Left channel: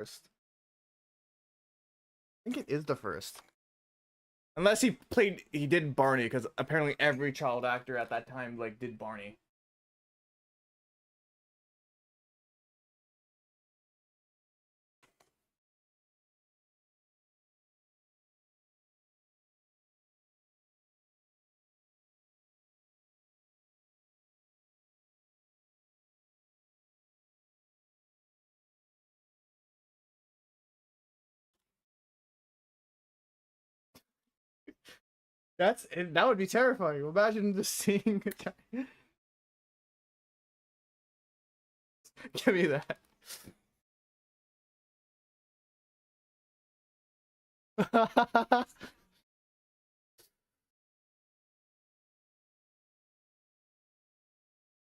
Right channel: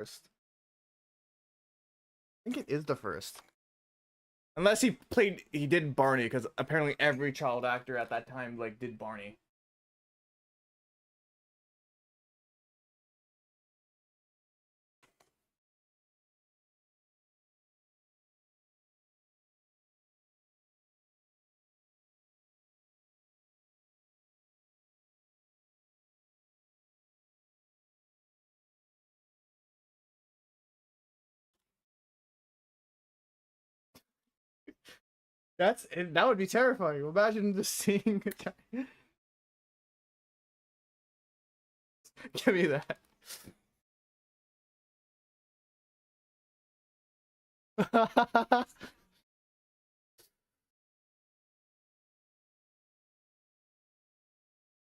first. I think it is the first. Unless he did Barney, because apparently every child actor at that time like did Barney. That would be terrifying. Imagine just seeing a guy. Give me that.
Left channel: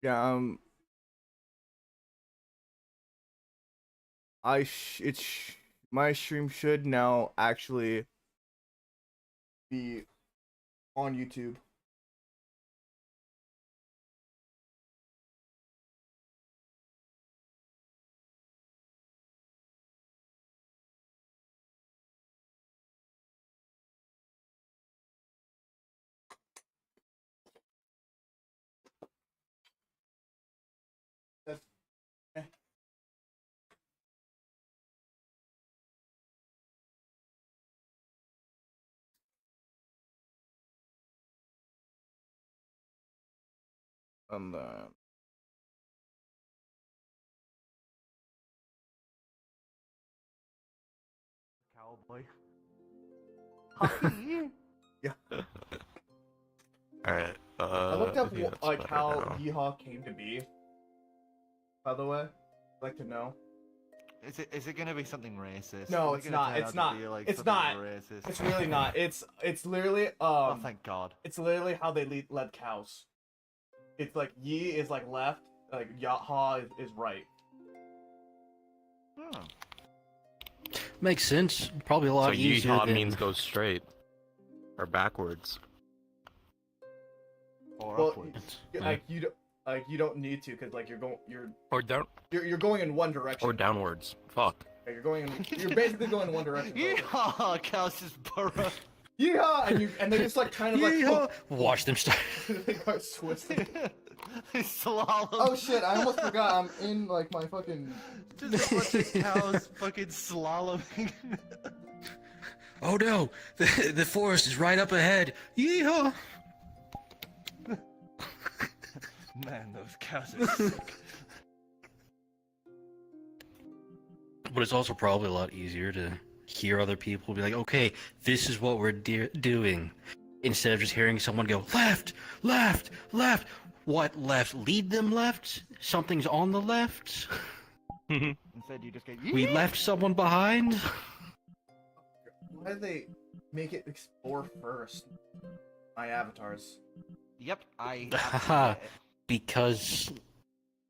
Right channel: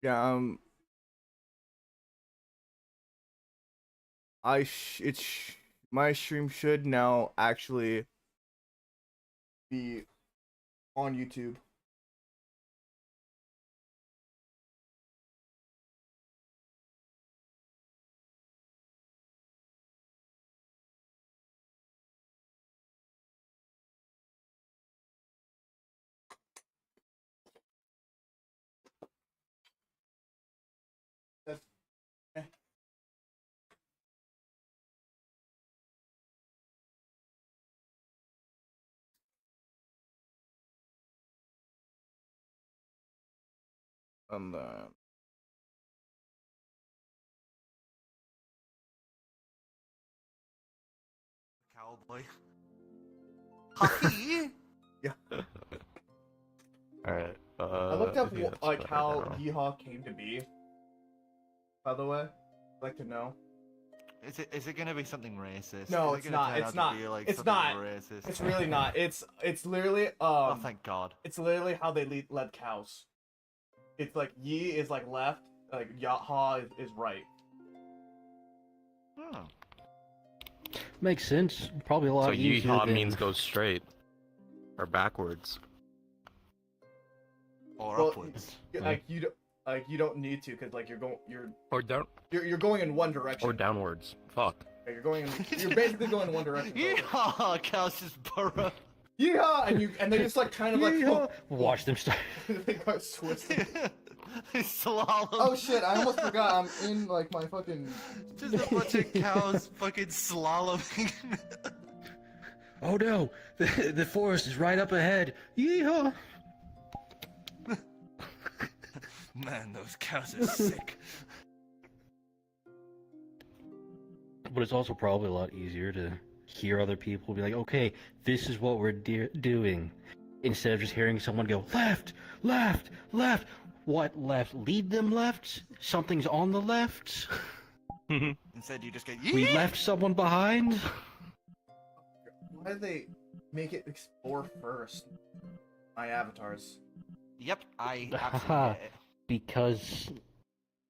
Yeah, my stream should now actually be on YouTube. That's, eh. And Cowboy. Hockey? yeah. Alright. I looked up like how Yeehaw came to be. By the way, I'd like to know. Is it gonna be something racist? No, it's not. It's not. It's not. Racist? It's really not. It's literally Oh, thank God. It's literally how they led cows. It's like Yi is like left, like Yaha is right. Oh. Makes sense. Probably a lot So easier. yeehaw than... means go straight. Or backwards. Or Well, upwards. like you don't need to, because like you're Or down going in one direction. or downwards. Fuck. Yeah, you're basically going in one direction. Yeehaw! Cows just burrow. Yeah, and they just like kind of like Watch them start. they go twisting. Slalom. Oh shit! I almost forgot. I'm in like my fucking. Just a bunch of cows fucking slaloming. Oh no! The forest is right up ahead. Yeehaw! Man, those cows are sick. But it's also probably a lot easier to hear other people be like, okay, this is what we're doing. Instead of just hearing someone go, left, left, left. What left? Lead them left? Something's on the left? Instead, you just get We left someone behind? Why do they make it explore first? My avatars. Yep, I absolutely get it. Because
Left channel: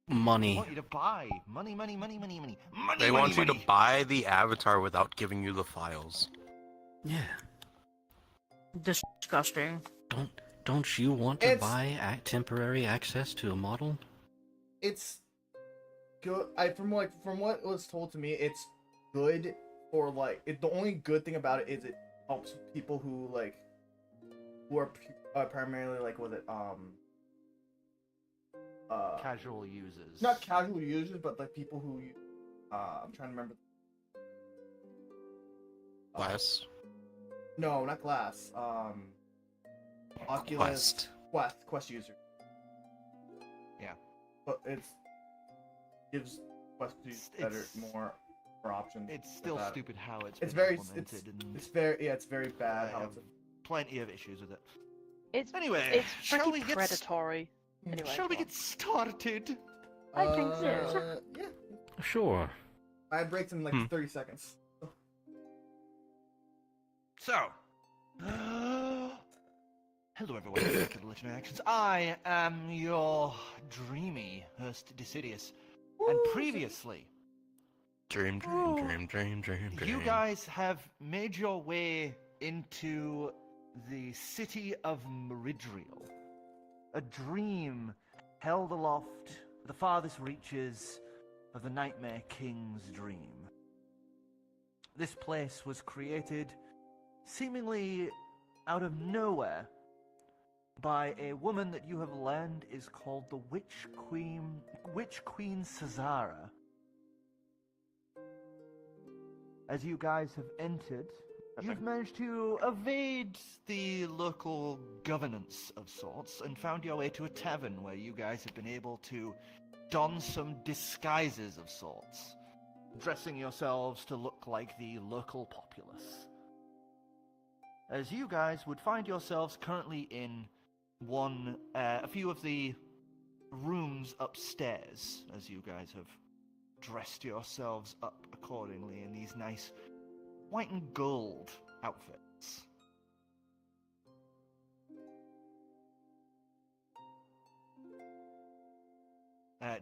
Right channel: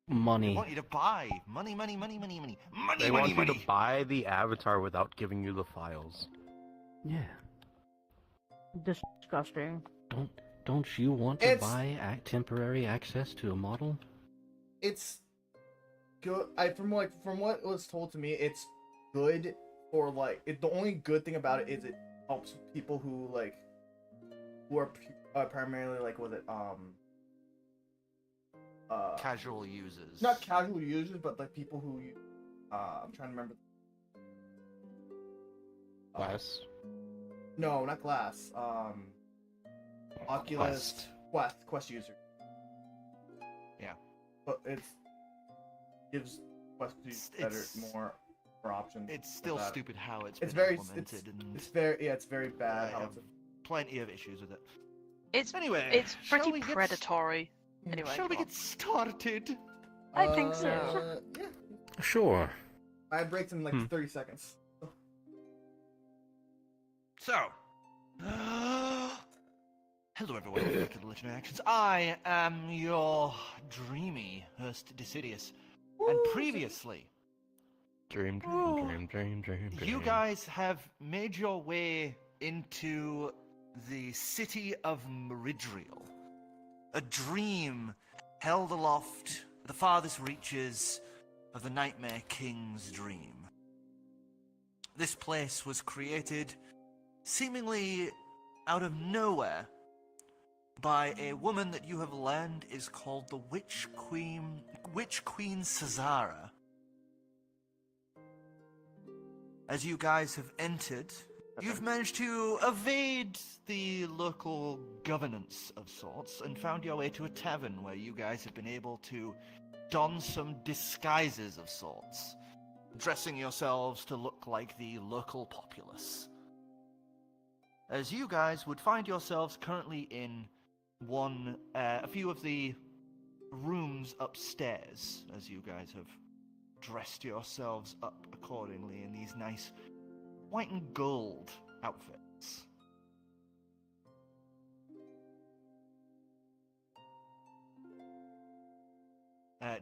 I money. want you to buy. Money, money, money, money, money. Money, They money, want money. you to buy the avatar without giving you the files. Yeah. Disgusting. Don't you want to It's- buy temporary access to a model? It's good. From what was told to me, it's good for like the only good thing about it is it helps people who are primarily like Casual users. not casual users, but like people who I'm trying to remember. Glass. No, not Glass. Oculus Quest user. Yeah. But gives Quest users better more options. It's still that. stupid how it's It's been very implemented and it's very bad I how have it's. plenty of issues with it. It's Anyway, it's shall pretty we get predatory. Anyway, Shall we go on. get started? I think so. Yeah. Sure. I had breaks in like 30 seconds. So, hello everyone, welcome to the Legendary Actions. I am your dreamy host, Decidius, and previously, Dream. you guys have made your way into the city of Meridriel. A dream held aloft at the farthest reaches of the Nightmare King's dream. this place was created seemingly out of nowhere by a woman that you have learned is called the Witch Queen Cesara. As you guys have entered, you've managed to Evade the local governance of sorts and found your way to a tavern where you guys have been able to don some disguises of sorts, dressing yourselves to look like the local populace. As you guys would find yourselves currently in a few of the rooms upstairs, as you guys have dressed yourselves up accordingly in these nice white and gold outfits.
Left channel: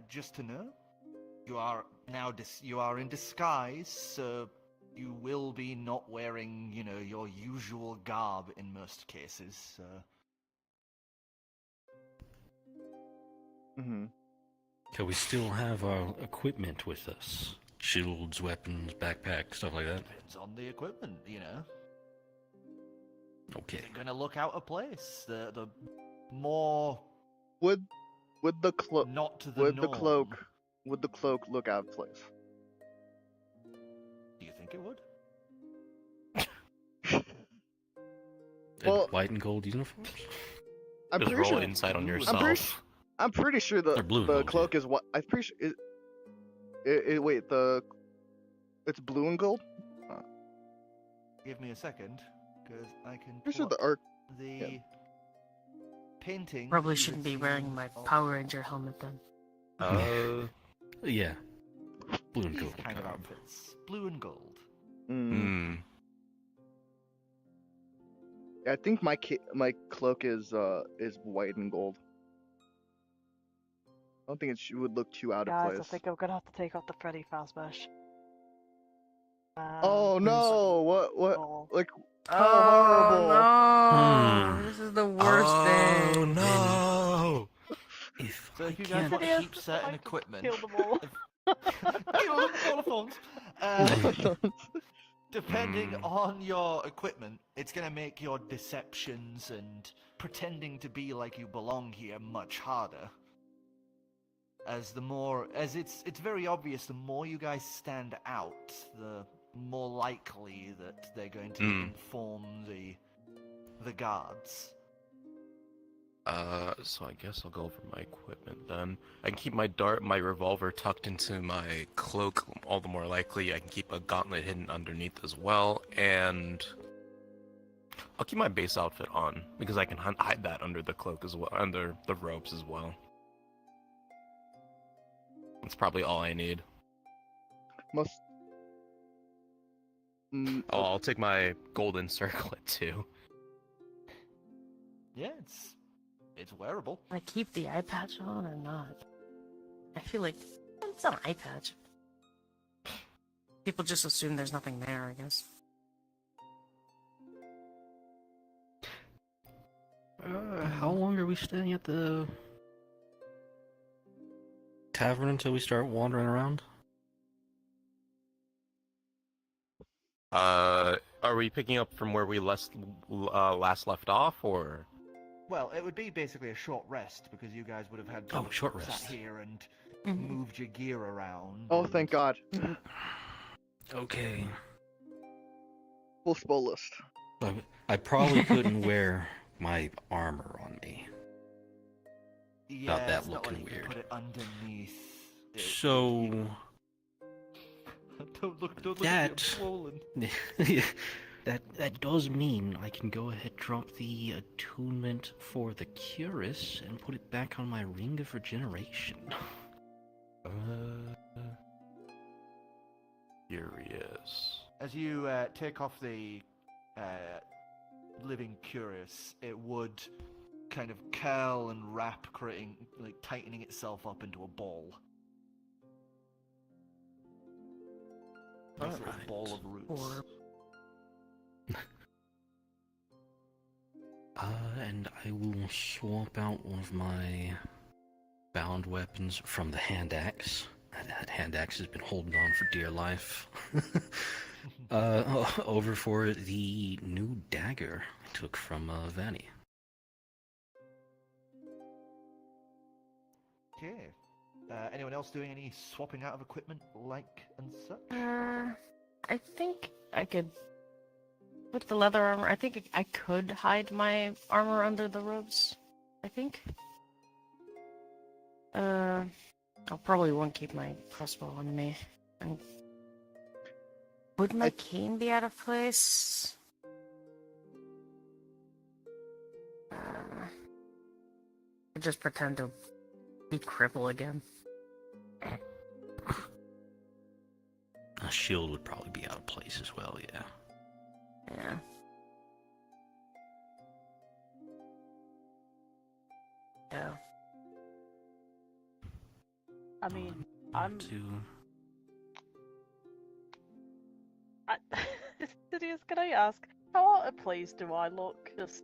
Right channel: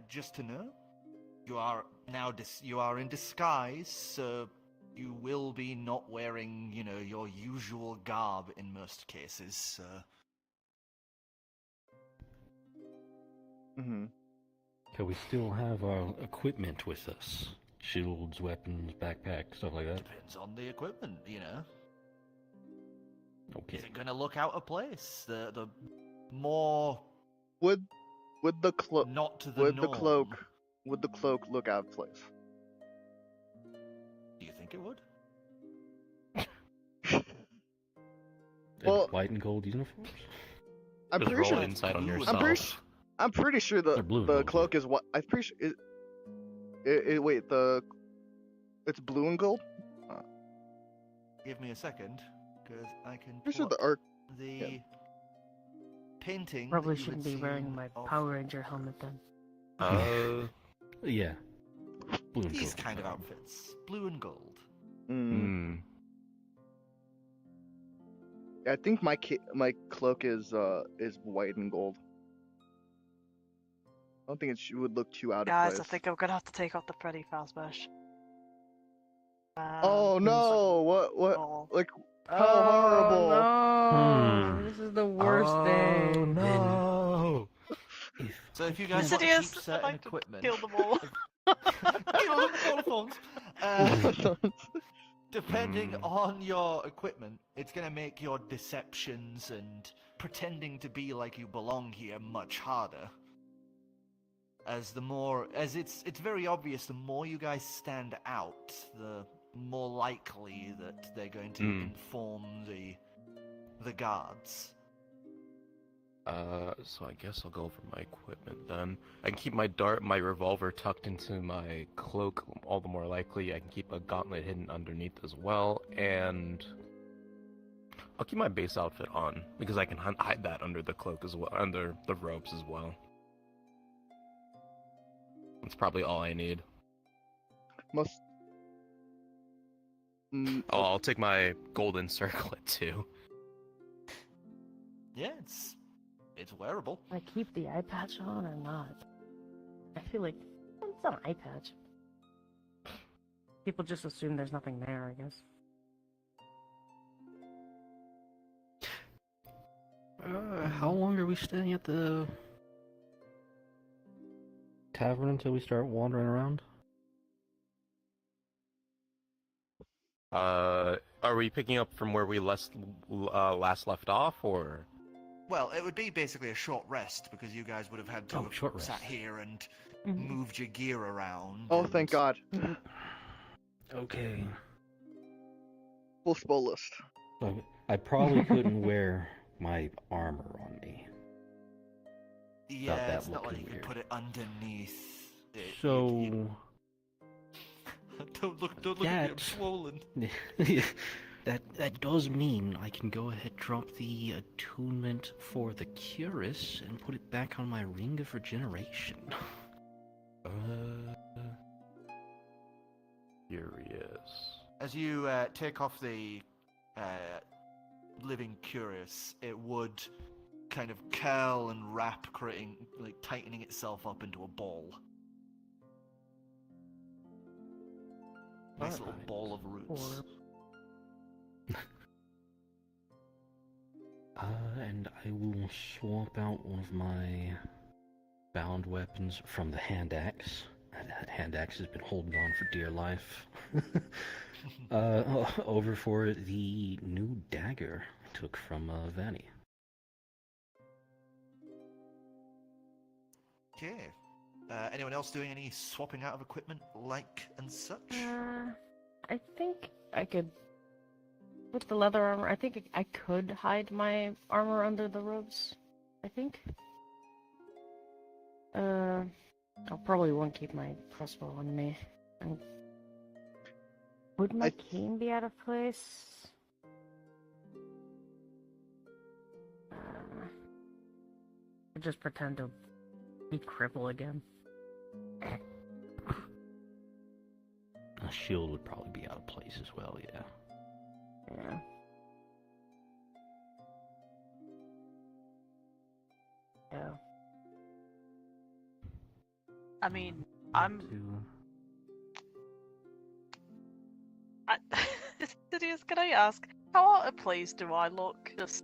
Just to know, you are now you are in disguise, so you will be not wearing, your usual garb in most cases. Mm-hmm. Okay, we still have our equipment with us. Shields, weapons, backpack, stuff like that. Depends on the equipment, Okay. Is it gonna look out of place? The more Would the cloak not to the would the norm. cloak look out of place? Do you think it would? Well- White and gold uniforms? I'm Just pretty roll sure. insight on I'm yourself. I'm pretty sure They're blue, the aren't cloak is what. I'm pretty sure. Wait, it's blue and gold. Give me a second, because I can Pretty sure pull the arc. up the yeah. painting. Probably that you shouldn't had be wearing seen my of- Power Ranger helmet then. Yeah. Blue and These gold. kind of outfits, blue and gold. Mm. Hmm. I think my cloak is white and gold. I don't think it would look too out of Guys, place. I think I'm gonna have to take off the Freddy Fazbear. Oh no! What? Oh. Like how horrible! Hmm. This is the worst day. Oh no! If So if you I guys can't- want to Insidious, keep certain I like to equipment, kill them all. kill them all at once. Depending on your equipment, it's gonna make your deceptions and pretending to be like you belong here much harder. As it's very obvious, the more you guys stand out, the more likely that they're going to inform the guards. So I guess I'll go over my equipment then. I can keep my revolver tucked into my cloak, all the more likely. I can keep a gauntlet hidden underneath as well, and I'll keep my base outfit on, because I can hide that under the cloak as well, under the robes as well. That's probably all I need. Most. Oh, I'll take my golden circlet too. Yeah, it's wearable. I keep the eye patch on or not? I feel like it's an eye patch. People just assume there's nothing there, I guess. How long are we staying at the tavern until we start wandering around? Are we picking up from where we last left off, or? Well, it would be basically a short rest because you guys would have had to Oh, have short sat rest. here and Mhm. moved your gear around. Oh, thank God! Okay. Full spell list. I probably couldn't wear my armor on me. Yeah, that it's not like looking you can weird. put it underneath. So Don't look at me, I'm that swollen. that does mean I can go ahead drop the attunement for the Curus and put it back on my ring of regeneration. Curious. As you take off the living curious, it would kind of curl and wrap, creating, like, tightening itself up into a ball. Nice little Alright. ball of roots. And I will swap out one of my bound weapons from the hand axe. That hand axe has been holding on for dear life. Over for the new dagger I took from Vanny. Okay. Anyone else doing any swapping out of equipment, like and such? I think I could. With the leather armor, I think I could hide my armor under the robes. I think. I probably won't keep my crossbow on me. And Would my cane be out of place? I just pretend to be cripple again. A shield would probably be out of place as well, yeah. Yeah. Yeah. I mean, I'm. Sidious, can I ask, how out of place do I look just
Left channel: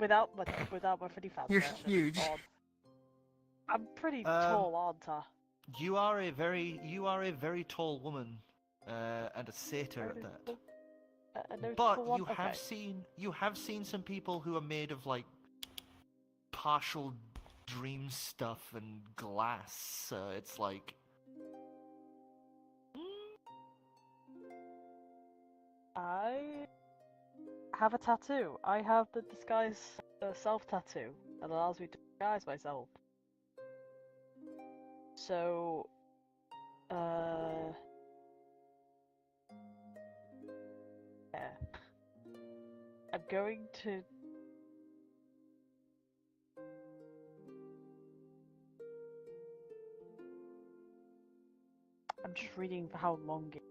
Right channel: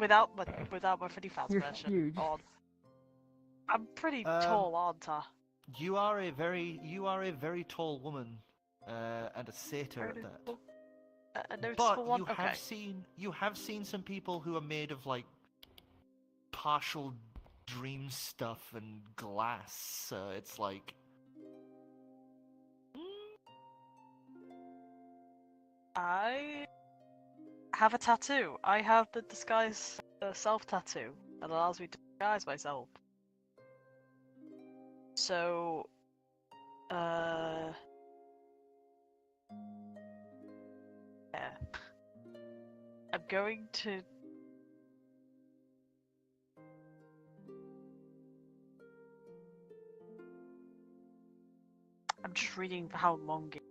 without my pretty fast You're version huge. on? I'm pretty tall, aren't I? You are a very tall woman, and a satyr at that. A noticeable But one? you have Okay. seen some people who are made of like partial dream stuff and glass. So it's like. I have a tattoo. I have the disguise self tattoo that allows me to disguise myself. So, yeah. I'm going to. I'm just reading how long it.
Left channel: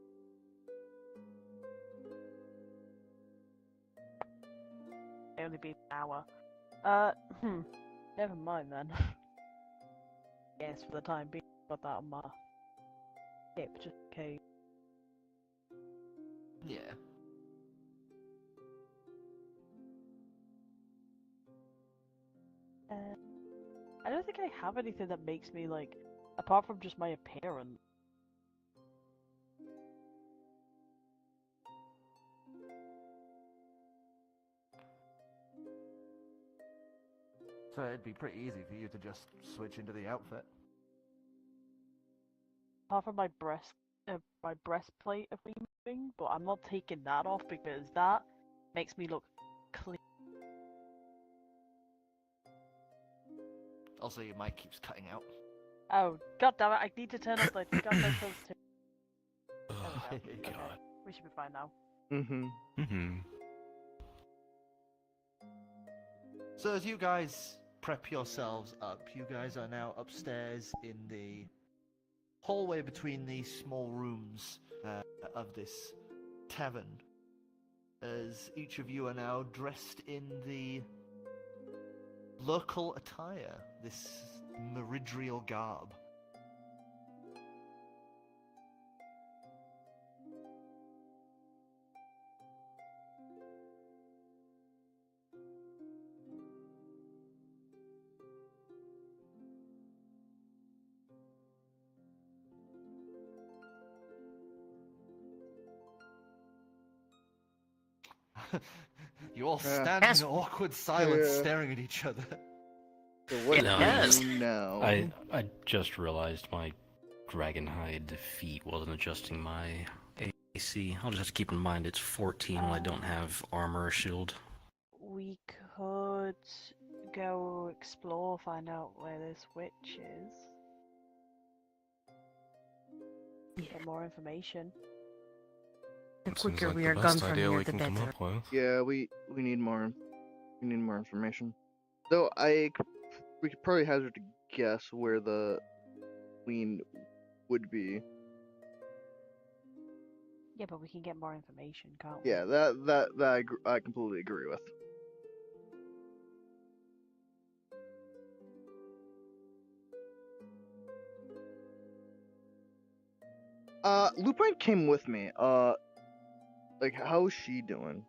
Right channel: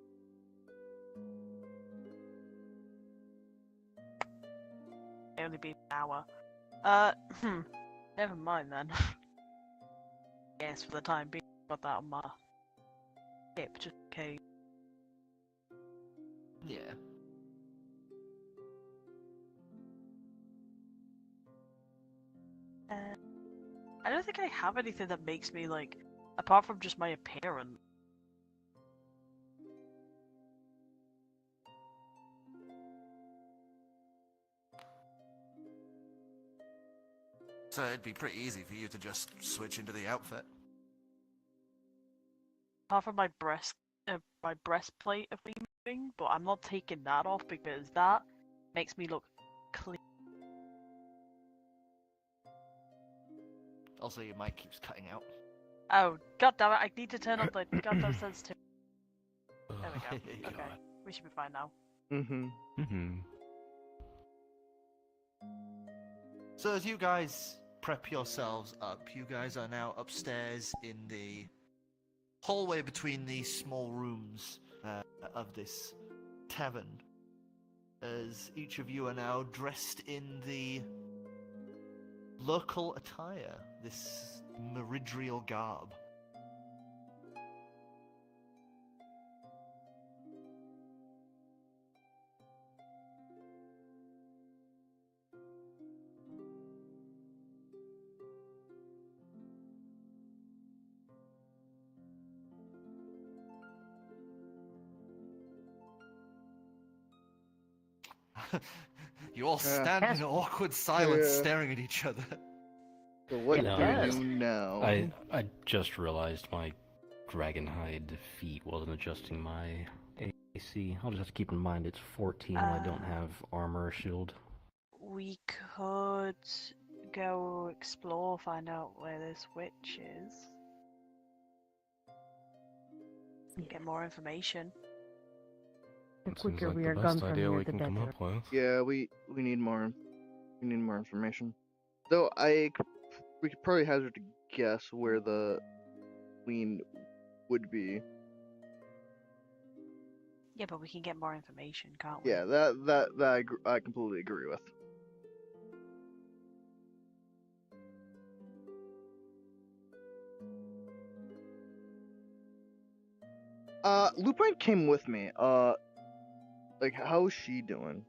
Only be an hour. Never mind then. Yes, for the time being, got that on my hip, just in case. Yeah. I don't think I have anything that makes me like, apart from just my appearance. So it'd be pretty easy for you to just switch into the outfit. Apart from my breastplate of me moving, but I'm not taking that off because that makes me look clean. Also, your mic keeps cutting out. Oh, god damn it, I need to turn up the goddamn sensitivity. There we go. Okay. God. We should be fine now. Mm-hmm. Mm-hmm. So as you guys prep yourselves up, you guys are now upstairs in the hallway between these small rooms of this tavern. As each of you are now dressed in the local attire, this meridrial garb. You all stand in awkward silence, Yeah. staring at each other. So what You know, do Yes. you know? I just realized my dragonhide feet wasn't adjusting my AC. I'll just have to keep in mind it's 14 when I don't have armor or shield. We could go explore, find out where this witch is. Get more information. The Seems quicker like we the are gone best from idea here, we the can come better. up with. Yeah, we need more information. Though we could probably hazard to guess where the queen would be. Yeah, but we can get more information, can't we? Yeah, that I completely agree with. Lupine came with me. Like, how is she doing?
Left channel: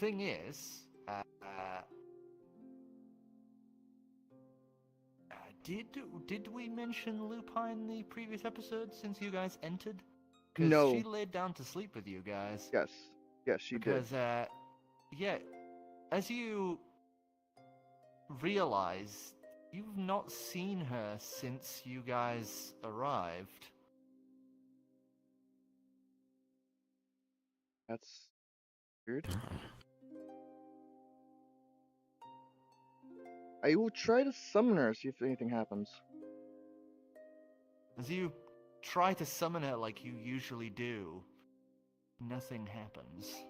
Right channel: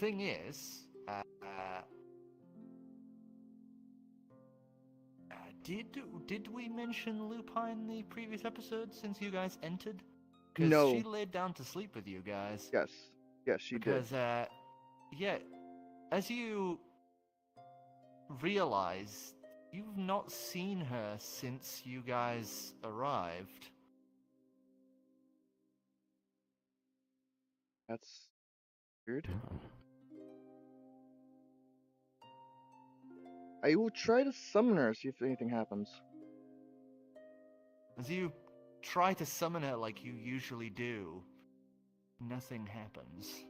Thing is, Did we mention Lupine in the previous episode since you guys entered? 'Cause No. she laid down to sleep with you guys. Yes. Yes, she did. Because, yeah, as you realize, you've not seen her since you guys arrived. That's weird. I will try to summon her, see if anything happens. As you try to summon her like you usually do, nothing happens.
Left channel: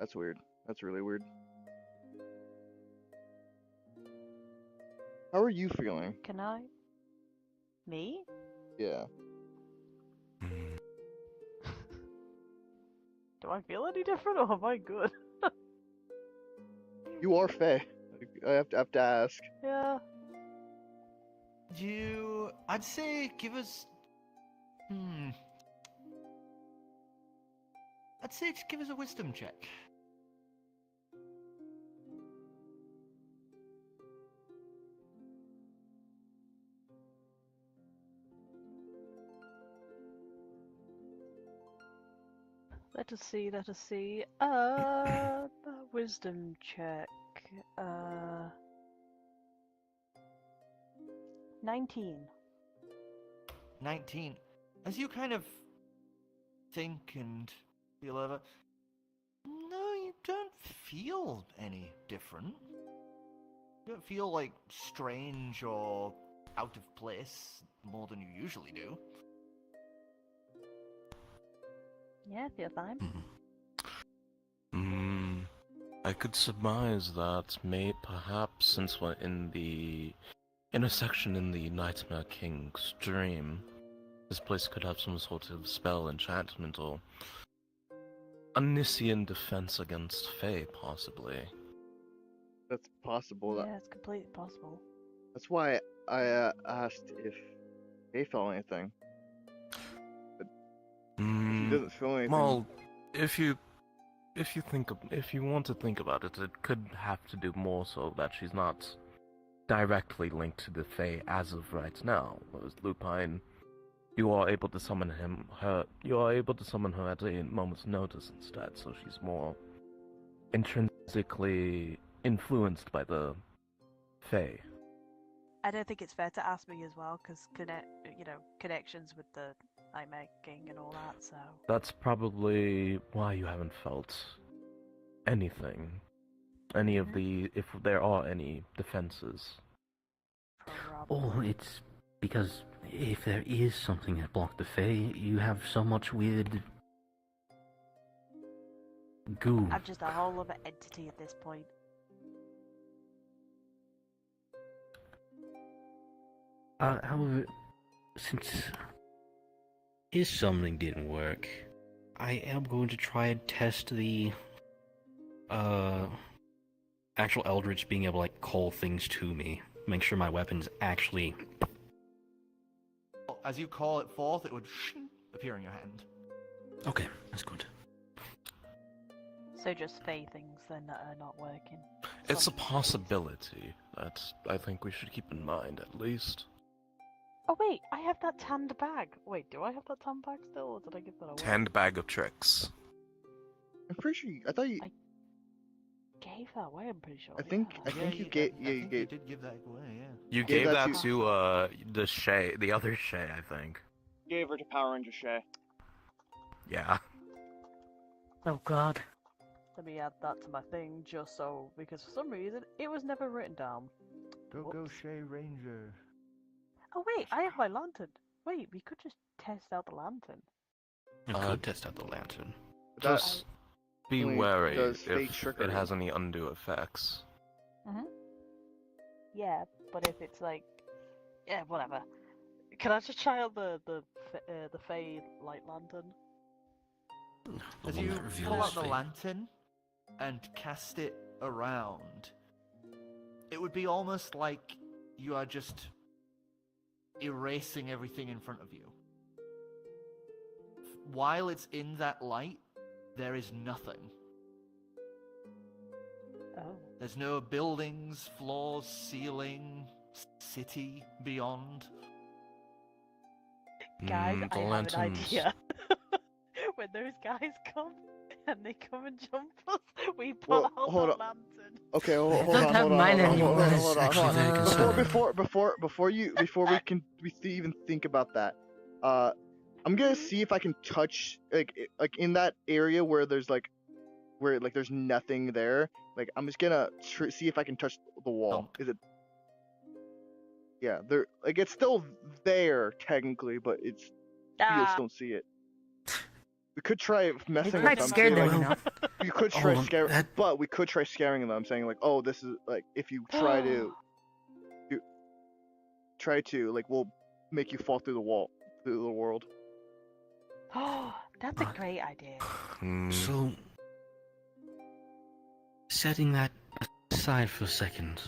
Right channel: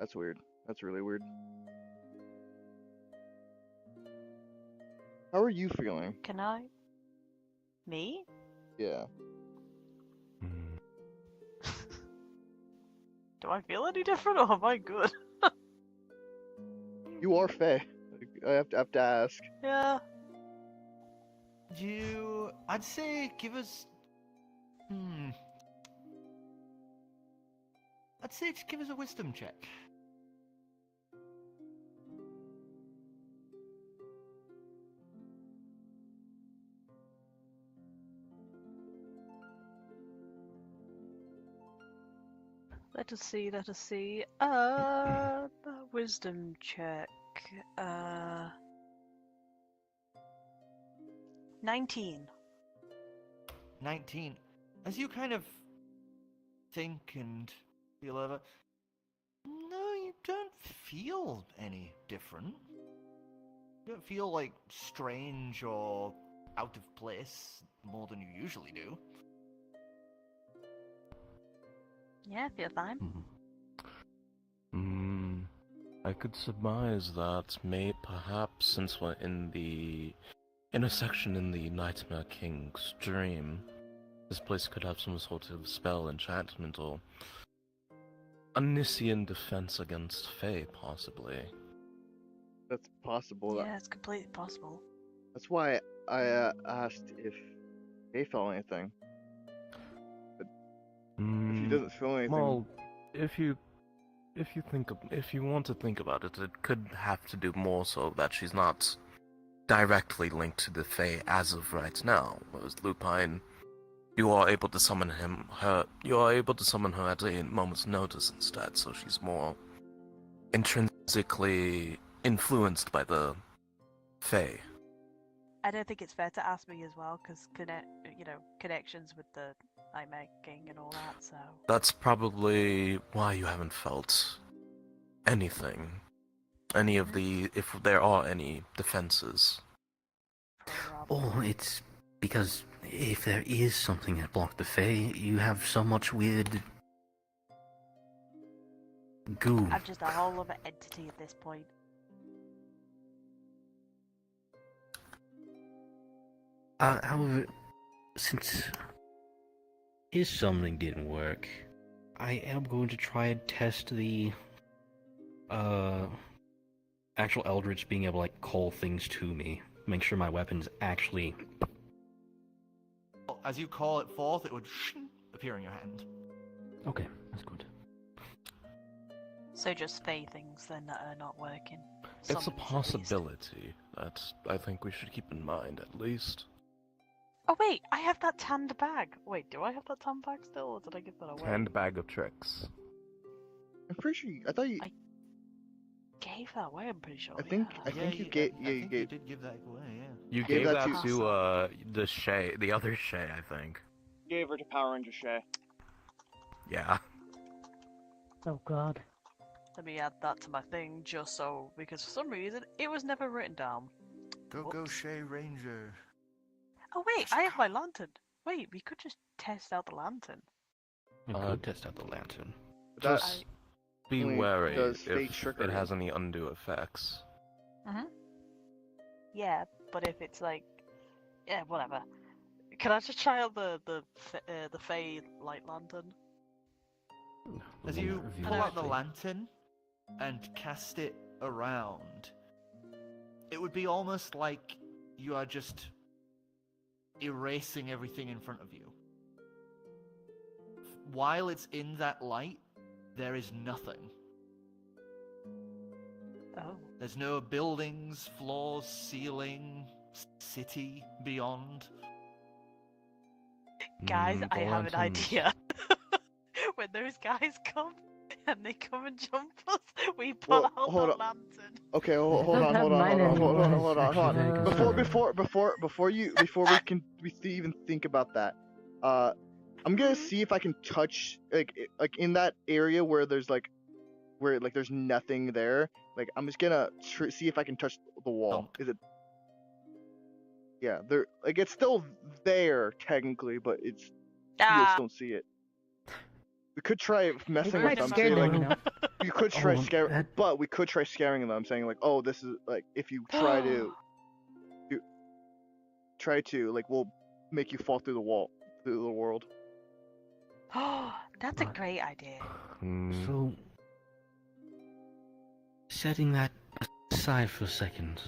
That's weird. That's really weird. How are you feeling? Can I? Me? Yeah. Do I feel any different or am I good? You are Faye. I have to ask. Yeah. I'd say give us... I'd say just give us a wisdom check. Let us see, let us see. Wisdom check. 19. 19. As you kind of think and feel over, no, you don't feel any different. You don't feel like strange or out of place more than you usually do. Yeah, I feel fine. I could surmise that perhaps since we're in the intersection in the Nightmare King's dream, this place could have some sort of spell, enchantment, or omniscient defense against Fae, possibly. That's possible. Yeah, it's completely possible. That's why I asked if Faye felt anything. But if he doesn't feel anything... Well, if you want to think about it, it could have to do more so that she's not directly linked to the Fae as of right now. Whereas Lupine, you are able to summon her at a moment's notice instead, so she's more intrinsically influenced by the Fae. I don't think it's fair to ask me as well, because connections with the Nightmare King and all that. So That's probably why you haven't felt anything. Any of the, if there are any defenses. Oh, it's because if there is something that blocked the Fae, you have so much weird goo. I'm just a whole other entity at this point. However, since his summoning didn't work, I am going to try and test the actual Eldritch being able to like call things to me. Make sure my weapons actually... As you call it forth, it would appear in your hand. Okay, that's good. So just Fae things then that are not working. It's a Some at least. possibility that I think we should keep in mind, at least. Oh wait, I have that tanned bag. Wait, do I have that tanned bag still, or did I give that away? Tanned bag of tricks. I'm pretty sure I thought you... Gave that away, I'm pretty sure. I think you gave... Yeah, you You gave... did give that away, yeah. You Gave gave that that to the other Shay, I think. Gave her to Power Ranger Shay. Yeah. Oh god. Let me add that to my thing, just so, because for some reason it was never written down. Go Whoops. Shay Ranger. Oh wait, I have my lantern. Wait, we could just test out the lantern. We could test out the lantern. That Just be only wary does if fake trickery. it has any undue effects. Yeah, but if it's like, yeah, whatever. Can I just try out the Fae light lantern? As you pull out the lantern and cast it around, it would be almost like you are just erasing everything in front of you. While it's in that light, there is nothing. Oh. There's no buildings, floors, ceiling, city beyond. Guys, I The have an lanterns. idea. When those guys come and they come and jump us, we put Well, out hold the on. lantern. Okay, I hold don't on, have hold on, mine hold on, hold on, anymore. hold on, hold Actually, on. very Before we even think about that, I'm gonna see if I can touch like in that area where there's there's nothing there. Like I'm just gonna see if I can touch the wall. Dunk. Is it? Yeah, there. Like it's still there technically, but it's you just don't see it. We could try messing with Might them. scare Say them like enough. you could try Hold on, scare, that- but we could try scaring them. Saying like, oh, this is like if you try to like we'll make you fall through the wall through the world. Oh, that's a great idea. So, setting that aside for a second,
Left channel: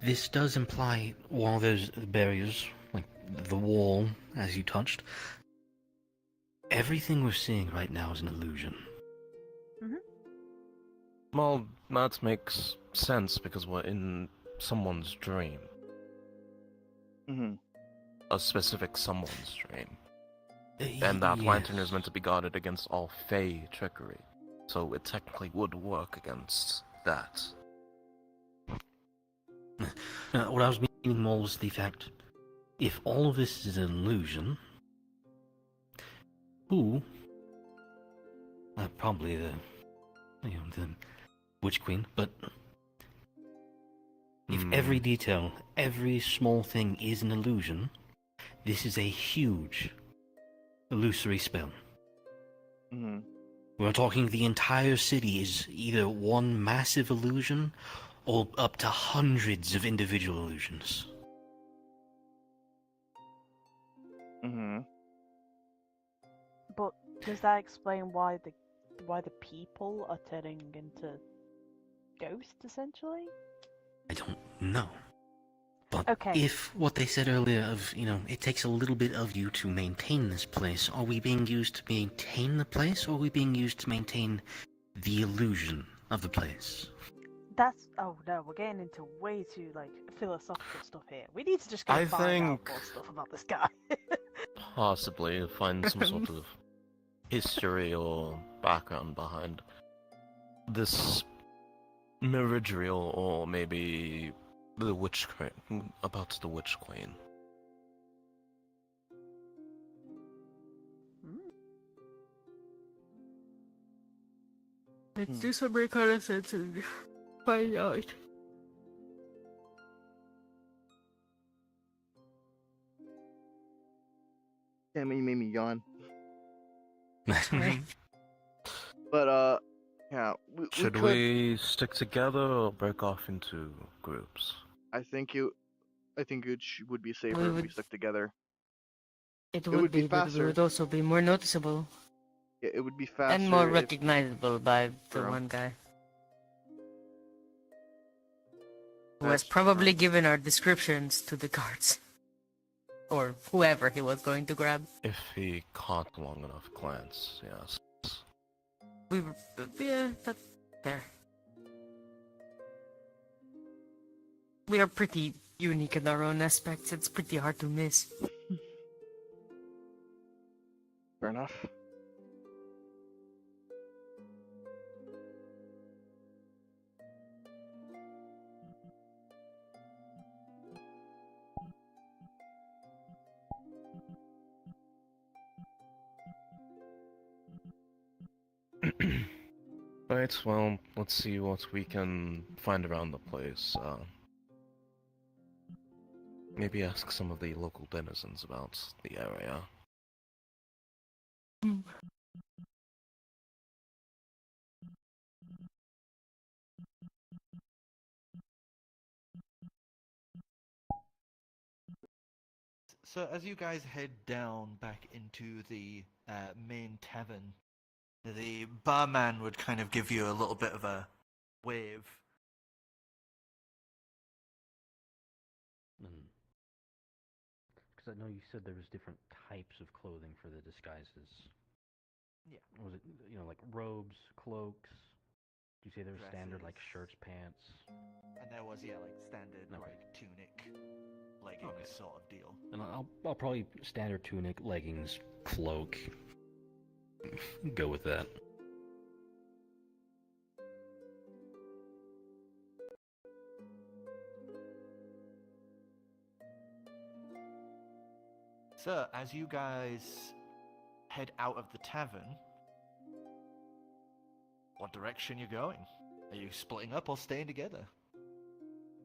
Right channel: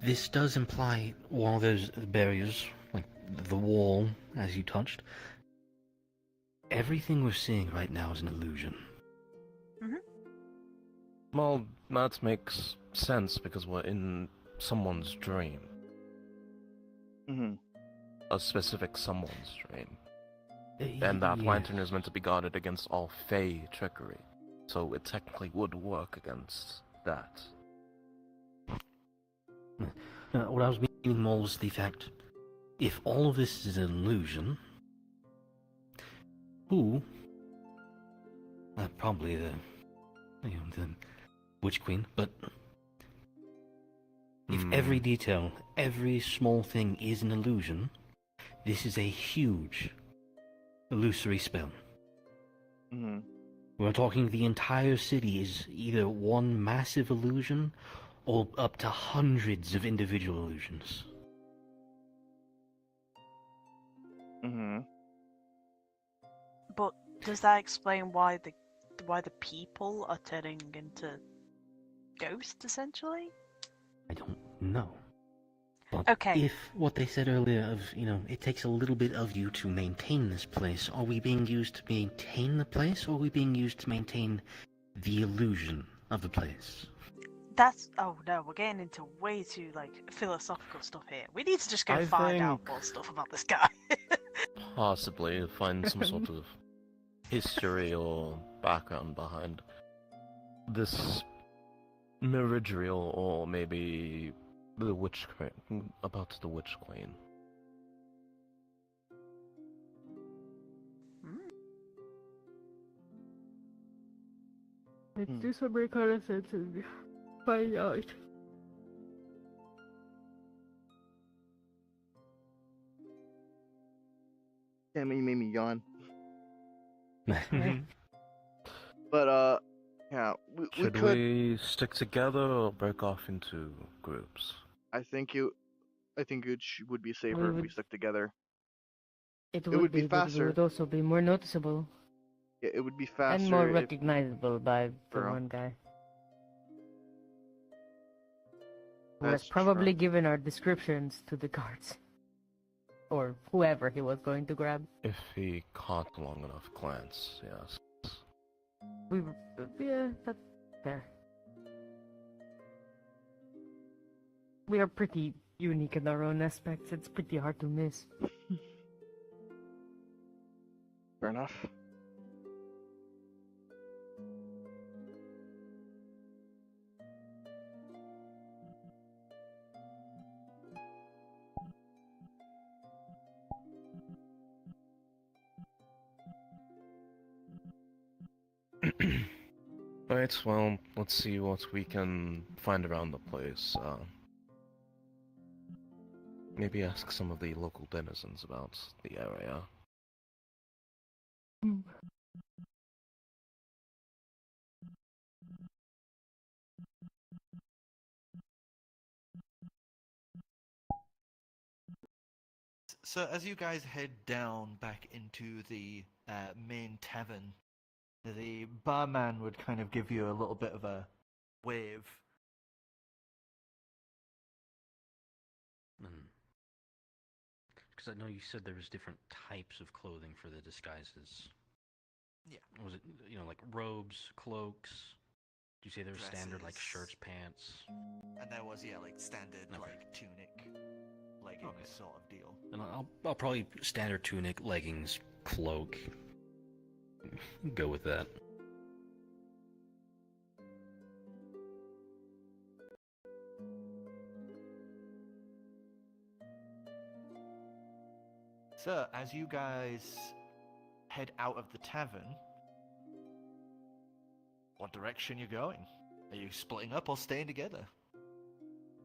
this does imply while there's barriers, like the wall, as you touched, everything we're seeing right now is an illusion. Well, that makes sense because we're in someone's dream. Mm-hmm. A specific someone's dream. And that lantern is meant to be guarded against all fey trickery. So it technically would work against that. What I was meaning more was the fact, if all of this is an illusion, who, probably the Witch Queen, but if every detail, every small thing is an illusion, this is a huge illusory spell. Mm-hmm. We're talking the entire city is either one massive illusion or up to hundreds of individual illusions. Mm-hmm. But does that explain why the people are turning into ghosts essentially? I don't know. But Okay. if what they said earlier of, it takes a little bit of you to maintain this place, are we being used to maintain the place, or are we being used to maintain the illusion of the place? Oh no, we're getting into way too philosophical stuff here. We need to just go I find out think- more stuff about this guy. Possibly find some sort of history or background behind this Meridriel, or maybe the Witch Queen, about the Witch Queen. Let's do some reconnaissance and find out. Damn it, you made me yawn. Sorry. But yeah, we Should could. we stick together or break off into groups? I think it would be safer We if we would- stuck together. It would be but faster. it would also be more noticeable Yeah, it would be faster. and more if- recognizable by the True. one guy. Who has That's probably true. given our descriptions to the guards. Or whoever he was going to grab. If he caught a long enough glance, yes. Yeah, that's fair. We are pretty unique in our own aspects. It's pretty hard to miss. Fair enough. Right, well, let's see what we can find around the place. Maybe ask some of the local denizens about the area. So as you guys head down back into the main tavern, the barman would kind of give you a little bit of a wave. Because I know you said there was different types of clothing for the disguises. Yeah. Was it, like robes, cloaks, you say there's standard like dresses. shirts, pants? And there was, yeah, like standard, Okay. like tunic, leggings Okay. sort of deal. And I'll probably standard tunic, leggings, cloak. Go with that. So, as you guys head out of the tavern, what direction you going? Are you splitting up or staying together?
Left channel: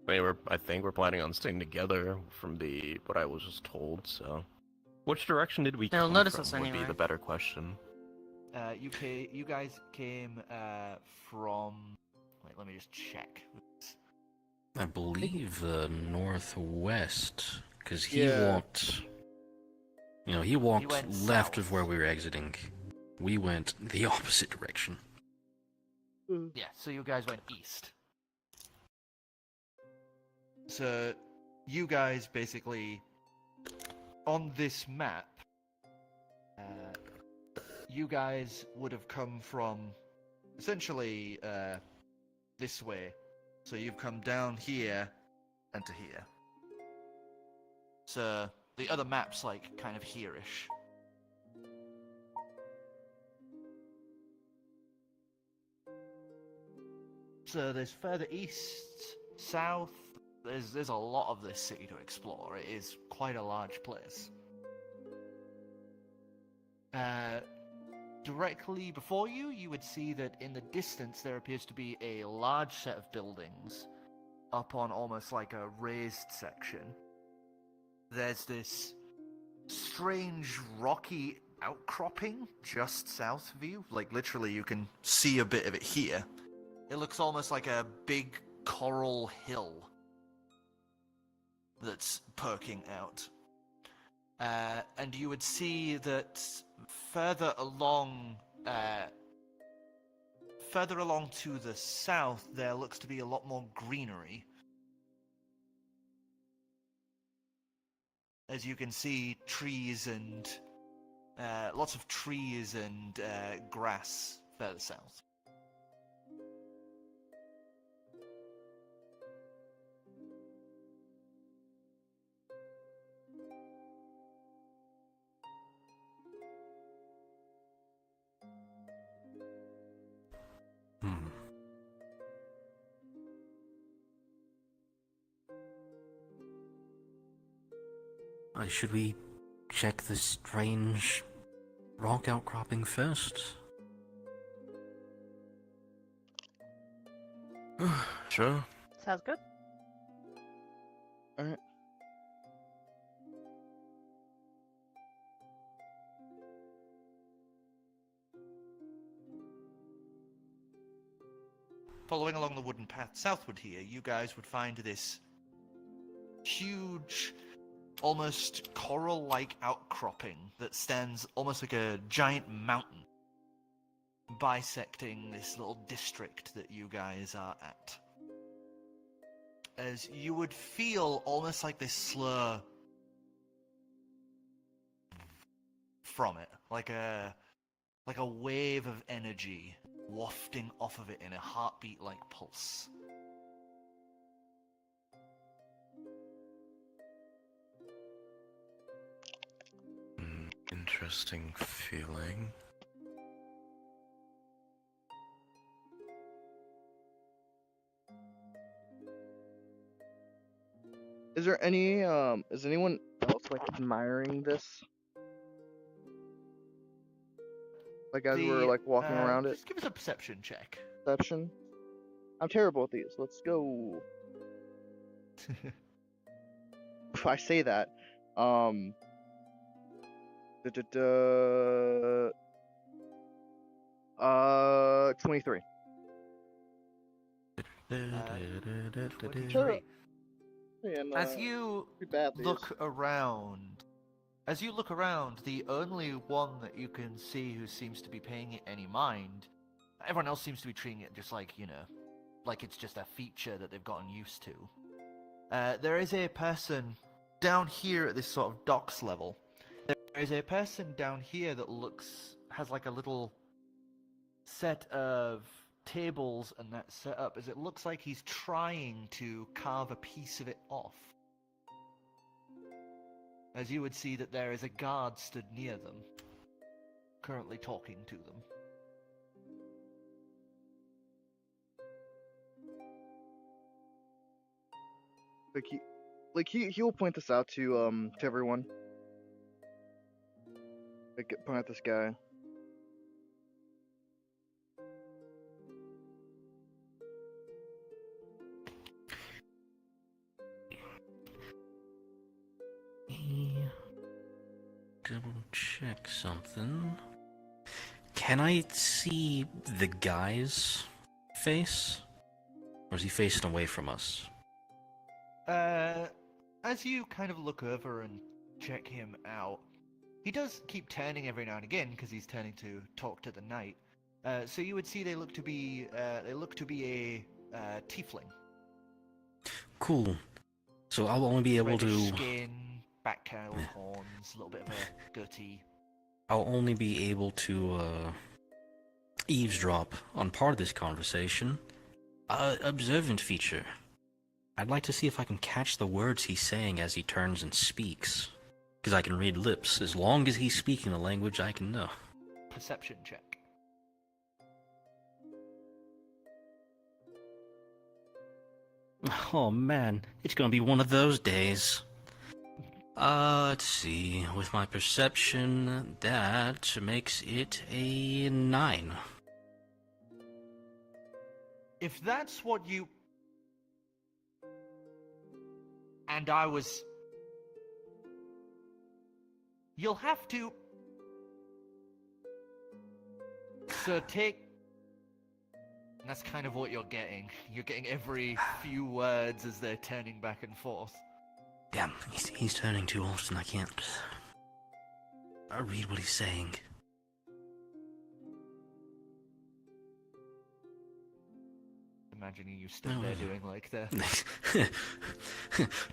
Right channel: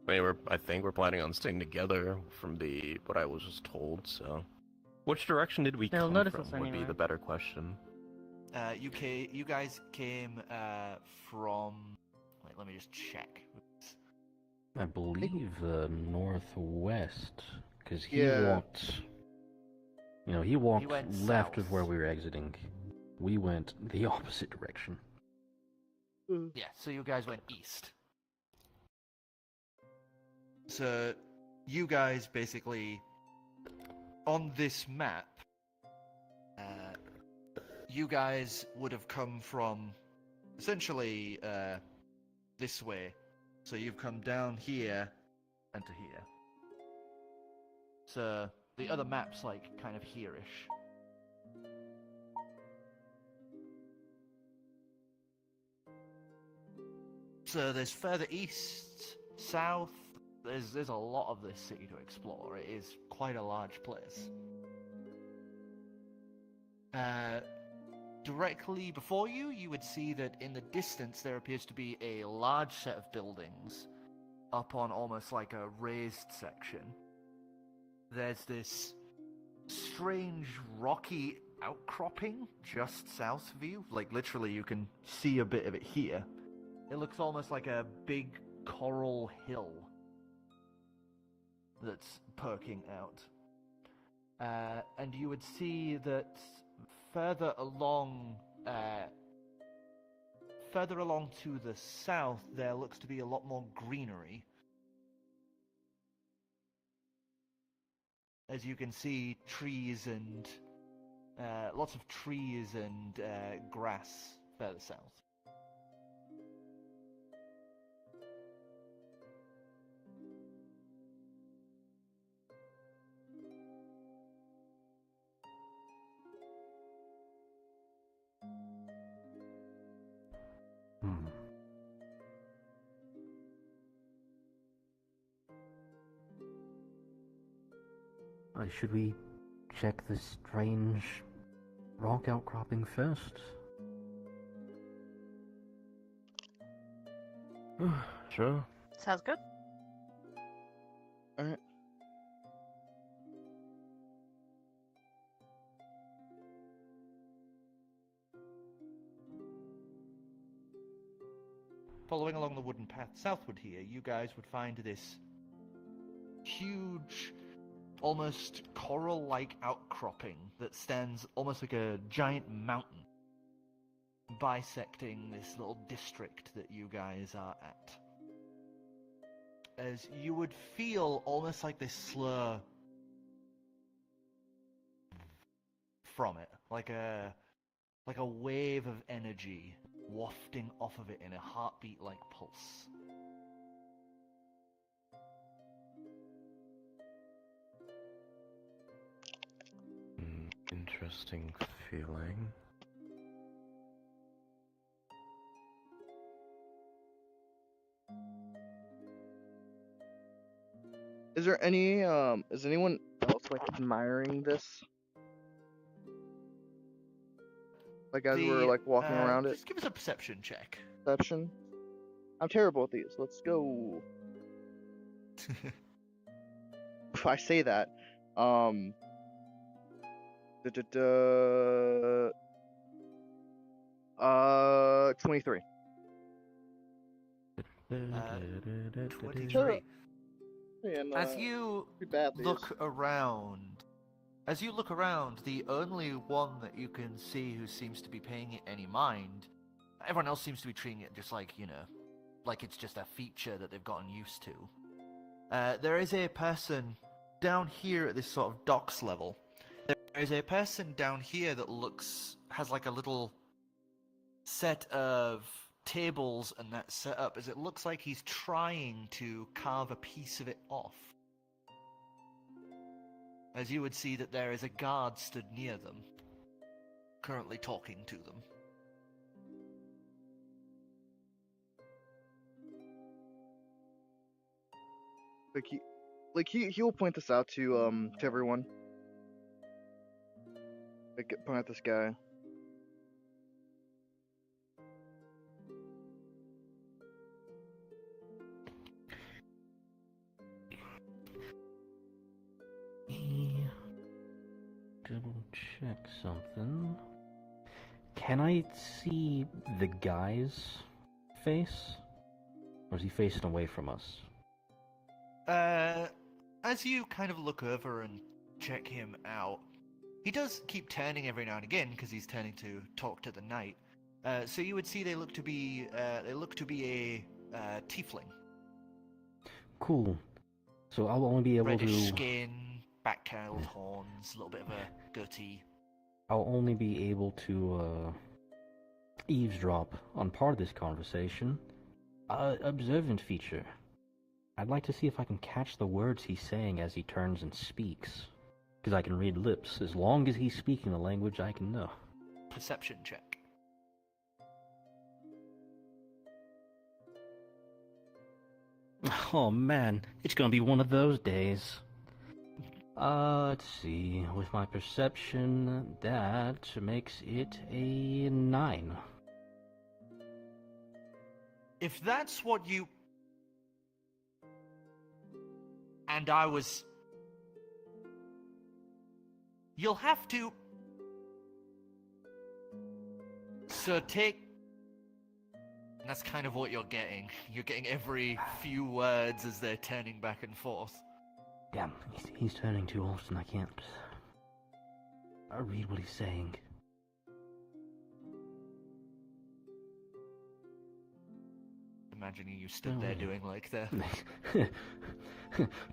I think we're planning on staying together from what I was just told. So, which direction did we They'll come notice from? us Would be anyway. the better question. You guys came from. Wait, let me just check. I believe northwest, because he Yeah. walked. You know, he walked went left south. of where we were exiting. We went the opposite direction. Yeah, so you guys went east. So, you guys basically, on this map, you guys would have come from, essentially, this way. So you've come down here, and to here. So, the other map's, like, kind of here-ish. So there's further east, south. There's a lot of this city to explore. It is quite a large place. Directly before you, you would see that in the distance there appears to be a large set of buildings up on almost like a raised section. There's this strange rocky outcropping just south of you. Like literally you can see a bit of it here. It looks almost like a big coral hill that's perking out. And you would see that further along to the south, there looks to be a lot more greenery. As you can see, trees and lots of trees and grass further south. Should we check the strange rock outcropping first? Sure. Sounds good. Alright. Following along the wooden path southward here, you guys would find this huge, almost coral-like outcropping that stands almost like a giant mountain, bisecting this little district that you guys are at. As you would feel almost like this slur from it, like a wave of energy wafting off of it in a heartbeat-like pulse. Interesting feeling. Is there any is anyone else like admiring this? Like as we're like walking around it? Just give us a perception check. Perception? I'm terrible at these. Let's go. If I say that, 23. 23. And, As you pretty bad these. look around, the only one that you can see who seems to be paying it any mind, everyone else seems to be treating it just like, like it's just a feature that they've gotten used to. There is a person down here at this sort of docks level. There is a person down here that has like a little set of tables and that set up as it looks like he's trying to carve a piece of it off. As you would see that there is a guard stood near them, currently talking to them. He'll point this out to everyone. Like, point at this guy. Double check something. Can I see the guy's face? Or is he facing away from us? As you kind of look over and check him out, he does keep turning every now and again because he's turning to talk to the knight. So you would see they look to be a tiefling. Cool. So I'll only be able Reddish to. skin, back curled horns, a little bit of a goatee. I'll only be able to eavesdrop on part of this conversation. Observant feature. I'd like to see if I can catch the words he's saying as he turns and speaks. Because I can read lips. As long as he's speaking the language I can know. Perception check. Oh man, it's gonna be one of those days. Let's see. With my perception, that makes it a 9. If that's what you... And I was... You'll have to... So take... And that's kind of what you're getting. You're getting every few words as they're turning back and forth. Damn, he's turning too often. I can't read what he's saying. Imagining you stood there doing like the...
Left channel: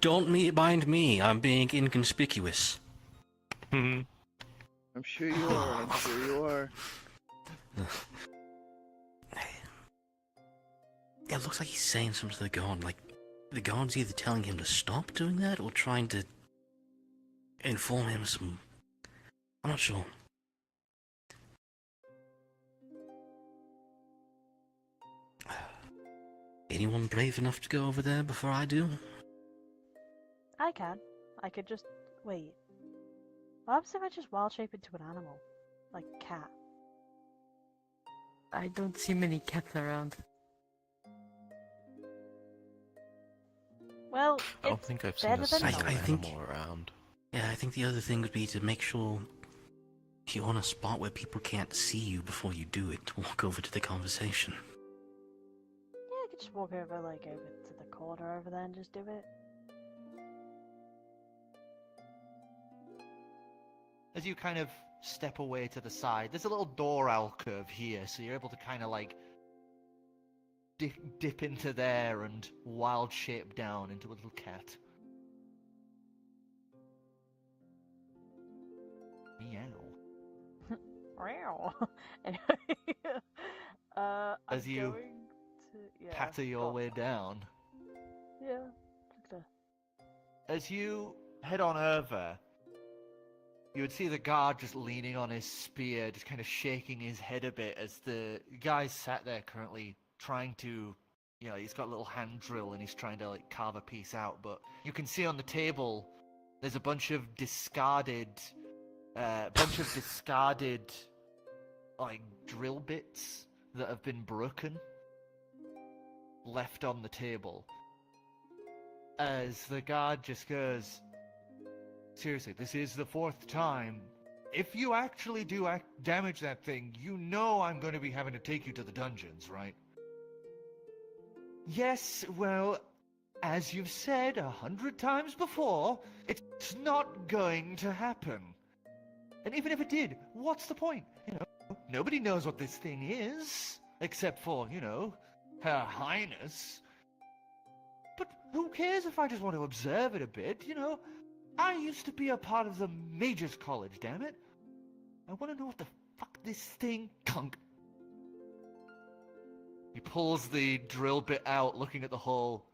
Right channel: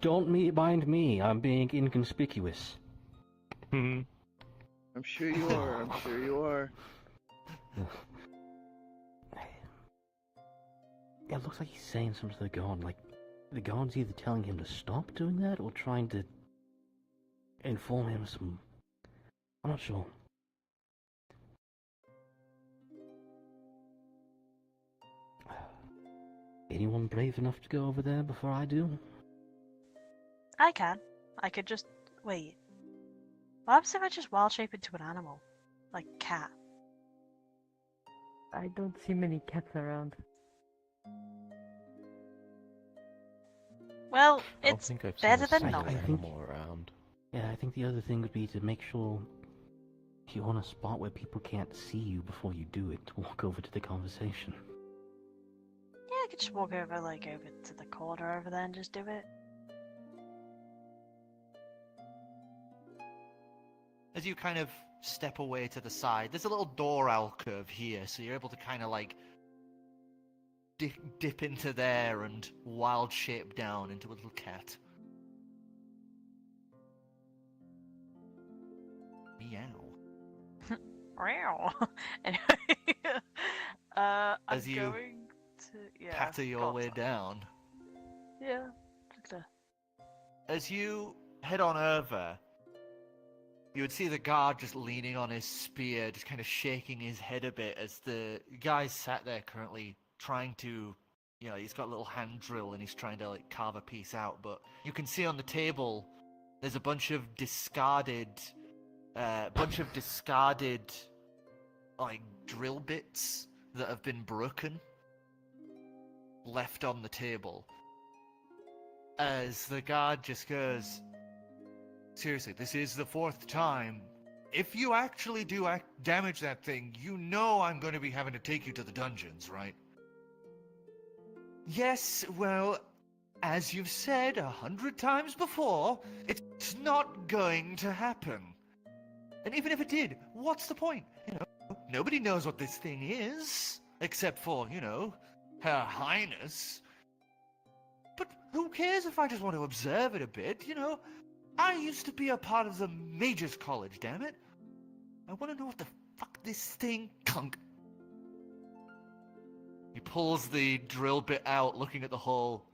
Don't mind me. I'm being inconspicuous. I'm sure you are. I'm sure you are. It looks like he's saying something to the god, like the god's either telling him to stop doing that or trying to inform him some... I'm not sure. Anyone brave enough to go over there before I do? I can. I could just... Wait. What happens if I just wild shape into an animal? Like a cat? I don't see many cats around. Well, I don't it's think I've seen better a than single nothing. think- animal around. Yeah, I think the other thing would be to make sure if you want a spot where people can't see you before you do it, walk over to the conversation. Yeah, I could just walk over, like, over to the corner over there and just do it. As you kind of step away to the side, there's a little door alcove here, so you're able to kind of like dip into there and wild shape down into a little cat. Meow. Meow. Anyway, I'm As you going to patter your way down. Yeah. Just As you head on over, you would see the guard just leaning on his spear, just kind of shaking his head a bit as the guy sat there currently trying to, you know, he's got a little hand drill and he's trying to like carve a piece out, but you can see on the table there's a bunch of discarded like drill bits that have been broken left on the table. As the guard just goes, seriously, this is the 4th time. If you actually do damage that thing, you know I'm going to be having to take you to the dungeons, right? Yes, well, as you've said 100 times before, it's not going to happen. And even if it did, what's the point? You know, nobody knows what this thing is, except for, you know, Her Highness. But who cares if I just want to observe it a bit, you know? I used to be a part of the Mages College, damn it. I want to know what the fuck this thing... pulls the drill bit out, looking at the hole,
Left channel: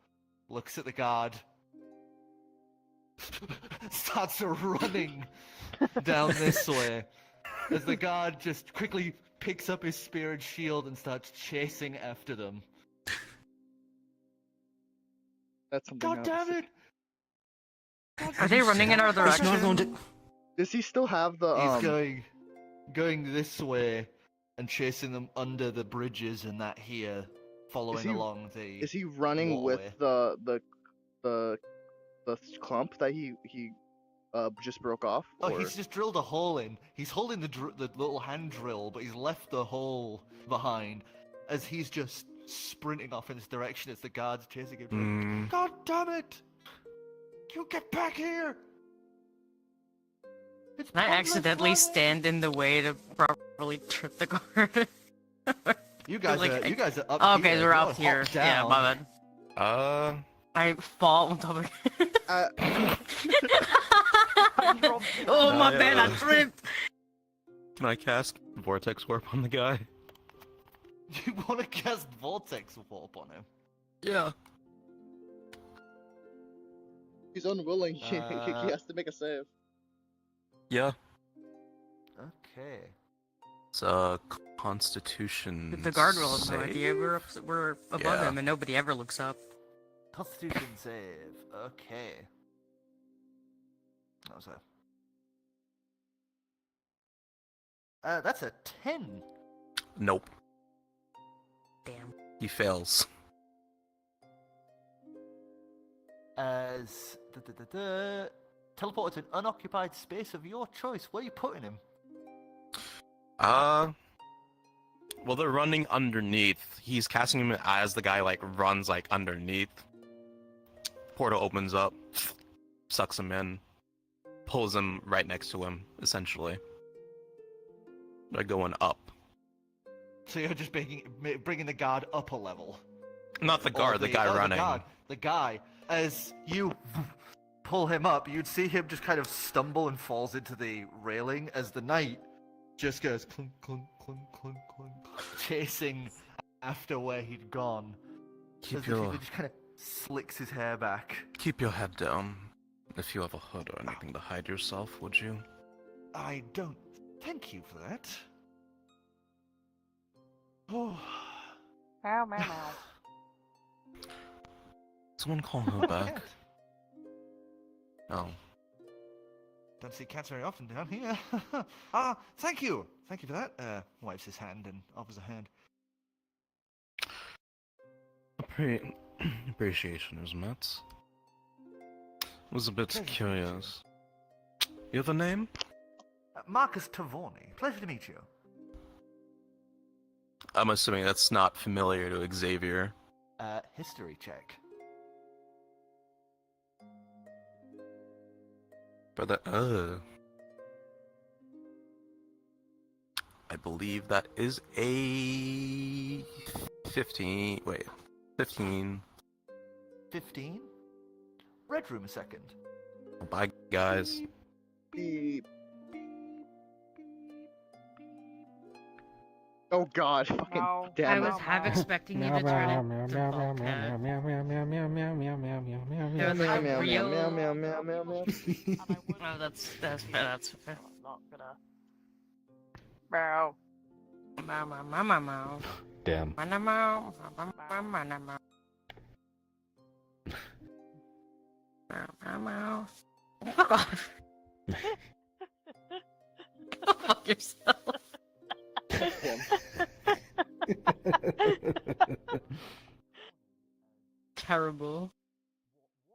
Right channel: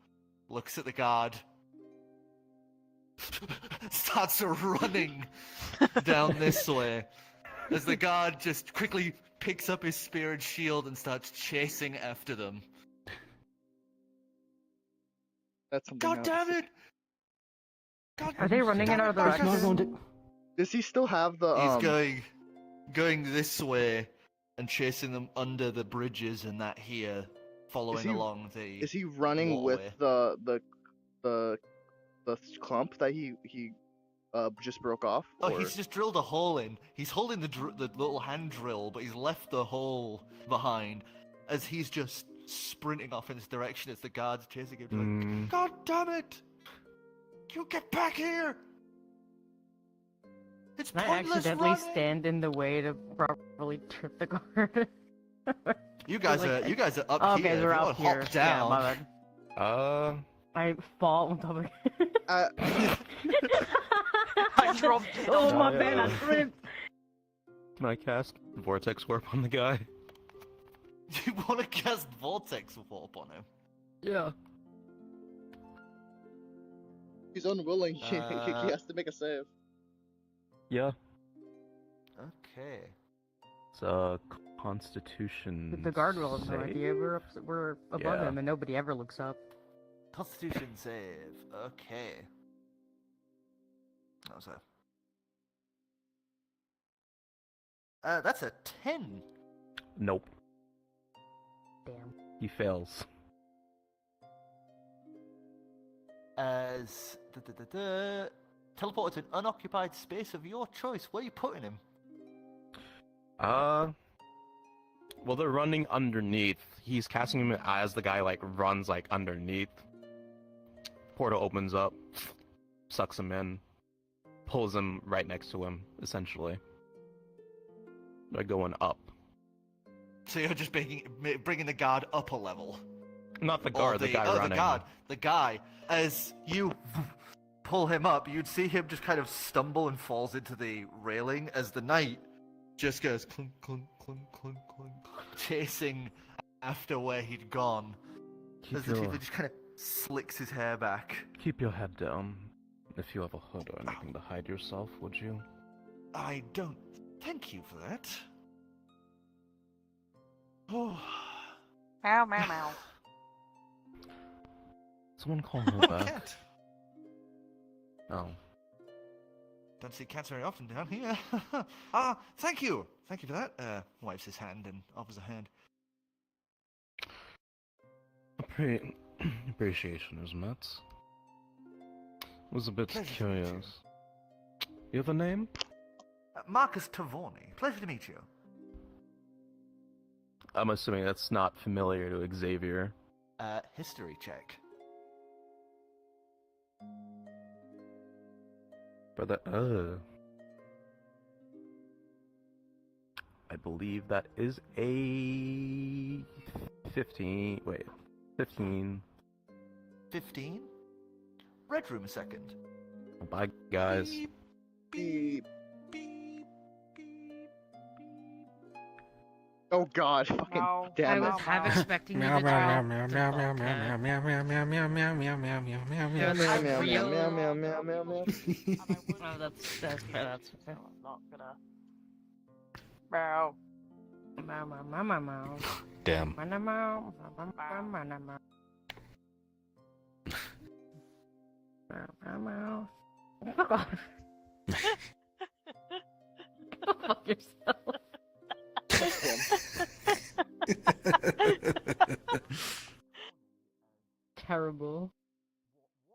looks at the guard, starts running down this way, as the guard just quickly picks up his spear and shield and starts chasing after them. That's something. God else. damn it! Are they running in our direction? Does he still have the He's going this way and chasing them under the bridges and that here, following along the. Is he running waterway. with the clump that he just broke off? Oh, or... he's just drilled a hole in. He's holding the little hand drill, but he's left the hole behind as he's just sprinting off in this direction as the guards chasing him. Like, God damn it! You get back here! It's Can I pointless accidentally running. stand in the way to properly trip the guard? You guys are up Oh, here. okay, we're You up gotta here. hop Yeah, down. my bad. I fall on top of Uh, I dropped. Oh, my bad, I tripped. Can I cast Vortex Warp on the guy? You want to cast Vortex Warp on him? Yeah. he's unwilling. He has to make a save. Yeah. Okay. It's a Constitution. The guard will have no save? idea. We're above Yeah. him and nobody ever looks up. Constitution save. Okay. That was that's a 10. Nope. Damn. He fails. As teleported to an unoccupied space of your choice. Where are you putting him? Well, they're running underneath. He's casting him as the guy runs underneath. Portal opens up, sucks him in, pulls him right next to him. Essentially, they're going up. So you're just bringing the guard up a level. Not the guard, the guy running. The guy. As you pull him up, you'd see him just kind of stumble and falls into the railing as the knight just goes clunk, clunk, clunk, clunk, clunk, chasing after where he'd gone. As he just kind of slicks his hair back. Keep your head down. If you have a hood or anything to hide yourself, would you? I don't thank you for that. Oh. Meow, meow, meow. Someone call her back. Cat. Oh. Don't see cats very often down here. Thank you. Thank you for that. Wipes his hand and offers a hand. Appreciation is met. Was a bit Pleasure to meet curious. You have a name? Marcus Tavorni. Pleasure to meet you. I'm assuming that's not familiar to Xavier. History check. But I believe that is a 15. Wait, 15. 15? Red room a second. Bye, guys. Beep. Oh God! Fucking Meow. damn I it! was half expecting you to turn it to Bobcat. Meow meow meow That's meow meow real. meow meow meow meow meow. Oh, that's fair. That's fair. I'm not gonna. Meow. Meow, meow, meow, meow, meow. Damn. Meow, meow, meow, meow, meow, meow, meow. Meow, meow, meow. Fuck off. Go fuck yourself. Terrible.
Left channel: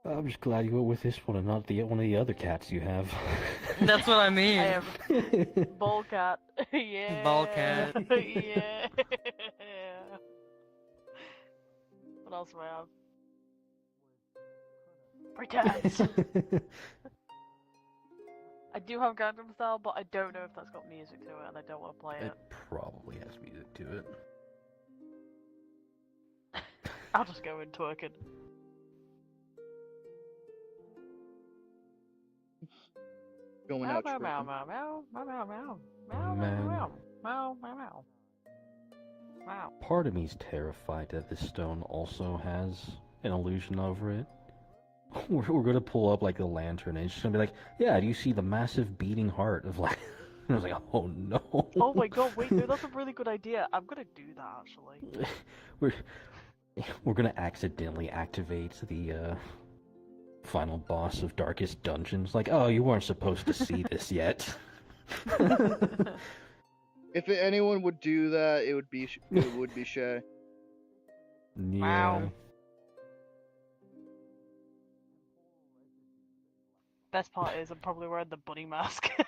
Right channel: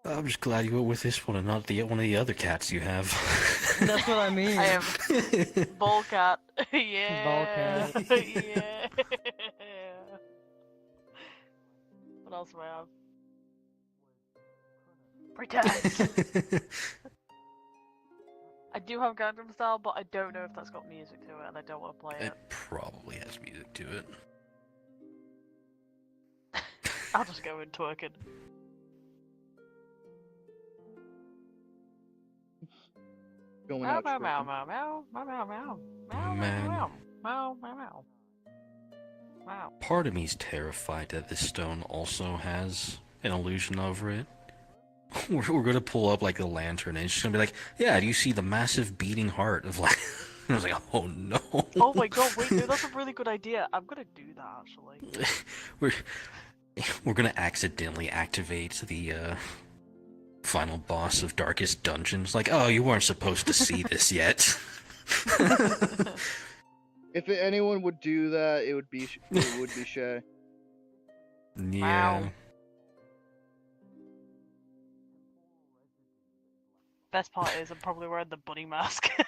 I'm just glad you went with this one and not one of the other cats you have. That's what I mean. I am Bullcat. Yeah. Bullcat. Yeah. What else do I have? Pretend. I do have Gundam style, but I don't know if that's got music to it, and I don't want to play it. It probably has music to it. I'll just go in twerking. Going Meow, out. meow, meow, tripping. meow, meow, meow, meow, meow, meow, Man. meow, meow, meow, meow. Wow. Part of me's terrified that this stone also has an illusion over it. We're gonna pull up like a lantern and it's just gonna be like, yeah, do you see the massive beating heart of like I was like, oh no. Oh my god, wait, no, that's a really good idea. I'm gonna do that actually. we're gonna accidentally activate the final boss of Darkest Dungeons. Like, oh, you weren't supposed to see this yet. If anyone would do that, it would be Shay. Yeah. Wow. Best part is I'm probably wearing the bunny mask. That's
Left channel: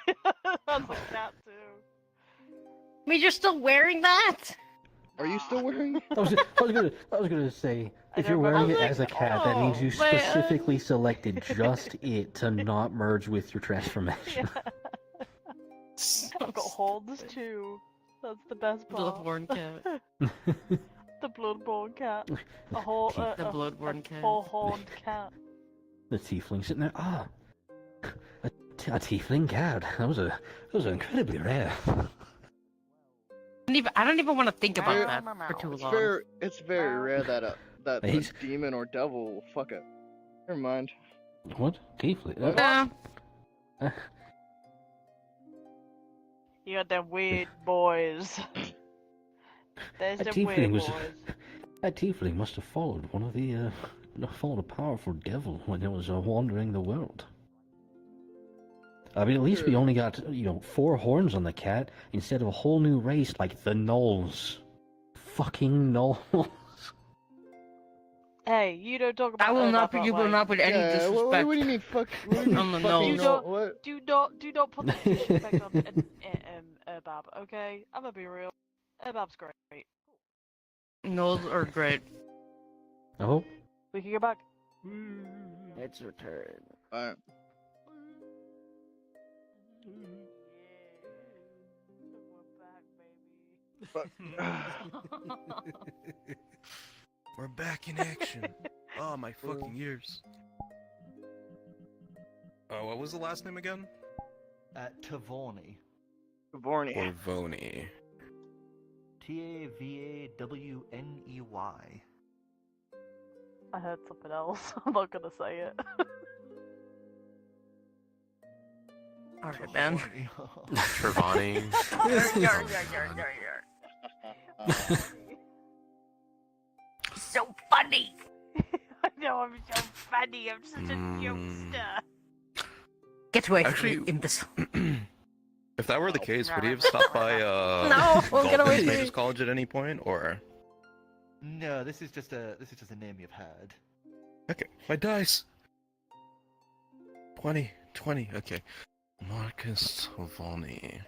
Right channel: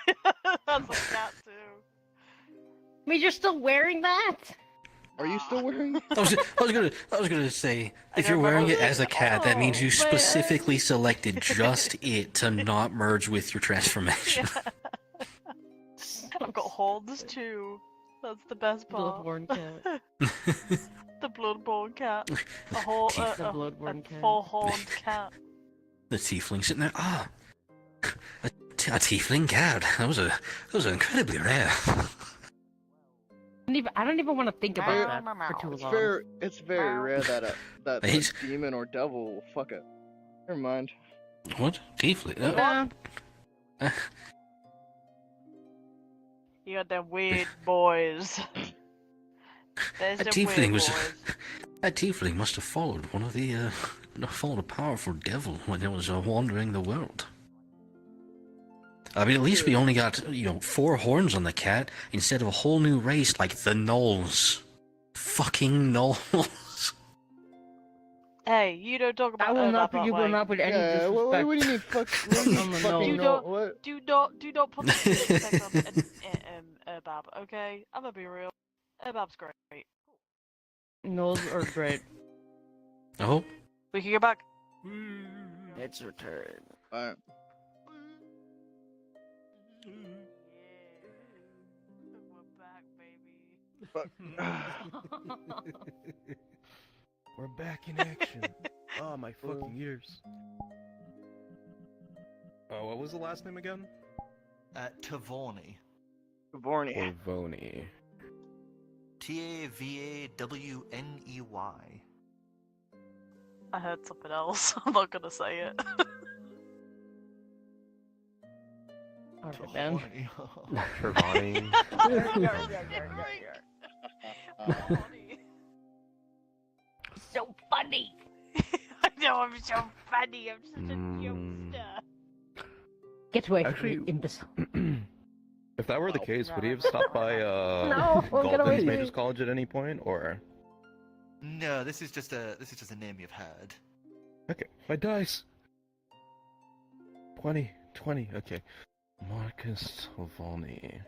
like that too. I mean, you're still wearing that? Are you still wearing it? I was gonna say, if I you're know, but wearing it also- as a cat, that means you Oh, specifically selected just it to not merge with your transformation. I've got horns too. That's the best part. Bloodborne cat. The bloodborne cat. A whole The bloodborne cat. full horned cat. The tiefling sitting there. Ah, a tiefling cat. That was incredibly rare. I don't even want to think about that for too long. It's very rare that that a Wait. demon or devil will fuck it. Never mind. What tiefling? You got them weird boys. There's That the weird tiefling was. boys. That tiefling must have followed one of the followed a powerful devil when it was wandering the world. I mean, at least we only got 4 horns on the cat instead of a whole new race like the gnolls. Fucking gnolls. Hey, you don't talk about I will not. that You will way. not put any Yeah, disrespect. what do you mean fuck? What do you mean No, fucking no. no? What? Do not put the disrespect on Erbab, okay? I'm gonna be real. Erbab's great. Gnolls are great. Oh, We can go back. It's your turn. Alright. Fuck. We're back in action. Oh, my fucking ears. Oh, what was the last name again? Tavorny. Vorny. Orvoni. Tavaney. I heard something else. I'm not gonna say it. Alright then. Trevani. So funny. I know I'm so funny. I'm such a jokester. Get away from Actually- me, imbecile. If that were the case, would he have stopped by No, get away Goldman's from Mage's me. College at any point, or? No, this is just a name you've heard. Okay, my dice. 20, okay. Marcus Tavoni.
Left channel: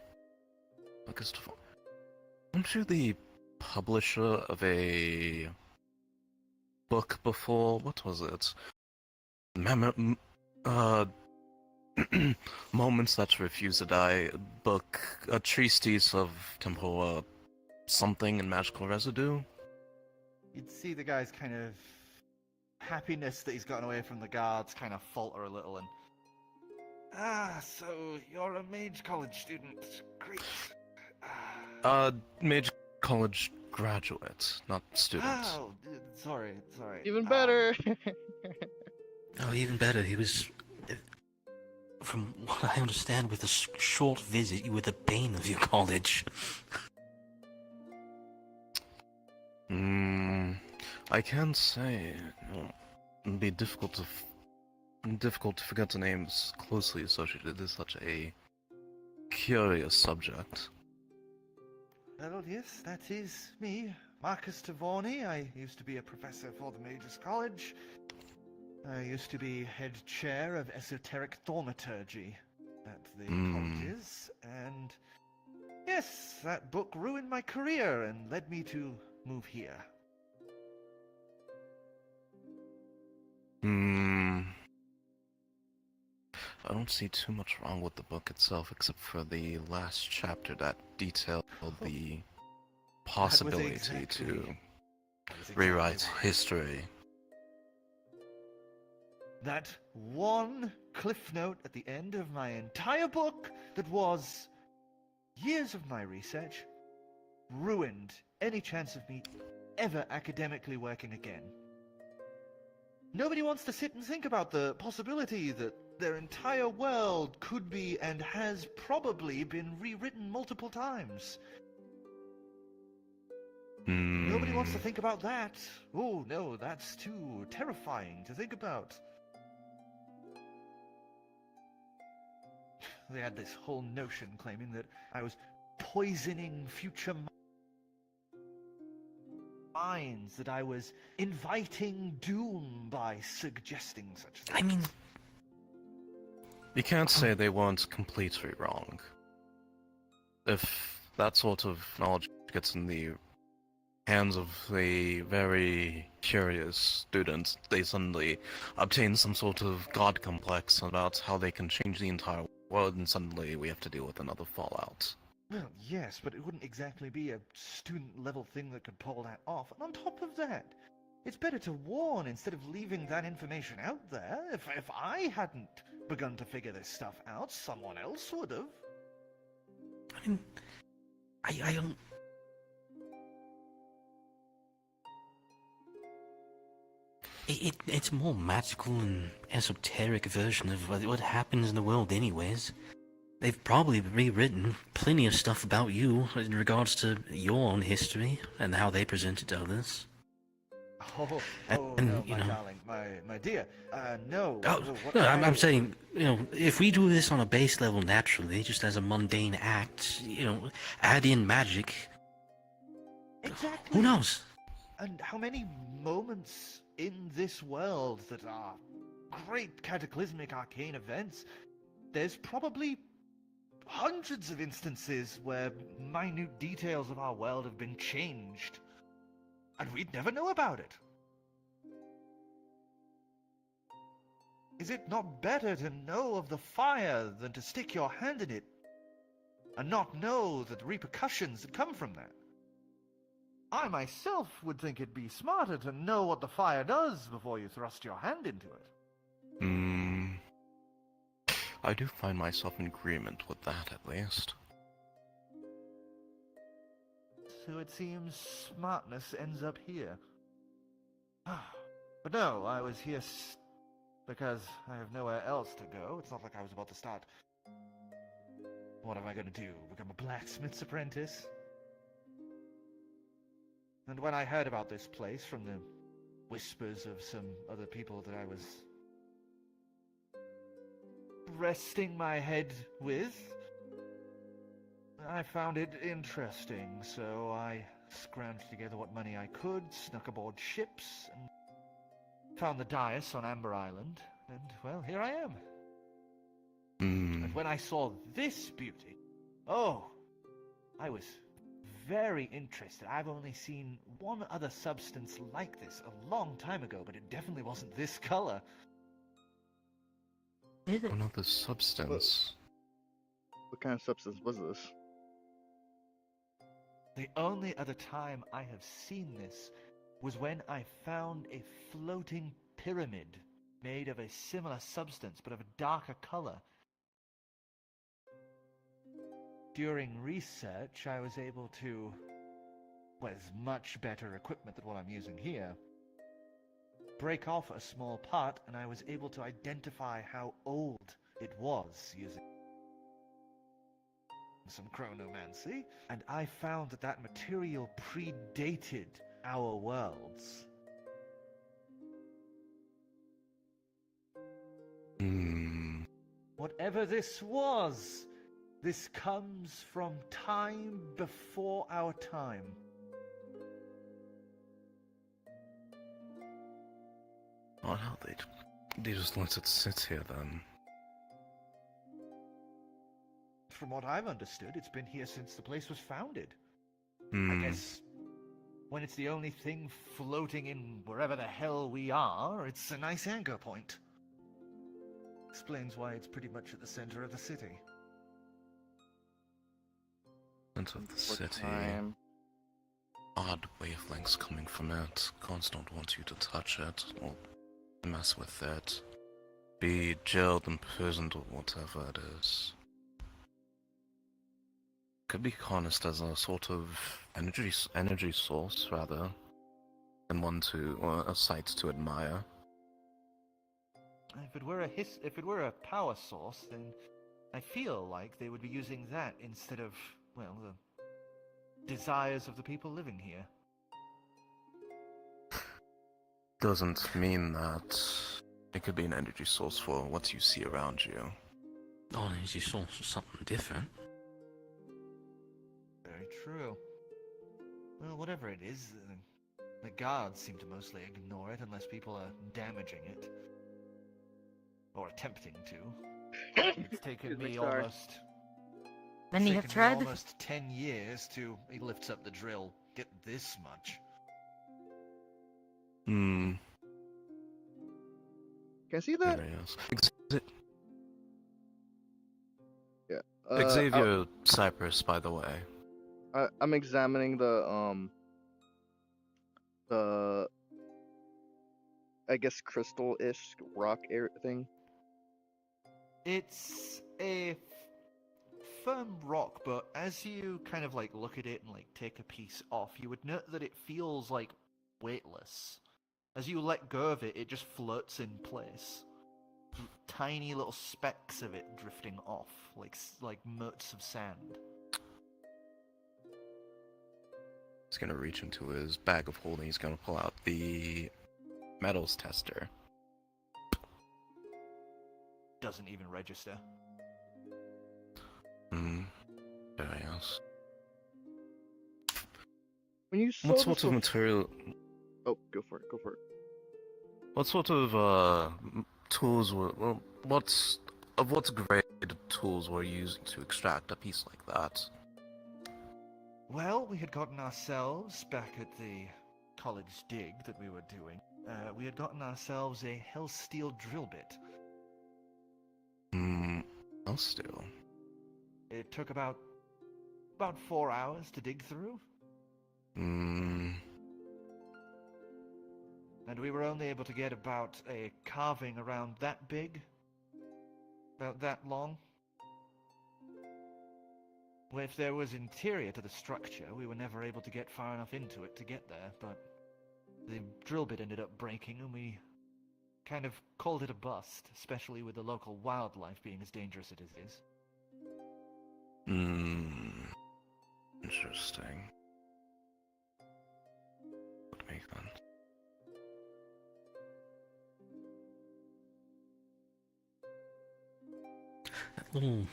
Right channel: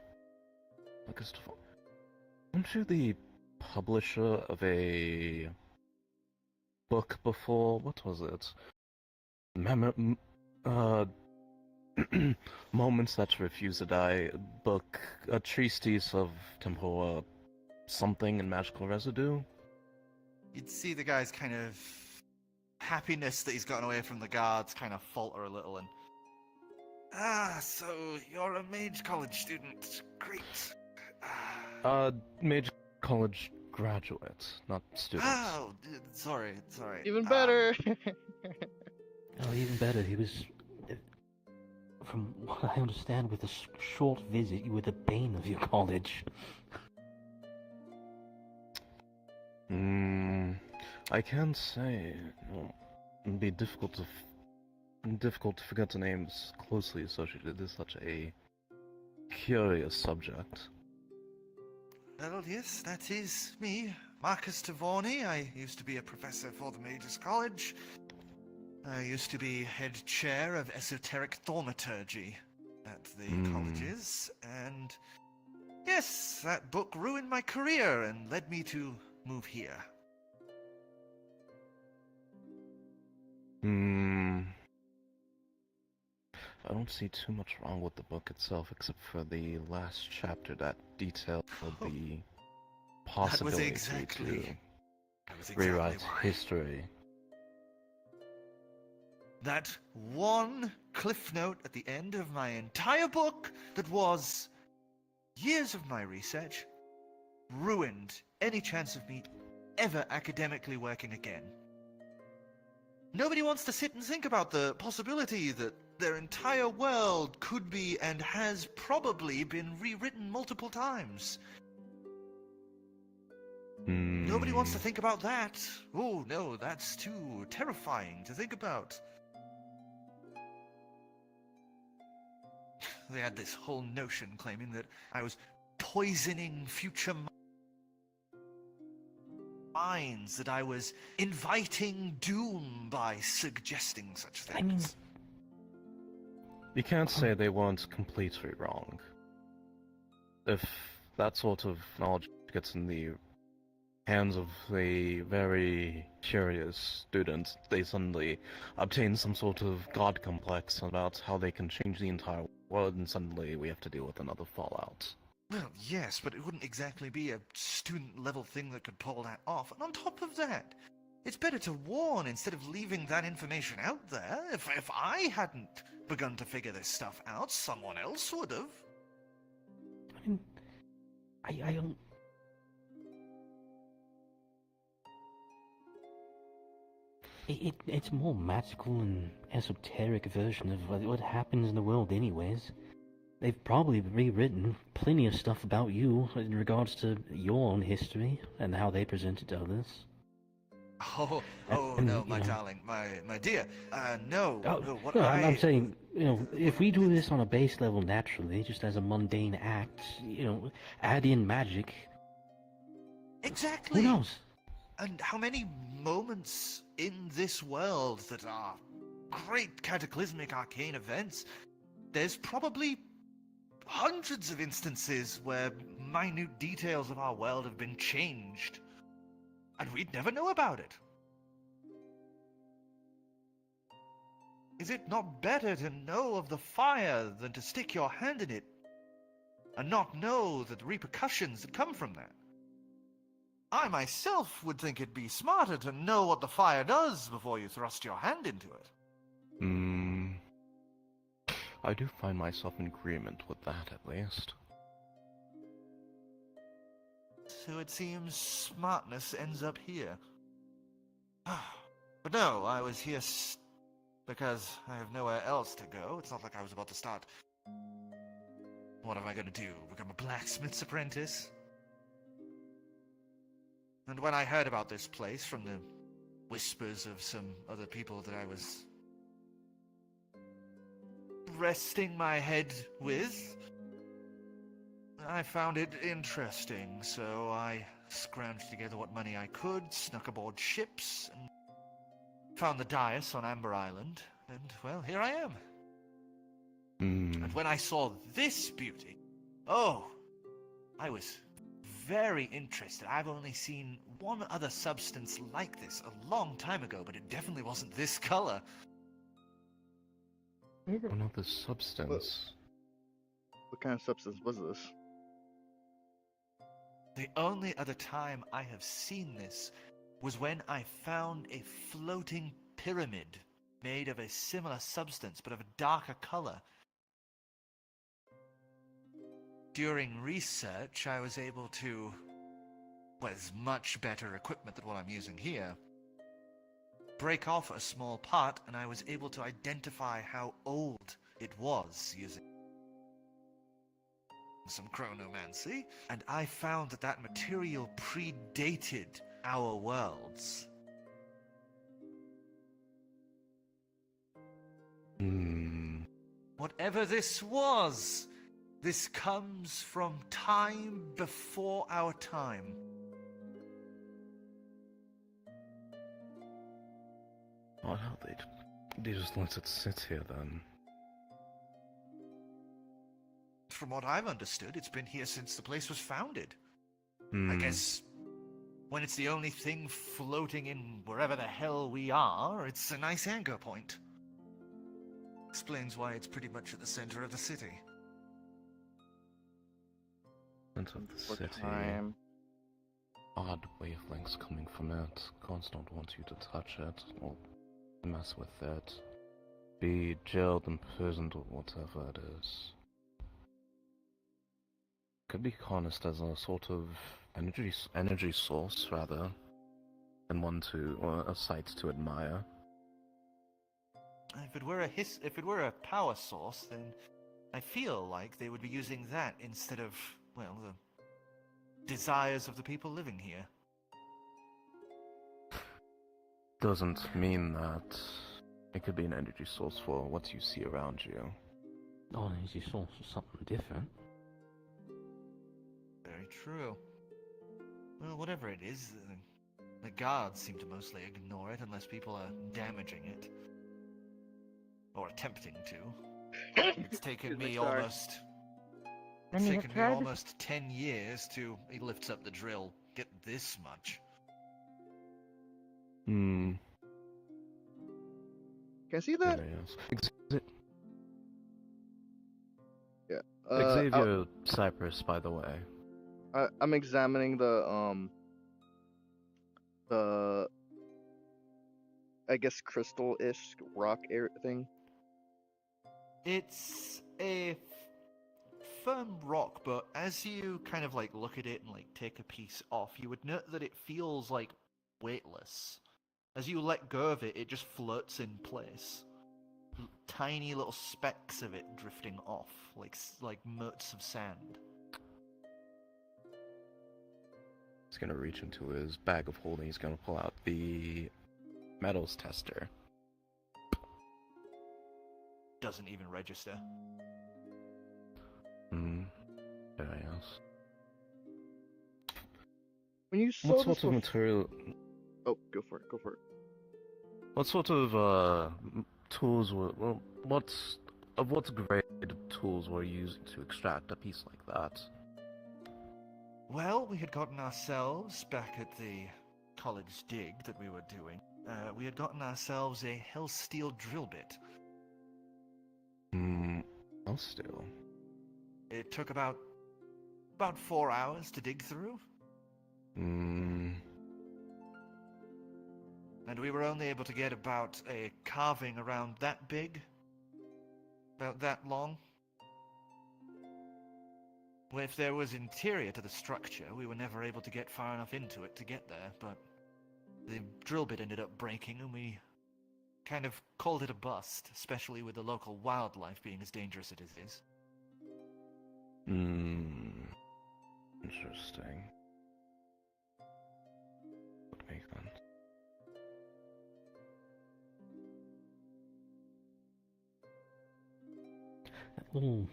Marcus Tavoni. Aren't you the publisher of a book before? What was it? Moments That Refuse to Die book, a treatise of temporal something and magical residue? You'd see the guy's kind of happiness that he's gotten away from the guards kind of falter a little and... so you're a mage college student. Great. Mage College graduate, not student. Oh, sorry. Even better. Oh, even better. He was, from what I understand, with a short visit, you were the bane of your college. I can say it'd be difficult to forget the names closely associated with such a curious subject. Well, yes, that is me, Marcus Tavorny. I used to be a professor for the Mages College. I used to be head chair of esoteric thaumaturgy at the colleges, and yes, that book ruined my career and led me to move here. I don't see too much wrong with the book itself, except for the last chapter that detailed the possibility to rewrite history. That one cliff note at the end of my entire book that was years of my research ruined any chance of me ever academically working again. Nobody wants to sit and think about the possibility that their entire world could be and has probably been rewritten multiple times. Nobody wants to think about that. Oh no, that's too terrifying to think about. They had this whole notion claiming that I was poisoning future minds, that I was inviting doom by suggesting such things. I mean, You can't say they weren't completely wrong. If that sort of knowledge gets in the hands of a very curious student, they suddenly obtain some sort of god complex about how they can change the entire world, and suddenly we have to deal with another fallout. Well, yes, but it wouldn't exactly be a student-level thing that could pull that off. And on top of that, it's better to warn instead of leaving that information out there. If I hadn't begun to figure this stuff out, someone else would have. I mean, I don't. It's a more magical and esoteric version of what happens in the world anyways. They've probably rewritten plenty of stuff about you in regards to your own history and how they present it to others. Oh, And, no, you my know- darling, my dear. No. What No, I'm saying, if we do this on a base level naturally, just as a mundane act, add in magic, Exactly. who knows? And how many moments in this world that are great cataclysmic arcane events, there's probably hundreds of instances where minute details of our world have been changed, and we'd never know about it. Is it not better to know of the fire than to stick your hand in it and not know the repercussions that come from that? I myself would think it'd be smarter to know what the fire does before you thrust your hand into it. I do find myself in agreement with that, at least. So it seems smartness ends up here. But no, I was here because I have nowhere else to go. It's not like I was about to start... What am I going to do? Become a blacksmith's apprentice? And when I heard about this place from the whispers of some other people that I was resting my head with, I found it interesting, so I scrounged together what money I could, snuck aboard ships, and found the dais on Amber Island, and, well, here I am. And when I saw this beauty, I was very interested. I've only seen one other substance like this a long time ago, but it definitely wasn't this color. Another substance. What kind of substance was this? The only other time I have seen this was when I found a floating pyramid made of a similar substance, but of a darker color. During research, I was able to, with much better equipment than what I'm using here, break off a small part, and I was able to identify how old it was using some chronomancy, and I found that that material predated our worlds. Whatever this was, this comes from time before our time. Oh, hell, they just let it sit here then. From what I've understood, it's been here since the place was founded. I Hmm. guess when it's the only thing floating in wherever the hell we are, it's a nice anchor point. Explains why it's pretty much at the center of the city. Center of the For city. time. Odd wavelengths coming from it. Gods don't want you to touch it or mess with it. Be jailed, imprisoned, or whatever it is. Could be harnessed as a sort of energy source rather than one to or a sight to admire. If it were a power source, then I feel like they would be using that instead of, well, the desires of the people living here. Doesn't mean that it could be an energy source for what you see around you. Oh, energy source is something different. Very true. Well, whatever it is, the guards seem to mostly ignore it unless people are damaging it. Or attempting to. It's taken Excuse me, me sorry. almost... Many It's have taken me tried. almost 10 years to... He lifts up the drill. Get this much. Hmm. Can I see that? Yes. Yeah. Xavier Cypress, by the way. I'm examining the I guess crystal-ish rock thing. It's a firm rock, but as you kind of like look at it and like take a piece off, you would note that it feels like weightless. As you let go of it, it just floats in place. Tiny little specks of it drifting off, like motes of sand. He's gonna reach into his bag of holding. He's gonna pull out the metals tester. Doesn't even register. Hmm. Very nice. When you saw What this sort of material? Oh, go for it. Go for it. What sort of tools were? Well, what grade tools were used to extract a piece like that? Well, we had gotten ourselves, back at the college dig that we were doing, we had gotten ourselves a hell steel drill bit. I'll still. It took about 4 hours to dig through, and we were only able to get about a carving around that big, about that long. Well, if there was interior to the structure, we were never able to get far enough into it to get there, but the drill bit ended up breaking and we kind of called it a bust, especially with the local wildlife being as dangerous as it is. Interesting. Would make sense. That little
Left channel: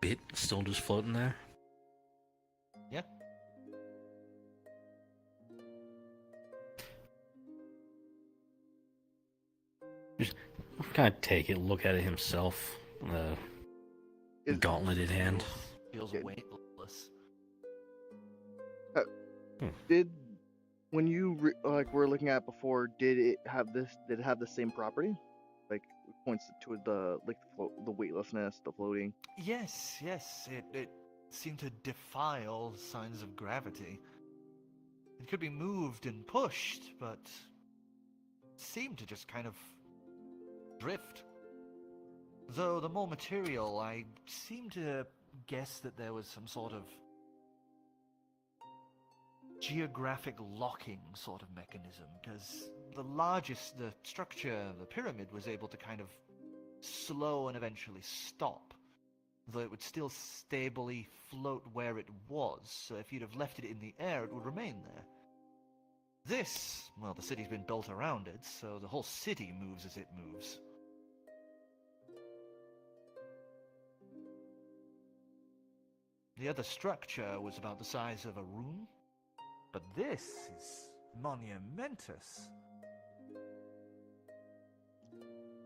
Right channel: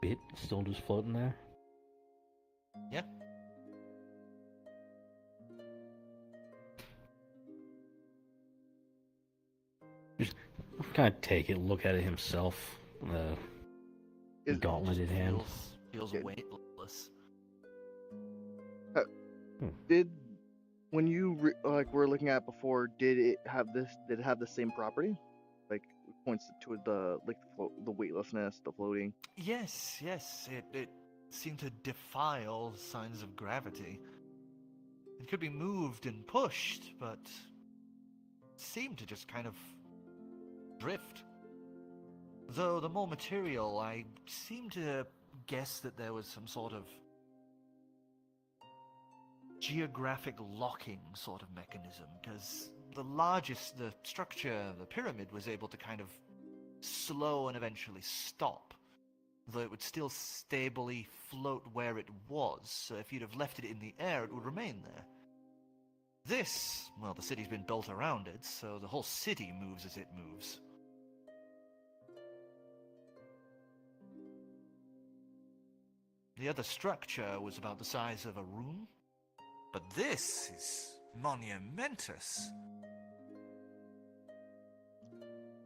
bit still just floating there. Yeah. Kind of take it, look at it himself. Is- Gauntlet in hand. Feels Yeah. weightless. Did when you were looking at it before, did it have the same property? Like it points to the the weightlessness, the floating. Yes, it seemed to defy all signs of gravity. It could be moved and pushed, but seemed to just kind of drift. Though the more material, I seem to guess that there was some sort of geographic locking sort of mechanism, because the structure, the pyramid, was able to kind of slow and eventually stop, though it would still stably float where it was, so if you'd have left it in the air, it would remain there. This, well, the city's been built around it, so the whole city moves as it moves. The other structure was about the size of a room, but this is monumentous.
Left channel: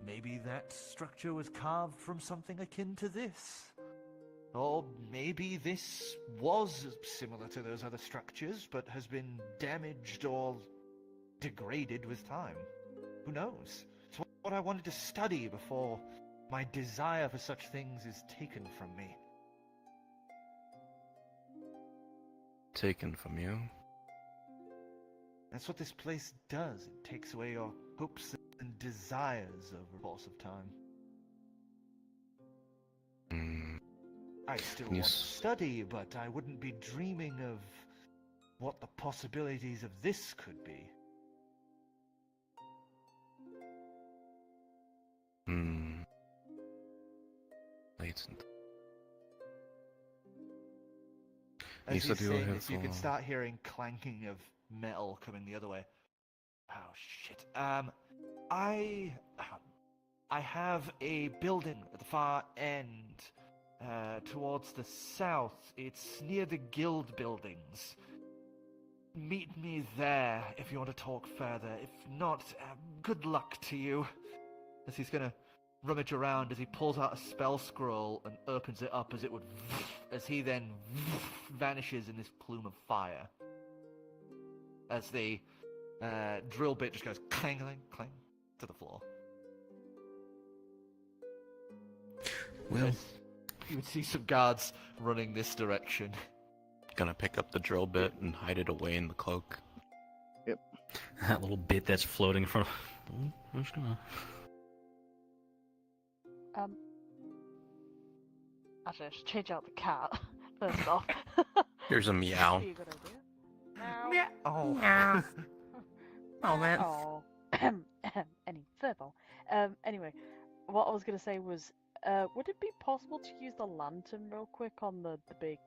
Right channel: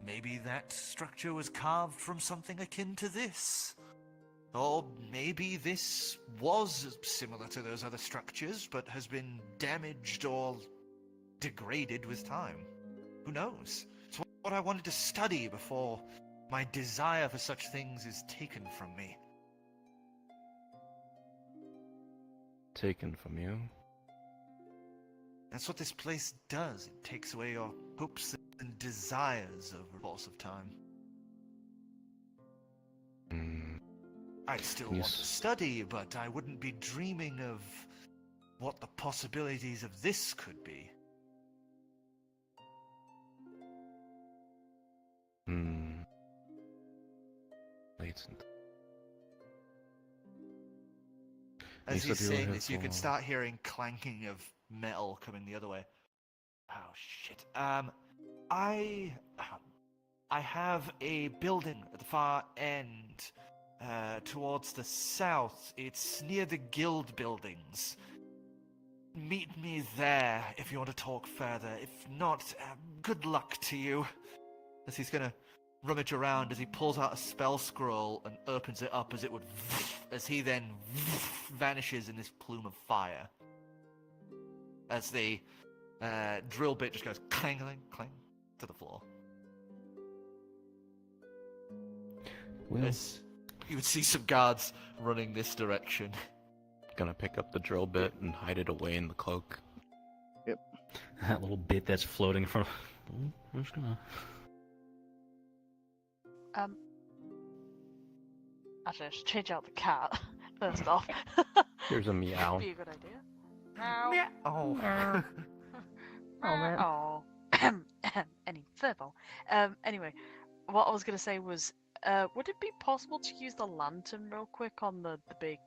Maybe that structure was carved from something akin to this. Or maybe this was similar to those other structures, but has been damaged or degraded with time. Who knows? It's what I wanted to study before my desire for such things is taken from me. Taken from you? That's what this place does. It takes away your hopes and desires over the course of time. I still want to study, but I wouldn't be dreaming of what the possibilities of this could be. Latent. As You he's said you were saying here this, you can for- start hearing clanking of metal coming the other way. Oh shit. I have a building at the far end, towards the south. It's near the guild buildings. Meet me there if you want to talk further. If not, good luck to you. As he's gonna rummage around as he pulls out a spell scroll and opens it up as it would, as he then vanishes in this plume of fire. As the drill bit just goes clang, clang, clang to the floor. Well, As you would see some guards running this direction. Gonna pick up the drill bit and hide it away in the cloak. That little bit that's floating from. Where's gonna? I just change out the cat first off. Here's a meow. Be a good idea. Yeah. Oh. Oh man. Oh. Any further. Anyway, what I was gonna say was, would it be possible to use the lantern real quick on the big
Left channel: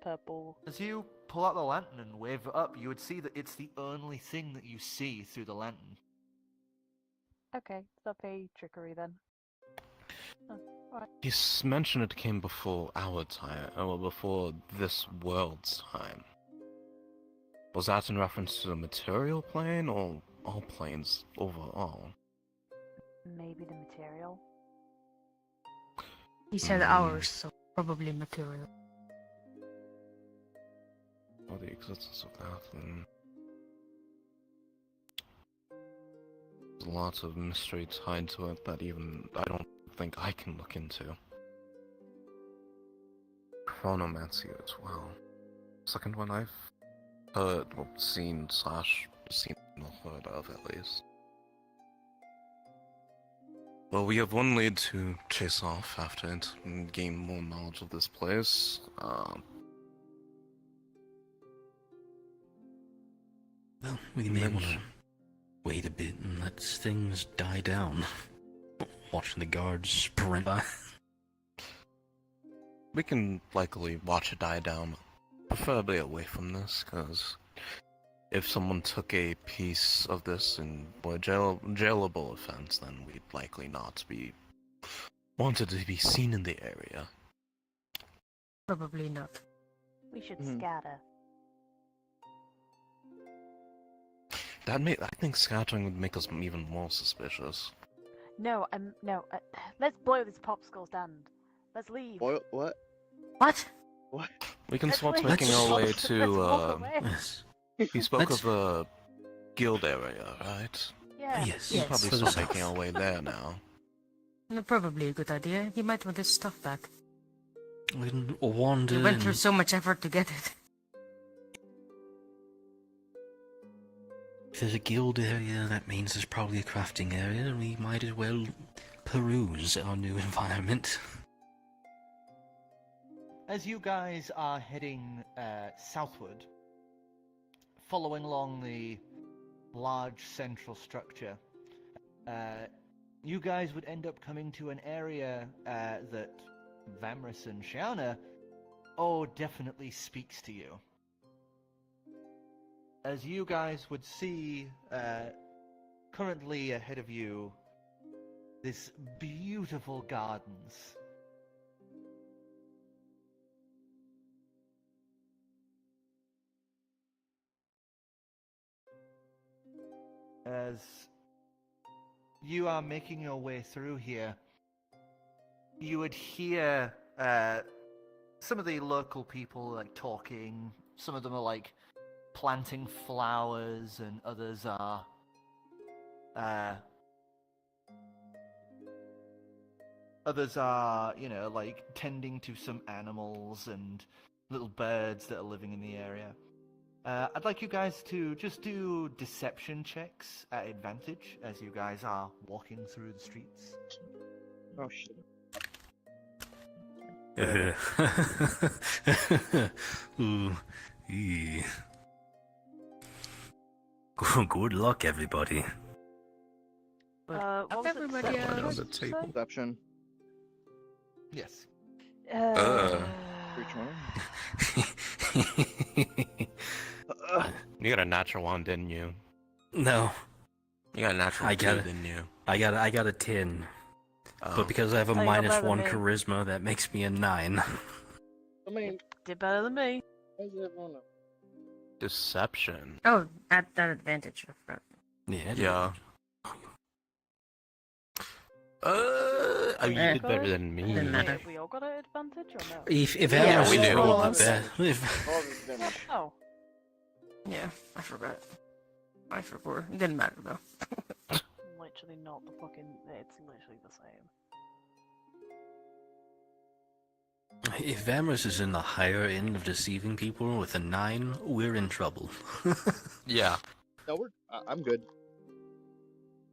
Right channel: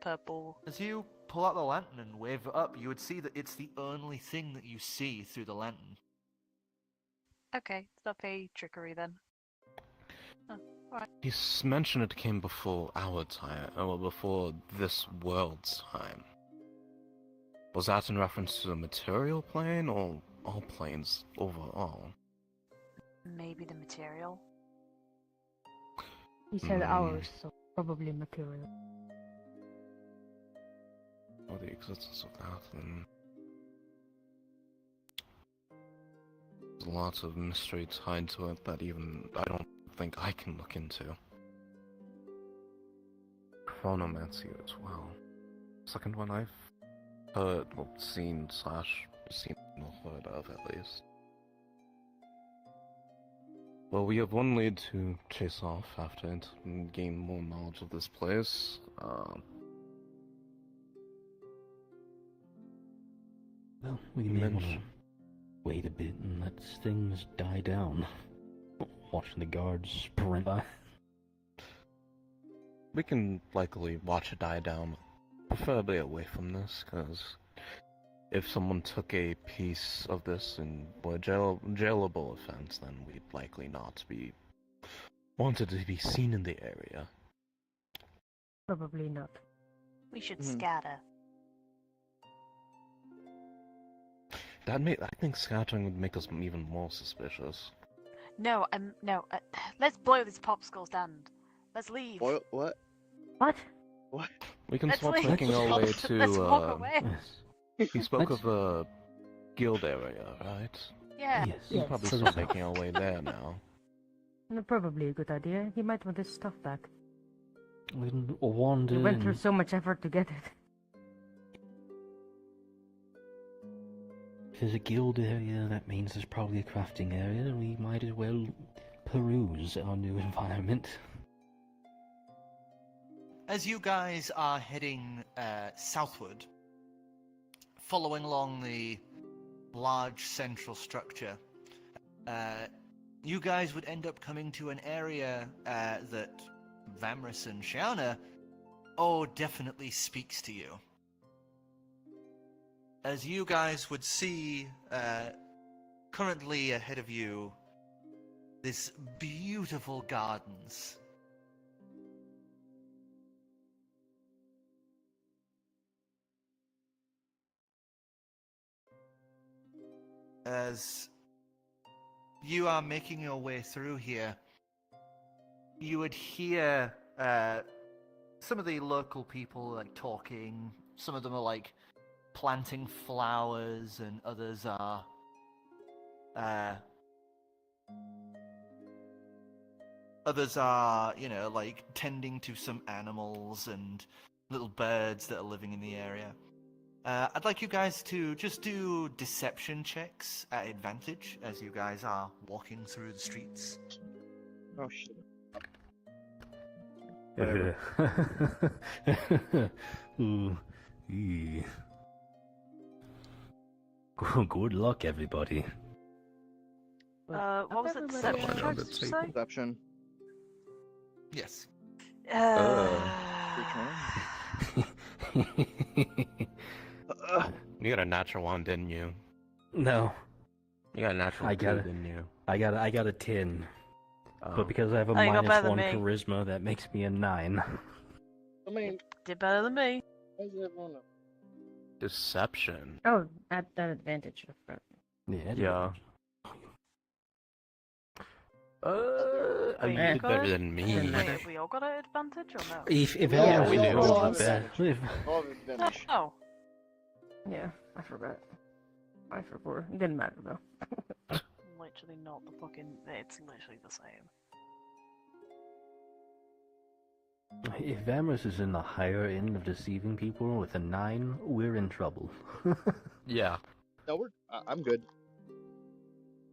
purple? As you pull out the lantern and wave it up, you would see that it's the only thing that you see through the lantern. Okay, it's not a trickery then. You mentioned it came before our time, or before this world's time. Was that in reference to the material plane, or all planes overall? Maybe the material. He said ours, so probably material. Or the existence of that, and... There's lots of mystery tied to it that even I don't think I can look into. Chronomancy as well. Second one I've heard, well, seen or heard of at least. Well, we have one lead to chase off after it and gain more knowledge of this place. Well, we may want to wait a bit and let things die down. Watching the guards sprint by. We can likely watch it die down, preferably away from this, because if someone took a piece of this and were jailable offense, then we'd likely not be wanted to be seen in the area. Probably not. We should Mhm. scatter. I think scattering would make us even more suspicious. No, no. Let's blow this popsicle stand. Let's leave. Boy, what? What? What? We can Let's start leave. making our way Let's to, walk away. Yes. he spoke Let's- of a guild area, right? Yeah. Yes. We Yes. can probably For the start making our south. way there now. Probably a good idea. He might want his stuff back. We can wander. He went through and- so much effort to get it. If there's a guild area, that means there's probably a crafting area, and we might as well peruse our new environment. As you guys are heading southward, following along the large central structure, you guys would end up coming to an area that Vamris and Shiana definitely speaks to you. As you guys would see, currently ahead of you, this beautiful gardens. As you are making your way through here, you would hear some of the local people like talking. Some of them are like planting flowers, and others are like tending to some animals and little birds that are living in the area. I'd like you guys to just do deception checks at advantage as you guys are walking through the streets. Oh shit. Ooh, Eee. Good luck, everybody. What was it? Everybody Deception, around the did you say? table. Deception. Yes. Which one? You got a natural one, didn't you? No, You got a natural I two, got it. didn't you? I got a 10. Oh. But because I have a Oh, you got minus better than 1 me. charisma, that makes me a 9. I mean, Did better than me. why does everyone know? Deception. Oh, at that advantage. I forgot. Yeah. You Yeah. did better than me. Didn't matter. We all got an advantage or no? If Yeah, Ambrose we is do. We all have rolling bad- advantage. All of advantage. Oh, Yeah, I forgot. I forgot. It didn't matter though. literally not the fucking. It's literally the same. If Ambrose is in the higher end of deceiving people with a 9, we're in trouble. Yeah, No, I'm good.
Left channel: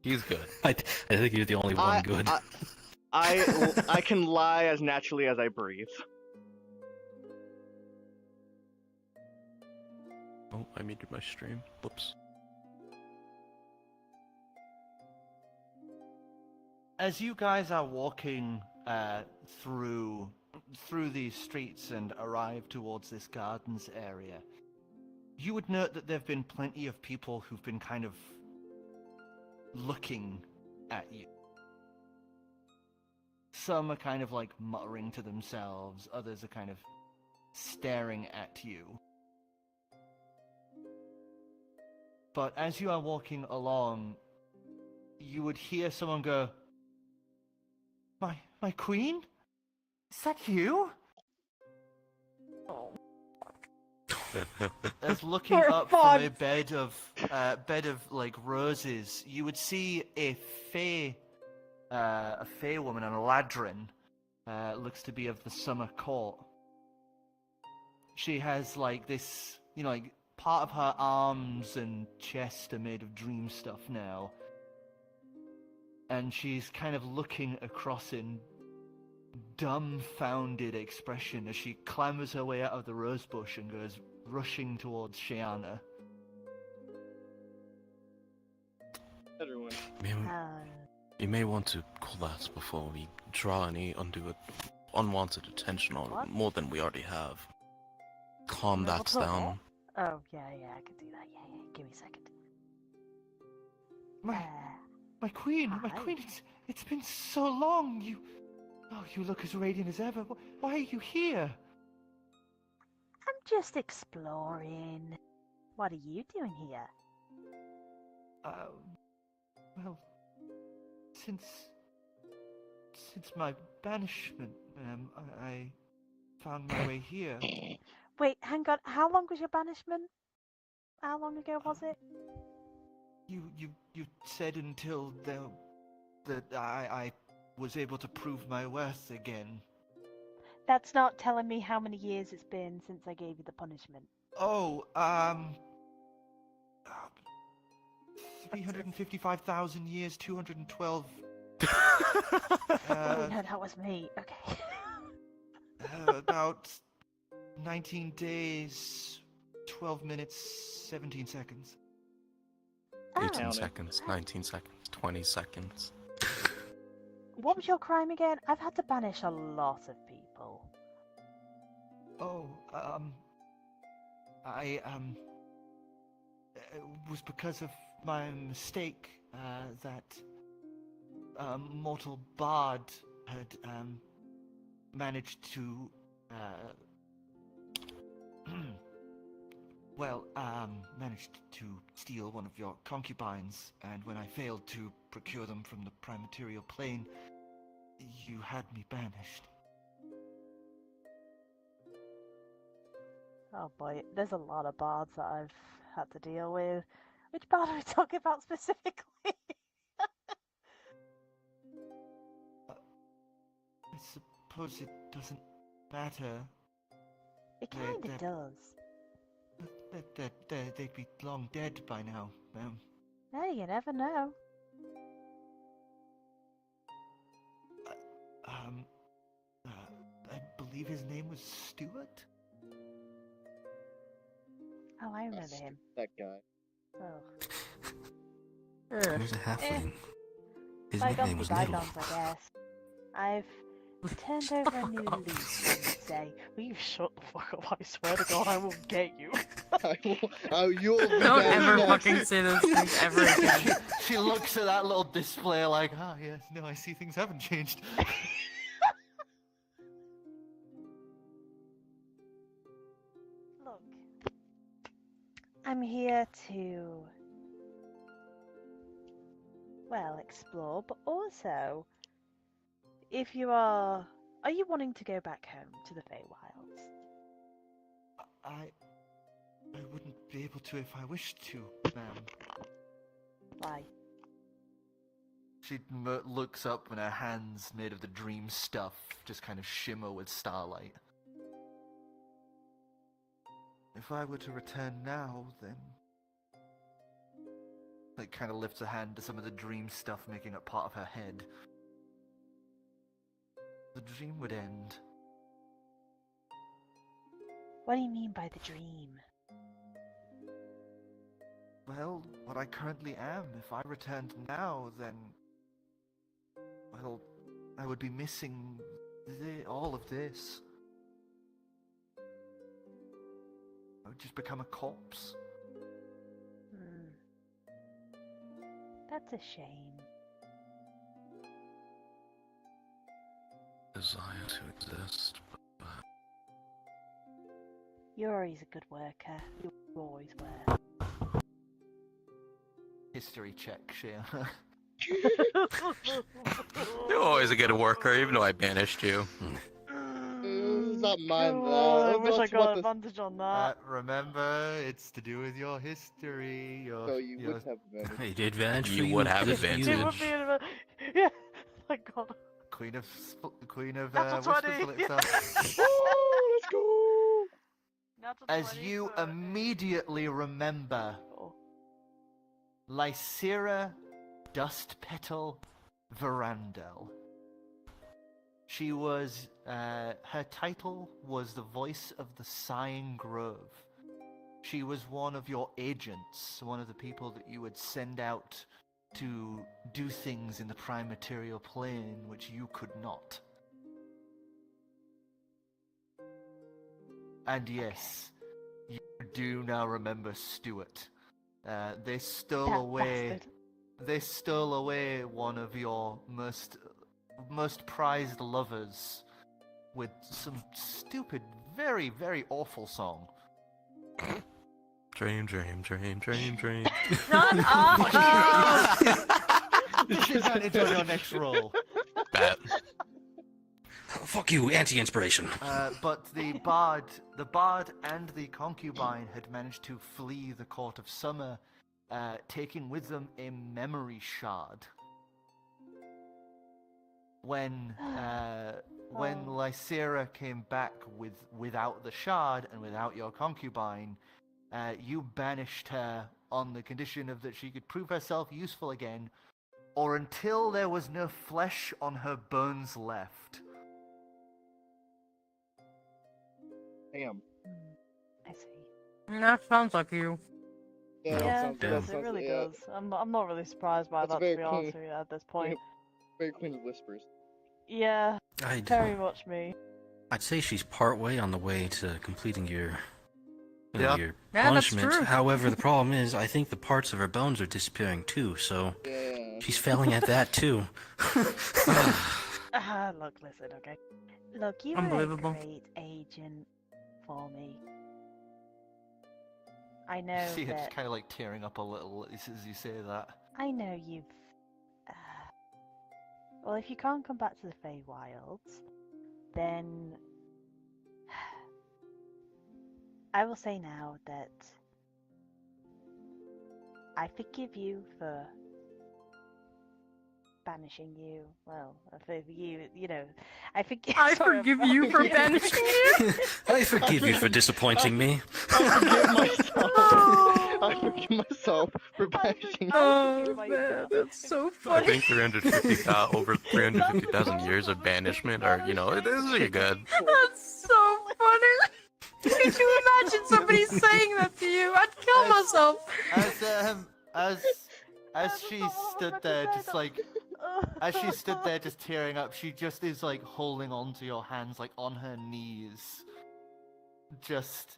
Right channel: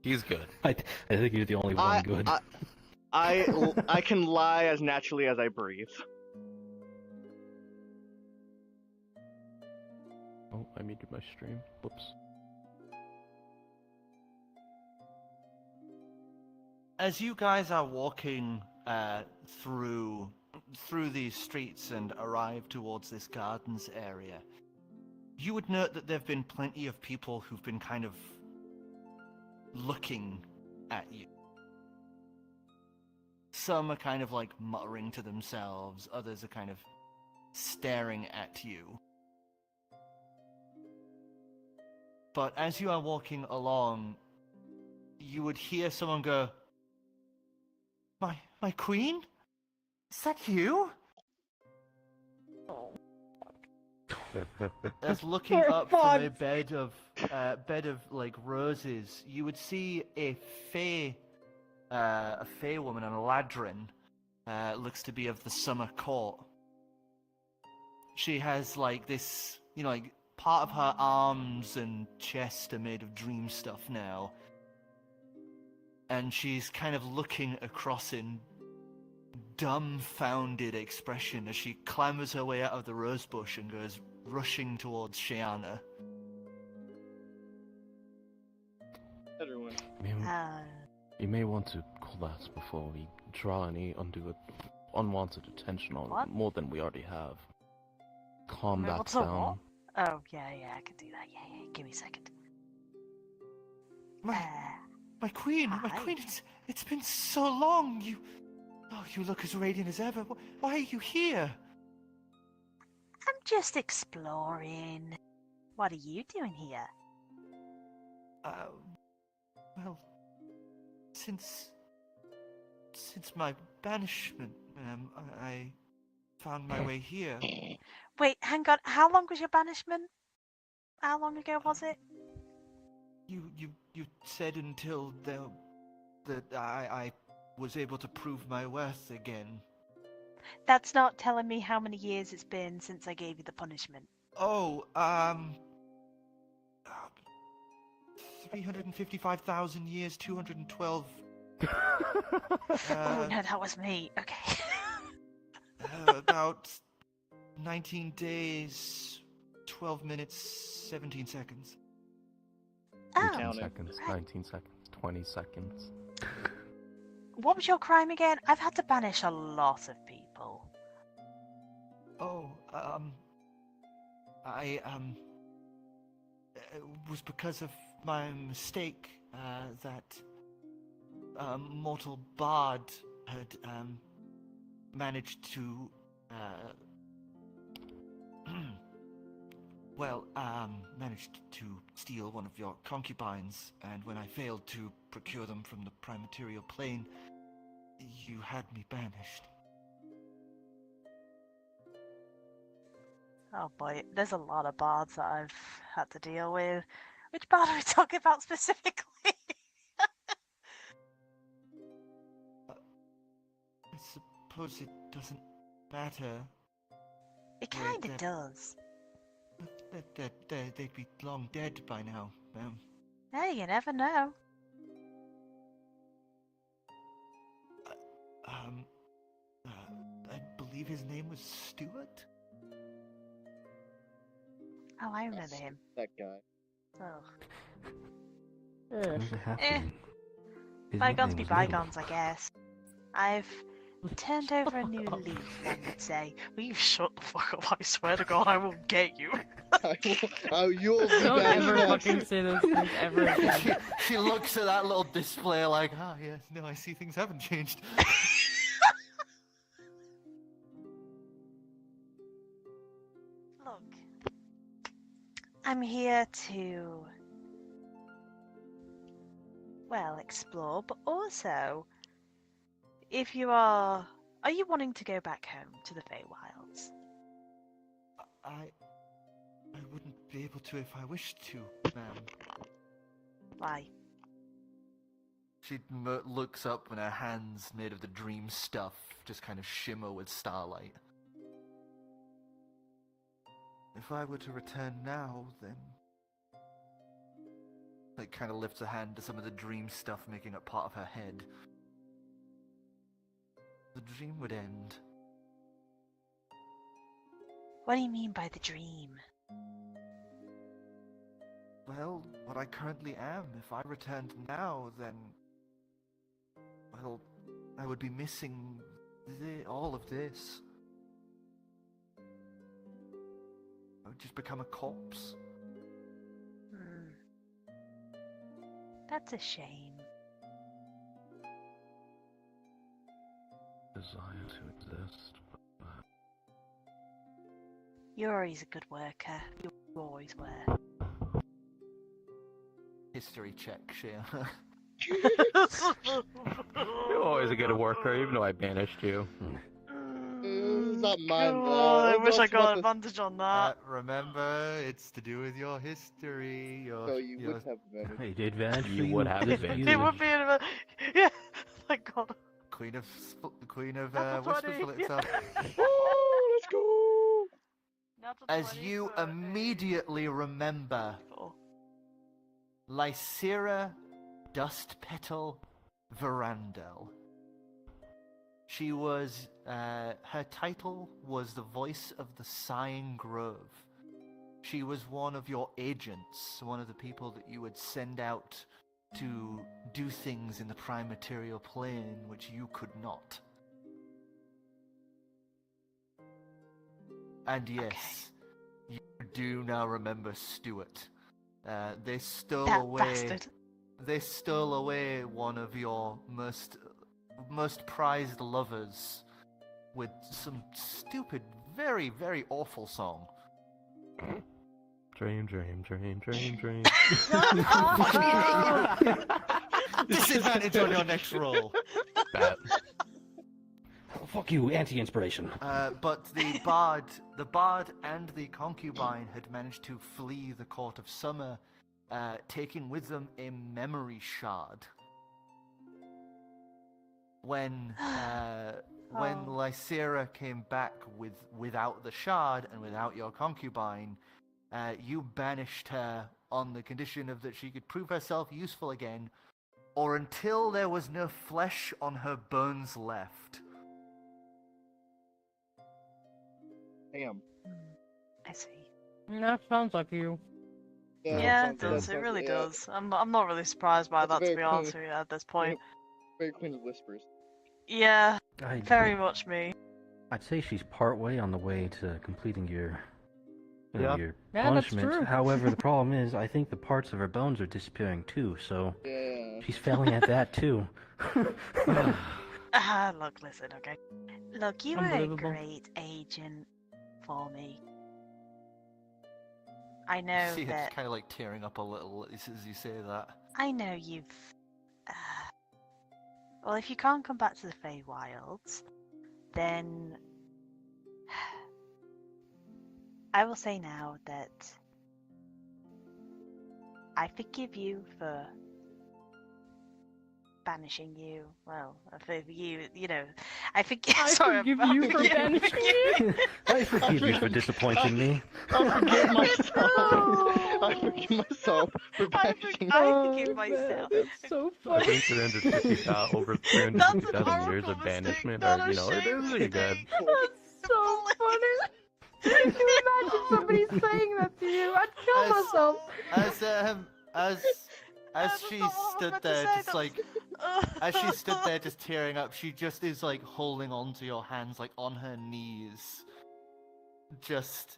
he's good. I think you're the only one good. I can lie as naturally as I breathe. Oh, I muted my stream. Whoops. As you guys are walking through these streets and arrive towards this gardens area, you would note that there have been plenty of people who've been kind of looking at you. Some are kind of like muttering to themselves, others are kind of staring at you. But as you are walking along, you would hear someone go, My queen? Is that you? As looking up from a bed of like roses, you would see a fey woman, an Eladrin, looks to be of the summer court. She has like this, like part of her arms and chest are made of dream stuff now. And she's kind of looking across in dumbfounded expression as she clambers her way out of the rosebush and goes rushing towards Shiana. Everyone. You may want to collapse before we draw any unwanted attention on What? more than we already have. Calm Wait, that what's up, down. Oh, yeah, I could do that. Yeah, give me a second. My queen, Hi. it's been so long. You look as radiant as ever. Why are you here? I'm just exploring. What are you doing here? Well, since my banishment, I found my way here. Wait, hang on. How long was your banishment? How long ago was it? You said until that I was able to prove my worth again. That's not telling me how many years it's been since I gave you the punishment. Oh, 355,000 years, 212. Oh no, that was me. Okay. About 19 days, 12 minutes, 17 seconds. 18 Oh, seconds, 19 seconds, 20 seconds. what was your crime again? I've had to banish a lot of people. Oh, it was because of my mistake that mortal bard had managed to managed to steal one of your concubines, and when I failed to procure them from the prime material plane, you had me banished. Oh boy, there's a lot of bards that I've had to deal with. Which bard are we talking about specifically? I suppose it doesn't matter. It Yeah, kinda that- does. They'd be long dead by now. Hey, you never know. I believe his name was Stuart? Oh, I remember him. That guy. Oh. Who's a halfling? His Bygones nickname be was Nibble. bygones, I guess. I've turned over a new leaf, one would say. Will you shut the fuck up? I swear to God, I will get you. You'll be Don't back ever next. fucking say those things ever again. She looks at that little display like, ah, yeah, no, I see things haven't changed. Look, I'm here to, well, explore, but also, if you are you wanting to go back home to the Feywilds? I wouldn't be able to if I wished to, ma'am. Why? She looks up and her hands made of the dream stuff just kind of shimmer with starlight. If I were to return now, then... Like, kind of lifts a hand to some of the dream stuff making up part of her head. The dream would end. What do you mean by the dream? Well, what I currently am. If I returned now, then... Well, I would be missing all of this. I would just become a corpse. That's a shame. Desire to exist. You're always a good worker. You always were. History check, Shea. You're always a good worker, even though I banished you. It's not mine. I wish I That's got what the- advantage on that. Remember, it's to do with your history. So you would have advantage. Hey, the advantage for You would have if advantage. It would be an yeah. Thank God. Queen of Natural Whispers 20, Philip stuff. Oh, let's go! As you immediately remember, Lysira Dustpetal Vrdnd. She was, her title was the voice of the Sighing Grove. She was one of your agents, one of the people that you would send out to do things in the prime material plane which you could not. And yes, you do now remember Stuart. They stole That away. bastard. They stole away one of your most prized lovers with some stupid, very, very awful song. Dream, dream, dream, dream, dream. Disadvantage on your next roll. Bet. Fuck you, anti-inspiration. But the bard and the concubine had managed to flee the court of summer, taking with them a memory shard. When Lysira came back without the shard and without your concubine, you banished her on the condition of that she could prove herself useful again, or until there was no flesh on her bones left. Damn. I see. That sounds like you. Yeah, it that does. It sounds- really yeah, does. I'm not really surprised by That's that, very to be honest cool. with you, at this point. Very Queen of Whispers. Yeah, I'd, very much me. I'd say she's part way on the way to completing your, Yeah. your Yeah, that's punishment. true. However, the problem is, I think the parts of her bones are disappearing too, so Yeah. she's failing at that too. Look, listen, okay. Look, you were a Unbelievable. great agent for me. I know See, it's that. kind of like tearing up a little as you say that. I know you've. Well, if you can't come back to the Feywilds, then I will say now that I forgive you for banishing you. Well, for you, I forgive. I sorry, forgive I'm- you for banishing you. I forgive you for disappointing me. I forgive myself. I forgive myself for banishing. I forgive Oh, myself. man, that's so I funny. think 350,000 over 350,000 years of horrible mistake banishment that are, I you know, it should've is really good. That's so funny. Could you imagine somebody saying that to you? I'd kill myself. As she stood there, just like, as she stood there, just tearing up, she just is like holding on to your hands, like on her knees, just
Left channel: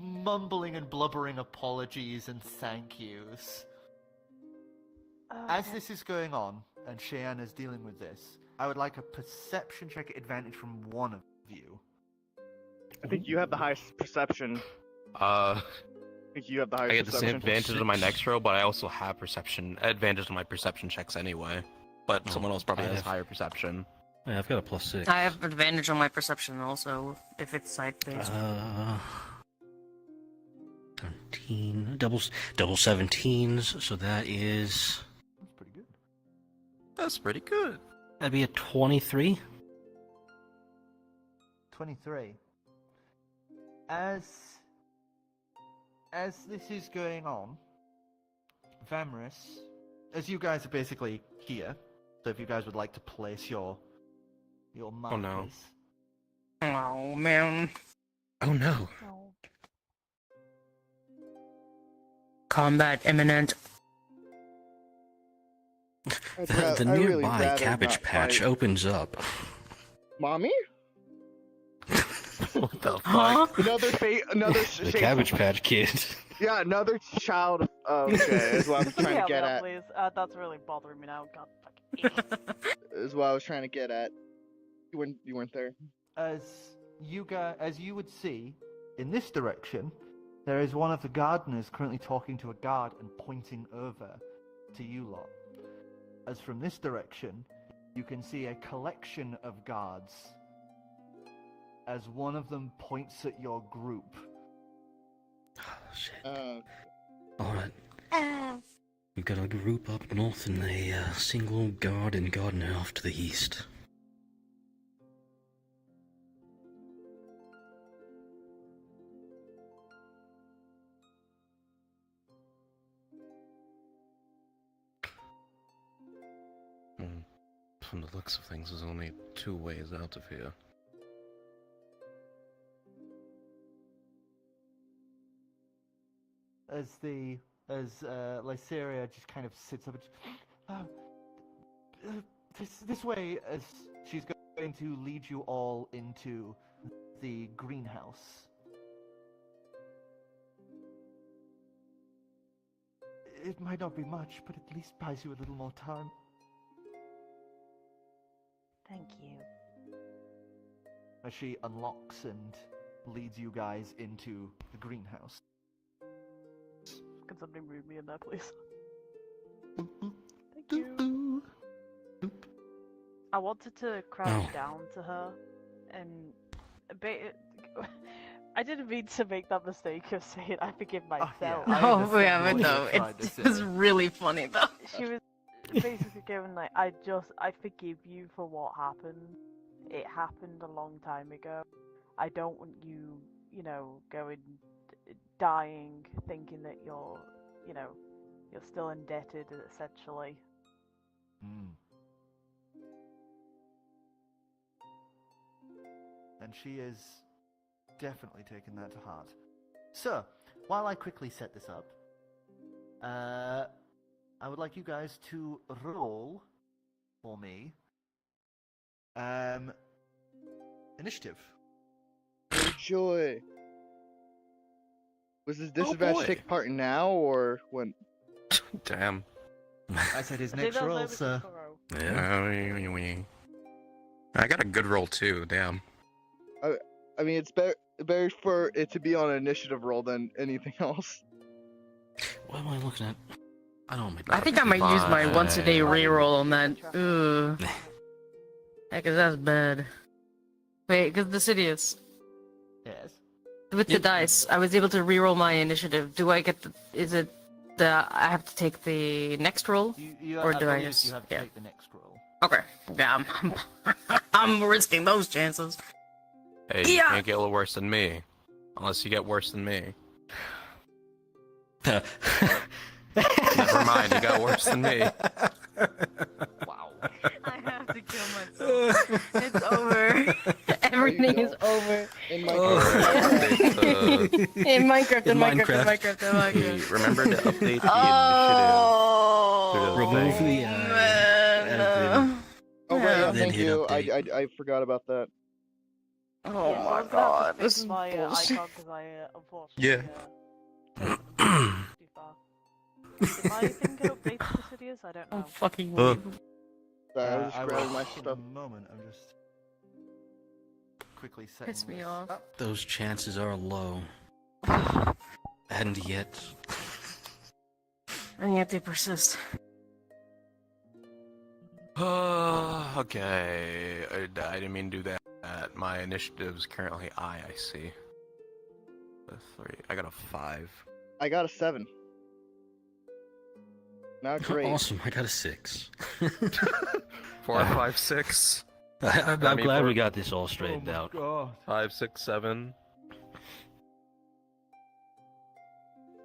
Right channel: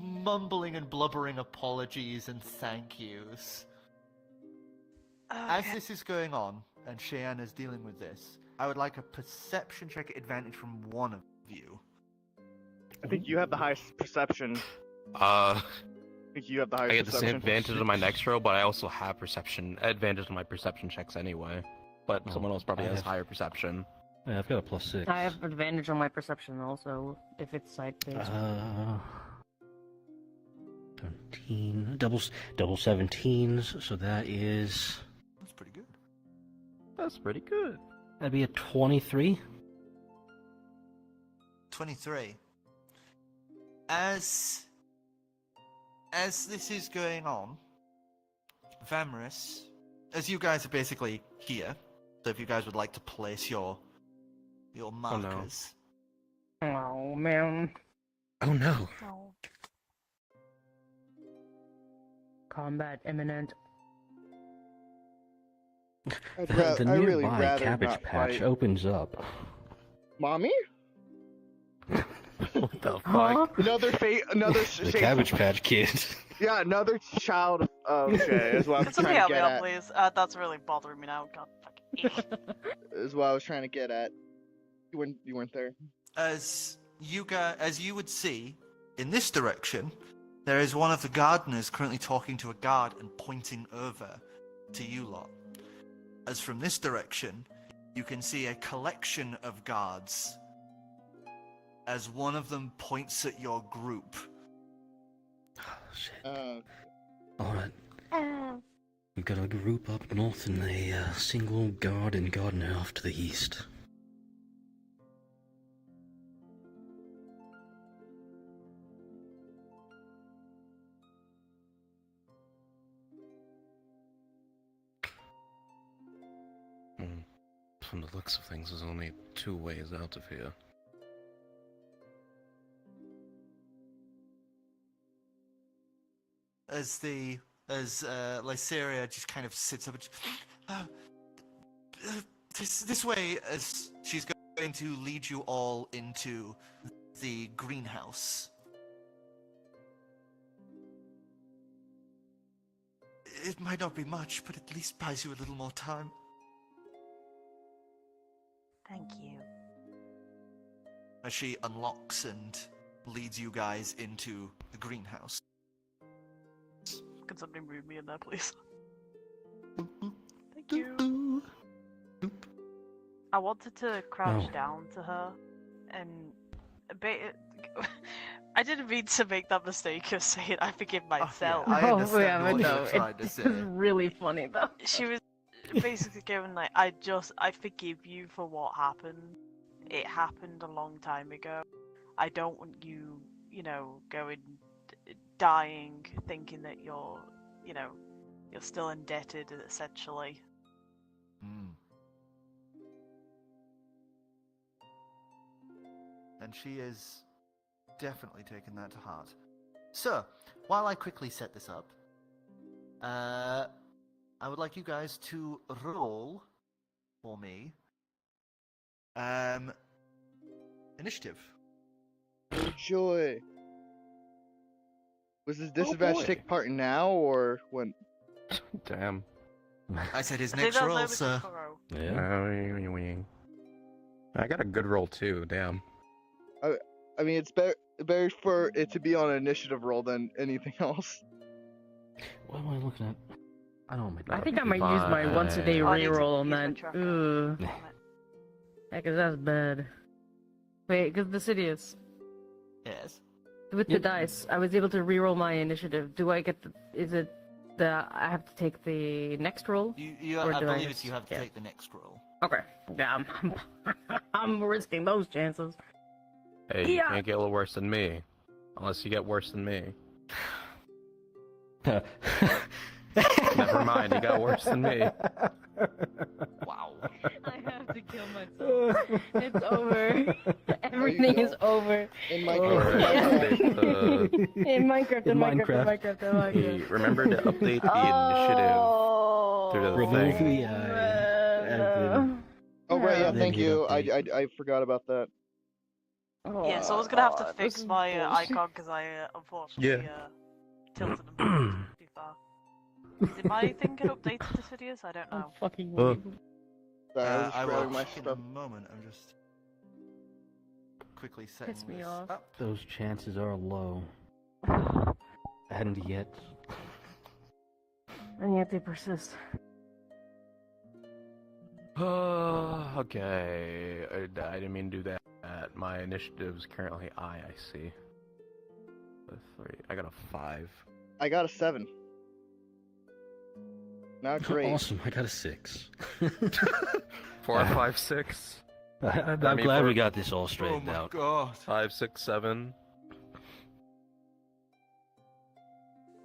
mumbling and blubbering apologies and thank yous. As this is going on, and Cheyenne is dealing with this, I would like a perception check at advantage from one of you. I think you have the highest perception. I I think you have the highest get the same perception. advantage on my next roll, but I also have advantage on my perception checks anyway. But someone else probably has higher perception. Yeah, I've got a +6. I have advantage on my perception also, if it's sight-based. 17, double 17s, so that is... That's pretty good. That's pretty good. That'd be a 23. 23. As this is going on, Vamris, as you guys are basically here, so if you guys would like to place your markers. Oh, man. Oh no. Combat imminent. I The really nearby rather cabbage not patch fight. opens up. Mommy? What the Huh? fuck? Another The Cabbage Patch Kid. Yeah, another child. Okay, is what I'm trying to get at. Please. That's really bothering me now. God fucking. Is what I was trying to get at. You weren't there. As you would see, in this direction, there is one of the gardeners currently talking to a guard and pointing over to you lot. As from this direction, you can see a collection of guards. As one of them points at your group. Oh, shit. Uh, Alright. We've got a group up north and a single guard and gardener off to the east. From the looks of things, there's only 2 ways out of here. As Lyceria just kind of sits up and this way, as she's going to lead you all into the greenhouse. It might not be much, but at least buys you a little more time. Thank you. As she unlocks and leads you guys into the greenhouse. Can somebody move me in there, please? Thank you. I wanted to crouch down to her and I didn't mean to make that mistake of saying I forgive myself. I Oh, understand yeah, what but you're no, trying to it's say. really funny though. She was basically going like, I forgive you for what happened. It happened a long time ago. I don't want you, going dying thinking that you're still indebted essentially. And she is definitely taking that to heart. So, while I quickly set this up, I would like you guys to roll for me initiative. oh joy. Was this disadvantage take part now or when? Damn. I said his I think next that was roll, over sir. tomorrow. I got a good roll too, damn. I mean, it's better for it to be on an initiative roll than anything else. What am I looking at? I don't know. I think I might use my once a day reroll on that. Ooh. Yeah, cause that's bad. Wait, cause the city is. Yes. With the dice, I was able to reroll my initiative. Do I get is it I have to take the next roll? Or I do I believe just- you have to yeah. take the next roll. Okay. Yeah, I'm risking those chances. Hey, you Yeah. can't get a little worse than me. Unless you get worse than me. Never mind, you got worse than me. Wow. I have to kill myself. It's over. Everything is over. In my Alright, In Minecraft, in In Minecraft, in Minecraft. Minecraft, in Minecraft. Remember to update the initiative through the Remove thing. the Man, admin. Oh right, yeah, Then thank hit you. update. I forgot about that. Yeah, so I was gonna have to God, fix this is my bullshit. icon because I unfortunately tilted them too far. Did my thing get updated to Sidious? I don't Oh, know. fucking Uh, weird. Sorry, I was just I grabbing will my for stuff. a moment. I'm just quickly setting Piss me this off. up. Those chances are low. And yet. And yet they persist. Okay. I didn't mean to do that. My initiative's currently I see. A 3. I got a 5. I got a 7. Not great. Awesome, I got a 6. 4, 5, 6. I'm I mean, glad for- we got this all straightened out. God. 5, 6, 7.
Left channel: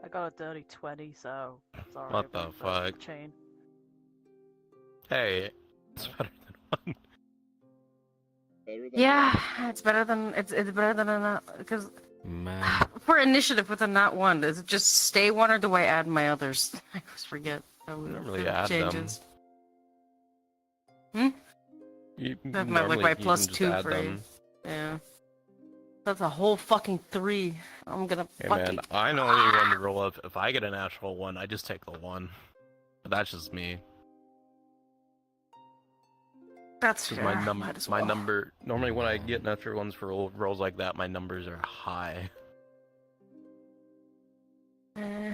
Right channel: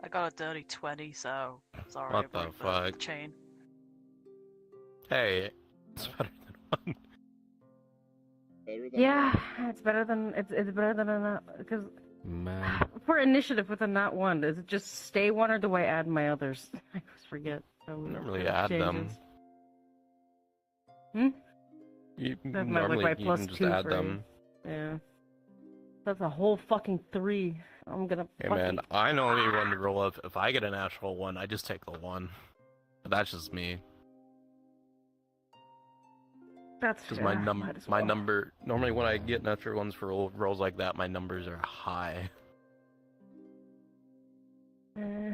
I got a dirty 20, so sorry. What the about fuck? Chain. Hey, it's better than 1. Better than Yeah, it's better than it's better than a not because Man. for initiative with a not one, does it just stay one or do I add my others? I always forget. You don't really add changes. them. Hmm? You That's my- like normally my you can plus just 2 add for them. Yeah. That's a whole fucking 3. I'm gonna. Hey fucking... man, I normally run the rule of if I get a natural 1, I just take the 1. But that's just me. That's Because fair. my Might as my well. number normally when I get natural 1s for rolls like that, my numbers are high. Mm-hmm.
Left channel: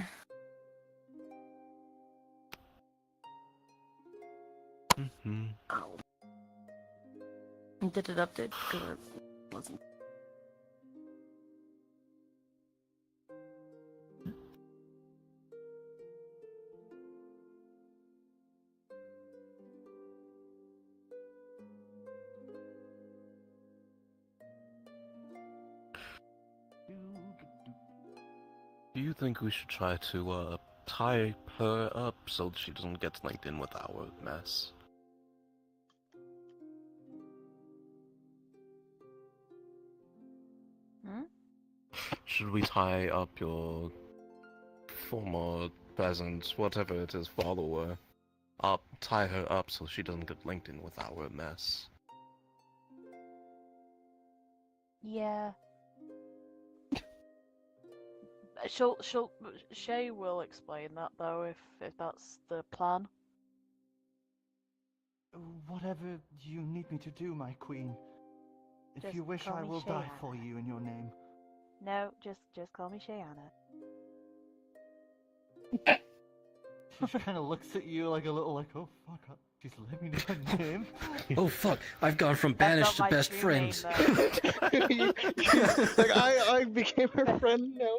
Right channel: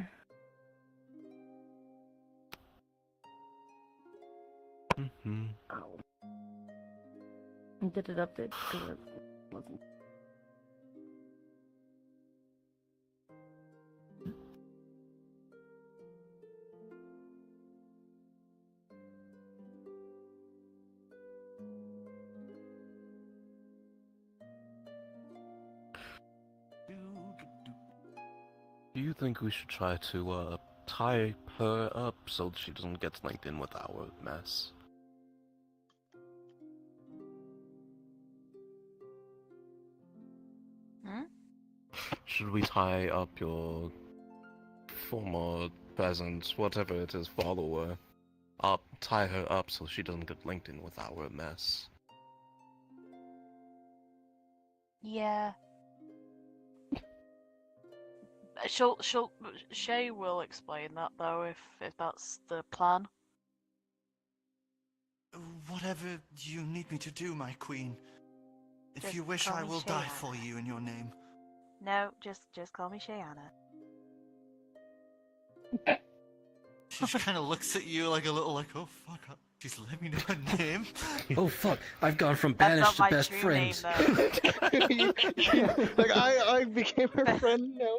Did it update? Because it wasn't. Do you think we should try to tie her up so she doesn't get linked in with our mess? Hmm? Should we tie up your former peasant, whatever it is, follower, tie her up so she doesn't get linked in with our mess? Yeah. Shay will explain that though if that's the plan. Whatever you need me to do, my queen. If Just you wish, call I me will die Shayana. for you in your name. No, just call me Shayana. She kind of looks at you like a little like, oh fuck, she's let me know her name. Oh fuck, I've gone from banished to best friends. Like I became her friend now.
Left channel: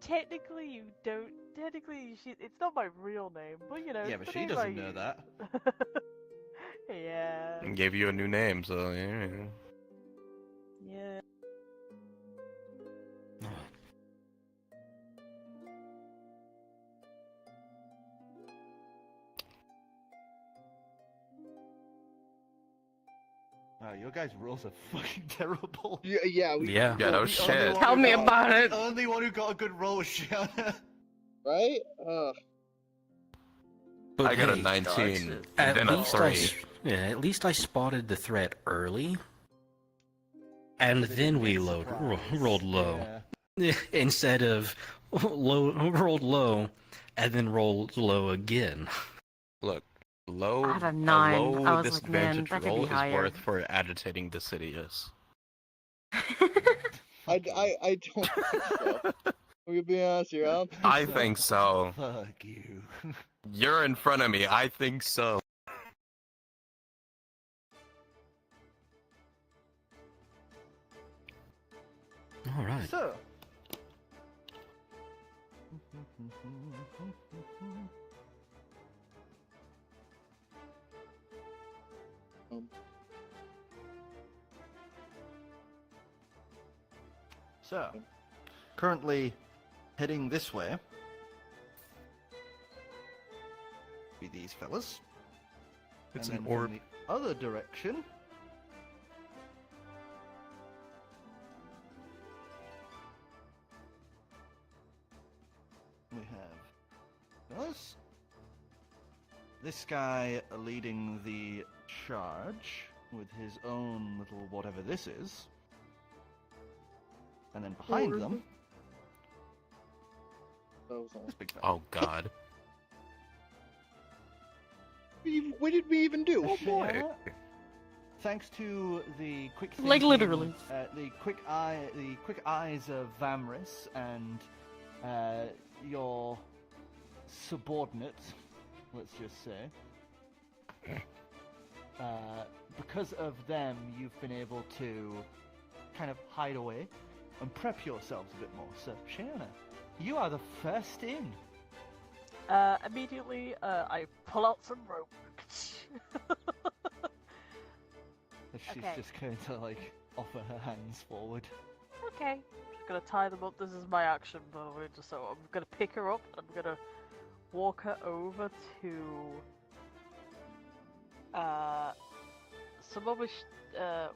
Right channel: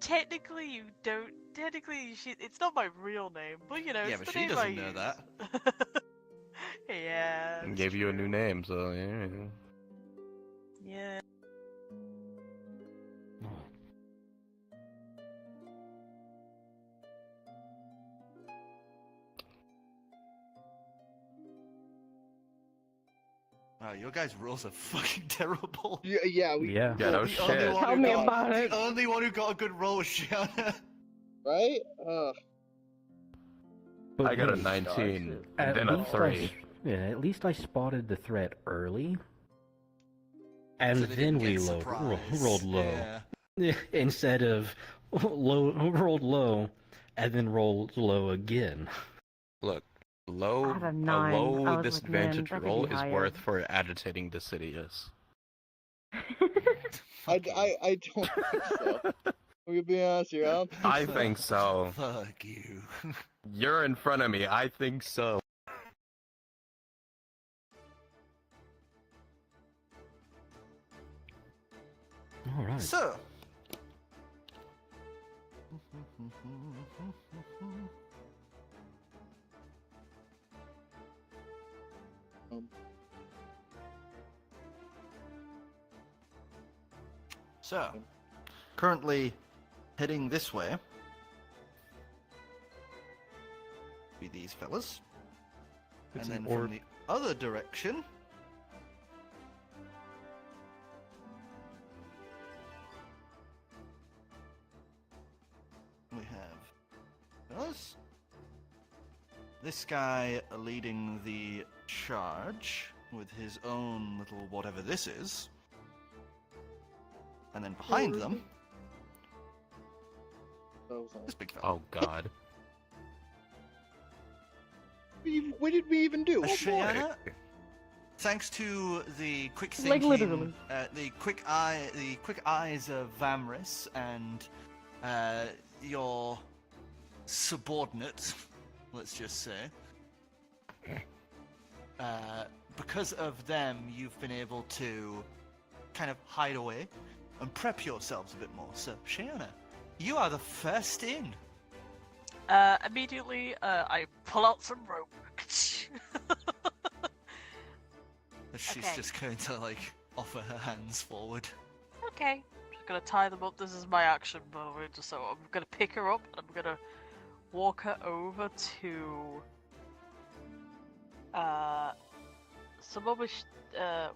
Technically, you don't. Technically, it's not my real name, but you know. Yeah, it's but the she name I doesn't know use. that. Yeah. And gave you a new name, so yeah. Yeah. Wow, your guys' rules are fucking terrible. Yeah, yeah, Yeah. Yeah, no The shit. only one Tell who me got- about it. The only one who got a good roll was Shiana. right? But I got a hey, 19, and At then a least 3. at least I spotted the threat early. And So they then didn't we get rolled low. Yeah. Instead of rolled low and then rolled low again. Look, I low, had a a 9. I low was like, man, disadvantage that could roll be is higher. worth for agitating Decidius. I don't think so. I'm gonna be honest here. I don't think I so. think so. Fuck you. You're in front of me. I think so. All right. So. So, currently heading this way be these fellas. It's and an then orb. from the other direction this guy leading the charge with his own little whatever this is. And then behind them, this big fella. Oh god. What did we even do? Oh boy! Shayna, thanks to the quick thinking, Like, literally. the quick eyes of Vamris and your subordinate, let's just say, because of them, you've been able to kind of hide away and prep yourselves a bit more. So, Shayna, you are the first in. Immediately, I pull out some rope. She's Okay. just going to like offer her hands forward. Okay, just gonna tie them up. This is my action, by the way. Just so I'm gonna pick her up and I'm gonna walk her over to some other.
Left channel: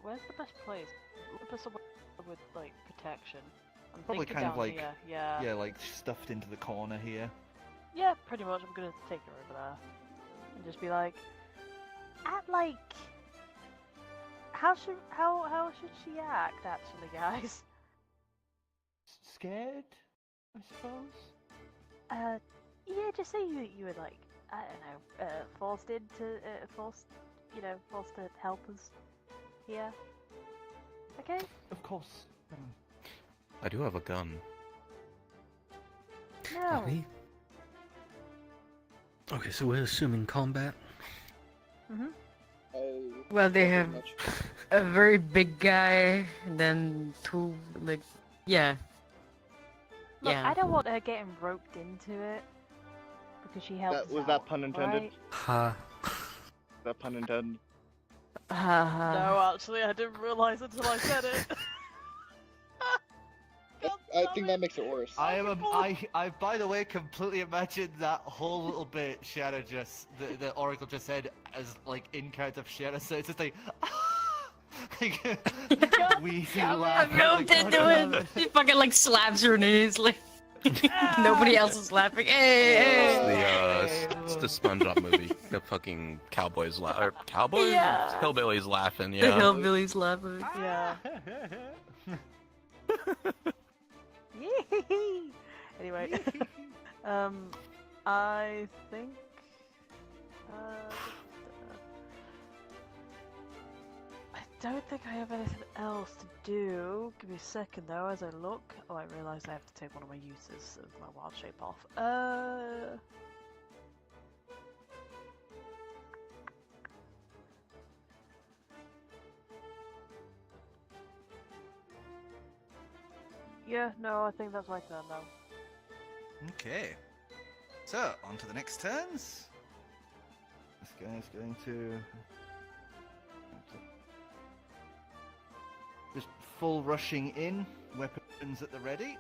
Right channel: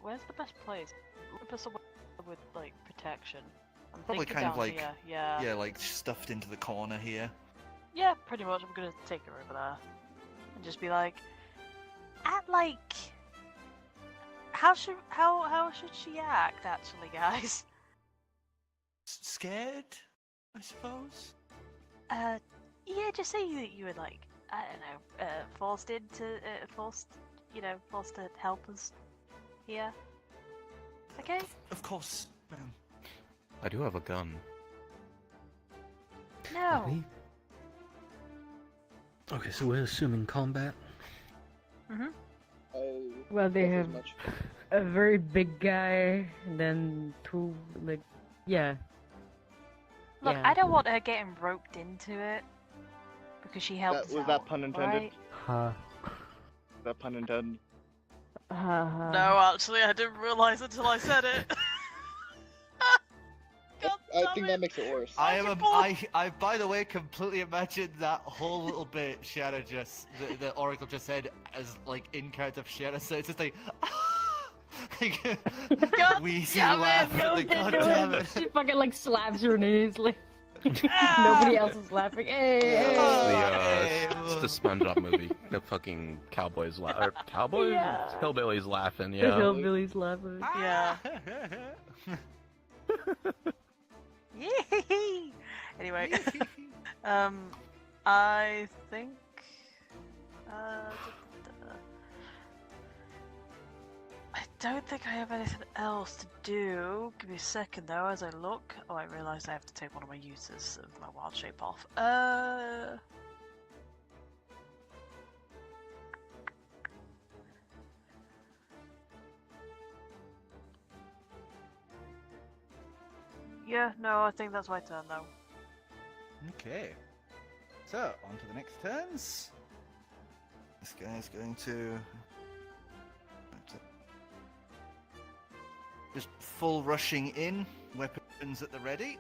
Where's the best place? Look for somewhere with like protection. I'm Probably thinking kind of down like, here. Yeah. yeah, like stuffed into the corner here. Yeah, pretty much. I'm gonna take her over there and just be like, how should she act actually, guys? Scared, I suppose. Yeah, just say that you were like, I don't know, forced to help us here. Okay. Of course. I do have a gun. No. Are we? Okay, so we're assuming combat. Mhm. Well, they have a very big guy, and then two, like, yeah. Look, Yeah. I don't want her getting roped into it because she helped. Was that pun intended? Ha. That pun intended. No, actually, I didn't realize until I said it. I think that makes it worse. I by the way completely imagined that whole little bit Shadow the Oracle just said as like in character of Shadow, so it's just like wheezy laugh. Roped into it. She fucking like slaps her knees, like nobody else is laughing. Hey, It's the SpongeBob movie. The fucking cowboys cowboys? Yeah. Hillbillies laughing, The yeah. hillbillies laughing. Yeah. Yee. Anyway, I think. I don't think I have anything else to do. Give me a second though, as I look. Oh, I realise I have to take one of my uses of my wild shape off. Yeah, no, I think that's my turn though. Okay. So, on to the next turns. This guy's going to just full rushing in, weapons at the ready.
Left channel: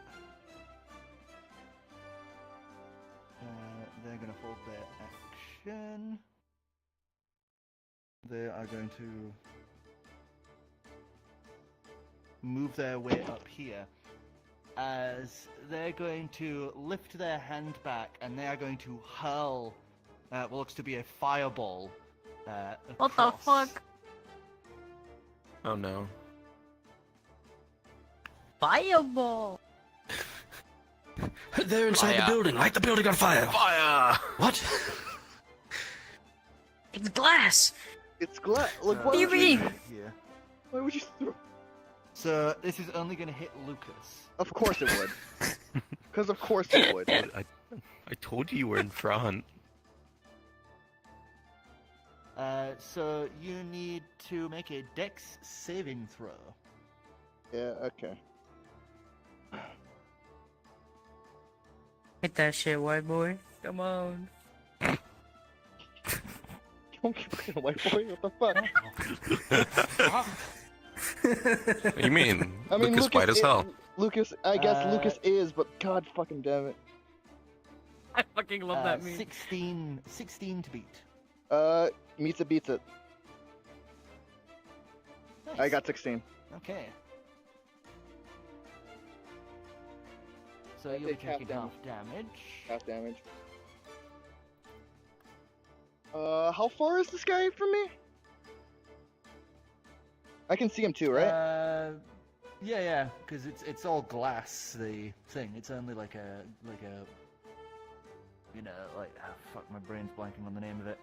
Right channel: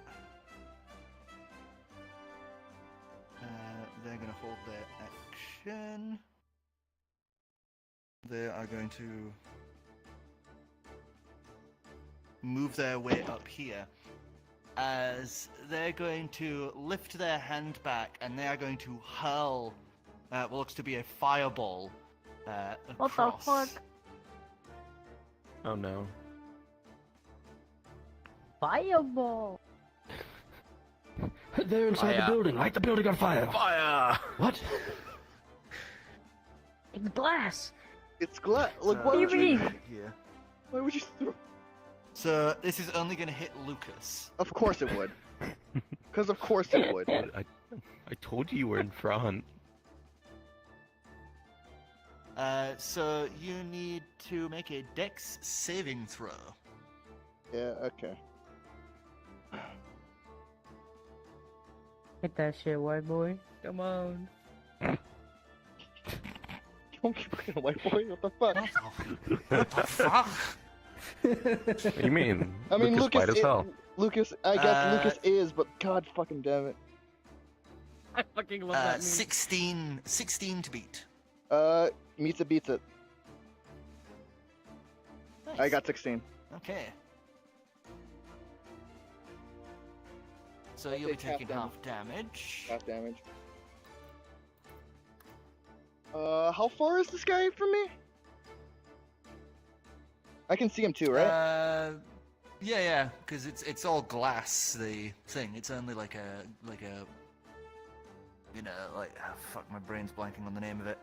They're going to hold their action. They are going to move their way up here. As they're going to lift their hand back and they are going to hurl what looks to be a fireball What across. the fuck? Oh no. Fireball. They're inside the Fire. building. Light the building on fire. Fire! What? It's glass. It's glass. Like, why would you? Here. Why would you throw? So this is only going to hit Lucas. Of course it would. Because of course it would. I told you were in front. So you need to make a Dex saving throw. Yeah. Okay. Hit that shit, white boy. Come on. Don't keep looking at white boy. What the fuck? What do you mean? I mean, Lucas white as Lucas. hell. Lucas. I guess Lucas is, but God fucking damn it. I fucking love that meme. 16 to beat. Meets it, beats it. I got 16. Okay. So I you'll be take half taking half damage. Half damage. How far is this guy from me? I can see him too, right? Yeah, because it's all glass. The thing. It's only like a fuck, my brain's blanking on the name of it.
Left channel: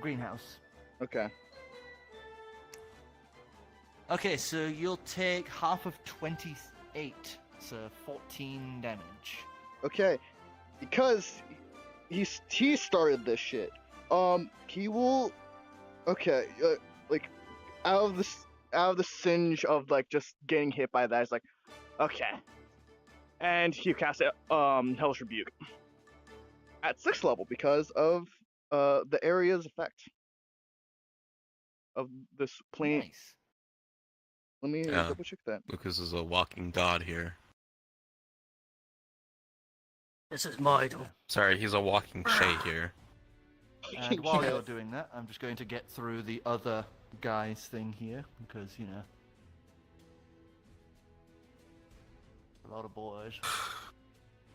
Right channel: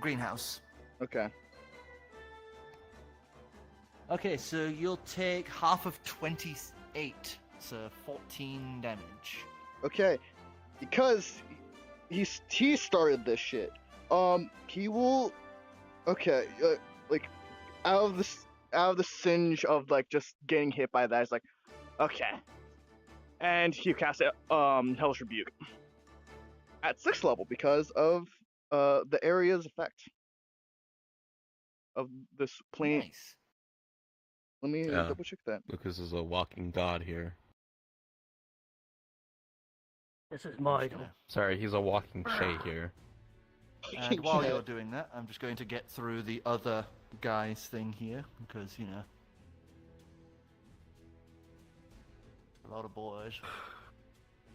Greenhouse. Okay. Okay, so you'll take half of 28, so 14 damage. Okay, because he started this shit. He will. Okay, like out of the singe of like just getting hit by that, it's like, okay, and he casts it, Hellish Rebuke at 6th level because of the area's effect of this plane. Nice. Let me Yeah. double check that. Lucas is a walking god here. This is my door. Sorry, he's a walking Shay here. And while you're doing that, I'm just going to get through the other guy's thing here, because, you know, a lot of boys.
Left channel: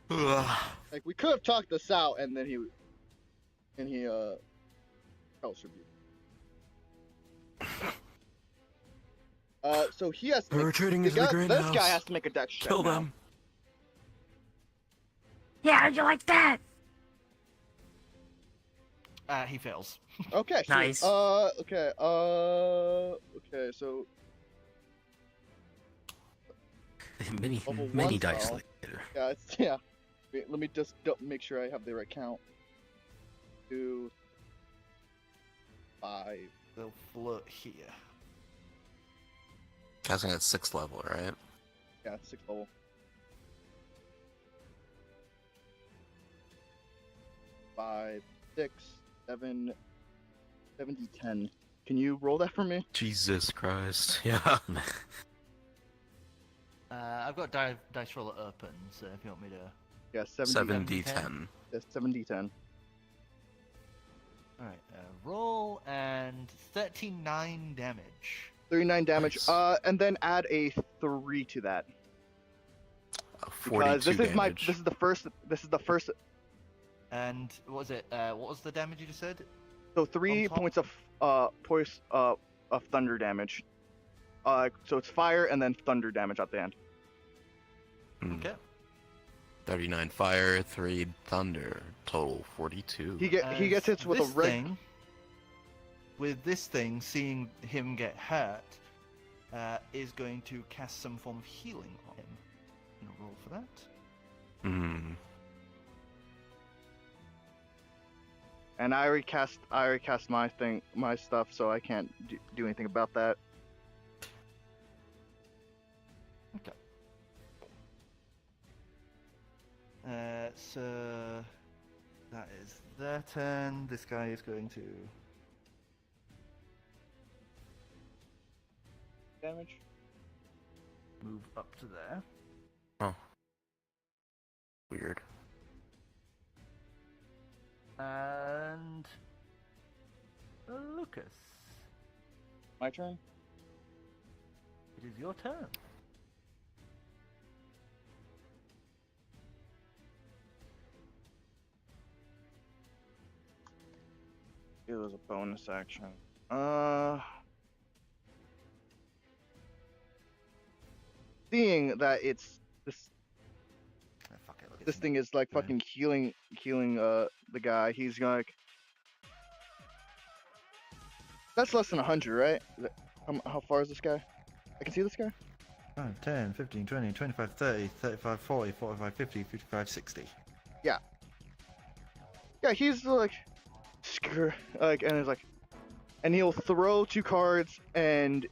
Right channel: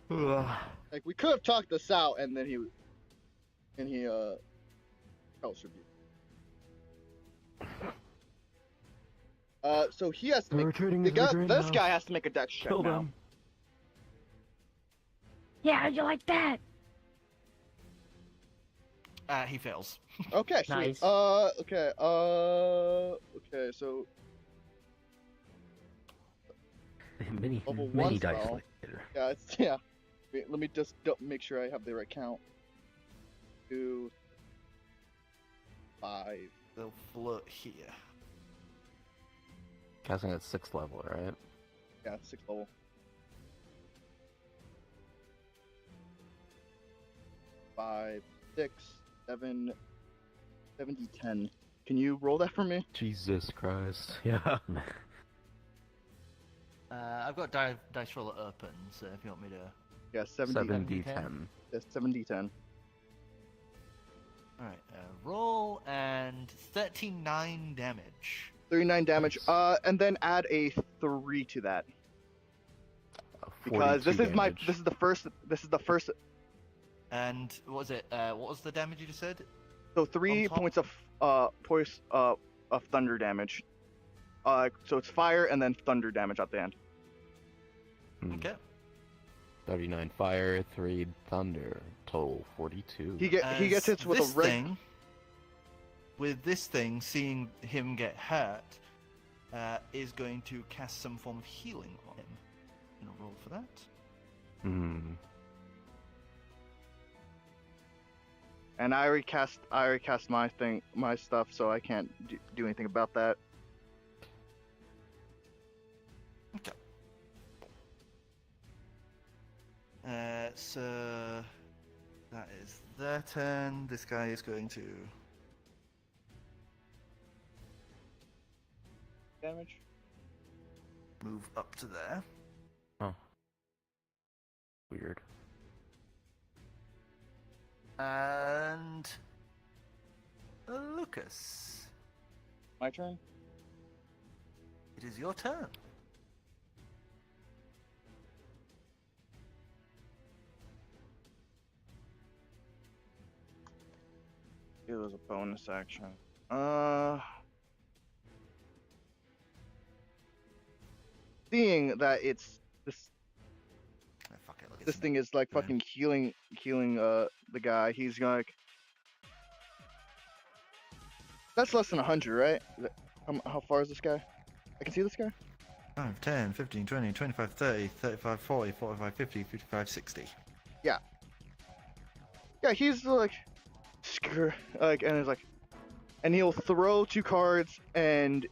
Like we could have talked this out, and then he Hellish Rebuke. So he has to make this guy has to make a dex check Kill now. them. Yeah, you like that? He fails. Okay, sweet. Nice. Okay, so Many level 1 dice spell. later. Yeah. Wait, let me just make sure I have the right count. 2, 5. They'll float here. Casting at 6th level, right? Yeah, 6th level. 5, 6, 7, 10. Can you roll that for me? Jesus Christ. Yeah. I've got dice roller open, so if you want me to... Yeah, 70. 7d10. Yeah, 7d10. Alright, roll and 39 damage. 39 damage. Nice. And then add a 3 to that. Because this is damage. this is the first. And what was it? What was the damage you just said? So 3 On top? points of thunder damage. So it's fire and then thunder damage at the end. Hmm. Okay. 39 fire, 3 thunder, total 42. He gets hit with a This red. thing, with this thing, seeing him get hurt, is going to cast some form of healing on him. I'm gonna roll for that. Hmm. And I already cast my stuff, so I can't do anything about that. Okay. So that is their turn. This guy is going to Damage. move up to there. Oh. Weird. And Lucas, My turn. it is your turn. It was a bonus action. Seeing that it's this Oh, fuck it, look, this it's- thing is like Yeah. fucking healing the guy. He's gonna like. That's less than 100, right? How far is this guy? I can see this guy. 5, 10, 15, 20, 25, 30, 35, 40, 45, 50, 55, 60. Yeah, he's like, screw, like, and it's like, and he'll throw 2 cards and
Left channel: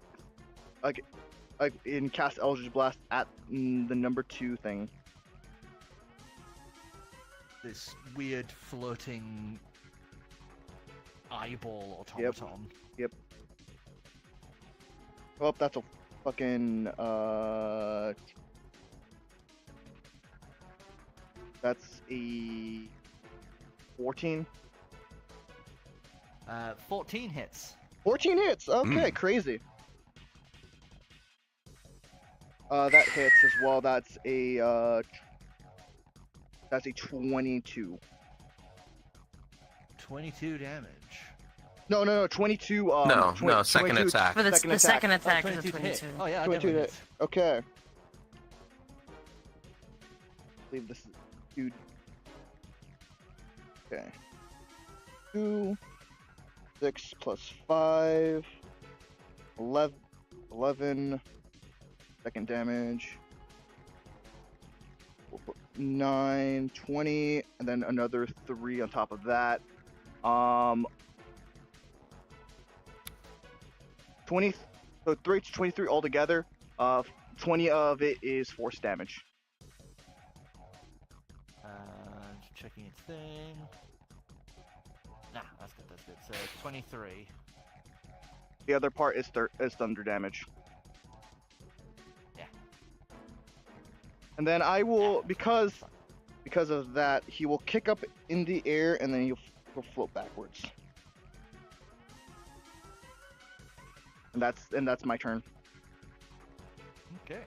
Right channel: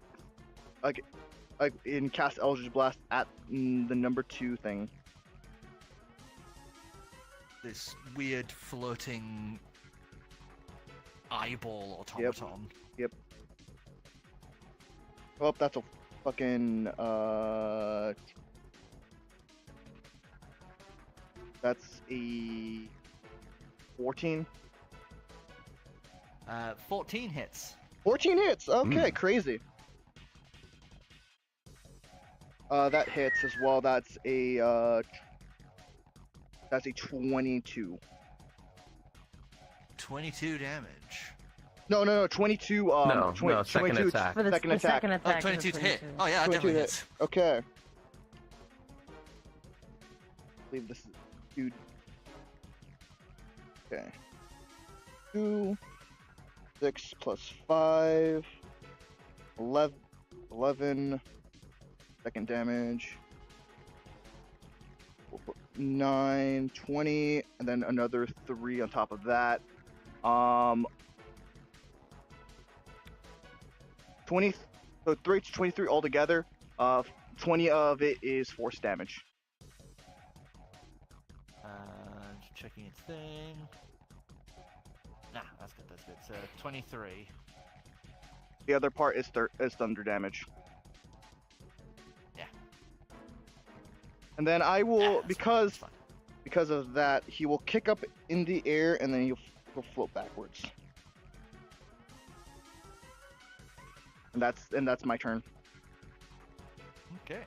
like in cast Eldritch Blast at the number 2 thing. This weird floating eyeball automaton. Oh, that's a fucking that's a 14. 14 hits. 14 hits. Okay, crazy. That hits as well. That's a 22. 22 damage. No, 22. No, 20, second 22 attack. For the second the attack. second Oh, attack. 22 to hit. Oh yeah, 22 definitely hit. hits. Okay. I believe this is dude. Okay. 2, 6 plus 5, 11 second damage. 9, 20, and then another 3 on top of that. 20, so 3 to 23 altogether. 20 of it is force damage. Checking its thing. Nah, that's good. So 23. The other part is thunder damage. Yeah. And then I will, because of that, he will kick up in the air and then he'll float backwards. And that's my turn. Okay.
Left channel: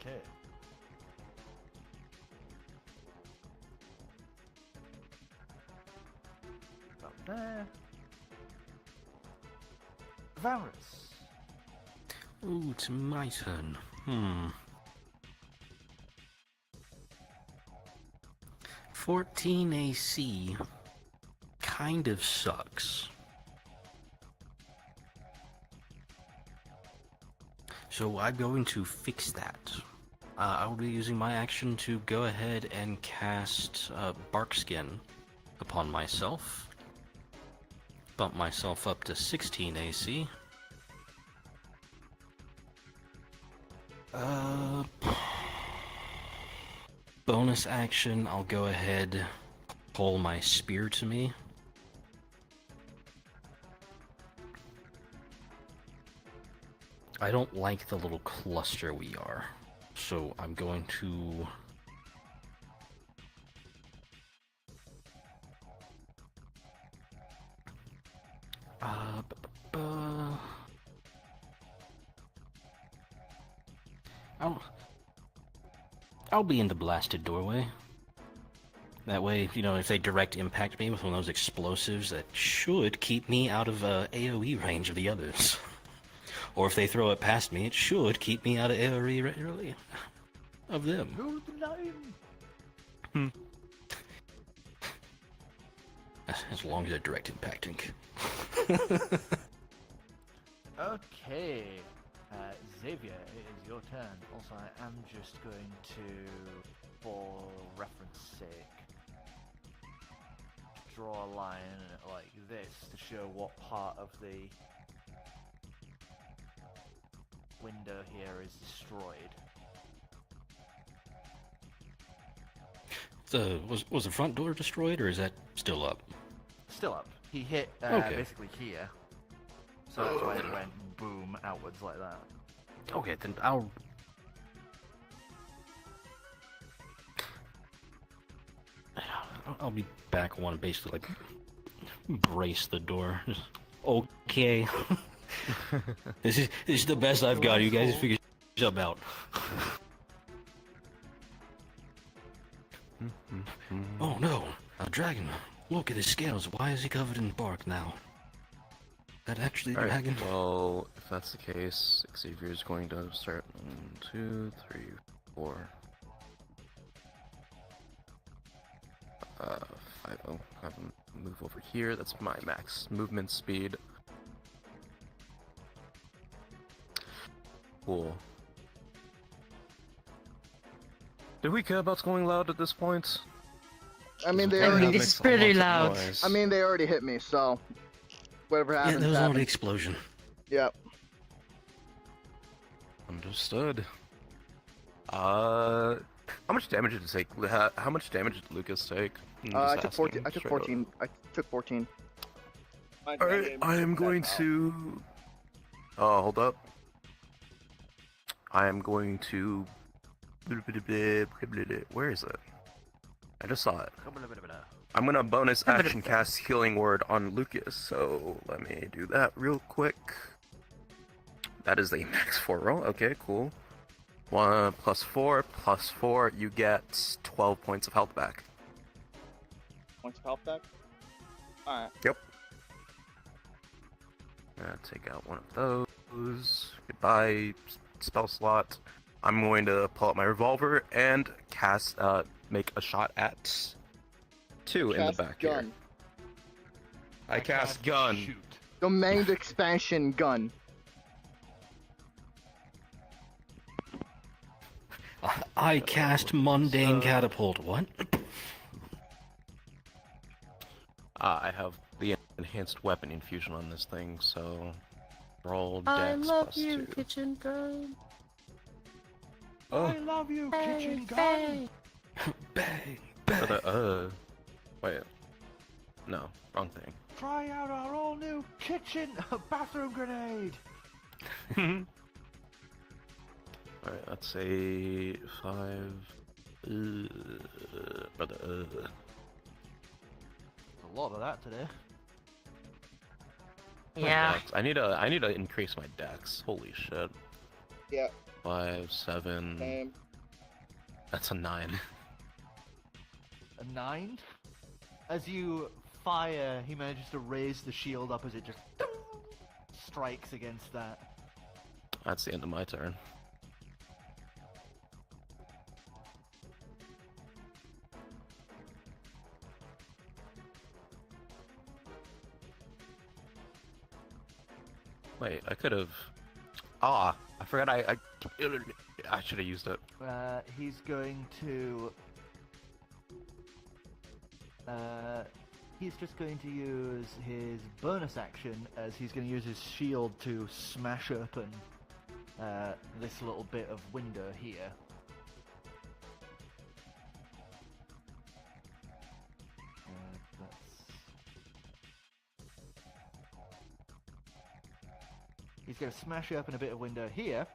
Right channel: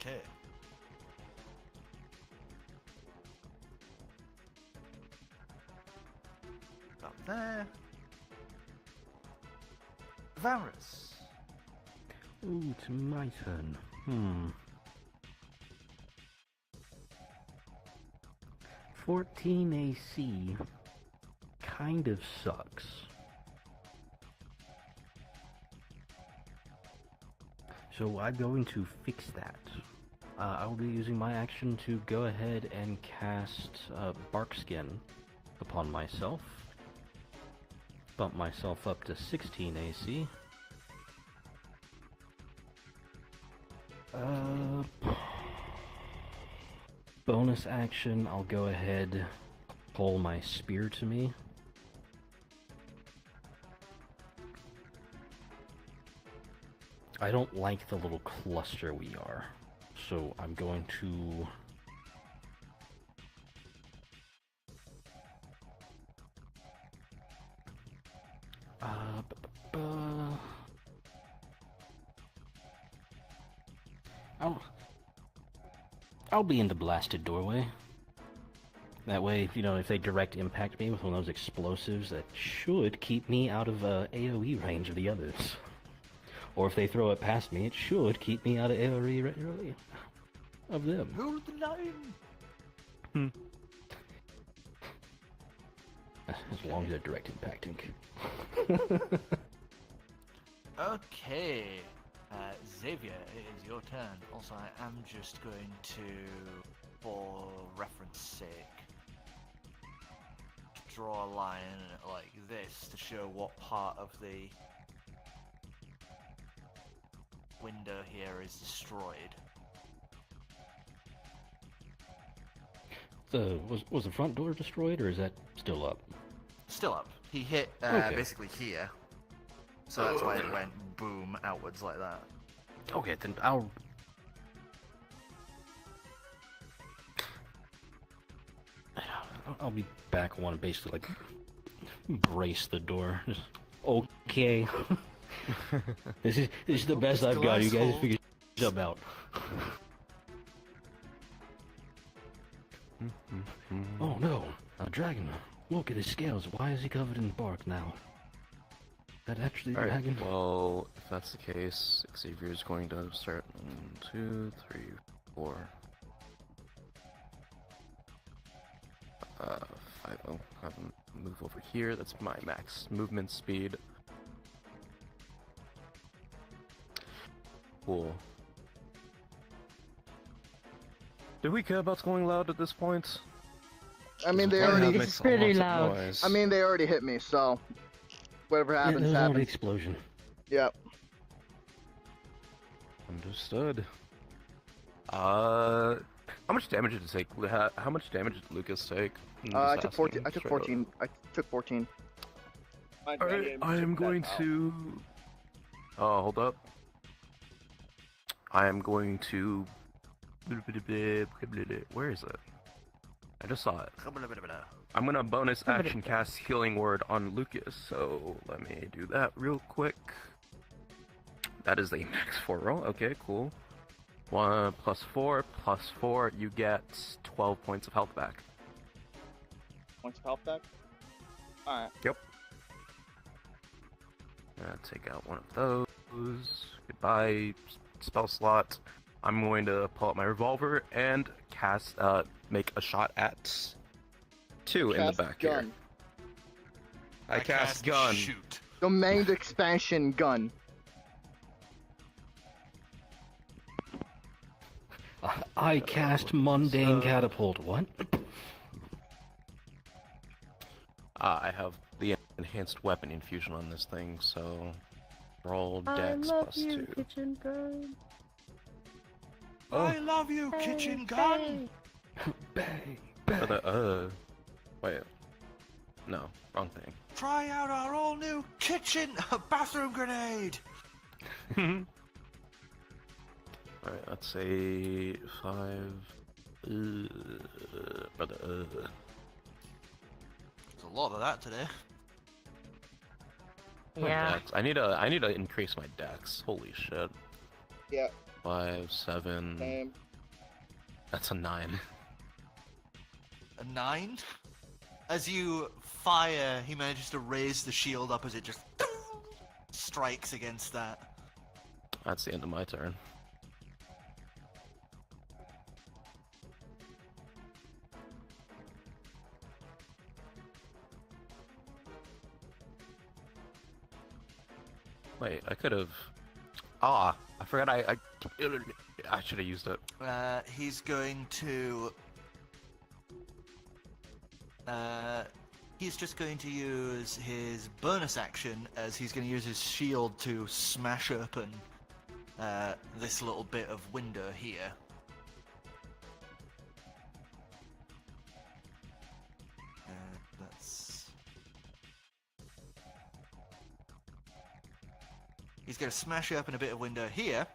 Okay. Got there. Varus. Ooh, it's my turn. 14 AC kind of sucks. So I'm going to fix that. I will be using my action to go ahead and cast Barkskin upon myself. Bump myself up to 16 AC. Bonus action, I'll go ahead, pull my spear to me. I don't like the little cluster we are, so I'm going to... I'll be in the blasted doorway. That way, you know, if they direct impact me with one of those explosives, that should keep me out of AoE range of the others. Or if they throw it past me, it should keep me out of AoE of them. Move the line. As long as they're direct impacting. Okay. Xavier, it is your turn. Also, I am just going to, for reference sake, draw a line like this to show what part of the window here is destroyed. Was the front door destroyed, or is that still up? Still up. He hit Okay. basically here. So that's why it went boom outwards like that. Okay, then I'll be back. I want to basically like brace the door. Okay. This is the best I've got. You guys figure something out. Oh no, a dragon. Look at his scales. Why is he covered in bark now? That actually a dragon? Well, if that's the case, Xavier is going to start 1, 2, 3, 4. 5. I'll have him move over here. That's my max movement speed. Cool. Did we care about going loud at this point? I mean, they Yeah, already. that makes It's a pretty lot of loud. noise. I mean, they already hit me, so whatever Yeah, happens, there was only happens. explosion. Yep. Understood. How much damage did it take? How much damage did Lucas take? I took 14. I took 14. I took 14. Alright, I am going to... Oh, hold up. I am going to... Where is it? I just saw it. I'm gonna bonus action cast Healing Word on Lucas, so let me do that real quick. That is a max 4 roll. Okay, cool. 1 plus 4 plus 4, you get 12 points of health back. points of health back. Alright. Yep. Take out one of those. Goodbye, spell slot. I'm going to pull out my revolver and cast, make a shot at 2 in the Cast back gun. here. I cast gun. Shoot. Domain expansion gun. I cast mundane catapult. What? I have the enhanced weapon infusion on this thing, so roll I dex love plus you, 2. kitchen bird. Oh, I love you, kitchen gun. Bang, for the, wait. No, wrong thing. Try out our all new kitchen bathroom grenade. Alright, let's say 5. Brother, There's a lot of that today. my Yeah. dex. I need to increase my dex. Holy shit. Yeah. 5, 7. Same. That's a 9. A 9. As you fire, he manages to raise the shield up as it just strikes against that. That's the end of my turn. Wait, I could have. I forgot. I should have used it. He's going to. He's just going to use his bonus action as he's going to use his shield to smash open this little bit of window here. He's going to smash open a bit of window here,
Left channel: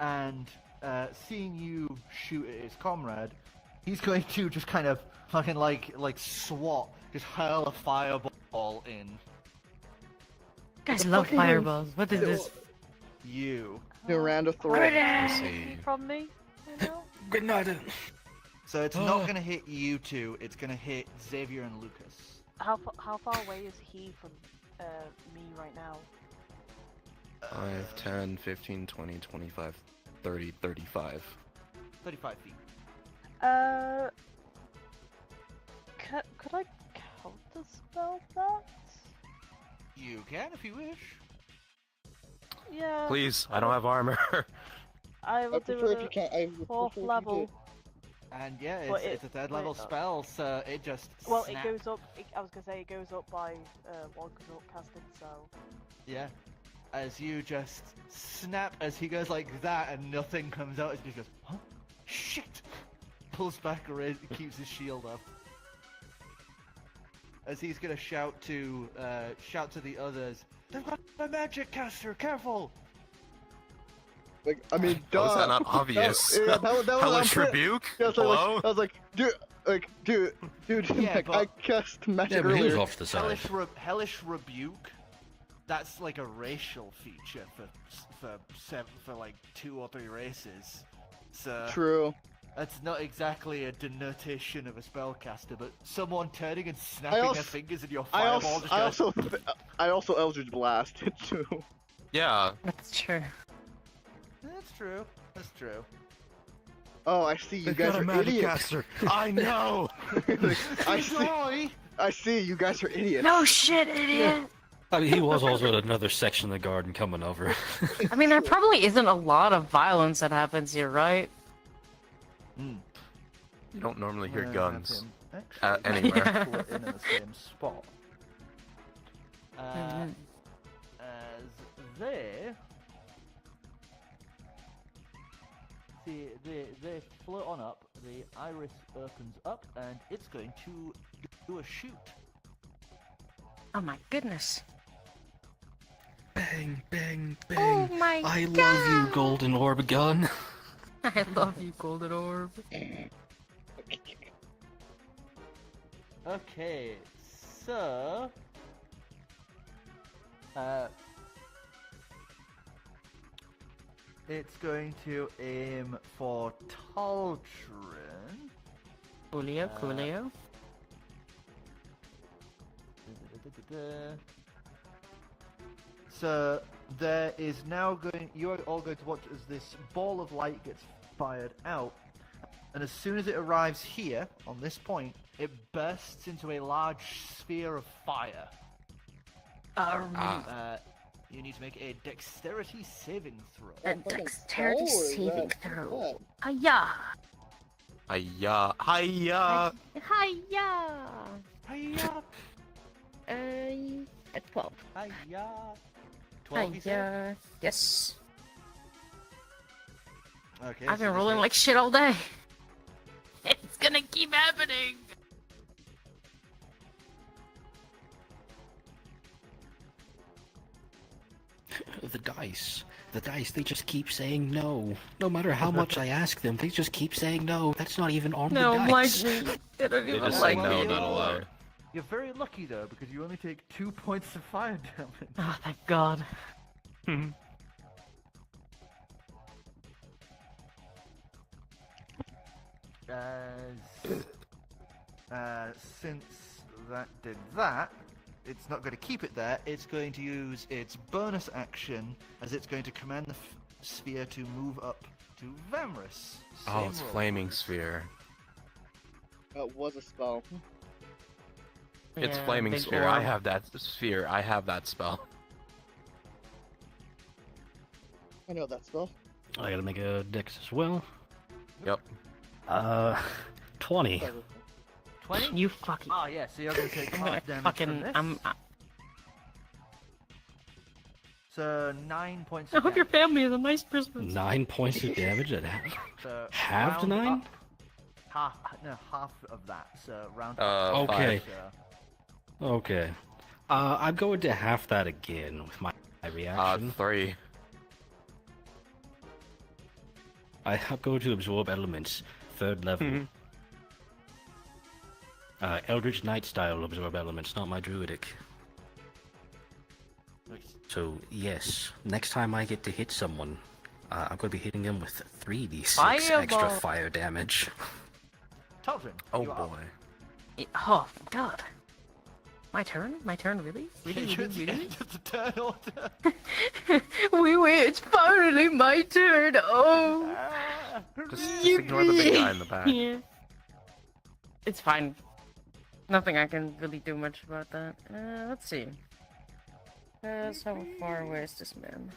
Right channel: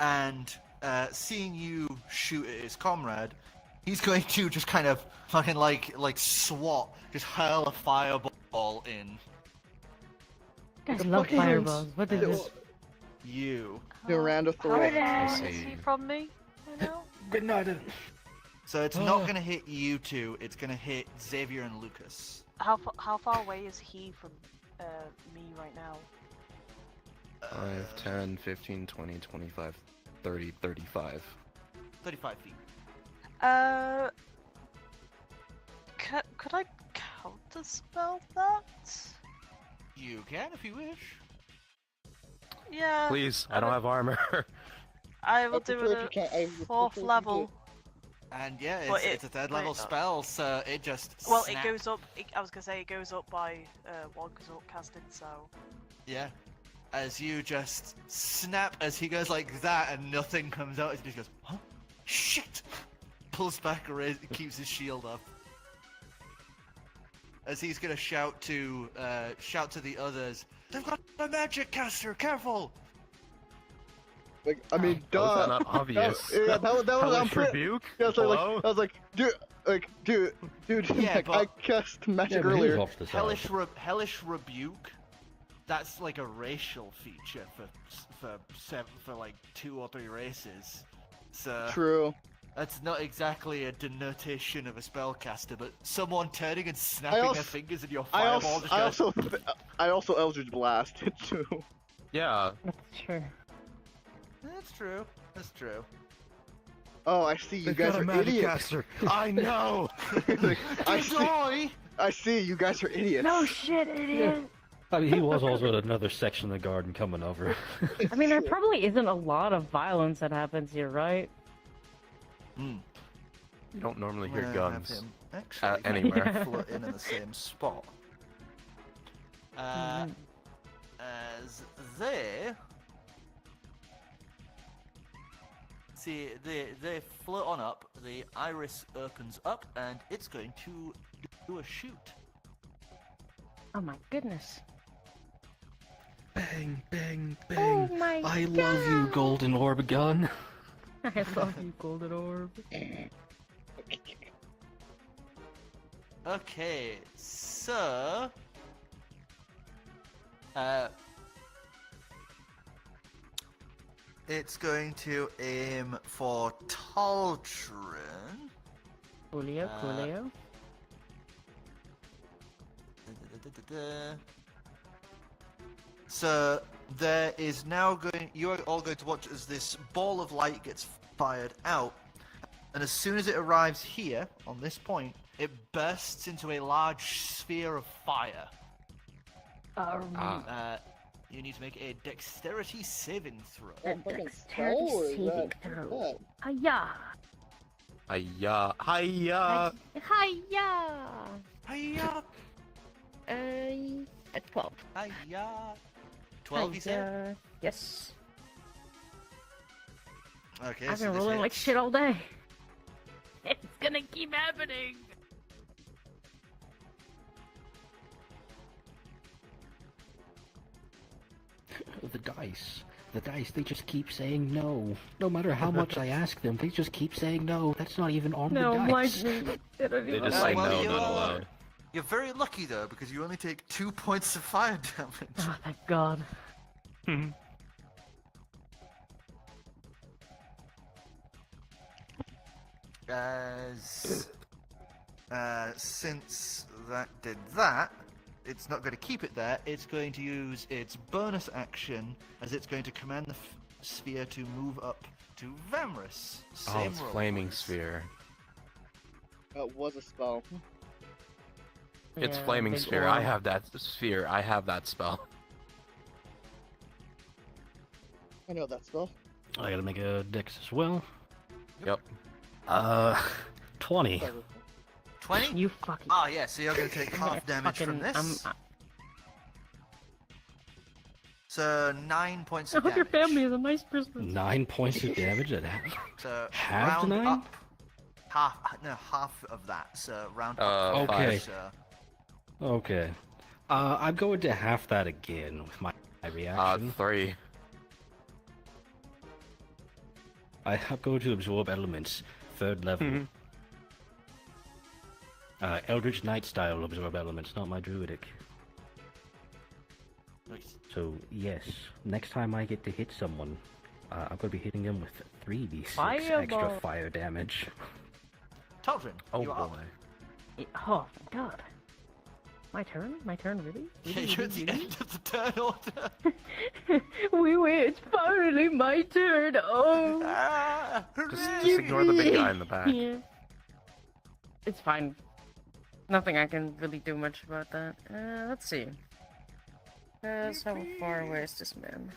and seeing you shoot at his comrade, he's going to just kind of fucking like swat, just hurl a fireball in. Guys love fireballs. What is this? You. Miranda throw. I see. From me, you know? Grenade. So it's not going to hit you two, it's going to hit Xavier and Lucas. How far away is he from me right now? 5, 10, 15, 20, 25, 30, 35. 35 feet. Could I counterspell that? You can if you wish. Yeah. Please, I don't have armor. I will do prefer if it you can't. I at would 4th prefer if you level. did. And yeah, But it's a third level spell, so it just Well, snaps. it goes up. I was gonna say it goes up by one goes up casting. So Yeah. As you just snap as he goes like that and nothing comes out, he just goes, huh? Shit! Pulls back, keeps his shield up. As he's gonna shout to the others, they've got a magic caster, careful! Like, I mean, How is duh. that not obvious? Yeah, that was. I'm Hellish pretty. rebuke? Yeah, so Hello? I was like, dude, Yeah, like, but- I cast magic Yeah, but he was earlier. off to the side. Hellish rebuke. That's like a racial feature for like 2 or 3 races. So True. that's not exactly a denotation of a spellcaster, but someone turning and snapping their fingers in your fireball. I also Eldritch Blasted too. Yeah. That's true. That's true. That's true. Oh, I see. You guys are idiots. I know. Like, I see. You guys are idiots. No shit, idiot. I mean, he was also in another section of the garden coming over. I mean, there probably isn't a lot of violence that happens here, right? You don't normally hear Have guns him actually anywhere. put in the same spot. As they see, they float on up. The iris opens up, and it's going to do a shoot. Oh my goodness. Bang, bang, Oh bang. my I god. love you, golden orb gun. I love you, golden orb. Okay, so it's going to aim for Taltrin. Coolio, coolio. So there is now going. You're all going to watch as this ball of light gets fired out, And as soon as it arrives here, on this point, it bursts into a large sphere of fire. You need to make a dexterity saving throw. A dexterity saving throw. Hiya! Hiya! Hiya! Hiya! Hiya! At 12. Hiya! 12, you said? Yes. Okay, I've so been this rolling hit. like shit all day. It's gonna keep happening. The dice. The dice, they just keep saying no. No matter how much I ask them, they just keep saying no. That's not even on No, the my dice. they don't They even just like say no, me. not allowed. You're very lucky though, because you only take 2 points of fire damage. Oh, thank God. Since that did that, it's not going to keep it there. It's going to use its bonus action as it's going to command the sphere to move up to Vamrus. Oh, Same it's roll. flaming sphere. That was a spell. It's Yeah, flaming big sphere. orb. I have that sphere. I have that spell. I know that spell. I gotta make a dex as well. Yep. 20. 20? You fucking. Ah, yeah, so you're going to take I'm gonna half damage from this. So 9 points I of hope your damage. family is a nice Christmas. 9 points of damage at half. So Half the round 9? up, half of that. So round Okay. So Okay. I'm going to half that again with my reaction. 3. I'm going to absorb elements, 3rd level. Eldritch Knight style absorb elements, not my druidic. So yes, next time I get to hit someone, I'm going to be hitting them with 3d6 extra Fireball. fire damage. Talvin, Oh you are up. boy. Oh God. My turn? My turn? Really? Really? It's Really? the Really? end of the turn order. Wait, it's finally my turn. Oh. Just ignore the big guy in the back. Yeah. It's fine. Nothing I can really do much about that. Let's see. How far away is this man?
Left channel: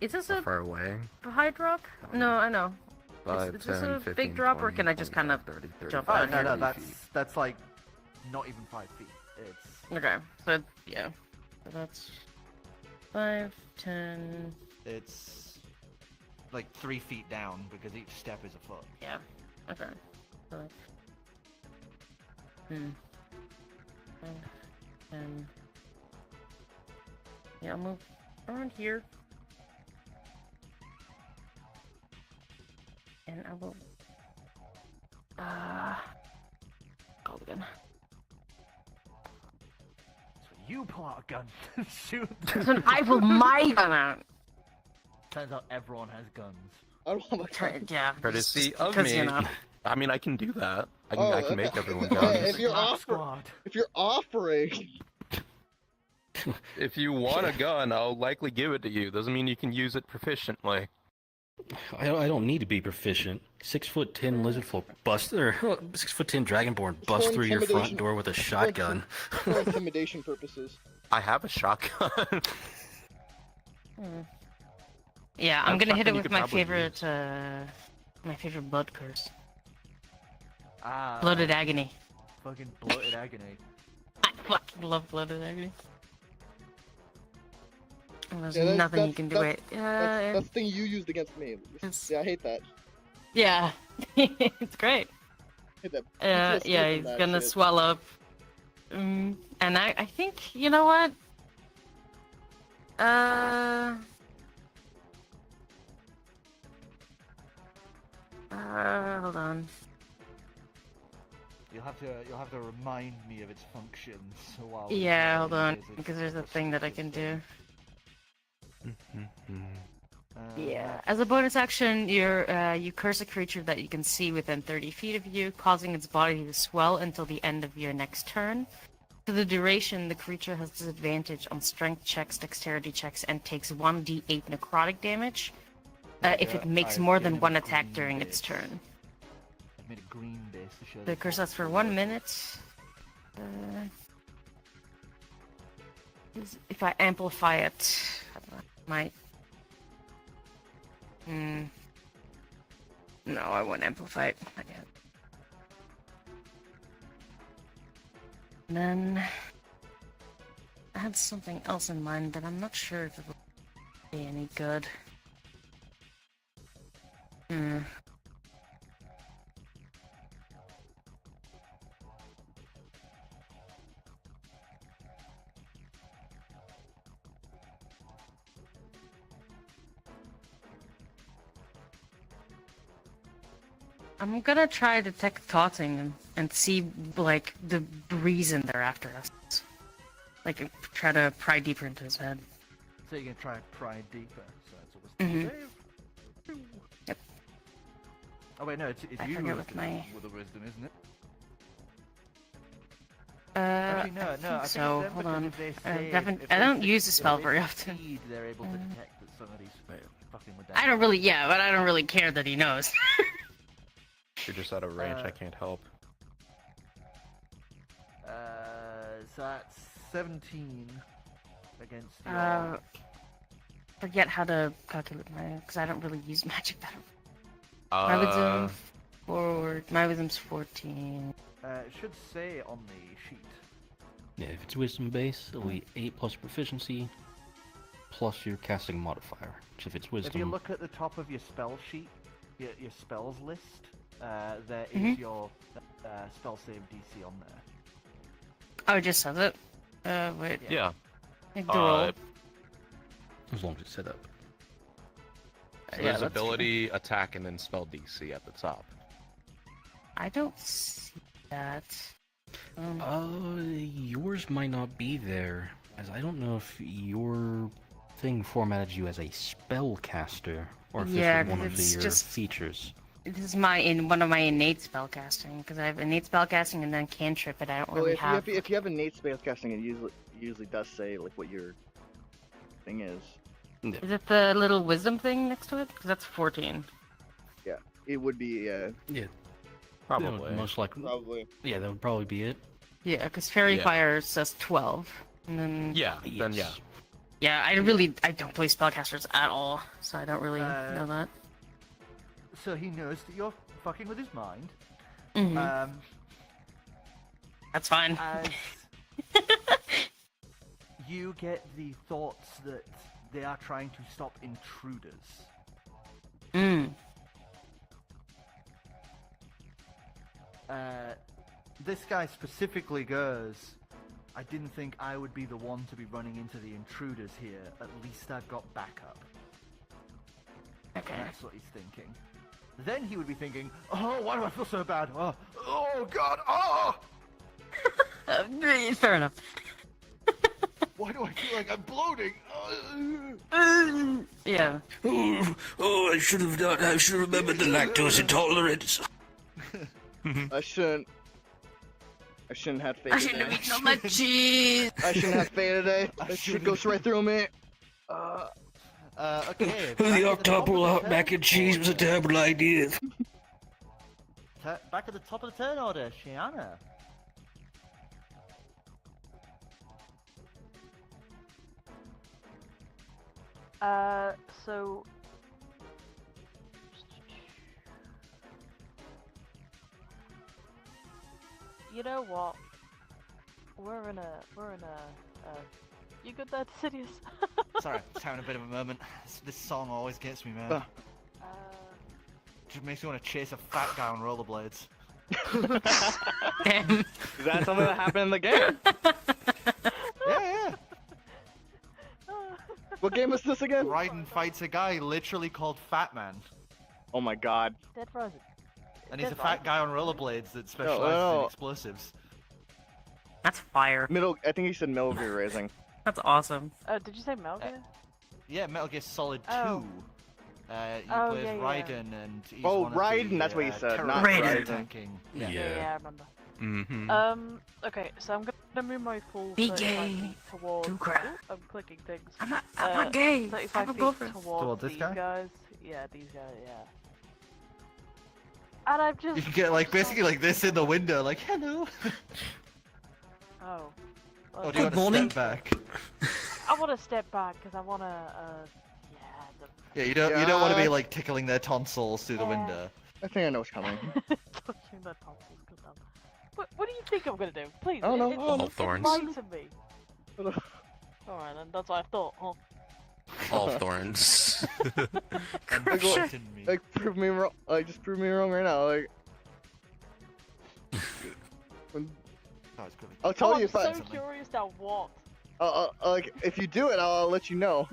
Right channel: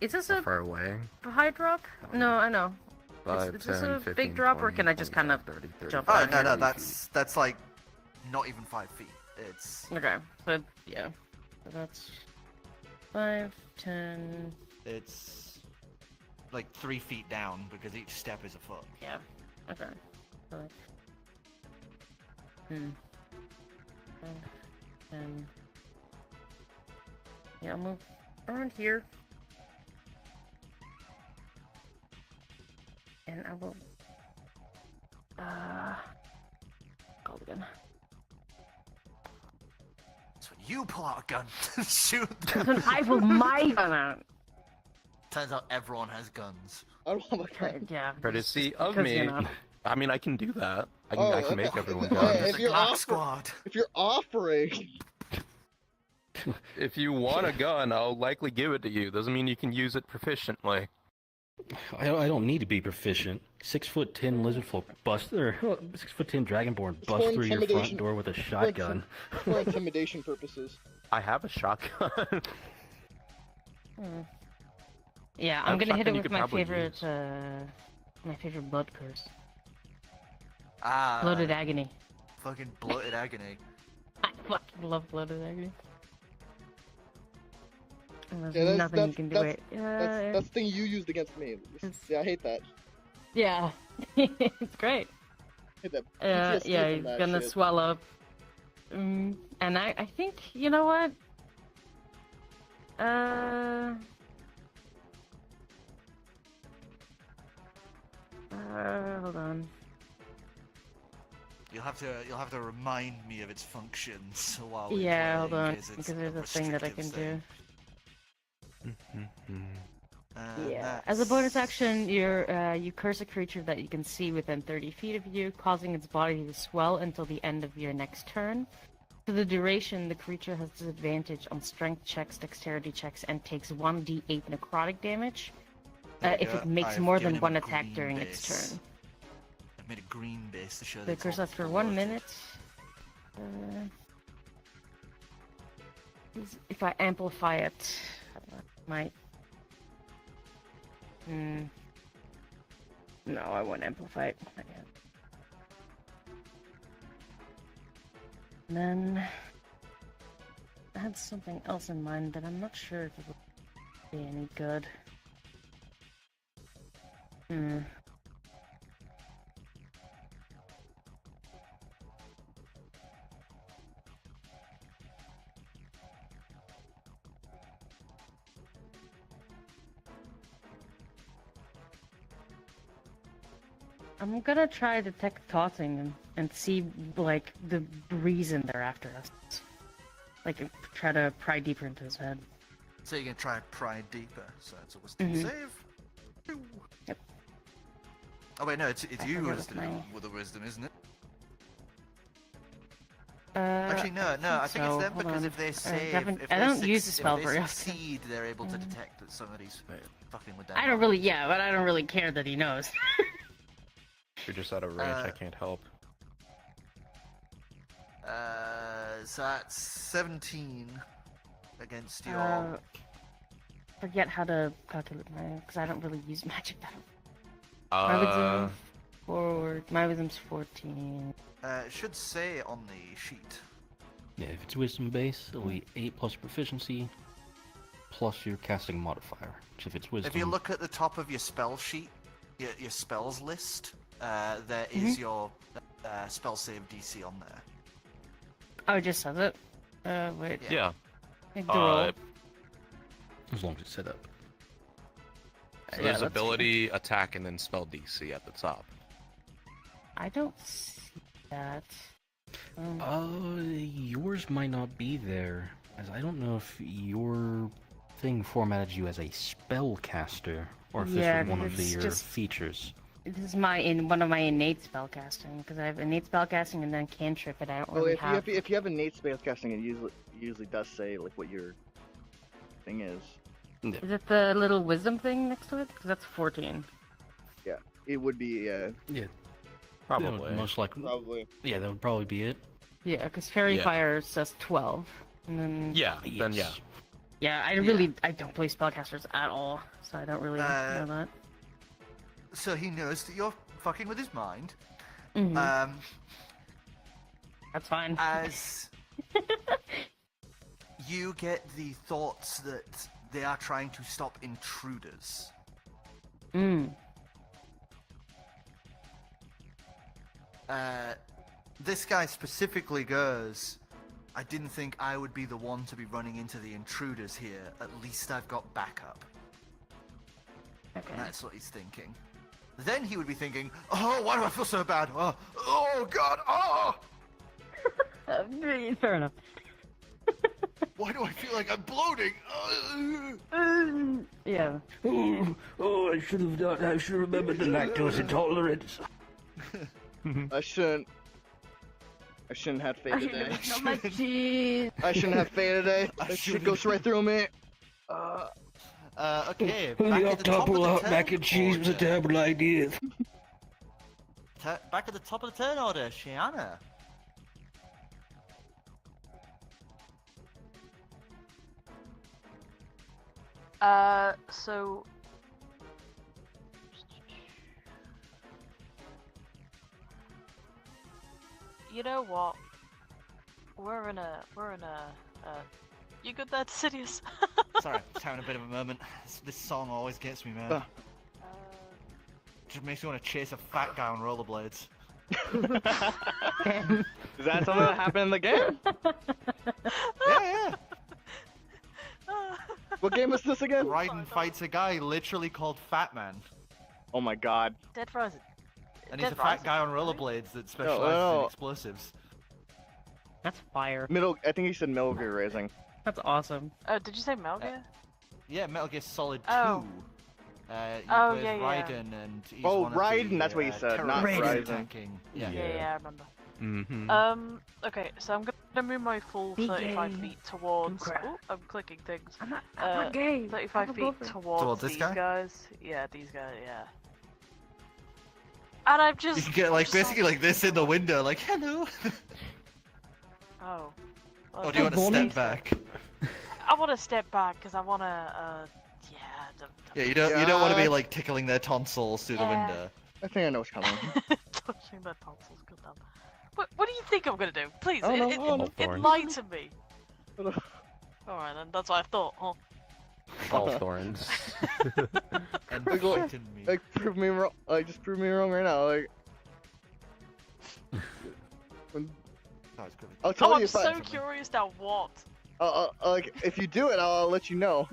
Is this How a far away? high drop? No, I know. 5, is this 10, a 15, big drop, or 20, can I just kind of 25, 30, jump 35, down here? No, 40 feet. that's like not even 5 feet. It's Okay, so yeah. So that's 5, 10. it's like 3 feet down because each step is a foot. Yeah. Okay. So, 5, 10. Yeah, I'll move around here. And I will. Call again. that's when you pull out a gun to shoot Then them. I will my gun out. Turns out everyone has guns. I don't have a gun. Yeah. Courtesy of because, me. you know. I mean, I can do that. I can, Oh, I can make everyone go. Hey, if you're Black squad. if you're offering, If you want a gun, I'll likely give it to you. Doesn't mean you can use it proficiently. I don't need to be proficient. 6'10" lizardfolk bust, or 6'10" dragonborn bust for through your front intimidation. door with a shotgun. for intimidation purposes. I have a shotgun. Yeah, I'm That gonna hit shotgun it you with could my probably favorite, my favorite blood curse. Ah, Blooded agony. fucking bloated agony. I fucking love blooded agony. And there's Yeah, nothing you can do. Wait, That's the thing you used against me. It's- Yeah, I hate that. yeah, it's great. I hate that. Yeah, PTSD yeah, from he's that gonna shit. swell up. And I think, you know what? Hold on. You'll have to remind me of its functions while Yeah, hold on, because it's because there's a thing that I can restrictive, do. so, Yeah. As a bonus action, you curse a creature that you can see within 30 feet of you, causing its body to swell until the end of your next turn. For the duration, the creature has disadvantage on strength checks, dexterity checks, and takes 1d8 necrotic damage if it makes more than one attack during its turn. I've made a green base to show The curse lasts for 1 minute. If I amplify it, I might. No, I won't amplify it. And then I had something else in mind, but I'm not sure if it will be any good. I'm gonna try detect thoughting and see, like, the reason they're after us. Like, try to pry deeper into his head. So you're gonna try and pry deeper. So it's a wisdom save. Yep. Oh wait, no, it's you who has with the wisdom, isn't it? Actually, no. I think it's them because if they say I don't use the spell very often. Succeed, they're able to detect that somebody's fucking with them. I don't really, but I don't really care that he knows. You're just out of range. I can't help. So that's 17 against your. Forget how to calculate mine because I don't really use magic that. My wisdom forward. My wisdom's 14. It should say on the sheet. Yeah, if it's wisdom base, it'll be 8 plus proficiency, plus your casting modifier. Which if it's wisdom. If you look at the top of your spell sheet, your spells list, there is your spell save DC on there. Oh, it just says it? Wait. Yeah. As long as it's set up. There's ability, attack, and then spell DC at the top. I don't see that. Yours might not be there, as I don't know if your thing formatted you as a spellcaster, or if this was one of your features. This is one of my innate spellcasting, because I have innate spellcasting and then cantrip, but I don't really have. If you have innate spellcasting, it usually does say like what your thing is. Is it the little wisdom thing next to it? Because that's 14. Yeah, it would be. Yeah. Probably. Most likely. Probably. Yeah, that would probably be it. Yeah, because Fairy Fire says 12, and then. Yeah. Then yeah. Yeah, I don't play spellcasters at all, so I don't really know that. So he knows that you're fucking with his mind. That's fine. As you get the thoughts that they are trying to stop intruders. This guy specifically goes, I didn't think I would be the one to be running into the intruders here. At least I've got backup. Okay. And that's what he's thinking. Then he would be thinking, oh, why do I feel so bad? Oh God, oh! Fair enough. Why do I feel like I'm bloating? Yeah. Oh, I should have done. I should have remembered the lactose intolerance. I shouldn't have faith today. So much cheese. I shouldn't have faith today. That shit goes right through me. Okay. The octuple mac and cheese was a terrible idea. Back at the top of the turn order, Shiana. So you know what? We're in a you good there, Sidious? Sorry, having a bit of a moment. This song always gets me, man. It makes me want to chase a fat guy on rollerblades. Is that something that happened in the game? Yeah. What game is this again? Vrdnd fights a guy literally called Fat Man. Oh my god. Dead Frozen. And he's a fat guy on rollerblades that specializes in explosives. That's fire. I think he said Metal Gear Rising. That's awesome. Did you say Metal Gear? Yeah, Metal Gear Solid 2. Oh. You play as Vrdnd and he's Oh, one of Vrdnd, the, that's what you said, not terrorist Vrdnd. attacking. Yeah, I remember. Mm-hmm. Okay, so I'm gonna Can I move my full Be 35 gay. feet towards? Do crap. Ooh, I'm clicking things. I'm not gay. 35 I have a feet girlfriend. towards this these guy? guys. Yeah, these guys. Yeah. And I'm just. You can get like so- basically like this in the window, like hello. Oh. Or do you want to step back? I want to step back because I want to. Yeah, you don't want to be like tickling their tonsils through the Yeah. window. I think I know what's coming. Touching their tonsils. Good enough. What do you think I'm gonna do? Please, I don't know, I don't know. enlighten me. Alright then, that's what I thought. Huh? All thorns. Like, prove me wrong. Like, just prove me wrong right now. Like, I'll tell you I'm if so I. curious now. What? Like, if you do it, I'll let you know.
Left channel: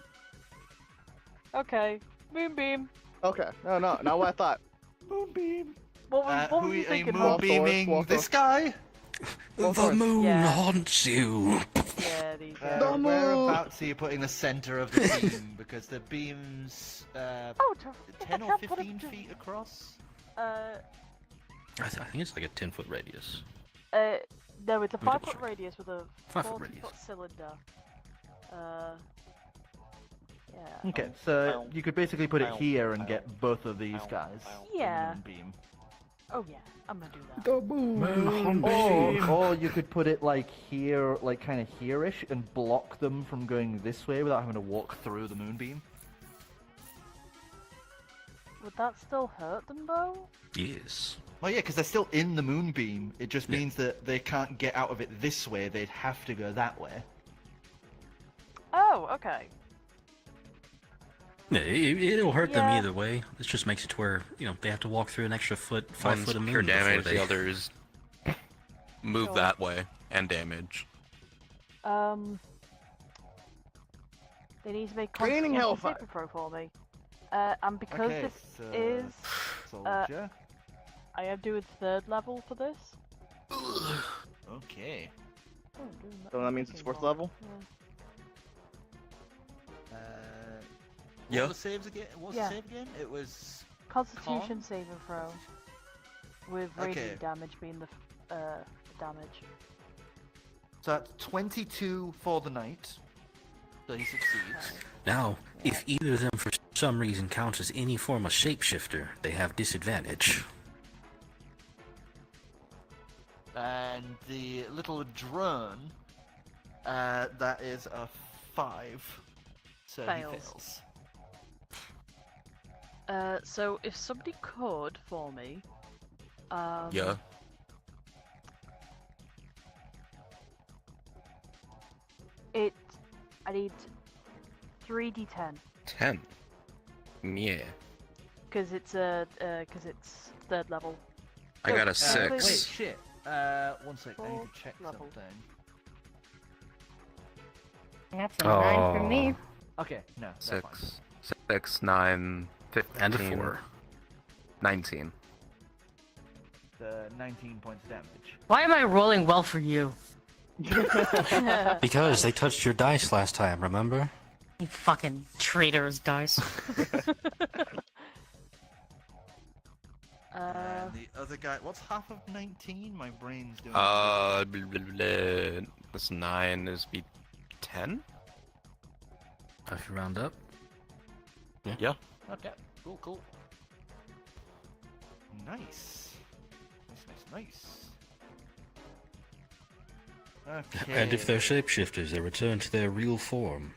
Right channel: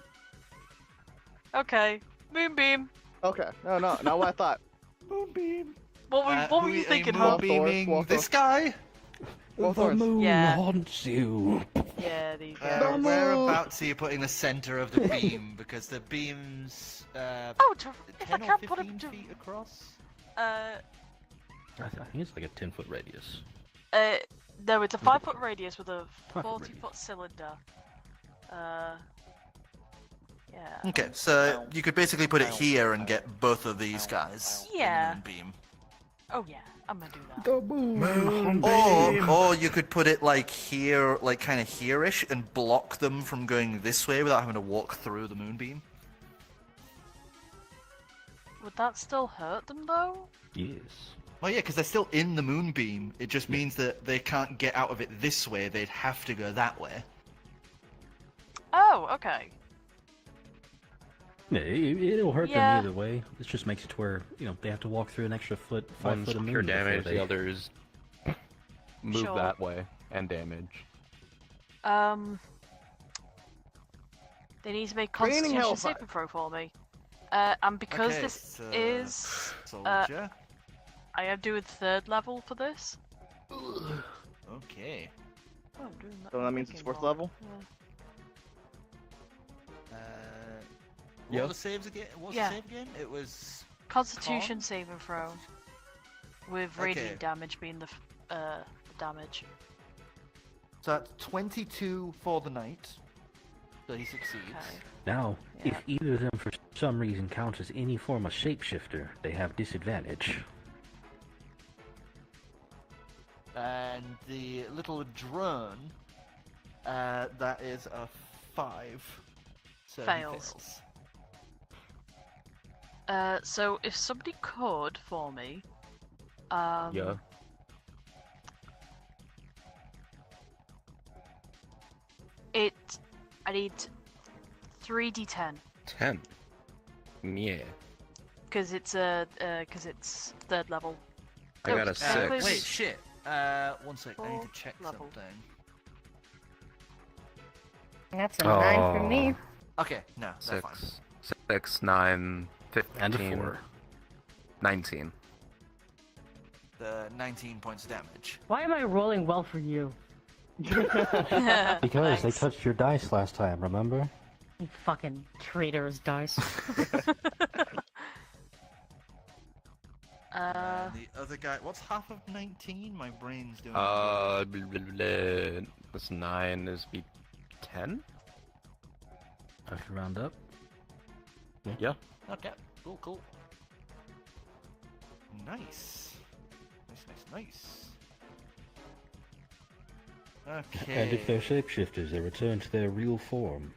Okay, moonbeam. Okay. No, not what I thought. Moonbeam. What Who were you thinking? moonbeaming this guy? The moon Yeah. haunts you. Yeah, these guys. Whereabouts are you putting the center of the beam? Because the beam's Oh, if 10 I or can't put 15 it. feet across. I think it's like a 10-foot radius. No, it's a Maybe 5-foot radius with a 5-foot 40-foot cylinder. Yeah. Okay, so you could basically put it here and get both of these guys. Yeah. In the moonbeam. Oh yeah, I'm gonna do that. The moon. Or you could put it like here, like kind of here-ish, and block them from going this way without having to walk through the moonbeam. Would that still hurt them though? Yes. Well, yeah, because they're still in the moonbeam. It just means that they can't get out of it this way. They'd have to go that way. Oh, okay. Yeah, it'll hurt Yeah. them either way. This just makes it to where, they have to walk through an extra 5 One's foot of pure moon before damage, they... the others move Sure. that way and damage. They need to make Raining Constitution hellfire. saving throw for me. And because Okay, this so- is, Soldier. I am doing 3rd level for this. Okay. Oh, I'm doing So that means it's 4th level? What Yeah. were the saves again? What's Yeah. the save again? It was Constitution Con? saving throw. With Okay. radiant damage being the damage. so that's 22 for the knight. So he succeeds. Now, if either of them for some reason counts as any form of shapeshifter, they have disadvantage. And the little drone, that is a 5. So Fails. he fails. So if somebody could for me, Yeah. I need 3d10 10. Yeah. because it's 3rd level. I got a Oh, 6. Wait, shit. 1 sec. I need to check Level. something. That's a 9 for me. Okay, no, that's fine. 6, 9, 15, And a 4. 19. The 19 points of damage. Why am I rolling well for you? Because they touched your dice last time, remember? You fucking traitorous dice. And the other guy, what's half of 19? My brain's doing. Blah, blah, blah. That's 9 is be 10? If you round up. Yeah. Okay, cool. Nice. Okay. And if they're shapeshifters, they return to their real form.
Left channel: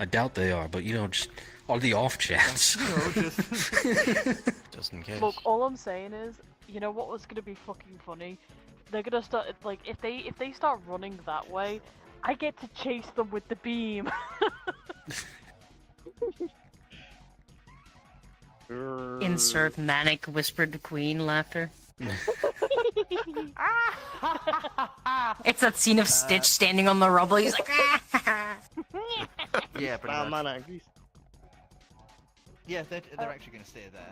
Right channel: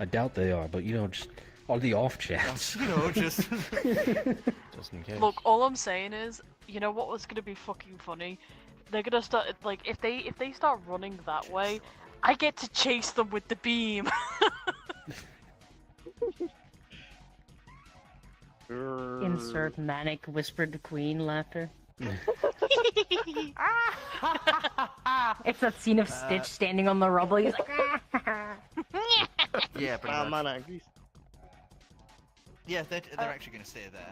I doubt they are, but just on the off chance. Just in case. Look, all I'm saying is, you know what was gonna be fucking funny? They're gonna start like if they start running that way, I get to chase them with the beam. Insert manic whispered queen laughter. It's that scene of Stitch standing on the rubble. He's like, Yeah, pretty much. Mana. Yeah, they're actually going to stay there.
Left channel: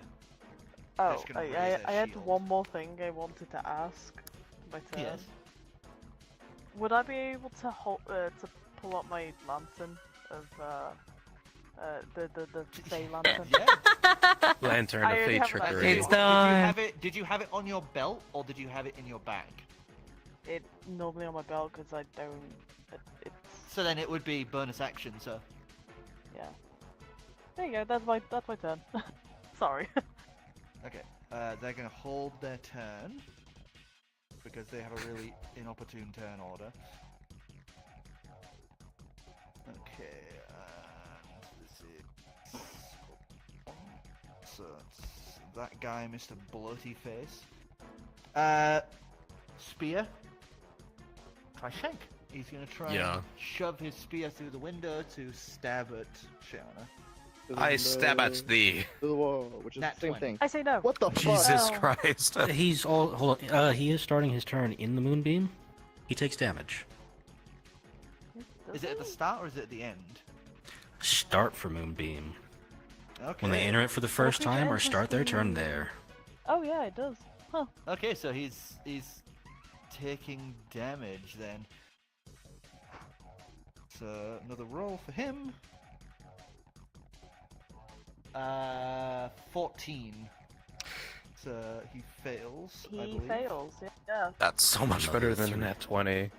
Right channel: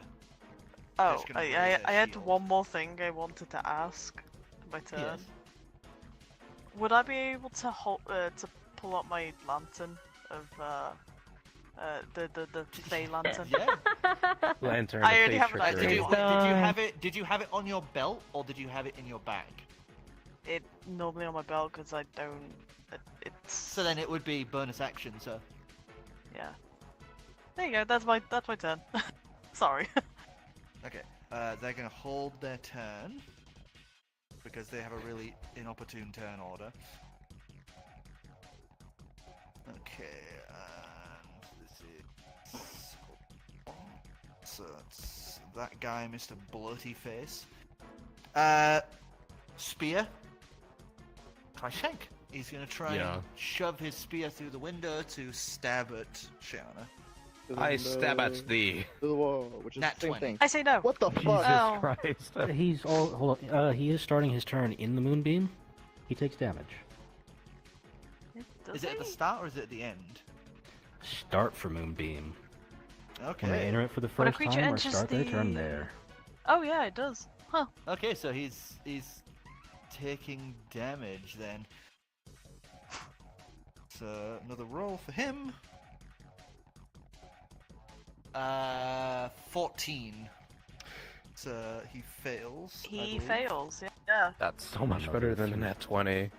Oh, Just gonna raise I their had shield. one more thing I wanted to ask. My turn. Yeah. Would I be able to to pull up my lantern of the Fey lantern? Yeah. Lantern I of already Fate have an Trickery. idea. Did you have it on your belt or did you have it in your bag? it normally on my belt because I don't. It's So then it would be bonus action, so. yeah. There you go. That's my turn. Sorry. Okay, they're gonna hold their turn because they have a really inopportune turn order. Okay, let's see. So it's that guy, Mr. Bloaty Face. Spear. Try shank. He's gonna try and shove his spear through the window to stab at Shiana. I stab at thee. To the wall, which is Nat the same 20. thing. I say no. What the fuck? Jesus Oh. Christ. He's all. Hold on. He is starting his turn in the moonbeam. He takes damage. Is it at the start or is it at the end? Start for moonbeam. Okay. When they enter it for the first creature time or enters start their turn the- there. Oh yeah, it does. Huh. Okay, so he's taking damage then. So another roll for him. 14. So he fails. I He believe. fails. Yeah. That's so much better than a nat 20.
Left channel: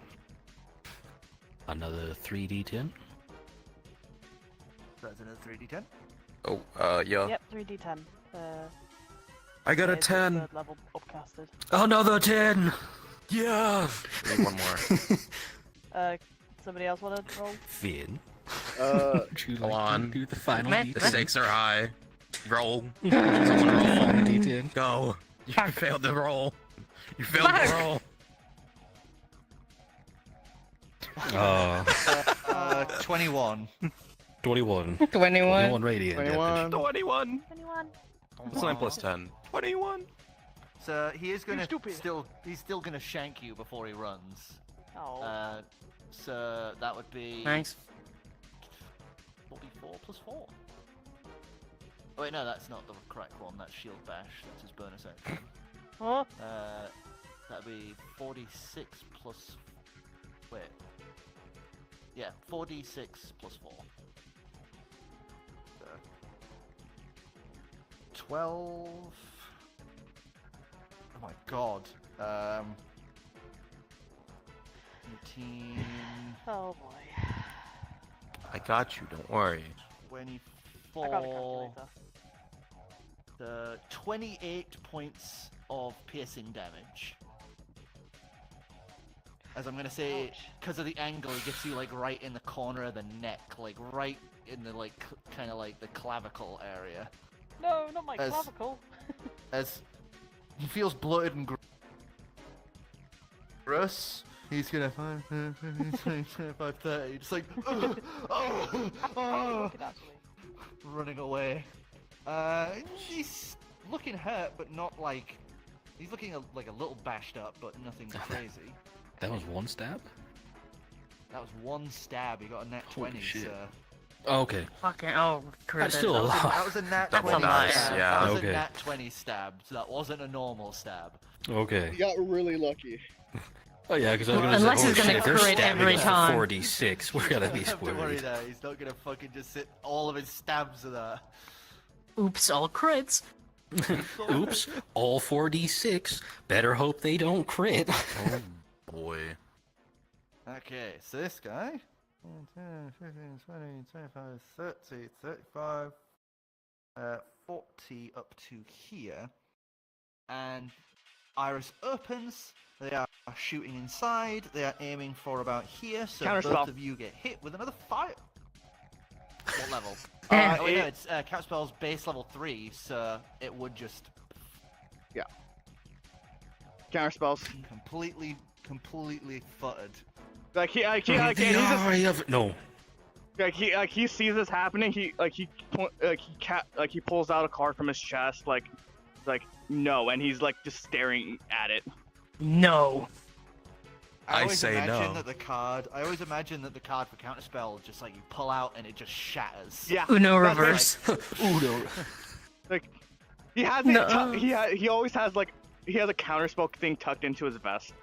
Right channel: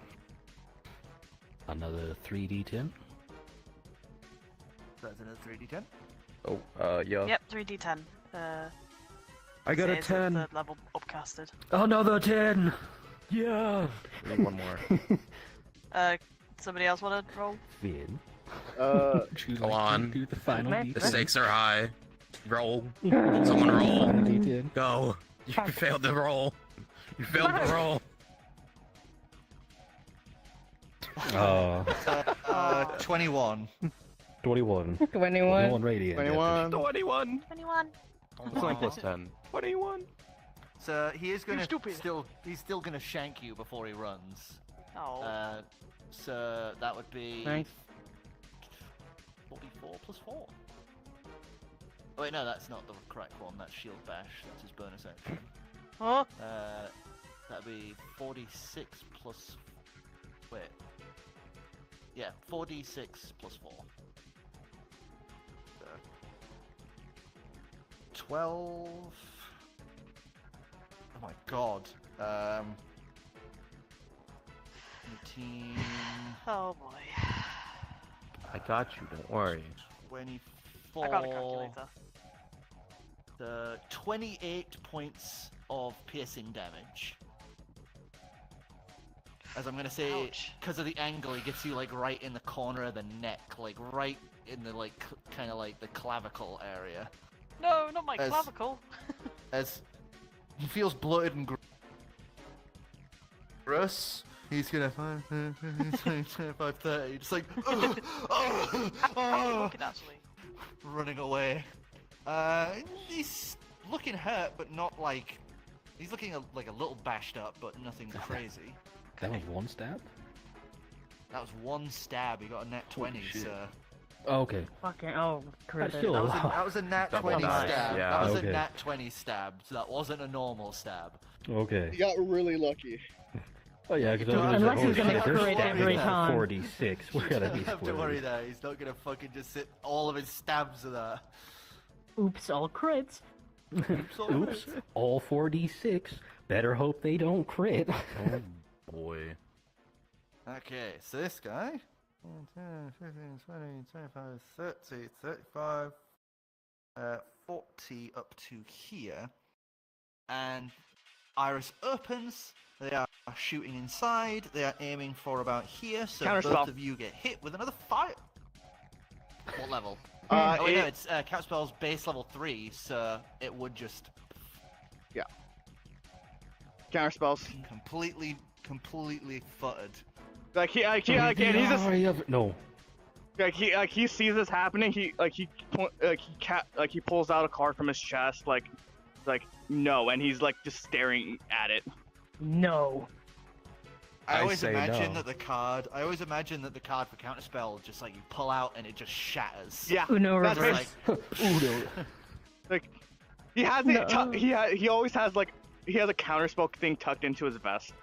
Another 3d10. That's another 3d10. Oh, yeah. Yep. 3d10. I got a it is 10. Third level upcasted. Another 10! Yeah. Need one more. Somebody else want to roll? Finn. Go on. Do the final Man. The d10. stakes are high. Roll. Come on, roll. D10. Go. You failed the roll. You failed the roll. 21. 21. 21. 21 radiant. 21. 21. 21. It's 9 plus 10. 21. So he is gonna stupid. he's still gonna shank you before he runs. Oh. So that would be Nice. 44 plus 4. Oh wait, no, that's not the correct one. That's shield bash. That's his bonus action. Oh. That'd be 46 plus. Wait. Yeah, 46 plus 4. So, 12. Oh my god. 18. Oh boy. I got you, don't worry. I got a 24. calculator. 28 points of piercing damage. As I'm gonna say, Ouch. because of the angle, he gets you like right in the corner of the neck, like right in the like kind of like the clavicle area. No, not my As- clavicle. As he feels bloated and gross, he's gonna 5:30, just like Looking actually. running away. He's looking hurt, but not like he's looking like a little bashed up, but nothing crazy. That was one stab? That was one stab. He got a nat Holy 20. shit. So Oh, okay. Fucking oh, That's credit. still that a was a, lot. that was a nat That's 20 nice, stab. yeah. That was Okay. a nat 20 stab. So that wasn't a normal stab. Okay. You got really lucky. Oh yeah, because I was Unless like, he's oh, gonna shit, they're crit stabbing every us for time. 46. We're gonna You be don't have to worry screwed. there. He's not gonna fucking just sit all of his stabs of that. Oops, all crits. Oops, all 4d6. Better hope they don't crit. Oh boy. Okay, so this guy. 10, 15, 20, 25, 30, 35, 40 up to here. And Iris opens. They are shooting inside. They are aiming for about here. So Counterspell. both of you get hit with another fire. What level? Uh, Oh, wait, no, it- it's counterspell's base level 3, so it would just Counterspells. completely futtered. Like he, and he's just No. like he sees this happening. He pulls out a card from his chest, like no, and he's like just staring at it. No. I I always say imagine no. that the card for counterspell just like you pull out and it just shatters. Yeah, Uno that's very- reverse. Like he has No. it. He always has like he has a counterspell thing tucked into his vest.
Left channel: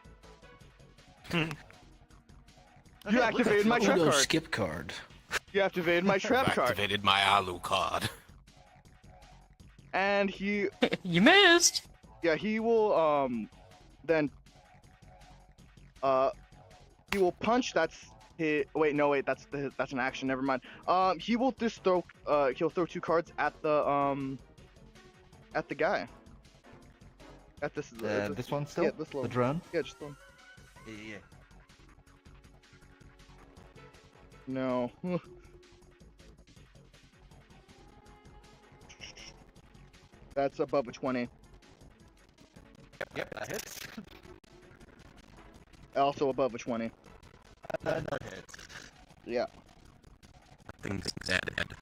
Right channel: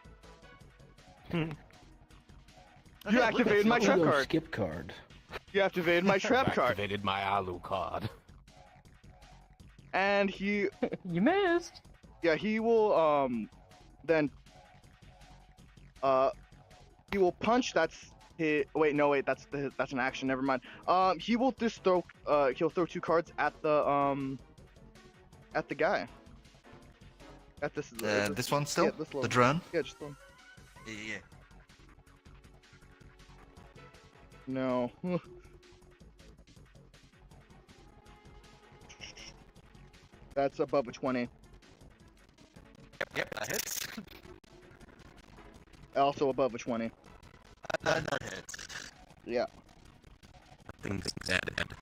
You activated my trap Uno card. skip card. You activated my trap card, Activated my Alu card. and he You missed. he will then He will punch. That's his. Wait, no, wait. That's an action. Never mind. He will just throw. He'll throw 2 cards at the guy. At this. This one still? Yeah, this The one. drone? Yeah, just one. Yeah. No. That's above a 20. Yep, that hits. Also above a 20. That hits. Yeah. Things added.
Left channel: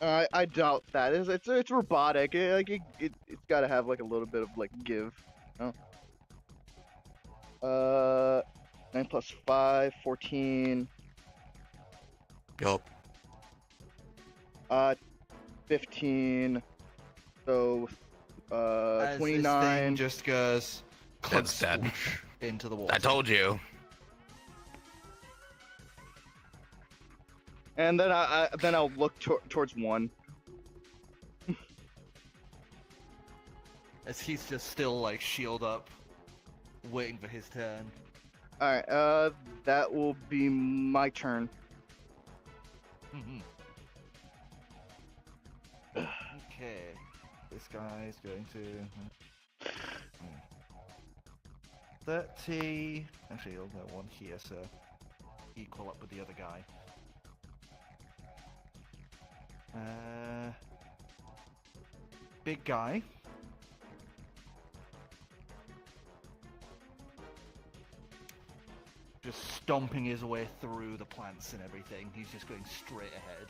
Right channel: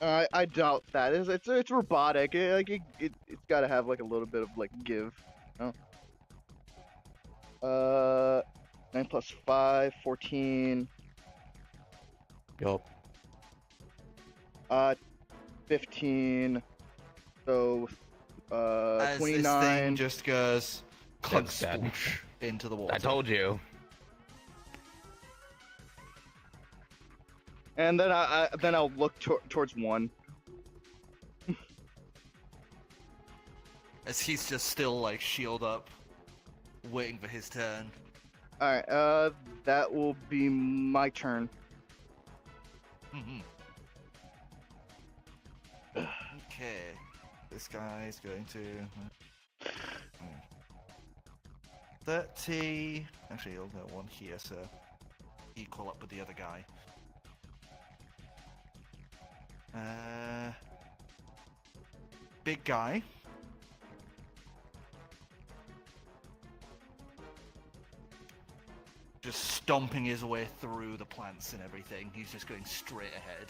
I doubt that. It's robotic. It's gotta have like a little bit of like give. You know? 9 plus 5, 14. Yup. 15. So As this 29. thing just goes That's dead. sploosh into the water. I told you. And then I'll look towards 1. As he's just still like shield up, waiting for his turn. All right. That will be my turn. Okay, this guy's going to 30. Actually, he'll get 1 here, so equal up with the other guy. Big guy. Just stomping his way through the plants and everything. He's just going straight ahead.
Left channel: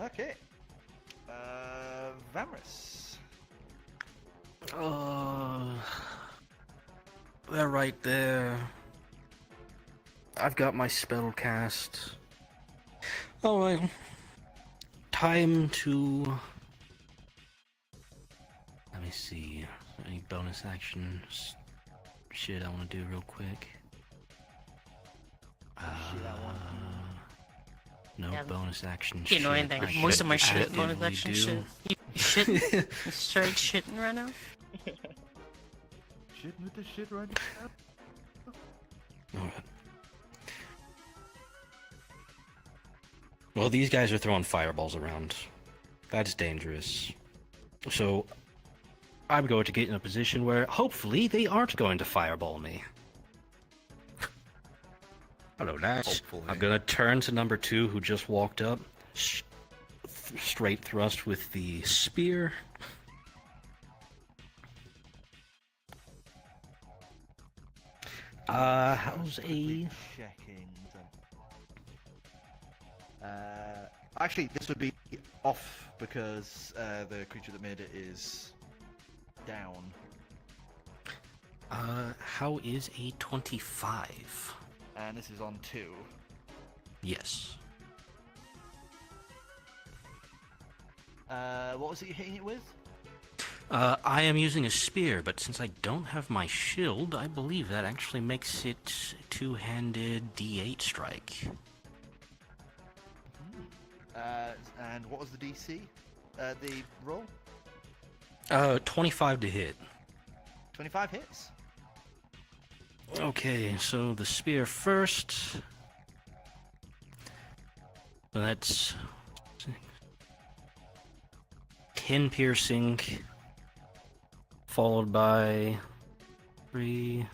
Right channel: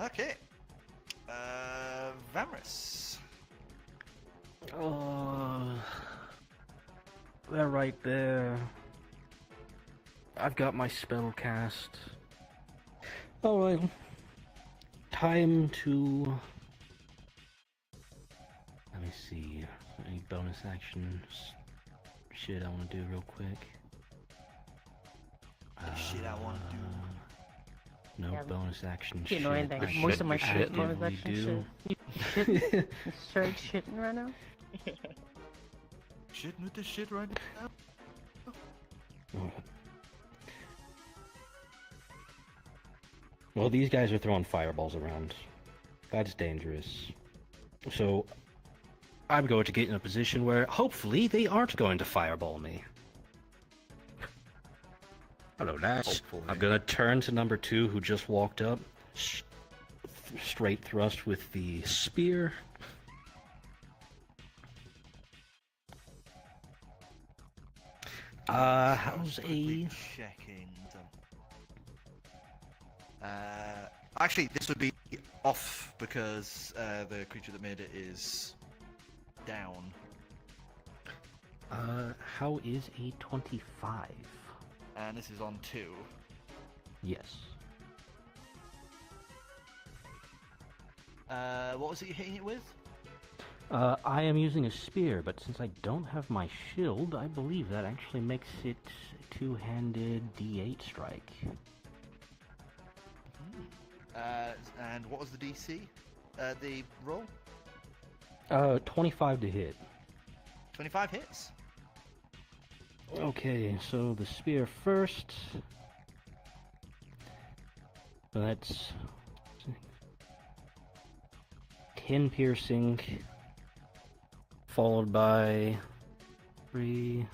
Okay. Vamris. They're right there. I've got my spell cast. Alright. Time to... Let me see. Any bonus actions? Shit I want to do real quick. Shit I want to do. No Yeah, bonus action. You know shit anything? I Most of my could shit bonus actively action do. shit. You shitting? You straight shitting right now? Shitting with this shit right now? Alright. Well, these guys are throwing fireballs around. That's dangerous. So, I'm going to get in a position where hopefully they aren't going to fireball me. Hello, Nash. Hopefully. I'm gonna turn to number 2 who just walked up. Straight thrust with the spear. How's a... Checking. Actually, this would be off because the creature that made it is down. How is a 25? And this is on 2. Yes. What was it you're hitting it with? I am using a spear, but since I don't have my shield, I believe that actually makes it two-handed D8 strike. And what was the DC? The roll? 25 to hit. 25 hits? Okay, so the spear first. So that's 10 piercing, followed by 3,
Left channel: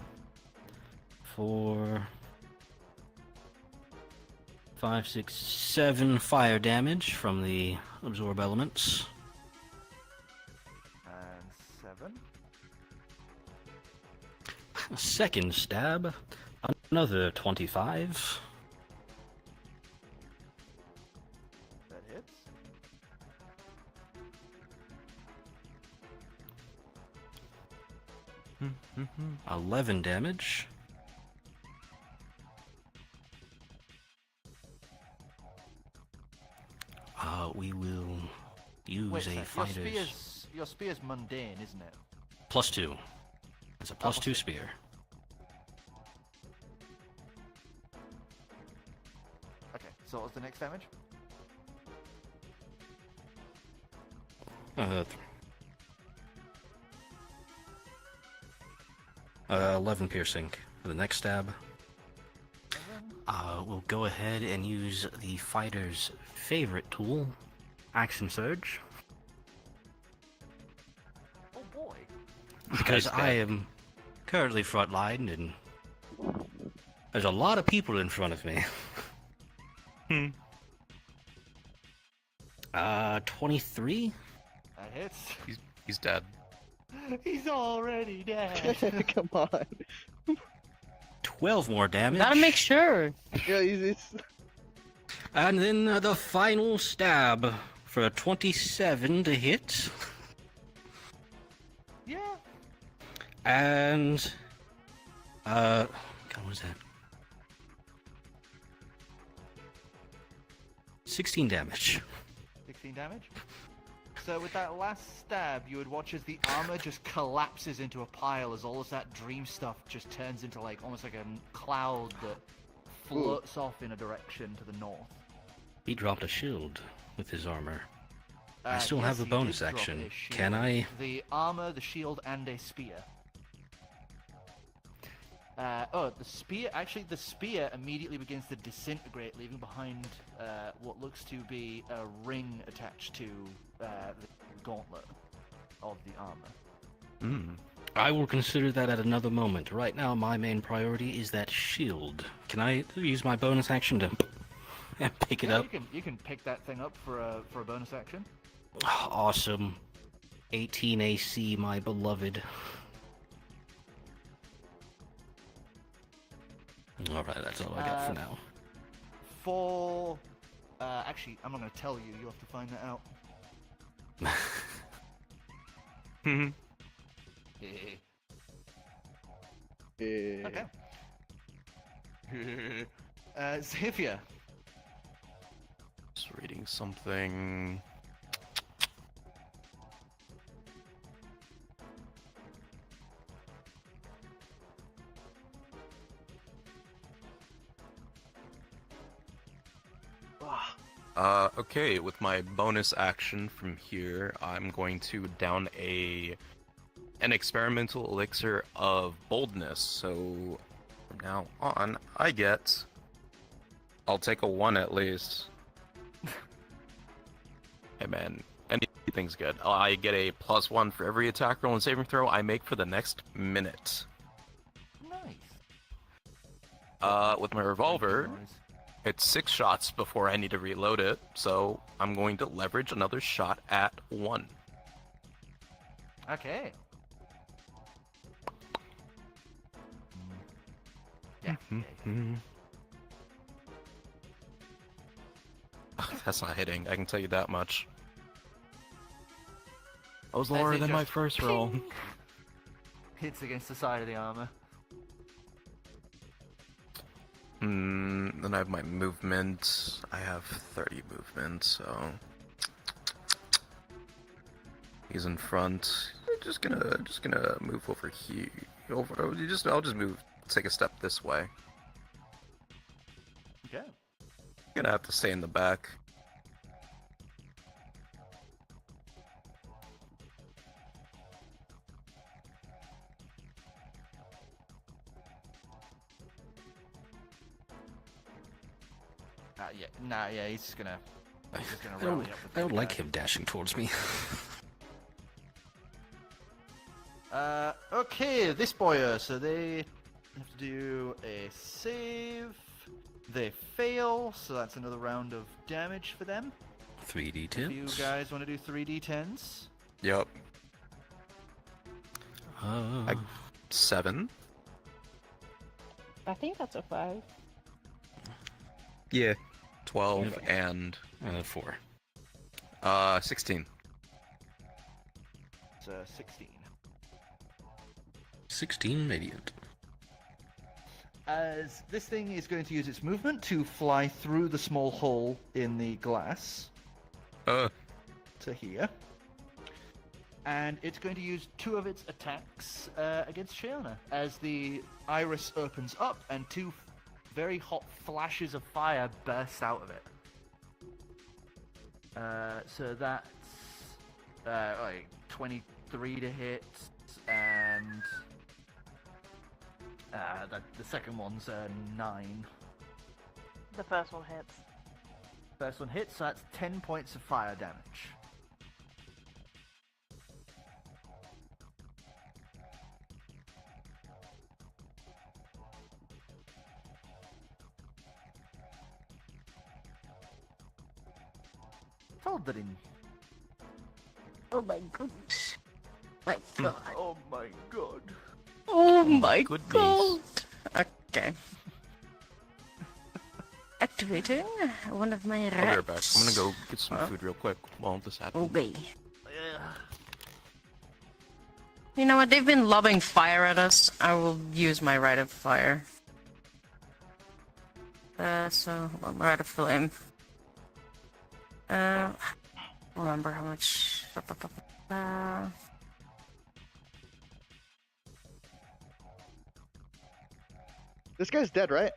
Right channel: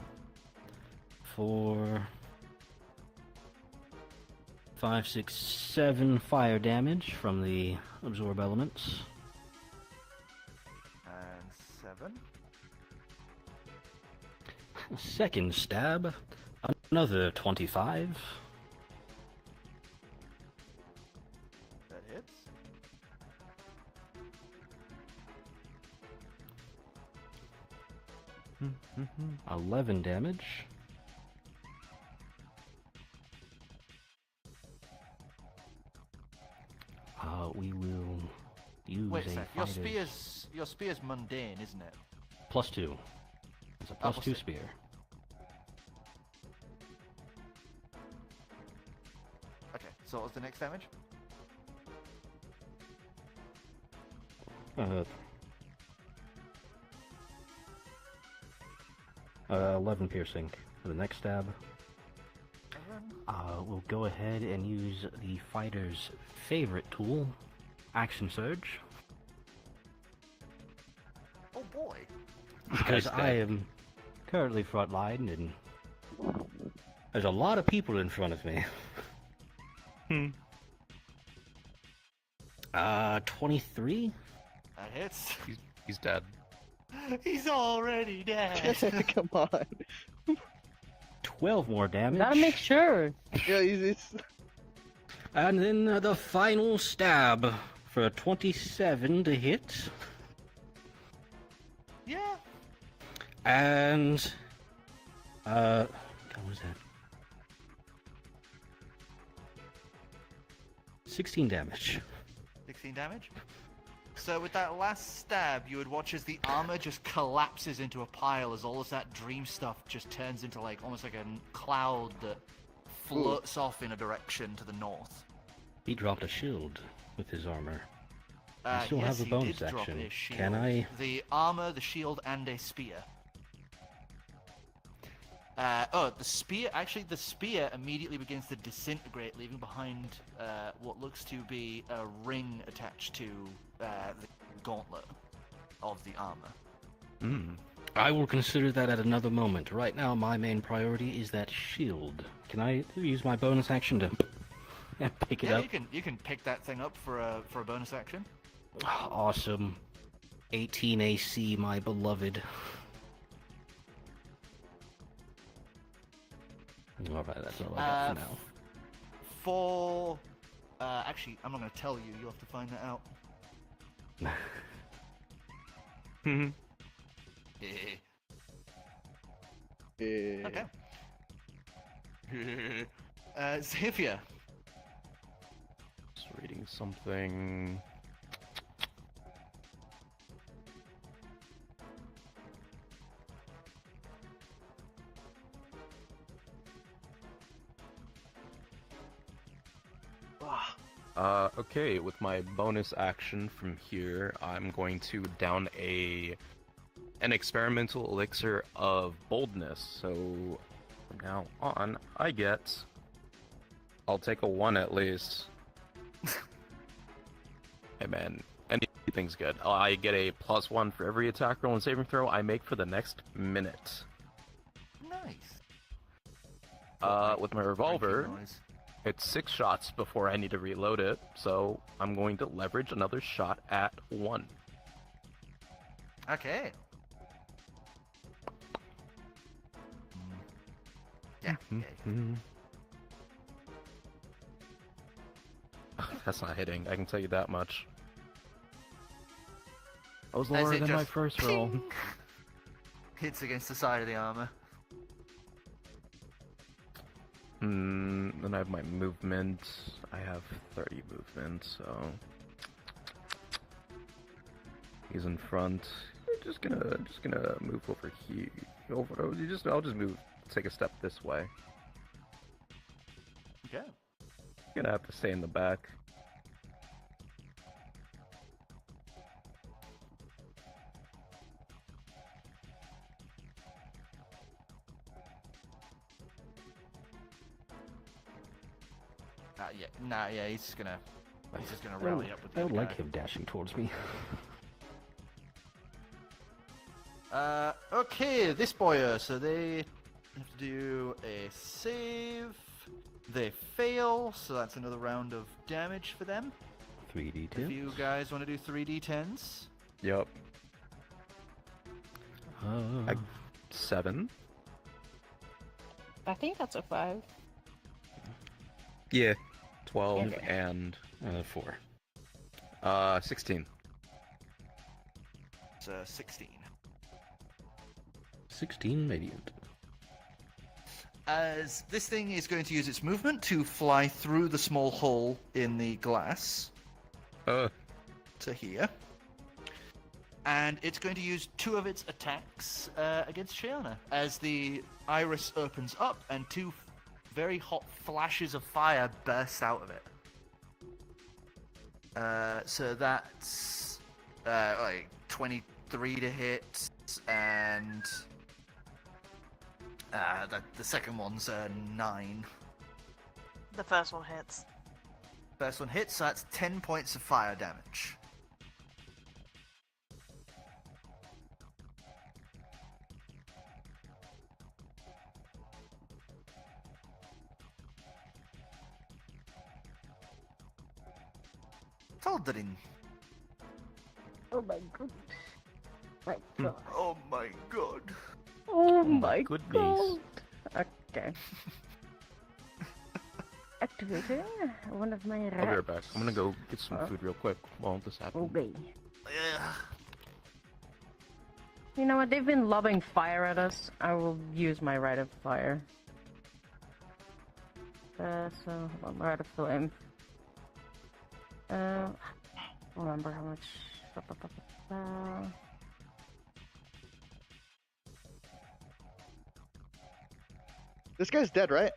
4, 5, 6, 7 fire damage from the absorb elements. And 7. Second stab, another 25. That hits. Mm-hmm. 11 damage. We will use Wait a a sec, fighter's... your spear's mundane, isn't it? +2. It's a +2 spear. Okay, so what was the next damage? 11 piercing for the next stab. We'll go ahead and use the fighter's favorite tool, Action Surge. Oh boy. Because I am currently frontline and there's a lot of people in front of me. 23? That hits. He's dead. He's already dead. Come on. 12 more damage. Gotta make sure. Yeah, it's... And then the final stab for a 27 to hit. Yeah. And God, what was that? 16 damage. 16 damage. So with that last stab, you would watch as the armor just collapses into a pile as all of that dream stuff just turns into like almost like a cloud that floats off in a direction to the north. He dropped a shield with his armor. I still yes, have a he bonus did drop action. his shield. Can I? The armor, the shield, and a spear. The spear. Actually, the spear immediately begins to disintegrate, leaving behind what looks to be a ring attached to the gauntlet of the armor. I will consider that at another moment. Right now, my main priority is that shield. Can I use my bonus action to pick it up? You can pick that thing up for a bonus action. Awesome. 18 AC, my beloved. Alright, that's all I got for now. For actually, I'm not going to tell you. You have to find that out. Okay. Xavier. Just reading something. Okay, with my bonus action from here, I'm going to down an experimental elixir of boldness. So from now on, I'll take a 1 at least. Hey man, anything's good. I get a +1 for every attack roll and saving throw I make for the next minute. Nice. With my revolver, it's 6 shots before I need to reload it, so I'm going to leverage another shot at 1. Okay. Yeah. That's not hitting, I can tell you that much. I was As lower it than my just first roll. hits against the side of the armor. Then I have my movement. I have 30 movement, so he's in front. Just gonna move over here. I'll just move. Take a step this way. Okay. Gonna have to stay in the back. He's just gonna rally up with I don't the like guy. him dashing towards me. Okay, this boy, so they have to do a save. They fail, so that's another round of damage for them. 3d10. If you guys want to do 3d10s. Yep. 7. I think that's a 5. Yeah. 12 Okay. and 4. 16. It's 16. 16 radiant. As this thing is going to use its movement to fly through the small hole in the glass to here. And it's going to use 2 of its attacks against Shiona. As the iris opens up and 2 very hot flashes of fire burst out of it. So that's like 23 to hit and The second one's 9. The first one hits. First one hits, so that's 10 points of fire damage. Vrdnd. Oh my goodness. My god. Oh my god. Oh my goodness. god. Okay. Activating one of my rats. I'll be right back. I'm gonna go get some food real quick while this happens. Obey. Yeah. You know what? They've been lobbing fire at us. I will use my Rite of Fire. So Rite of Flame. Remember how much? This guy's dead, right?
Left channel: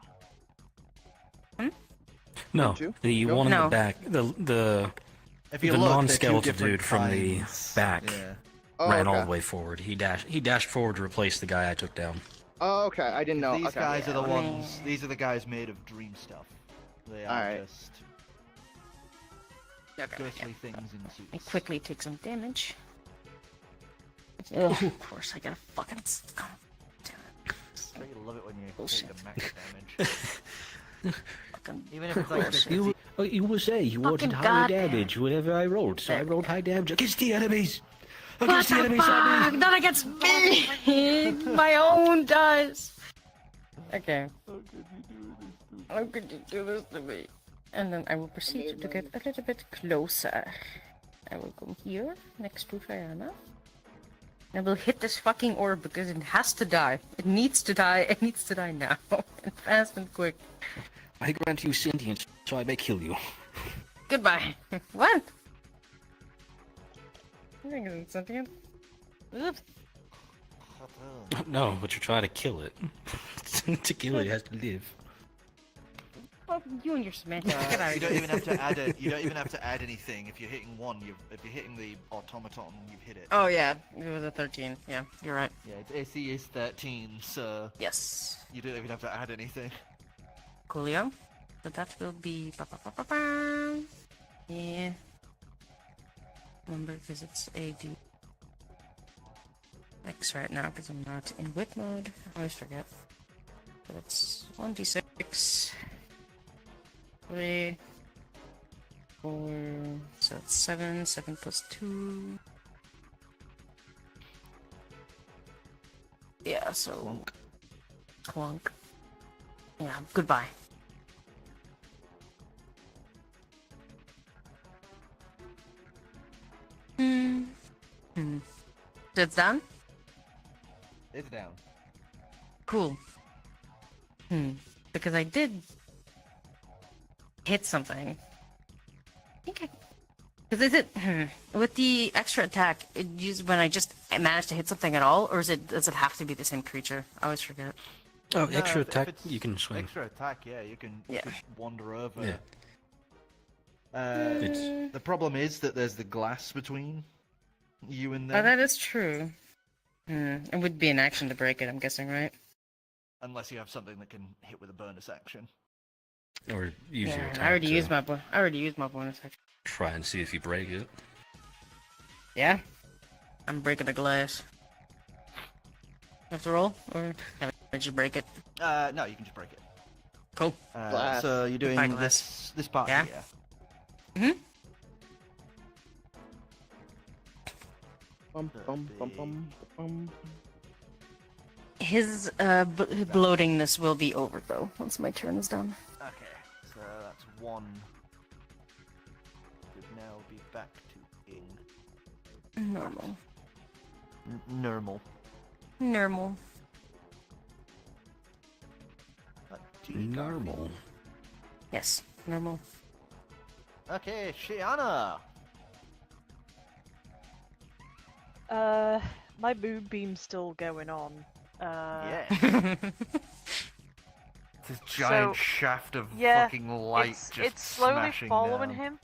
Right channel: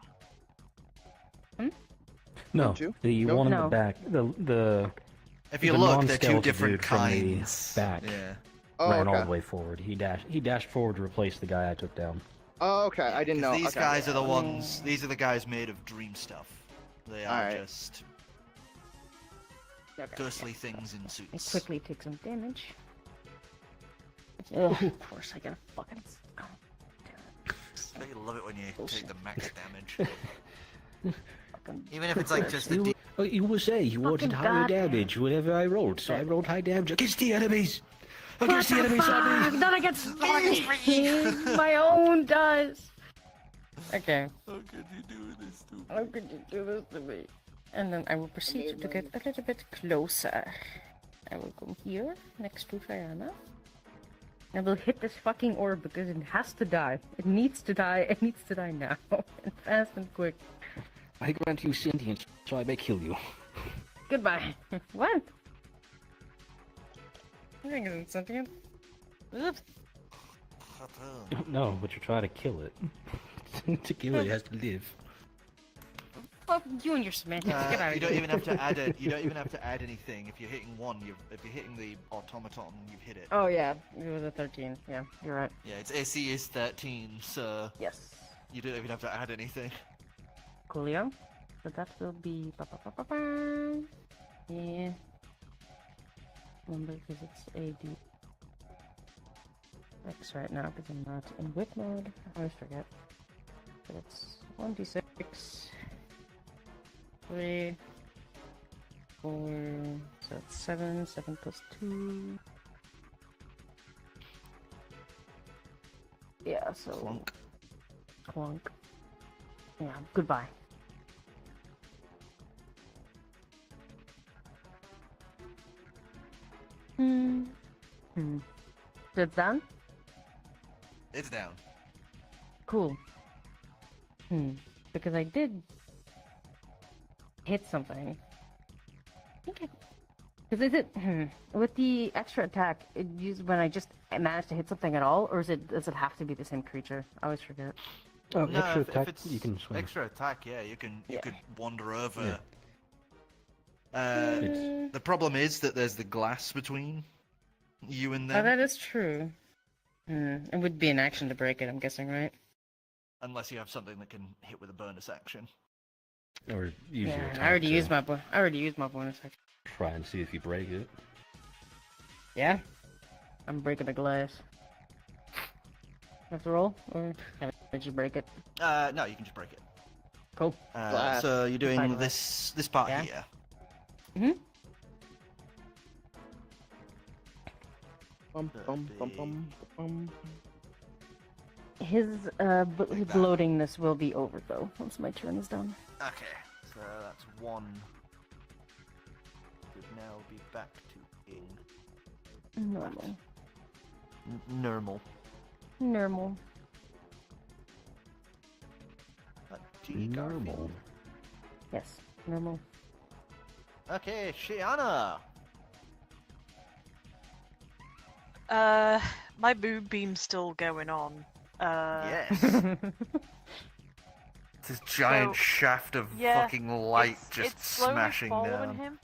No, Two? the No? one in No. the back, the If you the look, they're two non-skeletal different dude from the kinds. back Yeah. Oh, ran okay. all the way forward. He dashed forward to replace the guy I took down. Oh, okay. I didn't know. These Okay. guys are the ones. These are the guys made of dream stuff. They are Alright. just Okay. ghostly things in I suits. quickly take some damage. Of course, I gotta fucking. I love it when you Bullshit. take the max damage. Even if it's like just You will say you wanted Fucking higher goddamn. damage whenever I rolled, so I rolled high damage against the enemies. Against the What enemies, fuck? Abby. Not against me! My own dice! Okay. How could you do this to me? And then I will proceed to get a little bit closer. I will go here, next to Triana. I will hit this fucking orb because it has to die. It needs to die. It needs to die now. And fast and quick. I grant you sentience, so I may kill you. Goodbye. What? You're getting something. Ugh. No, but you're trying to kill it. To kill it, it has to live. Fuck you and your semantics. Get out You of don't here. even have to add it. You don't even have to add anything. If you're hitting one, if you're hitting the automaton, you've hit it. Oh yeah, it was a 13. Yeah, you're right. Yeah, its AC is 13, so Yes. you don't even have to add anything. Coolio. So that will be. Yeah. Remember, because it's AD. X right now because I'm not in whip mode. I always forget. So it's 1d6. 3. 4. So it's 7. 7 plus 2. Yeah, so. Clunk. Clunk. Yeah, goodbye. So it's done? It's down. Cool. Because I did hit something. I think because is it with the extra attack? It used when I just managed to hit something at all, or does it have to be the same creature? I always forget. Oh, No, extra if attack, it's you can swing. Extra attack, yeah, you can Yeah. you could wander over. Yeah. The problem is that there's the glass between you and Oh, them. that is true. It would be an action to break it, I'm guessing, right? Unless you have something that can hit with a bonus action. Or use your attack I already to used my bonus action. try and see if you break it. Yeah. I'm breaking the glass. Have to roll, or did you break it? No, you can just break it. Cool. Glass. So you're doing Fine. this part Yeah. here. Bum, bum, bum, bum, bum. His bloatingness will be over though once my turn is done. Okay, so that's one. Could now be back to being Normal. normal. Normal. G Garfield. Yes, normal. Okay, Shiana. My moonbeam's still going on. Yes. This giant So, shaft of yeah, fucking light it's, just it's slowly smashing following down. him.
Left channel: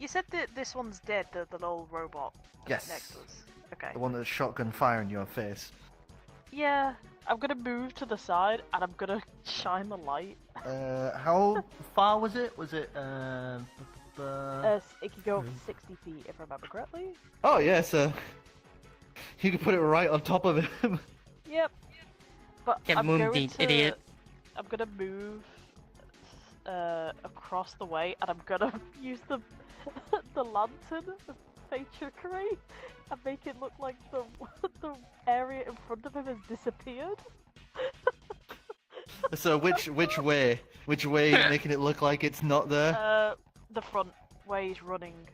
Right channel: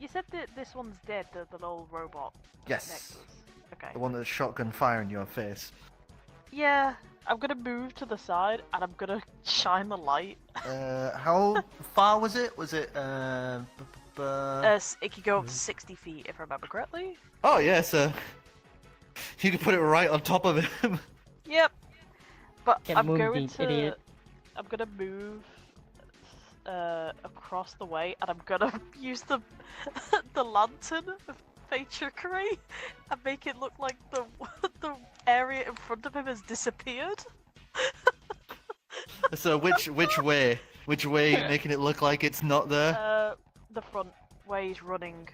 You said that this one's dead, the little robot Yes. next to us. Okay. The one that's shotgun firing your face. Yeah. I'm gonna move to the side and I'm gonna shine the light. How far was it? Was it It could go up to 60 feet if I remember correctly. Oh yeah, so you can put it right on top of him. Yep. But Yeah, I'm going Moonbeam, to. idiot. I'm gonna move across the way, and I'm gonna use the lantern of fey trickery and make it look like the area in front of him has disappeared. So which way? Which way, making it look like it's not there? The front way he's running.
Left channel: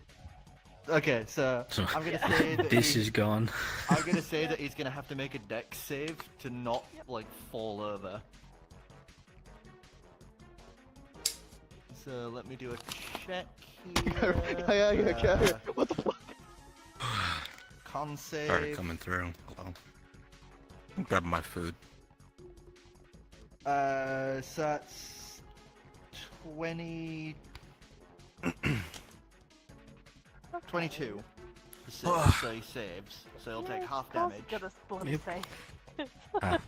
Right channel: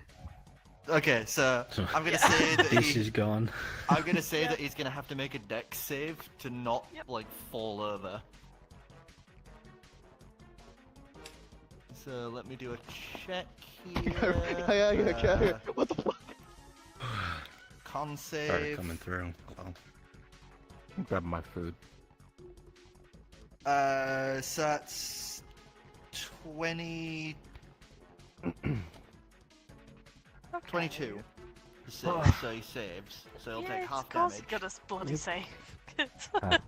Okay, so So, I'm gonna say that this is gone. I'm gonna say that he's gonna have to make a dex save to not like fall over. So let me do a check here. What the fuck? Con Started save. coming through. Well, grab my food. So that's 20. 22. So he saves. So he'll take half damage. Goodness bloody sake. I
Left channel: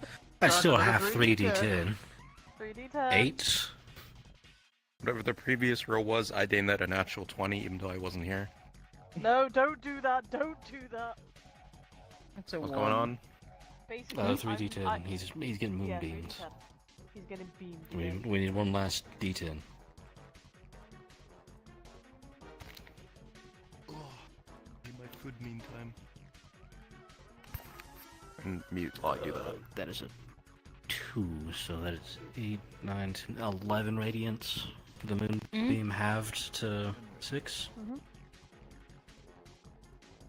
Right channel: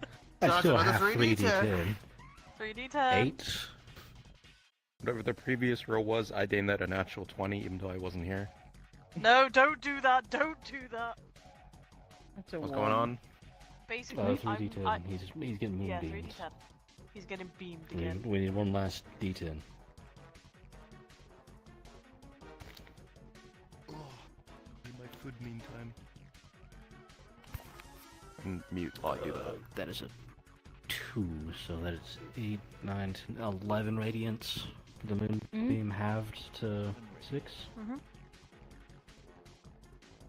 So still that's have another 3d10. 3d10. 8. Whatever the previous roll was, I named that a natural 20, even though I wasn't here. No, don't do that. Don't do that. That's a What's 1. going on? Basically, 3d10. He's getting Yeah, moonbeams. 3d10. he's getting beamed We again. we need one last d10. Need my food meantime. And mute while I do that. That is a 2, so that is 8, 9, 10, 11 radiance. The moonbeam halved to 6.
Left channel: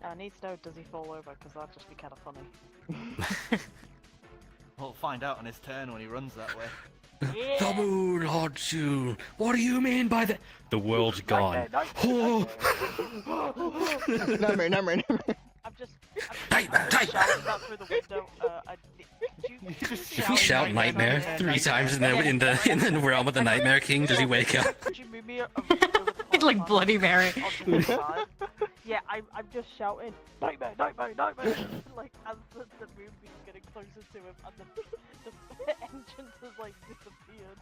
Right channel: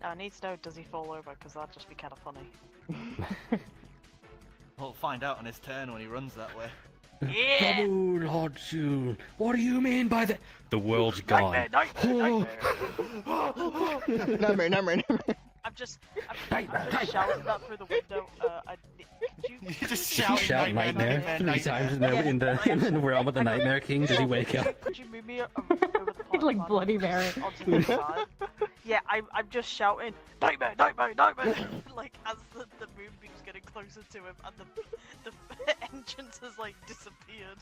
I need to know, does he fall over? Because that'd just be kind of funny. We'll find out on his turn when he runs that way. The moon haunts you. What do you mean by that? The world's gone. Oh. Nightmare. I'm just shouting that through the window. You just Did he shout nightmare 3 times in the realm of the Nightmare King? Does he wake up? Could you move me over the It's like Bloody Mary. onto the side? Yeah, I'm just shouting, nightmare! Like, as the moonbeam's getting closer to him and the entrance has, like, disappeared.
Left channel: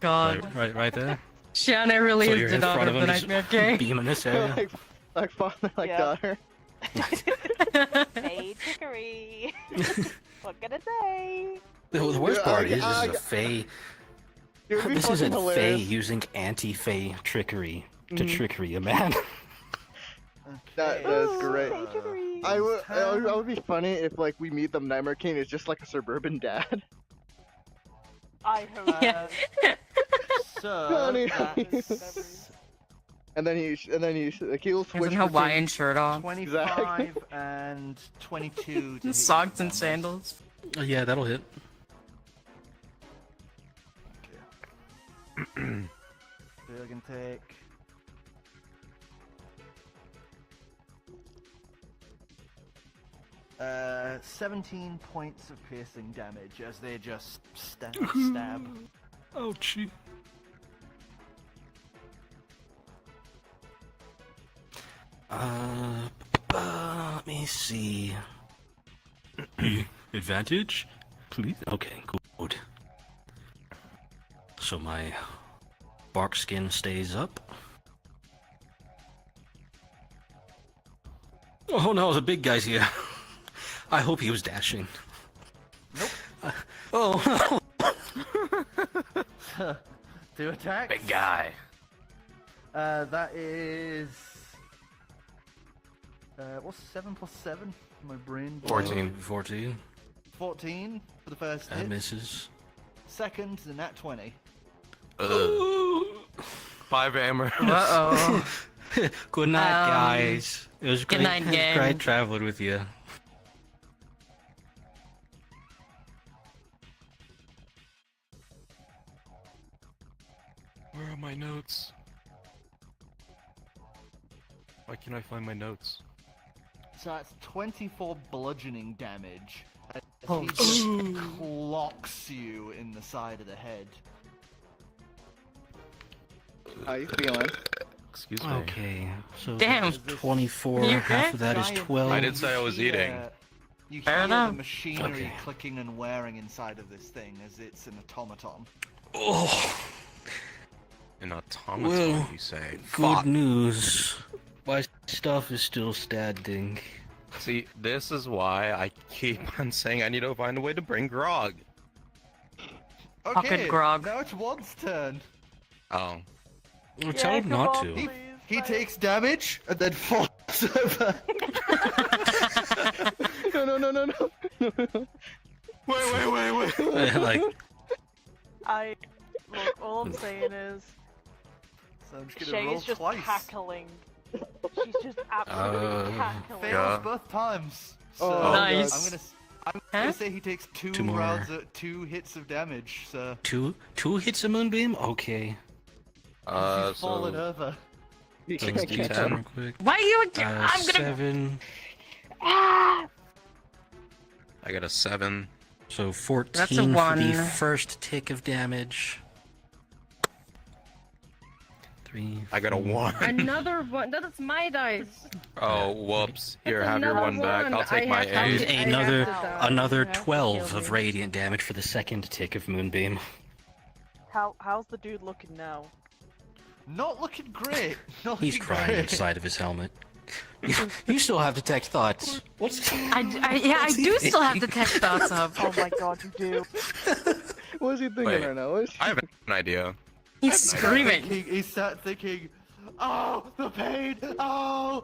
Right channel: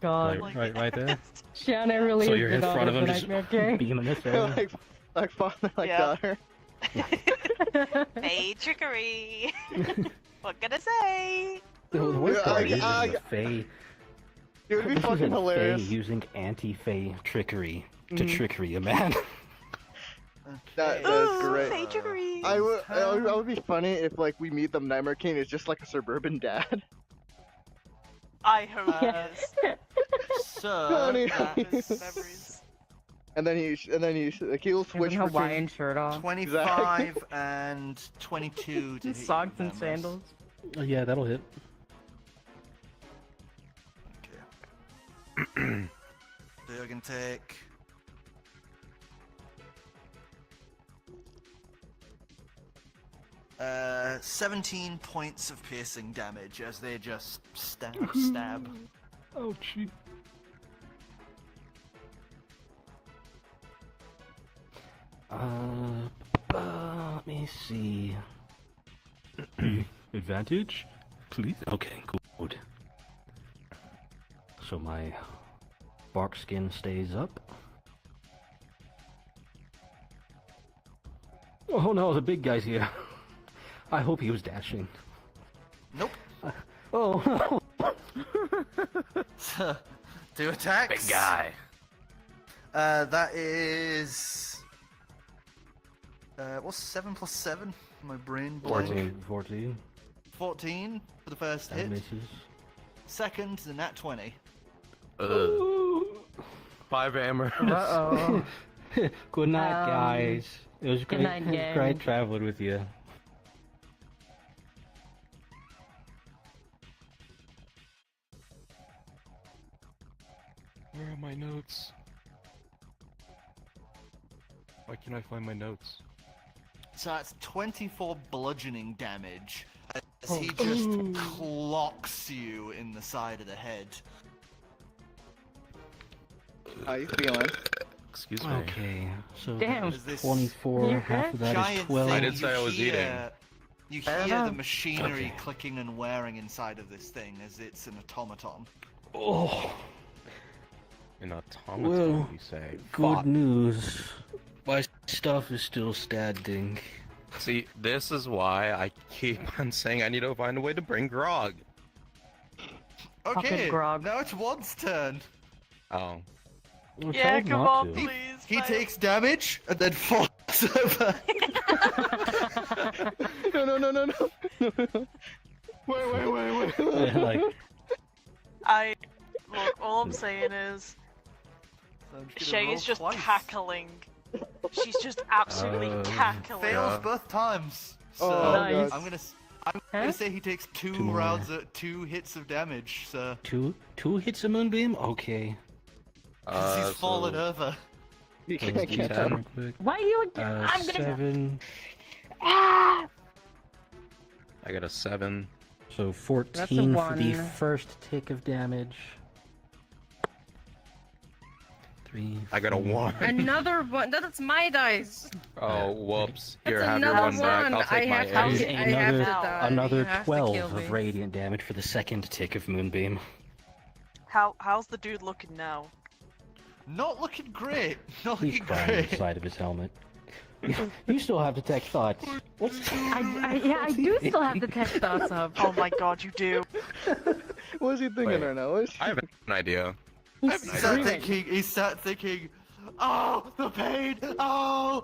God. Right there. Shiana really So is you're the in daughter front of of the him, just Nightmare King. beaming this area. like father, like Yeah. daughter. Fey trickery. What can I say? The worst Yeah, part is I- a Fae. It would be This fucking isn't Fae hilarious. using anti-Fae trickery to trickery a man. That is great. Fey trickery. I would be funny if like we meet the Nightmare King is just like a suburban dad. I hope. Yeah. So Honey. that's Memories. And then he like he'll With switch a between. Hawaiian shirt on. 25 and 22. to hit Socks and damage. sandals. Yeah, that'll hit. They're gonna take 17 points of piercing damage. As they just stab. Ouch. Let me see. Advantage? Please? Okay, good. So my bark skin stays up. Oh no, the big guy's here. I hope he was dashing. Nope. Oh. 2 attacks. Big guy. That is. What's 7 plus 7? My brain. blank. 14. 14 for the first That hit. misses. Second, the nat 20. 5 ammo. Uh-oh. Good night, guys. It was good great, night, gang. great traveling with you. Where are my notes? Why can't I find my notes? So that's 24 bludgeoning damage. As he just clocks you in the side of the head. How you feeling? Excuse me. Okay, so Damn. that was 24, You half of that is Giant 12. I thing didn't say I was you eating. hear You Fair hear the enough. machinery Okay. clicking and wearing inside of this thing as it's an automaton. Oh, An automaton, Well, you say? good Fuck. news. My stuff is still standing. See, this is why I keep on saying I need to find a way to bring grog. Okay, grog. now it's Wad's turn. Oh. Well, tell Yeah, him come not on, to. please. He mate. takes damage and then falls over. No. Wait. Like, Look, all I'm saying is, So I'm just gonna roll Shay's just twice. cackling. She's just absolutely cackling. Fails Yeah. both times. Oh, So Nice. I'm gonna say he takes two Two more. rounds of 2 hits of damage. So Two hits a moonbeam? Okay. he's fallen over. You Let's can't do get that up. real quick. Why are you again? I'm gonna. 7. I got a 7. so 14 That's a for the one. first tick of damage. 3. I got a 1. Another one. That's my dice. Oh, whoops. That's Here, have your another one back. I'll take I my have to- 8. I have Another to die. another You have to 12 kill of me. radiant damage for the Second tick of moonbeam. How's the dude looking now? Not looking great. Not He's looking crying great. inside of his helmet. You still have detect thoughts. I do still have the tech thoughts up. Oh my god, you do. What is he thinking Wait. right now? What is I have an idea. He's I have an screaming. He sat thinking, oh, the pain! Oh,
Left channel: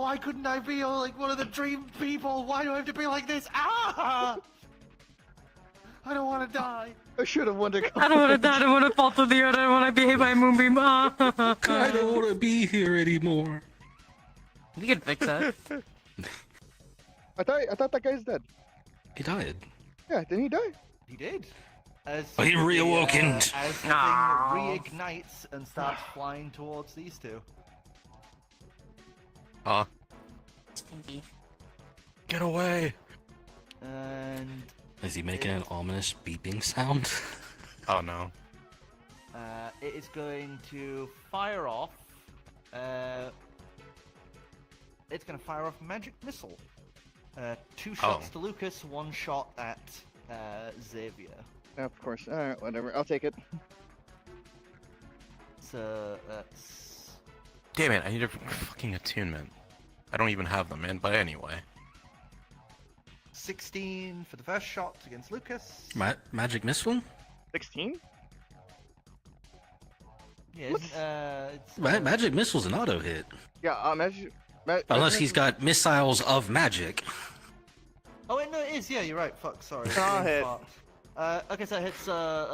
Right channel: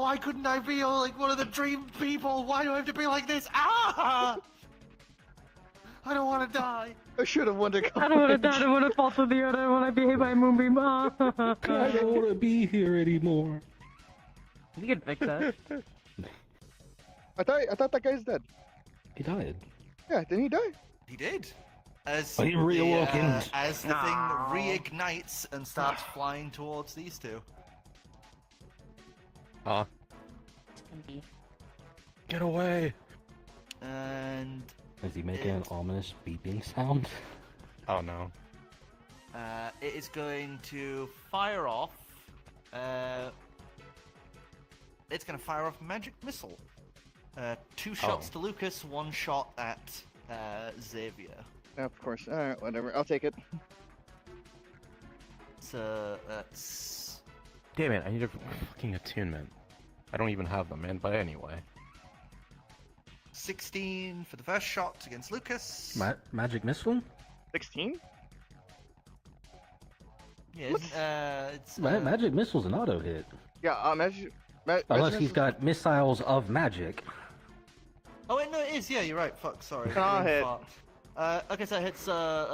why couldn't I be like one of the dream people? Why do I have to be like this? Ah! I don't want to die. I should have won to come. I don't want to die. I don't want to fall to the earth. I don't want to be hit by a moonbeam. I don't want to be here anymore. You can fix that. I thought that guy's dead. He died. Yeah, didn't he die? He did. As He reawakened. As the No. thing reignites and starts flying towards these two. Get away. And Is he making an ominous beeping sound? Oh no. it is going to fire off. It's going to fire off magic missile. 2 shots to Lucas, 1 shot at Xavier. Yeah, of course. Alright, whatever. I'll take it. So that's Damn it, I need a fucking attunement. I don't even have them in, but anyway. 16 for the first shot against Lucas. Magic missile? 16? Yeah, it's Magic missile's an auto hit. Yeah, Unless he's got missiles of magic. Oh wait, no, it is. Yeah, you're right. Fuck, sorry. I'll hit. Okay, so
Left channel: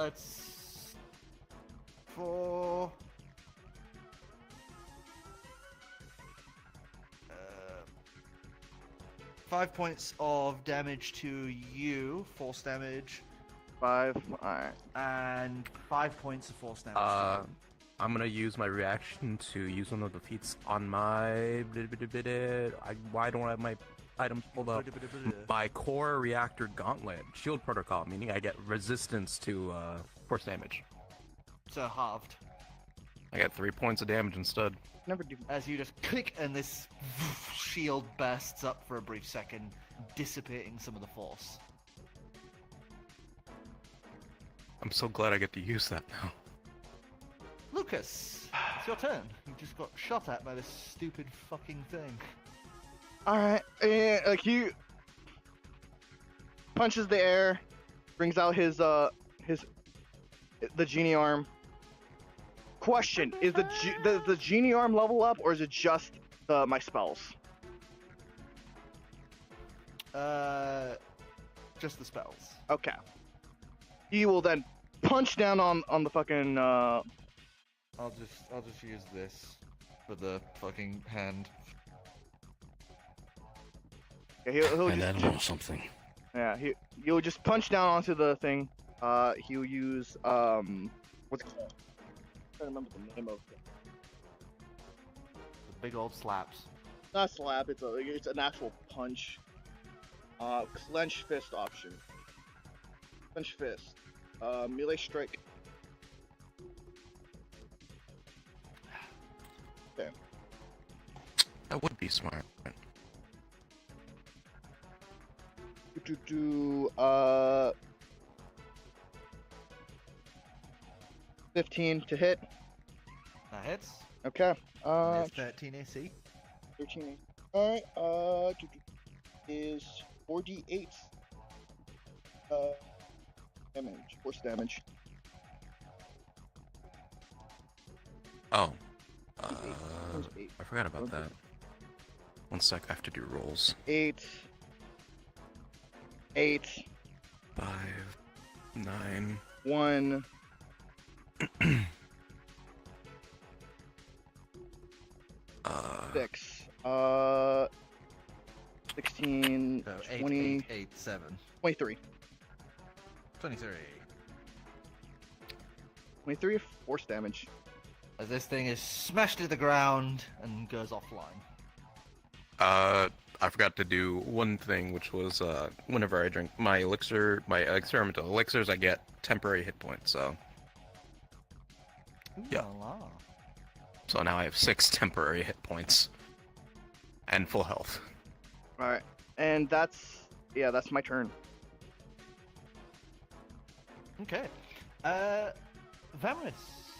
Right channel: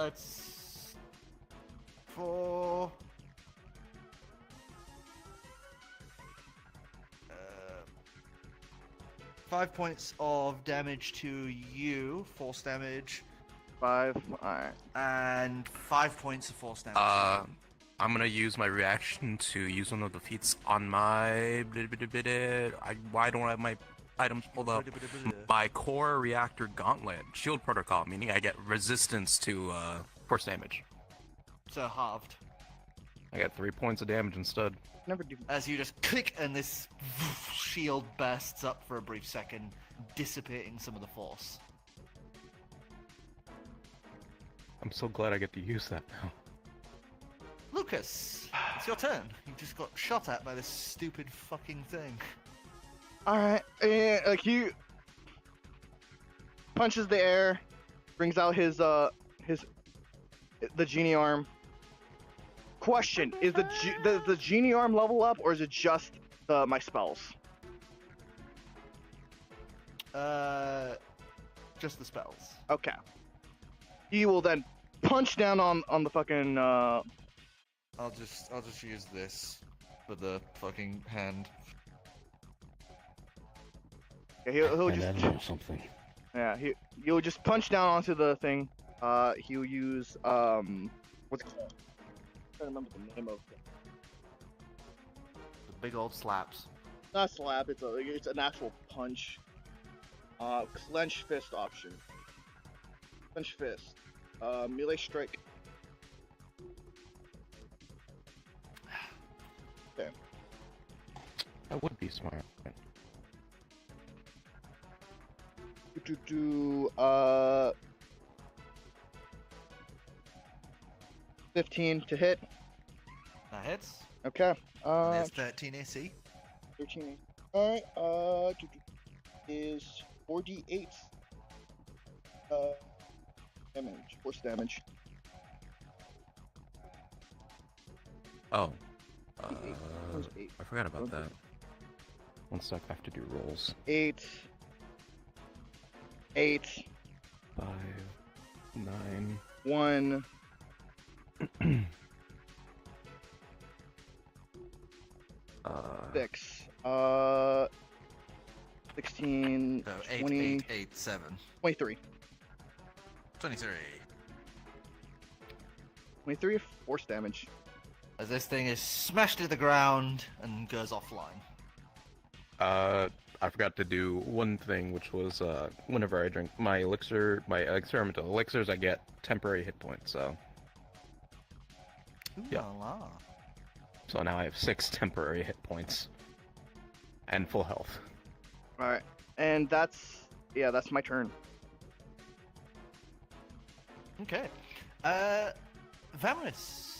it's 4. 5 points of damage to you, force damage, 5. Alright. and 5 points of force damage. I'm gonna use my reaction to use one of the feats on my. Why don't I have my items pulled up? My core reactor gauntlet, shield protocol, meaning I get resistance to force damage. So halved. I got 3 points of damage instead. Never do. As you just click and this shield bursts up for a brief second, dissipating some of the force. I'm so glad I get to use that now. Lucas, it's your turn. You just got shot at by this stupid fucking thing. Alright, and like he punches the air, brings out his the genie arm. Question: is the genie arm level up, or is it just my spells? Just the spells. Okay. He will then punch down on the fucking. I'll just use this for the fucking hand. Yeah, he'll And just. I know something. Yeah, he'll just punch down onto the thing. He'll use what's it called? I'm trying to remember the name of it. The big old slaps. Not slap. It's an actual punch. Clench fist option. Clench fist. Melee strike. Okay. That would be smart. do 15 to hit. That hits. Okay. There's 13 AC. 13. Alright, is 4d8 damage, force damage. Oh. Where's 8? I forgot about that. One sec, I have to do rolls. 8. 5, 9. 1. Uh, 6. 16, So 20, 8, 7. 23. 23. 23 force damage. As this thing is smashed to the ground and goes offline. I forgot to do one thing, which was whenever I drink my elixir, my experimental elixirs, I get temporary hit points. So yeah. So now I have 6 temporary hit points and full health. Alright, and that's my turn. Okay. Vamris.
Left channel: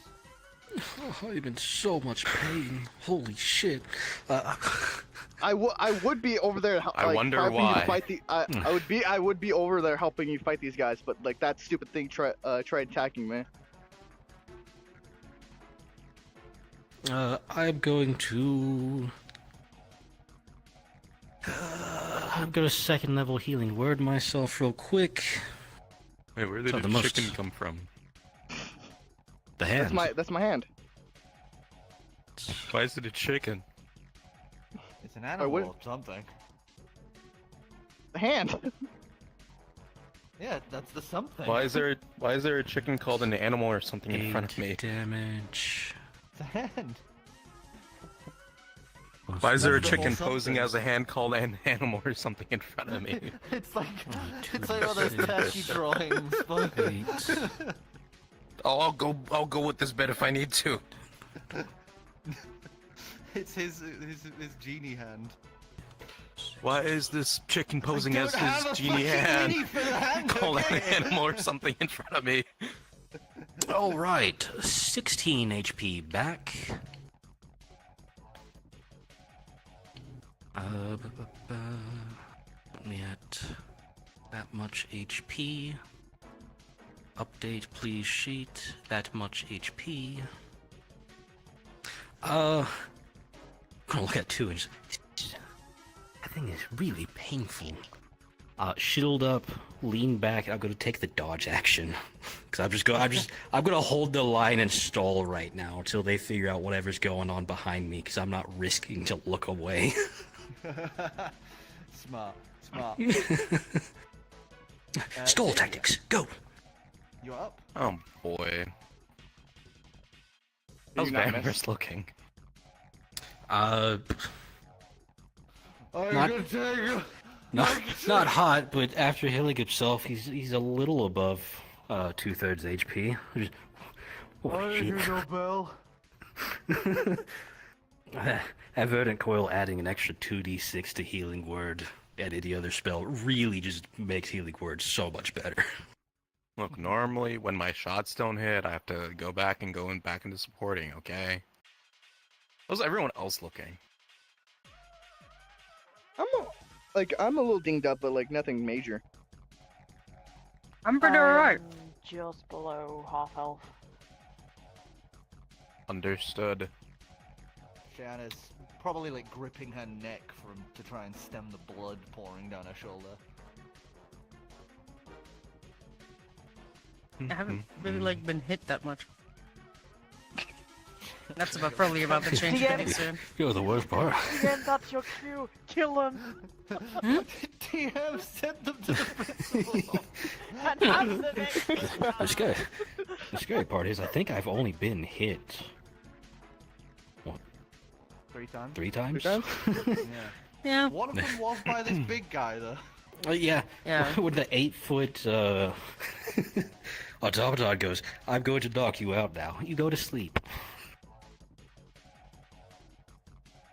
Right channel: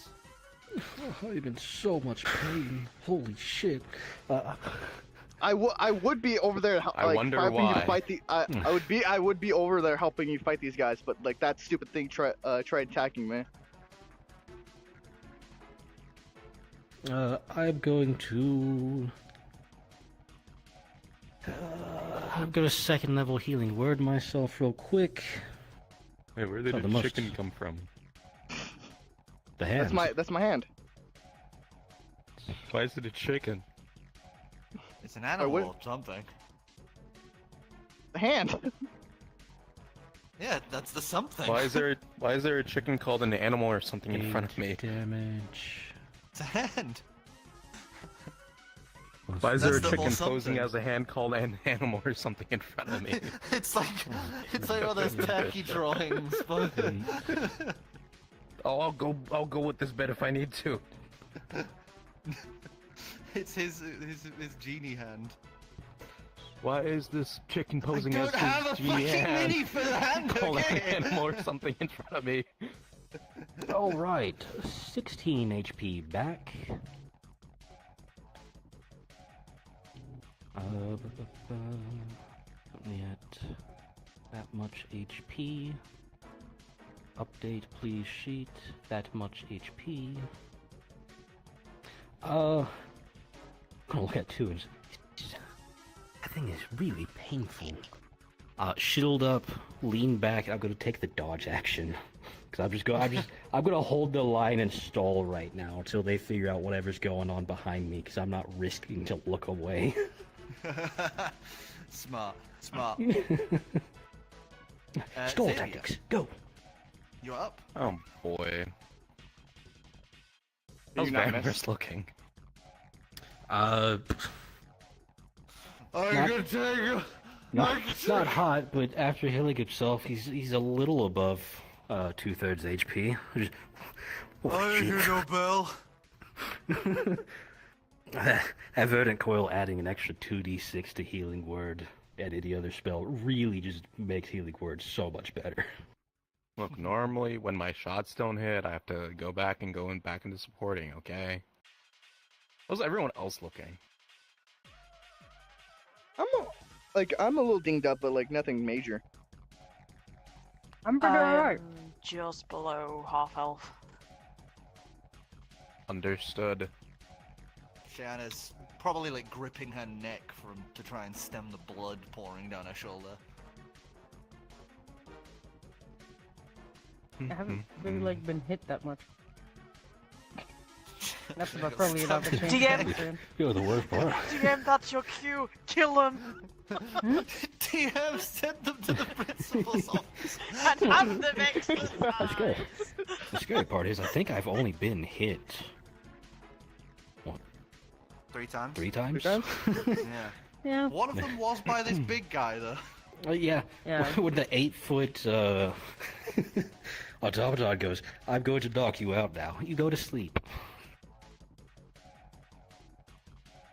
Oh, I'm in so much pain. Holy shit. I would be over there I wonder helping you why. fight the I would be over there helping you fight these guys, but like that stupid thing tried attacking me. I'm going to... I'll go a second level healing word myself real quick. Wait, where did So the the chicken most- come from? The hand. That's my hand. Why is it a chicken? It's an animal what- or something. The hand. Yeah, that's the something. Why is there a chicken called an animal or something in front of me? Damage. It's a hand. Why is there a That's the whole chicken posing something. as a hand called an animal or something in front of me? It's like one of those tacky drawings. But... Oh, I'll go with this bed if I need to. It's his genie hand. Why is this chicken posing I as don't have his a genie fucking hand? mini for the hand, Called okay? an animal or something in front of me. Alright, 16 HP back. Only at that much HP. Update please sheet, that much HP. I'm gonna look at 2 and that thing is really painful. Shield up, lean back, I'm gonna take the dodge action. Cause I'm gonna hold the line and stall right now until they figure out whatever's going on behind me, cause I'm not risking to look away. Smart. Stall Xavier, tactics, go! You're up. Oh boy. You How's not Vamris miss? looking? Not hot, but after healing himself, he's a little above 2/3 HP. Oh, shit. Bell. That Verdant Coil adding an extra 2d6 to Healing Word and any other spell really just makes Healing Word so much better. Look, normally when my shots don't hit, I have to go back into supporting, okay? How's everyone else looking? I'm a little dinged up, but like nothing major. I'm pretty alright. Just below half health. Understood. Shanna's probably like gripping her neck to try and stem the blood pouring down her shoulder. I haven't really been hit that much. That's probably about the change DM. of soon. You're the worst part. DM, that's your cue. Kill him. DM sent them to the principal's office. And hand them it. The scary part is I think I've only been hit 3 times. 3 times? 3 times? Yeah. Yeah. One of them was by this big guy though. Yeah. Yeah. With the 8-foot automaton goes, I'm going to knock you out now. You go to sleep.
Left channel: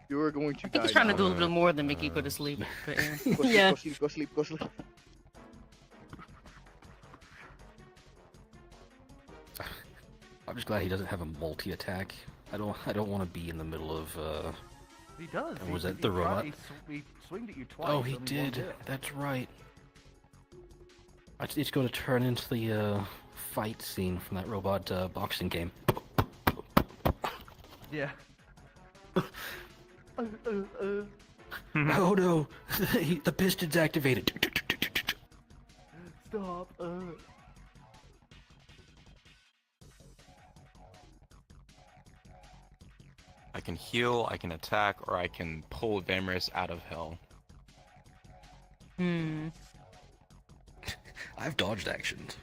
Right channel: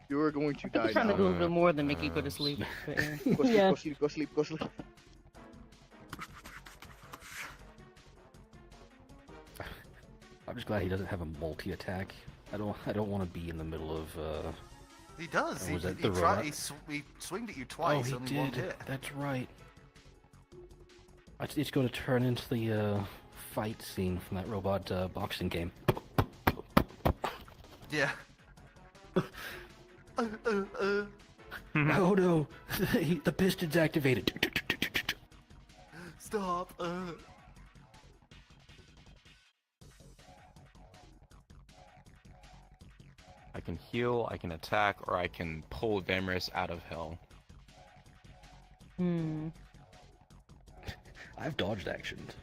You are going to I think die he's trying now. to do a little more than make you go to sleep. But, yeah. Go sleep. I'm just glad he doesn't have a multi-attack. I don't want to be in the middle of. He does. Was that he, the tried- robot? he swinged at you twice. Oh, he only one did. hit. That's right. It's going to turn into the fight scene from that robot boxing game. Yeah. Oh no! The piston's activated. Stop. I can heal, I can attack, or I can pull Vamris out of hell. I've dodged actions.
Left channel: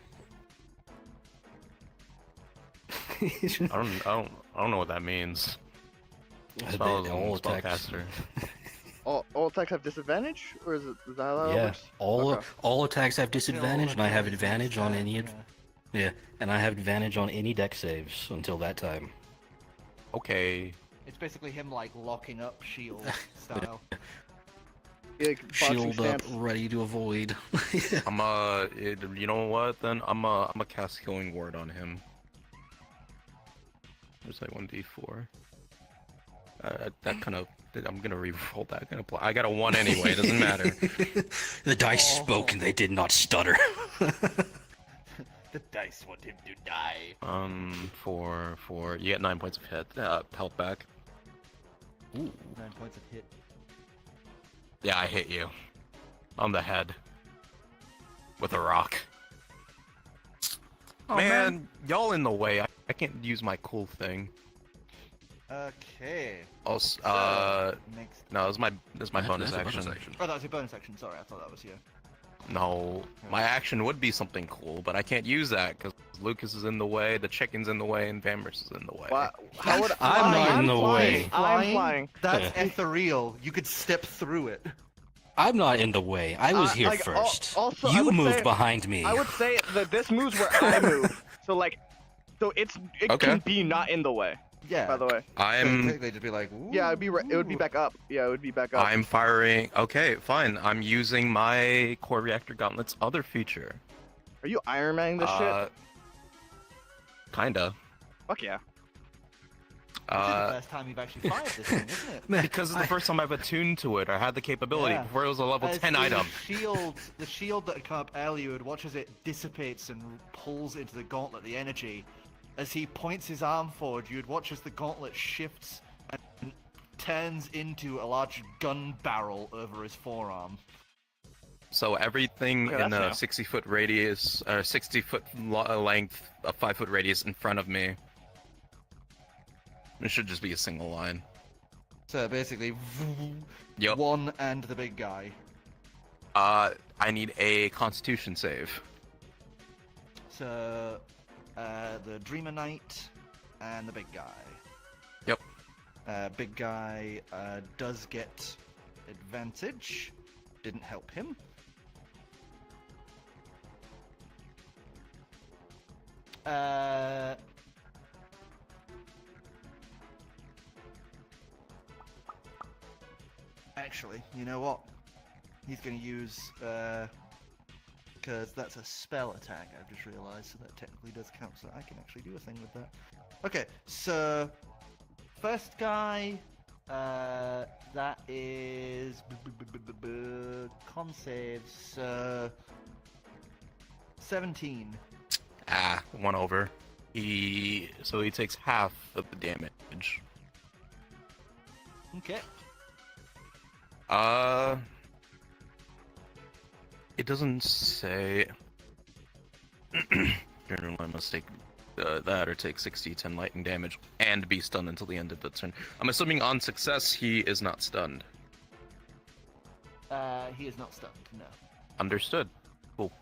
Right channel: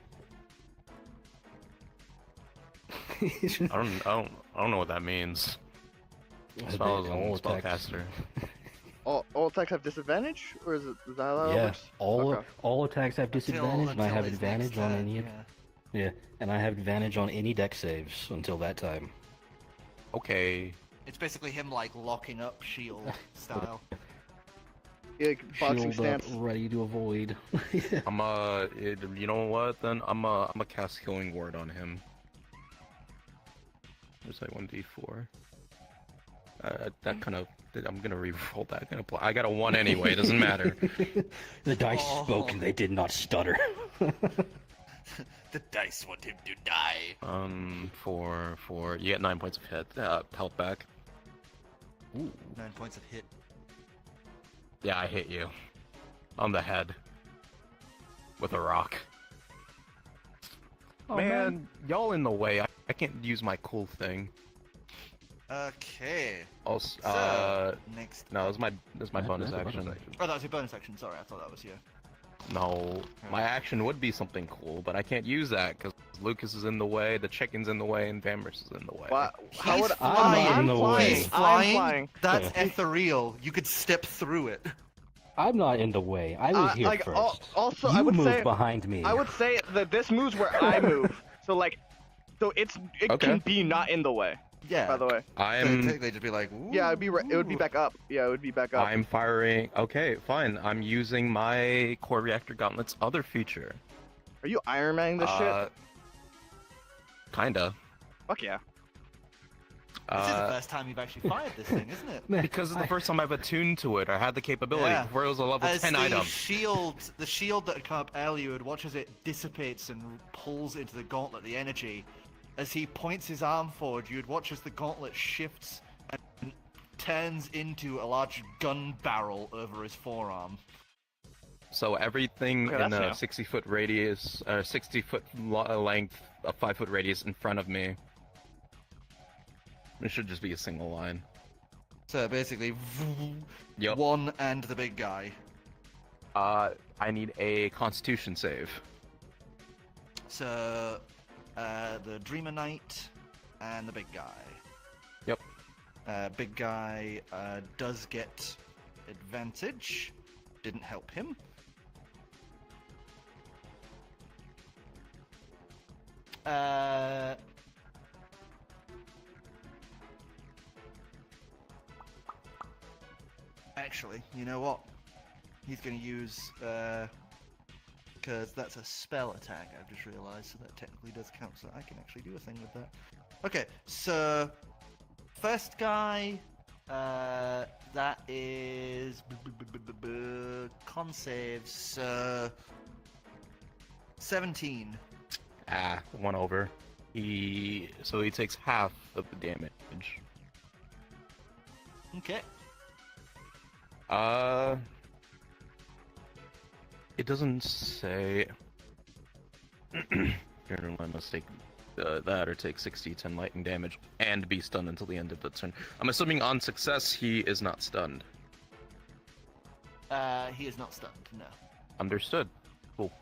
I don't know what that means. Spellcaster. All attacks have disadvantage, or is that how that Yeah, works? all Okay. all attacks have disadvantage, and I have Until his advantage next on turn, any. Yeah, and I have advantage on any deck saves until that time. Okay. It's basically him like locking up shield style. Yeah, like boxing Shield up, stance. ready to avoid. You know what? Then I'm a cast Healing Word on him. There's like 1d4. That kind of. I'm gonna re-roll that. I got a 1 anyway. It doesn't matter. The dice spoke, and they did not stutter. The dice want him to die. For you get 9 points of hit. Health back. Ooh. 9 points of hit. Yeah, I hit you. On the head. With a rock. Man, y'all in the way. I can't use my cool thing. Okay. Also, Next. no, this is my bonus action. Oh, that was your bonus action. Sorry, I thought that was you. No, my action would be something cool, but I can't use that because Lucas is in the way, the chicken's in the way, and Vamris is in the way. Why, how would I'm in the way. I'm flying. That's ethereal. You could step through it. I'm not in the way. I was here like, first. also, you I would moved say, behind me. I would say that this moves where I move. So it Okay. can be not in the way. Yeah. By the way. Technically, to be like, ooh. Yeah, it would be back up. Yeah, it would be back up. I'm firing. Okay, fine. I'm using my Core Reactor Gauntlet's other feature. Are you Iron Manning this shit? Kinda. Fuck yeah. This is the first time you've actually fired this thing, isn't it? Because it's the first time I've attuned to it. I had the capability Yeah. before it was a level As 10 the item. the shield that had come up earlier, you would watch as it dissipates and pulls into the gauntlet the energy. As he points his arm forward, you would watch as the gauntlet shifts and turns into a large gun barrel over his forearm. So everything Okay, in that's a new. 60-foot radius, 60-foot length, a 5-foot radius in front of me. It should just be a single line. So basically, Yep. one and the big guy. I need a Constitution save. So, the Dreamer Knight and the big guy. Yep. Big guy does get advantage. Didn't help him. Actually, you know what? He's going to use, because that's a spell attack, I've just realised, so that technically does count, so I can actually do a thing with that. Okay, so, first guy, that is, con saves, 17. One over. So he takes half of the damage. Okay. It doesn't say. I must take that or take 60-10 lightning damage and be stunned until the end of the turn. I'm assuming on success he is not stunned. He is not stunned, no. Understood. Cool.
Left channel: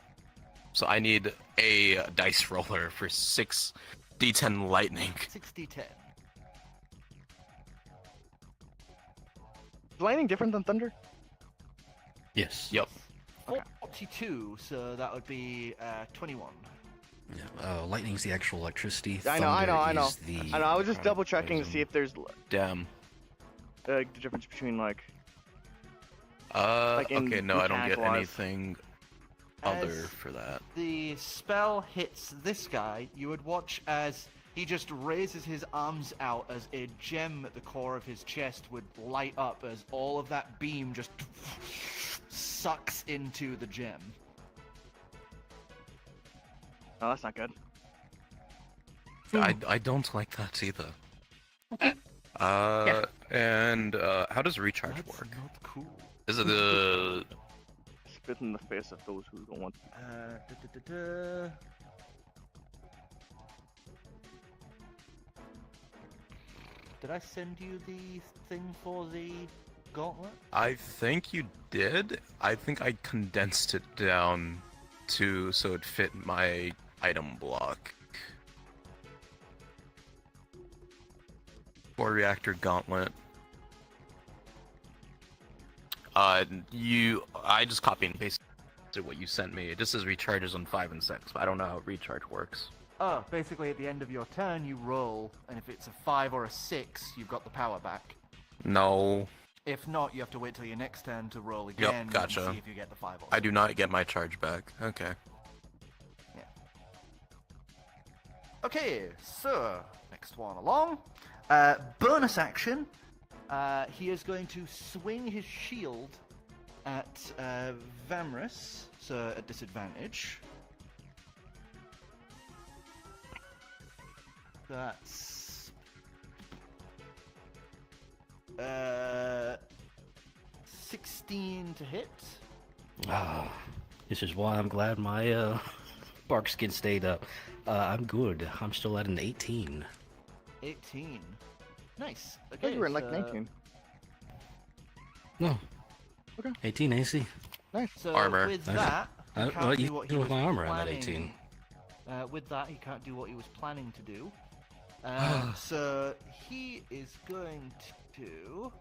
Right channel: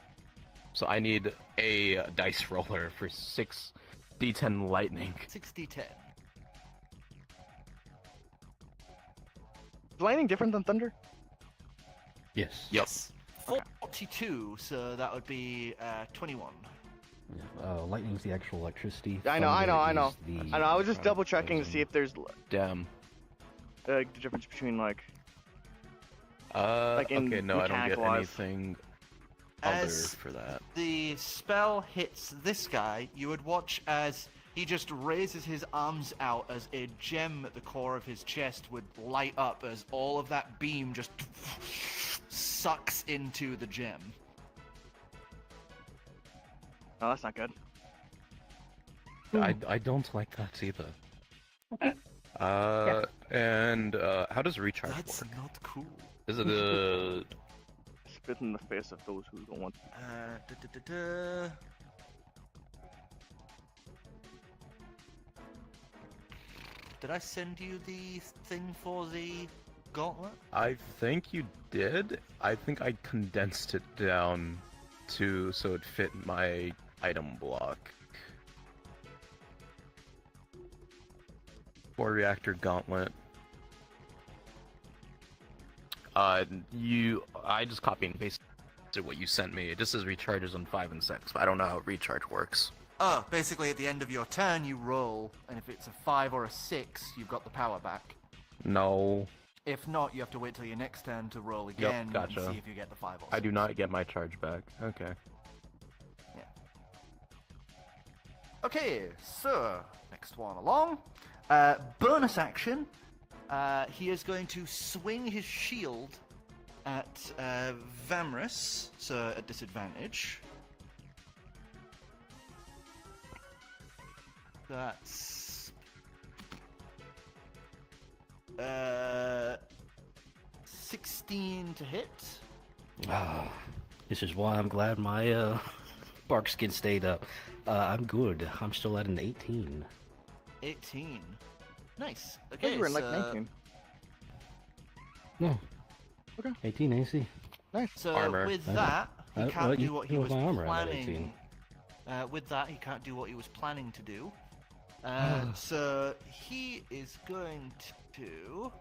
So I need a dice roller for 6d10 lightning. 60-10. Is lightning different than thunder? Yes. Yep. 42, so that would be 21. Yeah, lightning's the actual electricity. I know. Thunder is the- I know. I was just double checking to see if there's Damn. the difference between like in Okay, no, I don't get mechanical-wise. anything other As for that. the spell hits this guy, you would watch as He just raises his arms out as a gem at the core of his chest would light up as all of that beam just sucks into the gem. Oh, that's not good. I don't like that either. And how does recharge That's work? not cool. Is it a... Spit in the face of those who don't want to. Did I send you the thing for the gauntlet? I think you did. I think I condensed it down to so it fit my item block. Core reactor gauntlet. I just copy and pasted what you sent me. It just says recharges on 5 and 6, but I don't know how recharge works. Basically at the end of your turn you roll, and if it's a 5 or a 6, you've got the power back. No. If not, you have to wait till your next turn to roll again gotcha. and see if you get the 5 or 6. I do not get my charge back. Okay. Yeah. Okay, so, next one along. Bonus action. He is going to swing his shield at Vamris, so at disadvantage. That's 16 to hit. Ah, this is why I'm glad my bark skin stayed up. I'm good. I'm still at an 18. 18. Nice. I thought you were in like 19. No. Okay. 18 AC. Nice. So Armor. with that, he Well, can't you do what he killed was my armor at planning. 18. With that, he can't do what he was planning to do. So he is going to.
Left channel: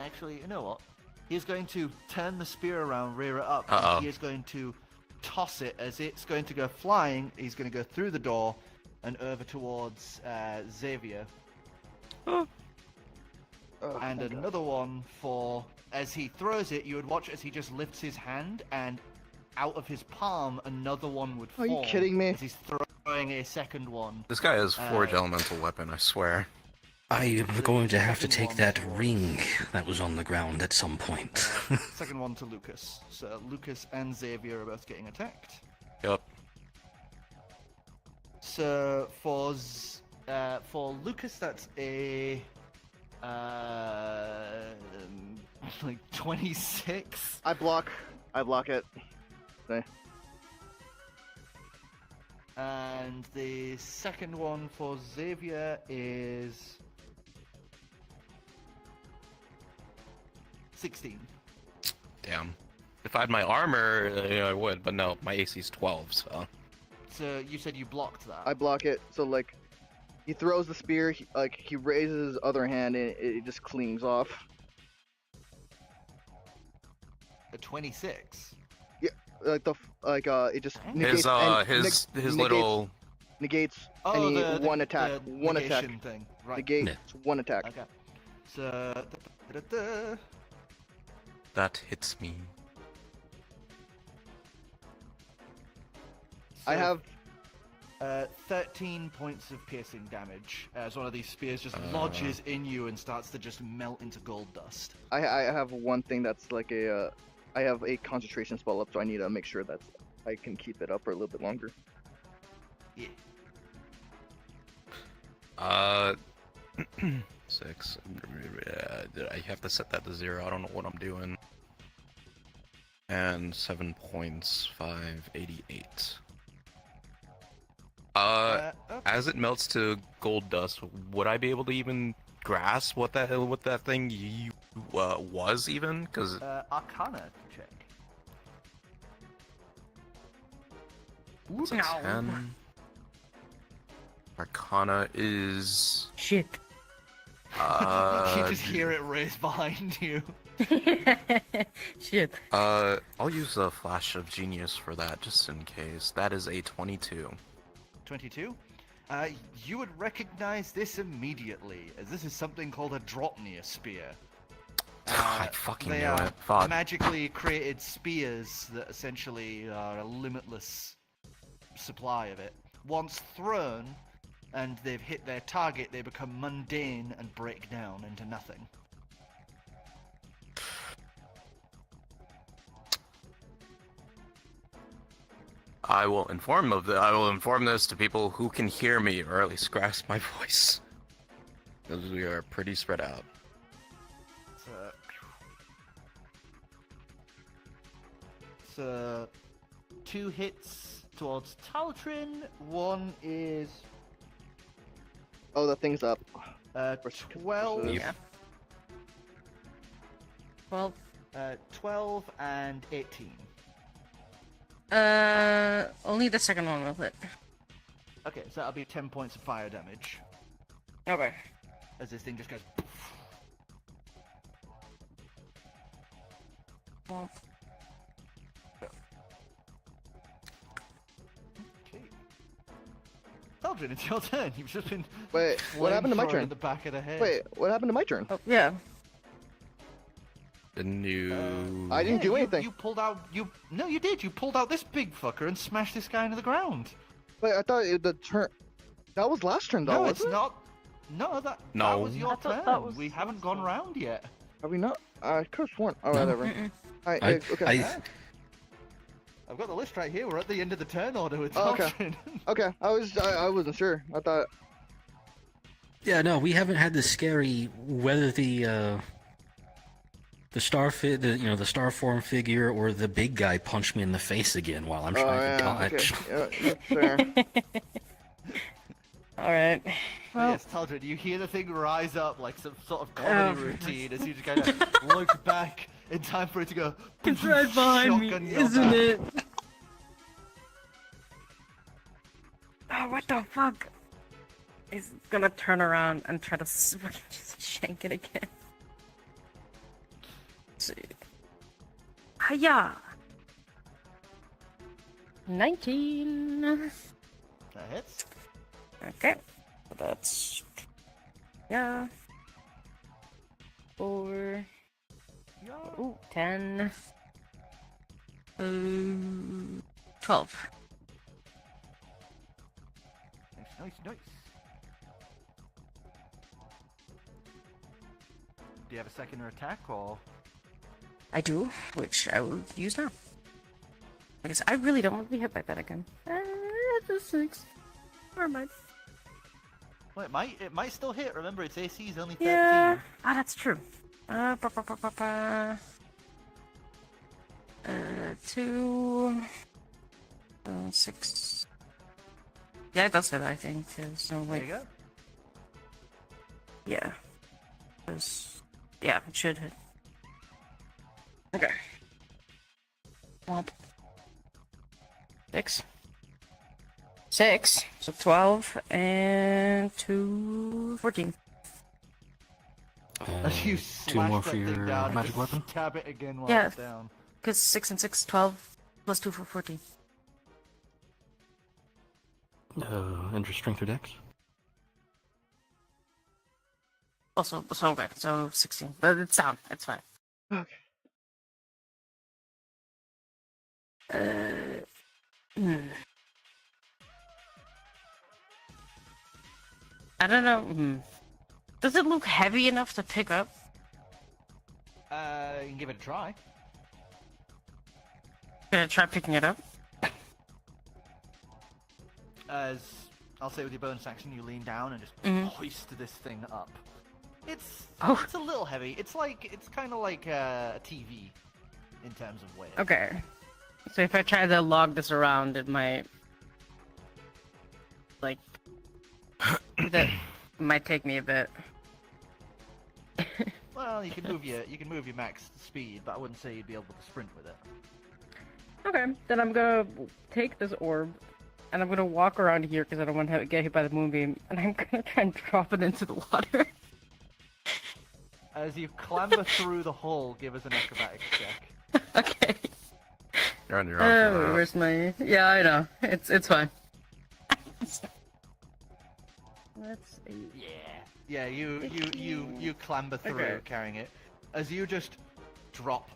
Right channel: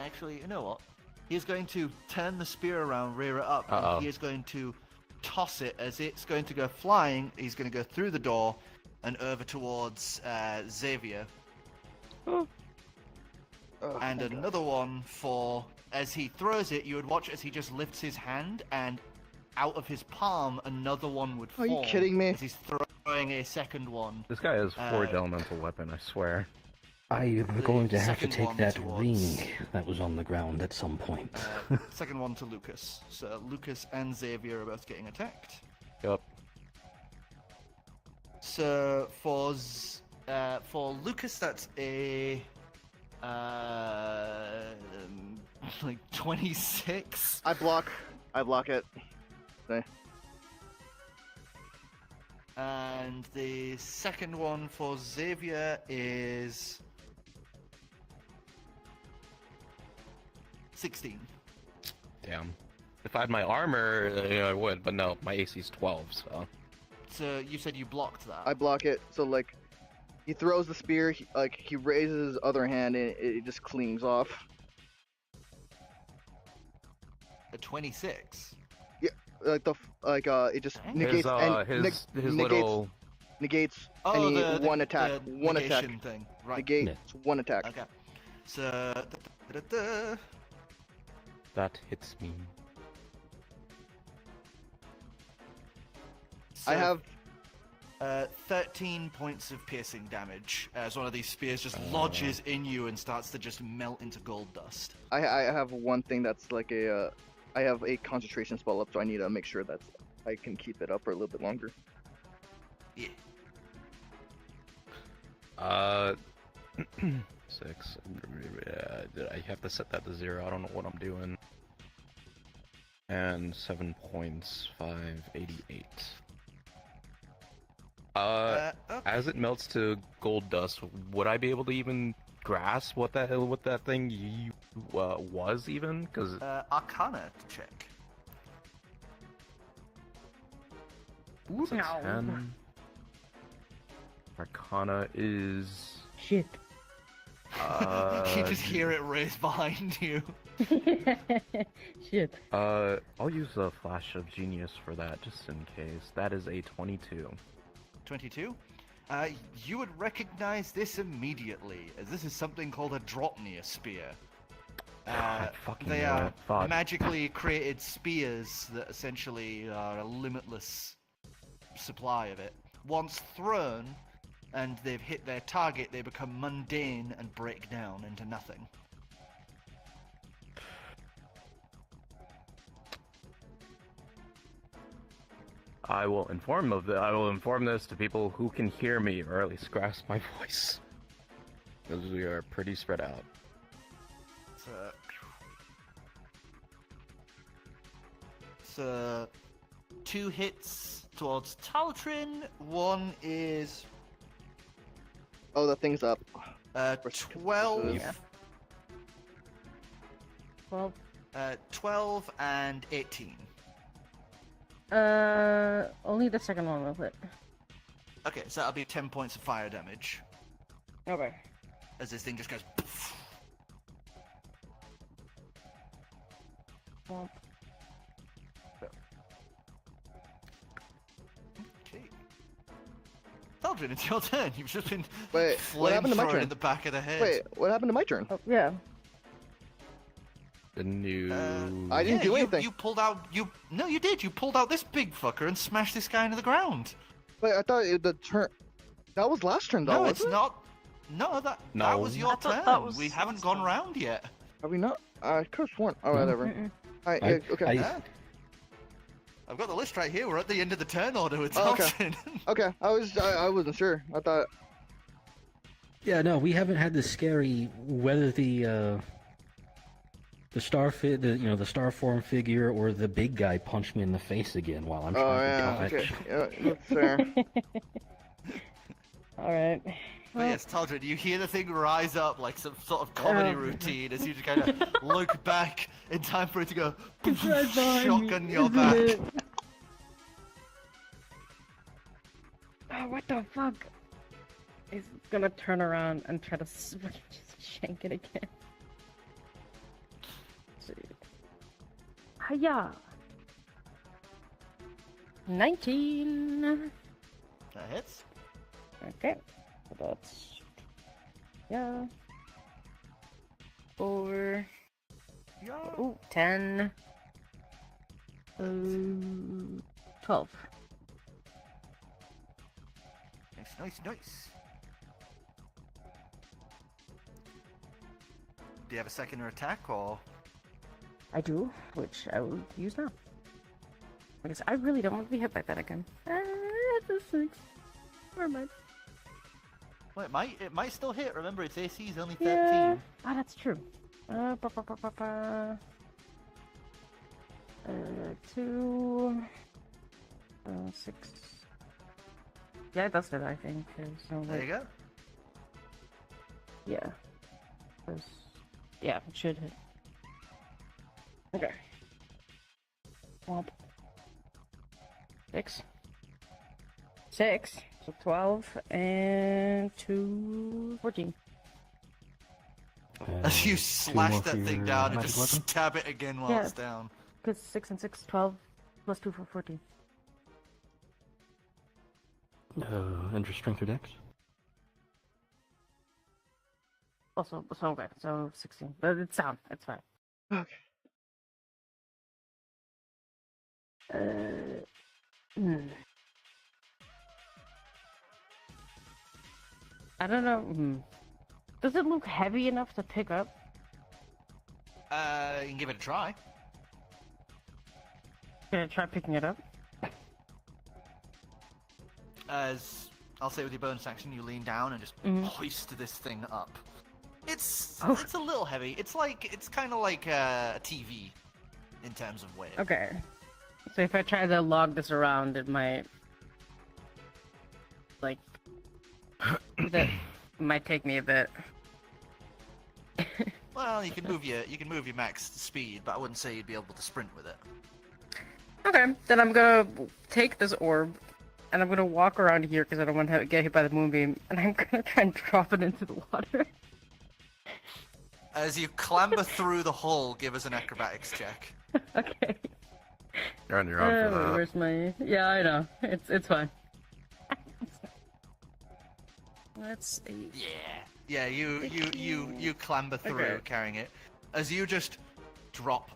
Actually, you know what? He's going to turn the spear around, rear it up, and he is going to toss it as it's going to go flying. He's going to go through the door and over towards Xavier. And another one for, as he throws it, you would watch as he just lifts his hand, and out of his palm, another one would fall. Are you kidding me? As he's throwing a second one. This guy has Forge Elemental Weapon, I swear. I am going to have to second take one that towards- ring that was on the ground at some point. Second one to Lucas. So Lucas and Xavier are both getting attacked. Yep. So for Lucas, that's a like 26. I block it. Okay. And the second one for Xavier is 16. Damn. If I had my armor, I would, but no, my AC's 12, so... So you said you blocked that. I block it. So like, he throws the spear. He raises his other hand and it just clings off. A 26. Yeah, it just negates His little... negates Oh, any the one attack. the One attack. negation thing. Right. Negates one attack. Okay. So That hits me. I have 13 points of piercing damage as one of these spears just lodges in you and starts to just melt into gold dust. I have one thing that's like a I have a concentration spell up, so I need to make sure that I can keep it up for a little bit longer. Yeah. 6. I have to set that to 0. I don't know what I'm doing. And 7 points. 588. Okay. As it melts to gold dust, would I be able to even grasp what that thing was even? Because Arcana check. it's a 10. Arcana is Shit. You just hear it race behind you. Shit. I'll use a flash of genius for that just in case. That is a 22. 22. You would recognize this immediately, as this is something called a Dropnir spear. I fucking They knew are it. Fuck. magically created spears that essentially are a limitless supply of it. Once thrown and they've hit their target, they become mundane and break down into nothing. I will inform this to people who can hear me, or at least grasp my voice. Because we are pretty spread out. So, 2 hits towards Taltrin. 1 is Oh, that thing's up. 12. Yeah. 12. 12 and 18. Only the second one will hit. Okay, so that'll be 10 points of fire damage. Okay. As this thing just goes. Poof. Well, Taltrin, it's your turn. You've just been. Wait, what happened to my flamethrowered turn? In the back of the head. Wait, what happened to my turn? oh, yeah. Didn't you? I didn't do anything. You pulled out. No, you did. You pulled out this big fucker and smashed this guy into the ground. Wait, I thought the turn. That was last turn, though, No, wasn't it's it? not. No, that No. was your I thought turn. that was We haven't his gone turn. round yet. Are we not? I could have sworn. Oh, whatever. Alright, yeah, okay. I've got the list right here. We're at the end of the turn order with Oh, okay. Taltrin. Okay, I wasn't sure. I thought. Yeah, no, we haven't had the scary whether the the star form figure or the big guy punch me in the face again while I'm Oh trying yeah, to dodge. okay. Yeah, that's fair. Alright. Oh, yes, Taltrin, you hear the thing rise up like some sort of comedy routine as you just kind of look back in time for it to go. It's right behind me, shotgun your isn't back. it? Oh, what the fuck? He's gonna turn around and try to shank it again. Let's see. Hiya! 19! That hits. Okay. So that's... Yeah. 4... Ooh, 10... 12. Nice. Do you have a second attack, or...? I do, which I will use now. Because I really don't want to be hit by that again. That's a 6. Never mind. Well, it might still hit. Remember, its AC is only 13. Yeah. Ah, that's true. 2... 6... Yeah, it does hit, I think. So, There wait. you go. Yeah. Yeah, it should hit. Okay. Womp. 6. 6. So 12 and 2... 14. As you 2 slash more that for thing your down and magic just weapon. stab it again while Yeah. it's down. Because 6 and 6, 12 plus 2 for 14. Enter strength or dex. Also, so back, so 16. But it's down, it's fine. Okay. I don't know. Does it look heavy enough to pick up? You can give it a try. Gonna try picking it up. As I'll say with your bonus action, you lean down and just Mhm. hoist this thing up. It's Oh. it's a little heavy. It's kind of like a TV in terms of weight. Okay. So if I try to log this around, it might... Like... that might take me a bit. Well, you can move your max speed, but I wouldn't say you'd be able to sprint with it. Okay, then I'm gonna take this orb, and I'm gonna walk around here because I don't want to get hit by the moonbeam, and I'm gonna try and drop it into the water. As you clamber through the hole, give us an acrobatics check. Okay. You're on your own for that. Where's my... Yeah, I know. It's fine. Let's see. Yeah, you clamber through Okay. carrying it. as you just drop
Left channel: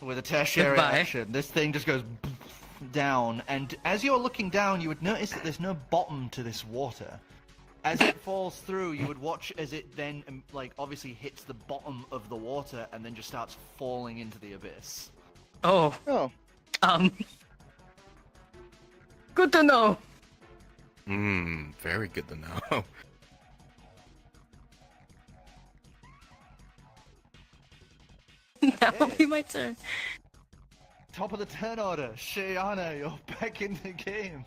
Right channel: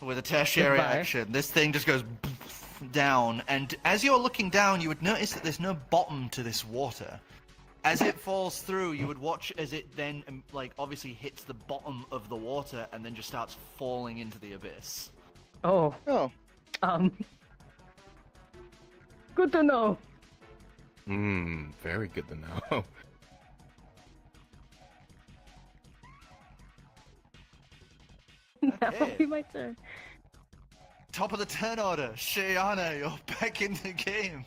with a tertiary Goodbye. action, this thing just goes down, and as you're looking down, you would notice that there's no bottom to this water. As it falls through, you would watch as it then, like, obviously hits the bottom of the water and then just starts falling into the abyss. Oh. Oh. Good to know. Very good to know. That will be my turn. Top of the turn order, Shayana, you're back in the game.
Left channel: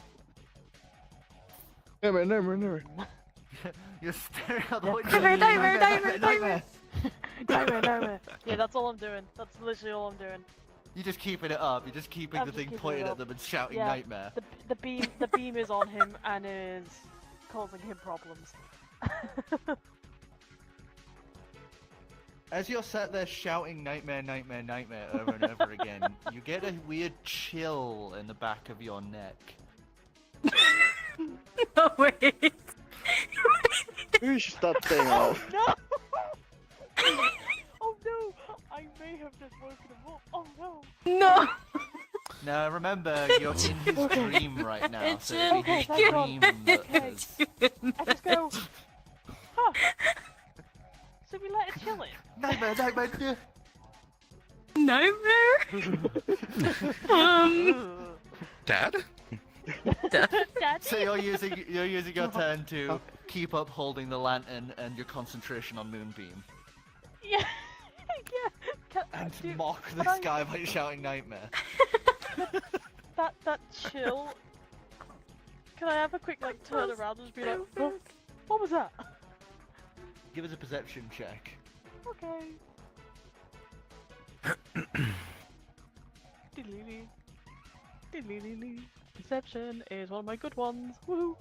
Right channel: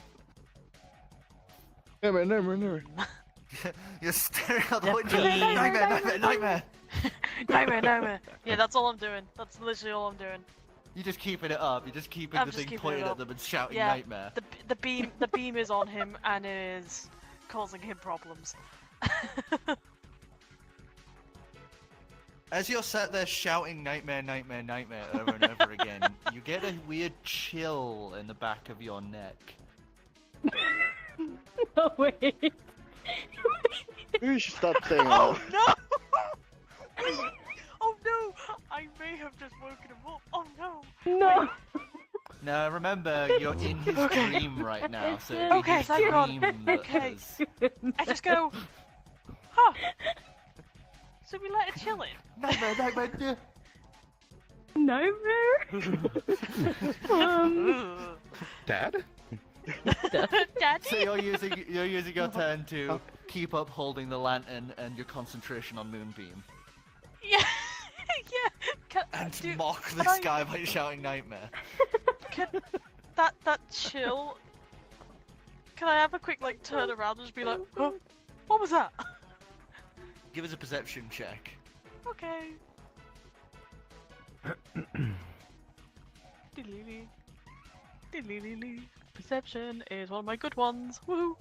Never. You're staring out the Yep. window. Nightmare. Yeah, that's all I'm doing. That's literally all I'm doing. You're just keeping it up. You're just keeping I'm the just thing keeping pointed it at up. them and shouting Yeah, nightmare. The beam is on him and is causing him problems. As you're sat there shouting nightmare over and over again, you get a weird chill in the back of your neck. No, wait. Maybe you should stop saying that. No! Oh no! I may have just woken him up. Oh no! No. Now remember, you're in his dream right now, so it'd be Okay, his thank God. dream that has... I just go. Huh. So we let it chill in. Nightmare. Nightmare? Dad? Daddy? So you're using your turn to keep up holding the lantern and your concentration on Moonbeam. Yeah. Yeah. And Dude, mock can this I- guy by shouting nightmare. That chill. Can I have a quick like turn around and just be like, oh, what was that? Give us a perception check. Okay. Diddly-lee. Perception is one of my good ones. Woo!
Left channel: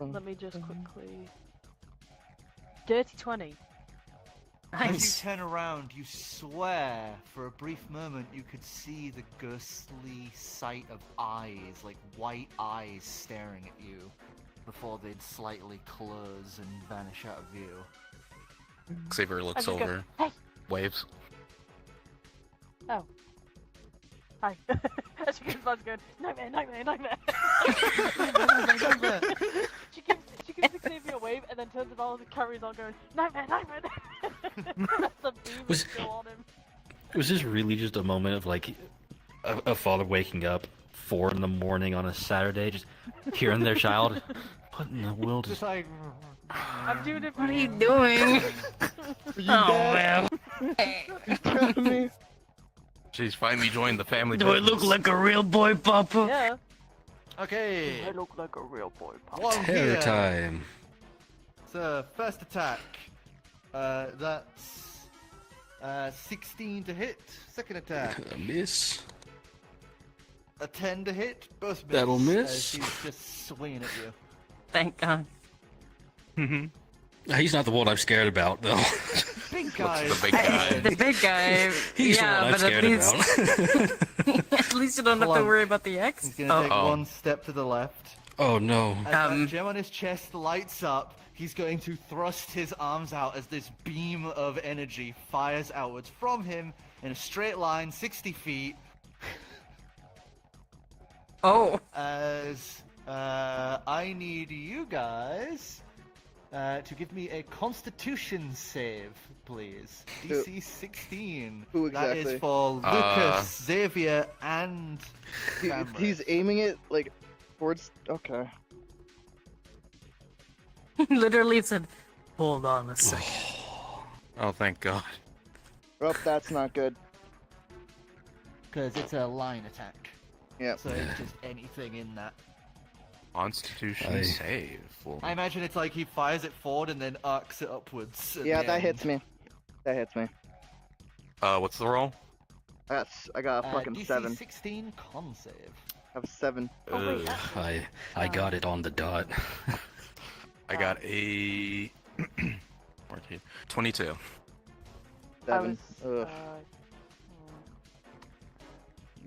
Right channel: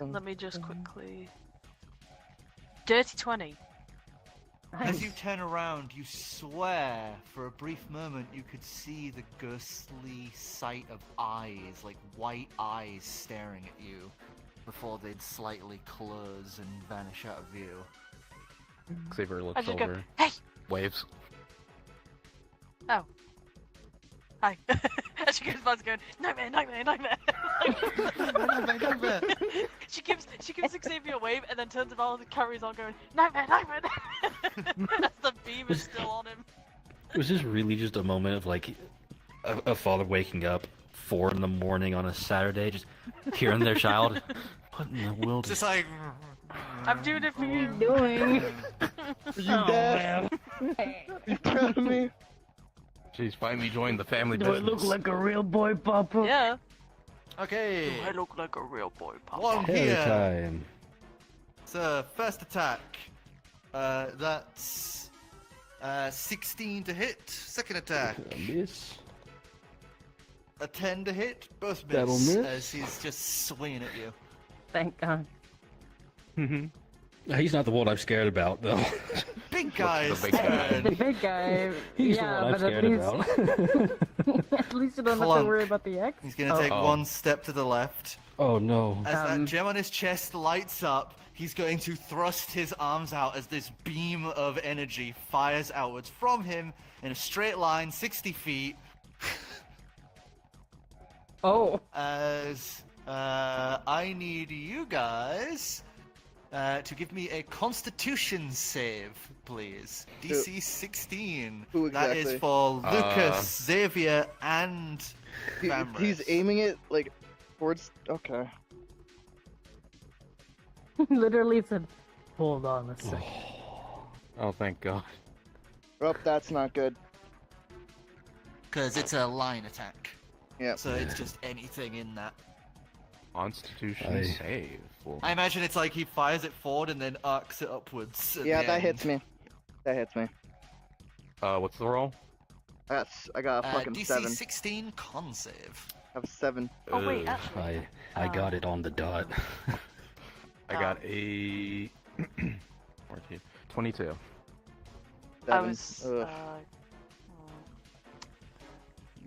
Let me just quickly. Dirty 20. As you turn around, you swear for a brief moment you could see the ghostly sight of eyes, like white eyes staring at you, before they'd slightly close and vanish out of view. Xavier I looks just go, over. hey! Waves. Oh. Hi. As she goes by going, nightmare. Nightmare. She gives Xavier a wave and then turns around and carries on going, nightmare. The beam is still on him. Was this really just a moment of like a father waking up 4 a.m. on a Saturday, just hearing their child? What in the world? Just like. I'm doing it for What are you you. doing? Are you dead? You proud of me? She's finally joined the family. Do I look business. like a real boy, Papa? Yeah. Okay, I look like a real boy, Papa. one Terror here. time. So, first attack. That's 16 to hit. Second attack. Miss. A 10 to hit. Both miss. That'll miss. As he's just swinging at you. Thank God. He's not the one I'm scared about, though. Big guy. The big guy. The big guy. He's yeah, the one I'm but scared at least you don't have to Plump. worry about the X. He's gonna take Oh. one step to the left. Oh no. As that gem on his chest lights up, he's going to thrust his arms out as this beam of energy fires outwards from him in a straight line, 60 feet, Oh. as I need you guys to give me a Constitution save, please. DC 16. Who That exactly? is for Lucas, Xavier, and He's aiming it like towards. Okay. Literally said, hold on a second. Oh, thank God. Oh, that's not good. because it's a line attack. Yeah. So it's just anything in that. Constitution I- save. For... I imagine it's like he fires it forward and then arcs it upwards. at Yeah, the that end. hits me. That hits me. What's the roll? I got a fucking DC 7. 16 con save. I have a 7. Oh wait, Ugh. actually. I got it on the dot. I got a 22. 7. Was, Ugh.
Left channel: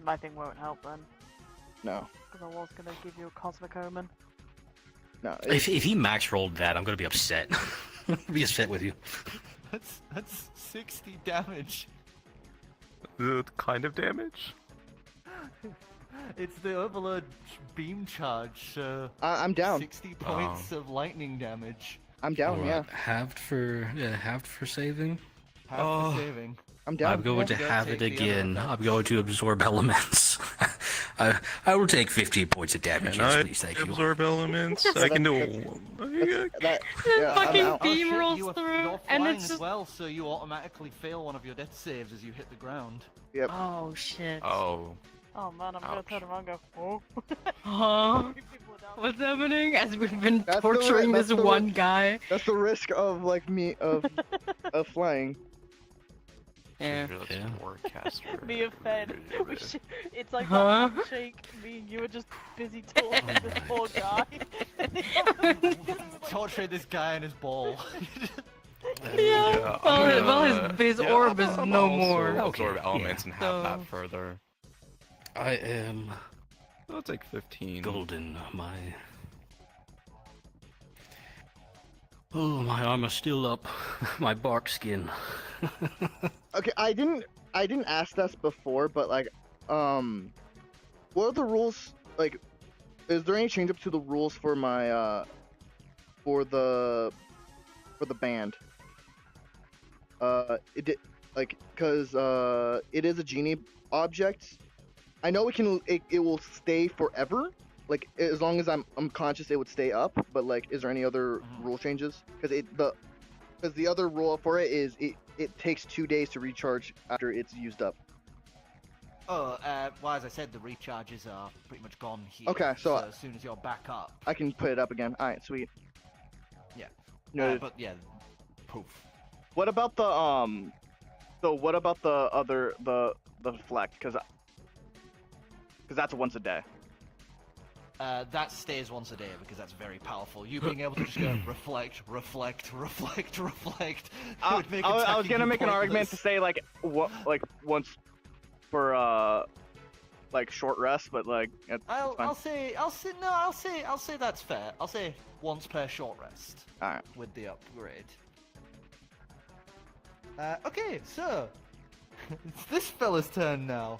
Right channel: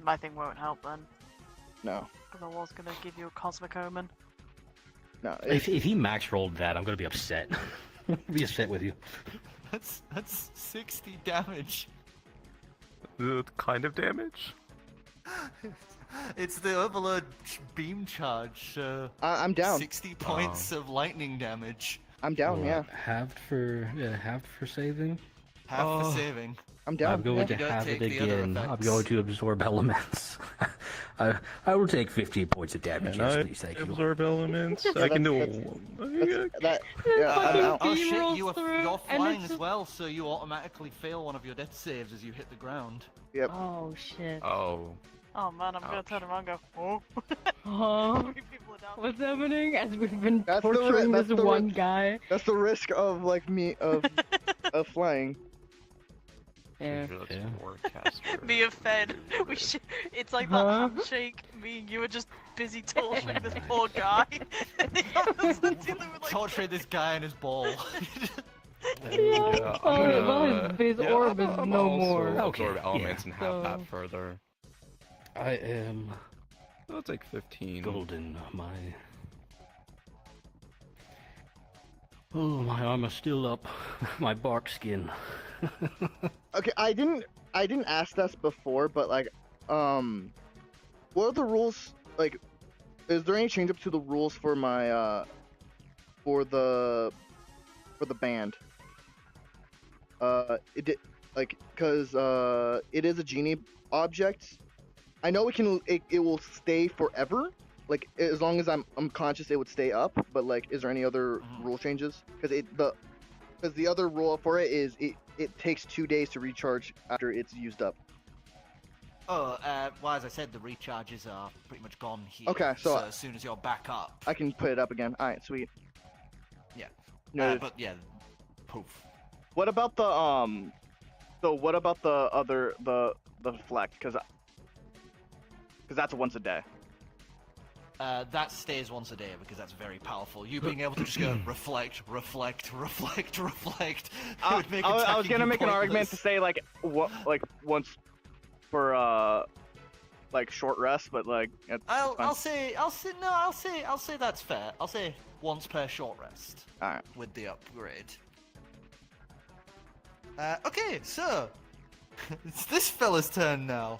my thing won't help then, No. because I was gonna give you a cosmic omen. No. If he max rolled that, I'm gonna be upset. Be upset with you. That's 60 damage. Kind of damage? It's the Overlord beam charge. I'm down. 60 points of lightning damage. I'm down. Yeah. Halved for saving. Half for saving. I'm down. I'm going to Don't have take it the other again. I'm effects. going to absorb elements. I will take 15 points of damage. Can Yes, I please, thank you. absorb elements? Yeah, I can do That. Yeah. I'm fucking out. beam Oh shit, rolls you're through, and flying it's as just... well, so you automatically fail one of your death saves as you hit the ground. Yep. Oh shit. Oh. Oh man, I'm gonna turn around and go, oh. Huh? People are down. What's happening? As we've been That's the- torturing that's this the one guy. That's the risk of like me of flying. Yeah. Me and Fed, it's like Huh? that handshake. Me and you were just busy torturing this poor guy. Torture this guy and his ball. Yeah. Well, his orb is no more. Absorb elements and have So- that further. I am I'll take 15. golden. My armor's still up. My bark skin. Okay, I didn't ask this before, but like, what are the rules? Like, is there any change up to the rules for my for the band? It did, like, cause it is a genie object. I know it will stay forever. Like, as long as I'm conscious, it would stay up. But like, is there any other rule changes? Because the other rule for it is it takes 2 days to recharge after it's used up. Oh, well, as I said, the recharges are pretty much gone here. Okay, so as soon as you're back up. I can put it up again. All right, sweet. Yeah. Noted. But yeah, poof. What about the So what about the other the flex? Because that's once a day. That stays once a day because that's very powerful. You being able to just go reflect. I would make was attacking gonna you make an argument to pointless. say like once for like short rest, but like it's fine. I'll say that's fair. I'll say once per short rest. All right. With the upgrade. Okay, so it's this fella's turn now.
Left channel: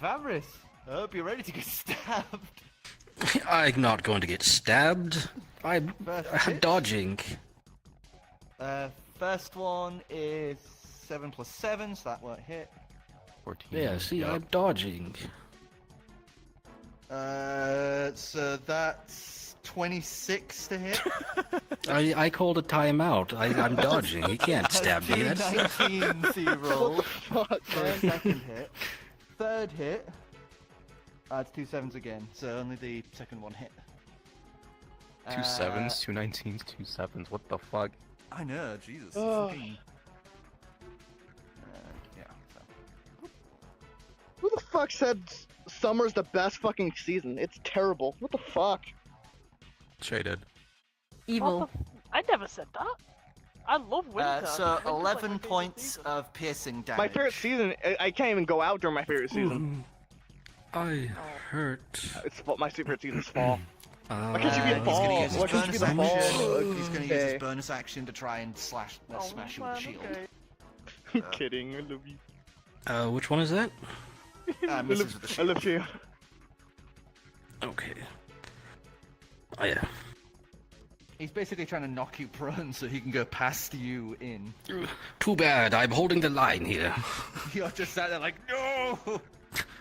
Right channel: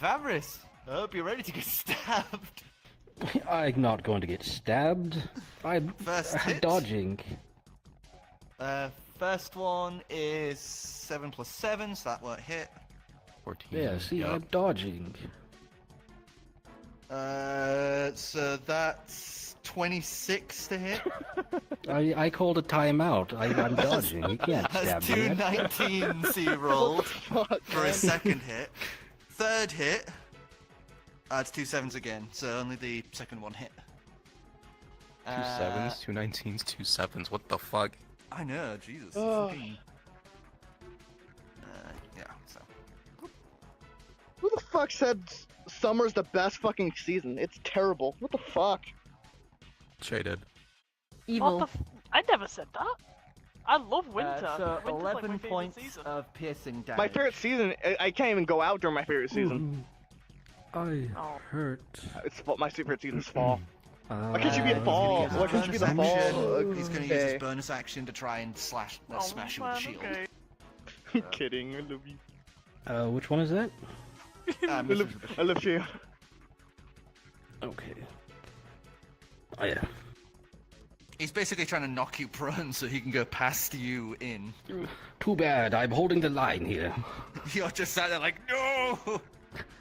Vamris, I hope you're ready to get stabbed. I'm not going to get stabbed. I'm dodging. First one is 7 + 7, so that won't hit. 14. Yeah, see, Yep. I'm dodging. So that's 26 to hit. I called a timeout. I'm dodging. You can't stab me. That's 19 C roll. Fuck, For a man. second hit. Third hit. It's 2 7s again, so only the second one hit. 2 7s, 2 19s, 2 7s. What the fuck? I know, Jesus. Oh. Fucking- yeah, so. Who the fuck said summer's the best fucking season? It's terrible. What the fuck? Shaded. Evil. I never said that. I love winter. So Winter's like my 11 favorite points season. of piercing damage. My favorite season. I can't even go out during my favorite season. I hurt. My favorite season's fall. Why can't you be He's a gonna fall? use his Why can't you be the bonus fall? action. He's gonna use Okay. his bonus action to try and smash you with the shield. I'm kidding. I love you. Which one is that? I Misses with the love, I shield. love you. Okay. Oh yeah. He's basically trying to knock you prone so he can go past you in. Too bad. I'm holding the line here. You're just sat there like, no!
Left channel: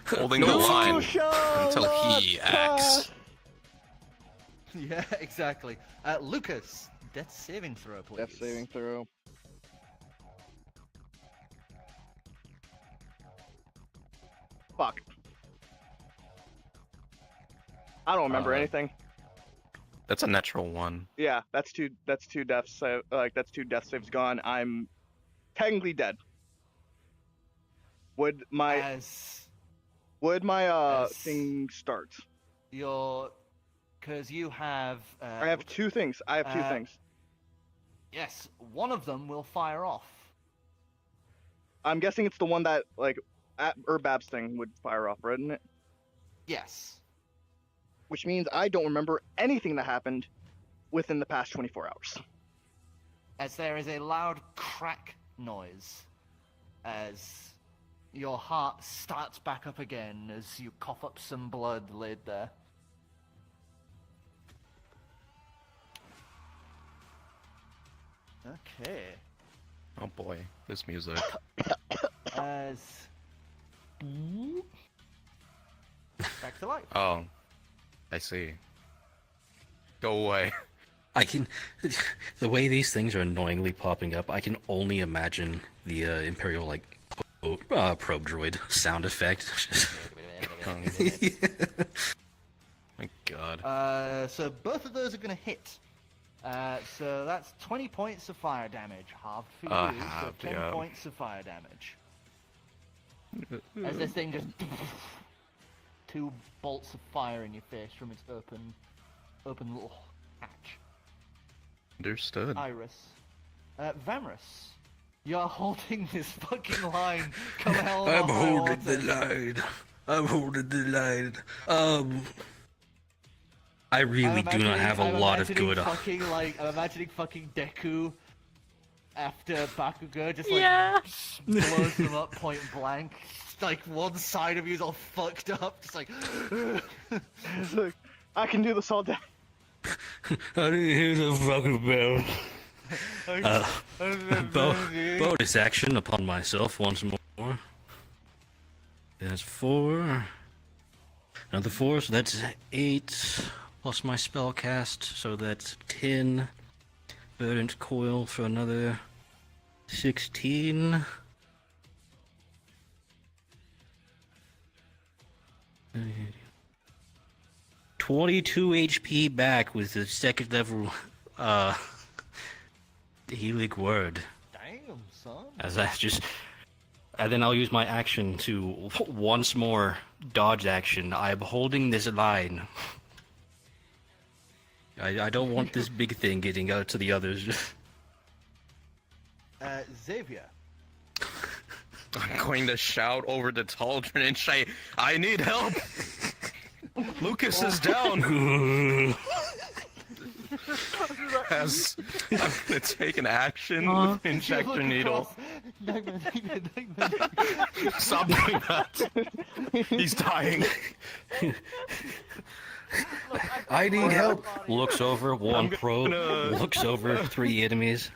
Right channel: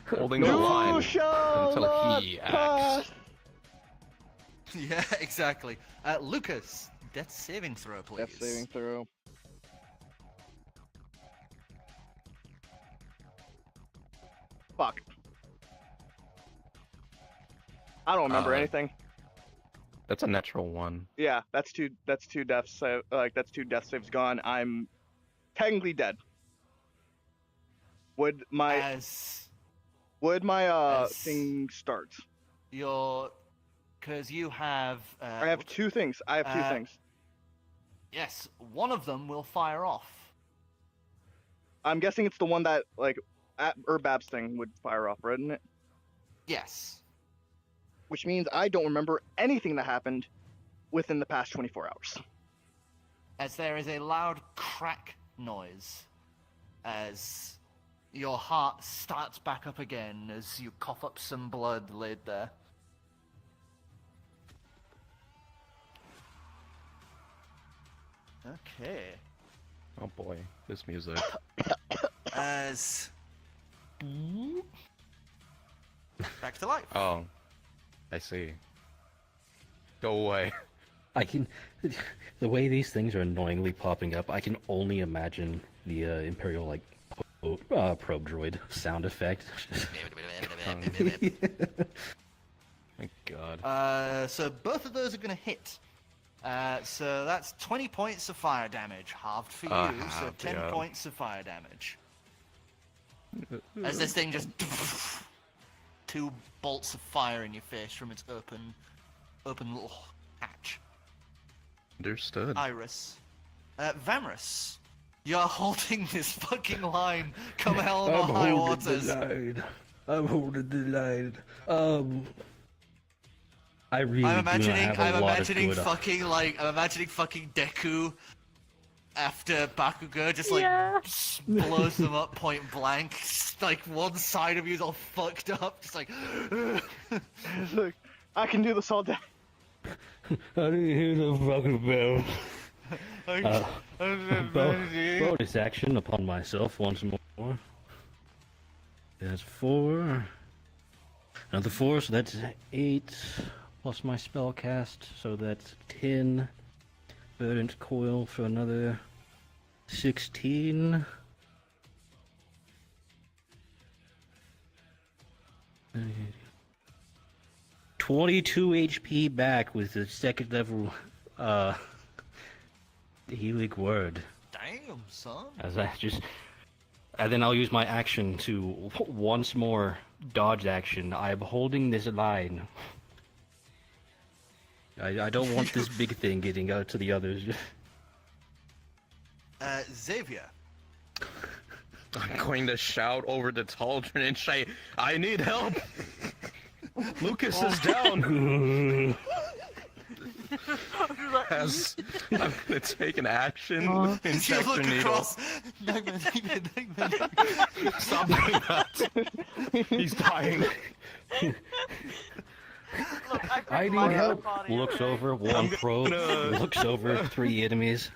Holding the You line shall until not he pass. acts. Yeah, exactly. Lucas, death saving throw, please. Death saving throw. Fuck. I don't remember anything. That's a natural one. Yeah, that's two deaths. That's 2 death saves gone. I'm technically dead. Would my As thing start? because you have. I have 2 things. I have 2 things. Yes, one of them will fire off. I'm guessing it's the one that Urbab's thing would fire off, wouldn't it? Yes. which means I don't remember anything that happened within the past 24 hours. As there is a loud crack noise as your heart starts back up again as you cough up some blood laid there. Okay. Oh boy, this music. As back to life. Oh, I see. Go away. I can. The way these things are annoyingly popping up, I can only imagine the Imperial like probe droid sound effect. My God. So both of those are going to hit. So that's 20 points of fire damage, halved for you, so 10 points of fire damage. As this thing just 2 bolts of fire in your face from its open little hatch. Understood. Iris. Vamrus, you're holding this fucking line. Come hell or high waters. I'm holding the line. I really do not have a lot of good. I'm imagining fucking Deku after Bakugo just like blows them up point blank. Like one side of you's all fucked up. Just like, Look, I can do this all day. I didn't hear the fucking bell. Bonus action upon myself once more. That's 4. Another 4, so that's 8. Plus my spell cast, so that's 10. Verdant coil for another 16. 22 HP back with the second level healing word. damn, son. As I just, and then I'll use my action to once more dodge action. I'm holding this line. I don't want this big thing getting out to the others. Xavier. I'm going to shout over the cauldron and say, I need help! Lucas is down! As I'm going to take an action with injector needle. Stop doing that! He's dying. I need help. Looks over, one probe. Looks over, 3 enemies.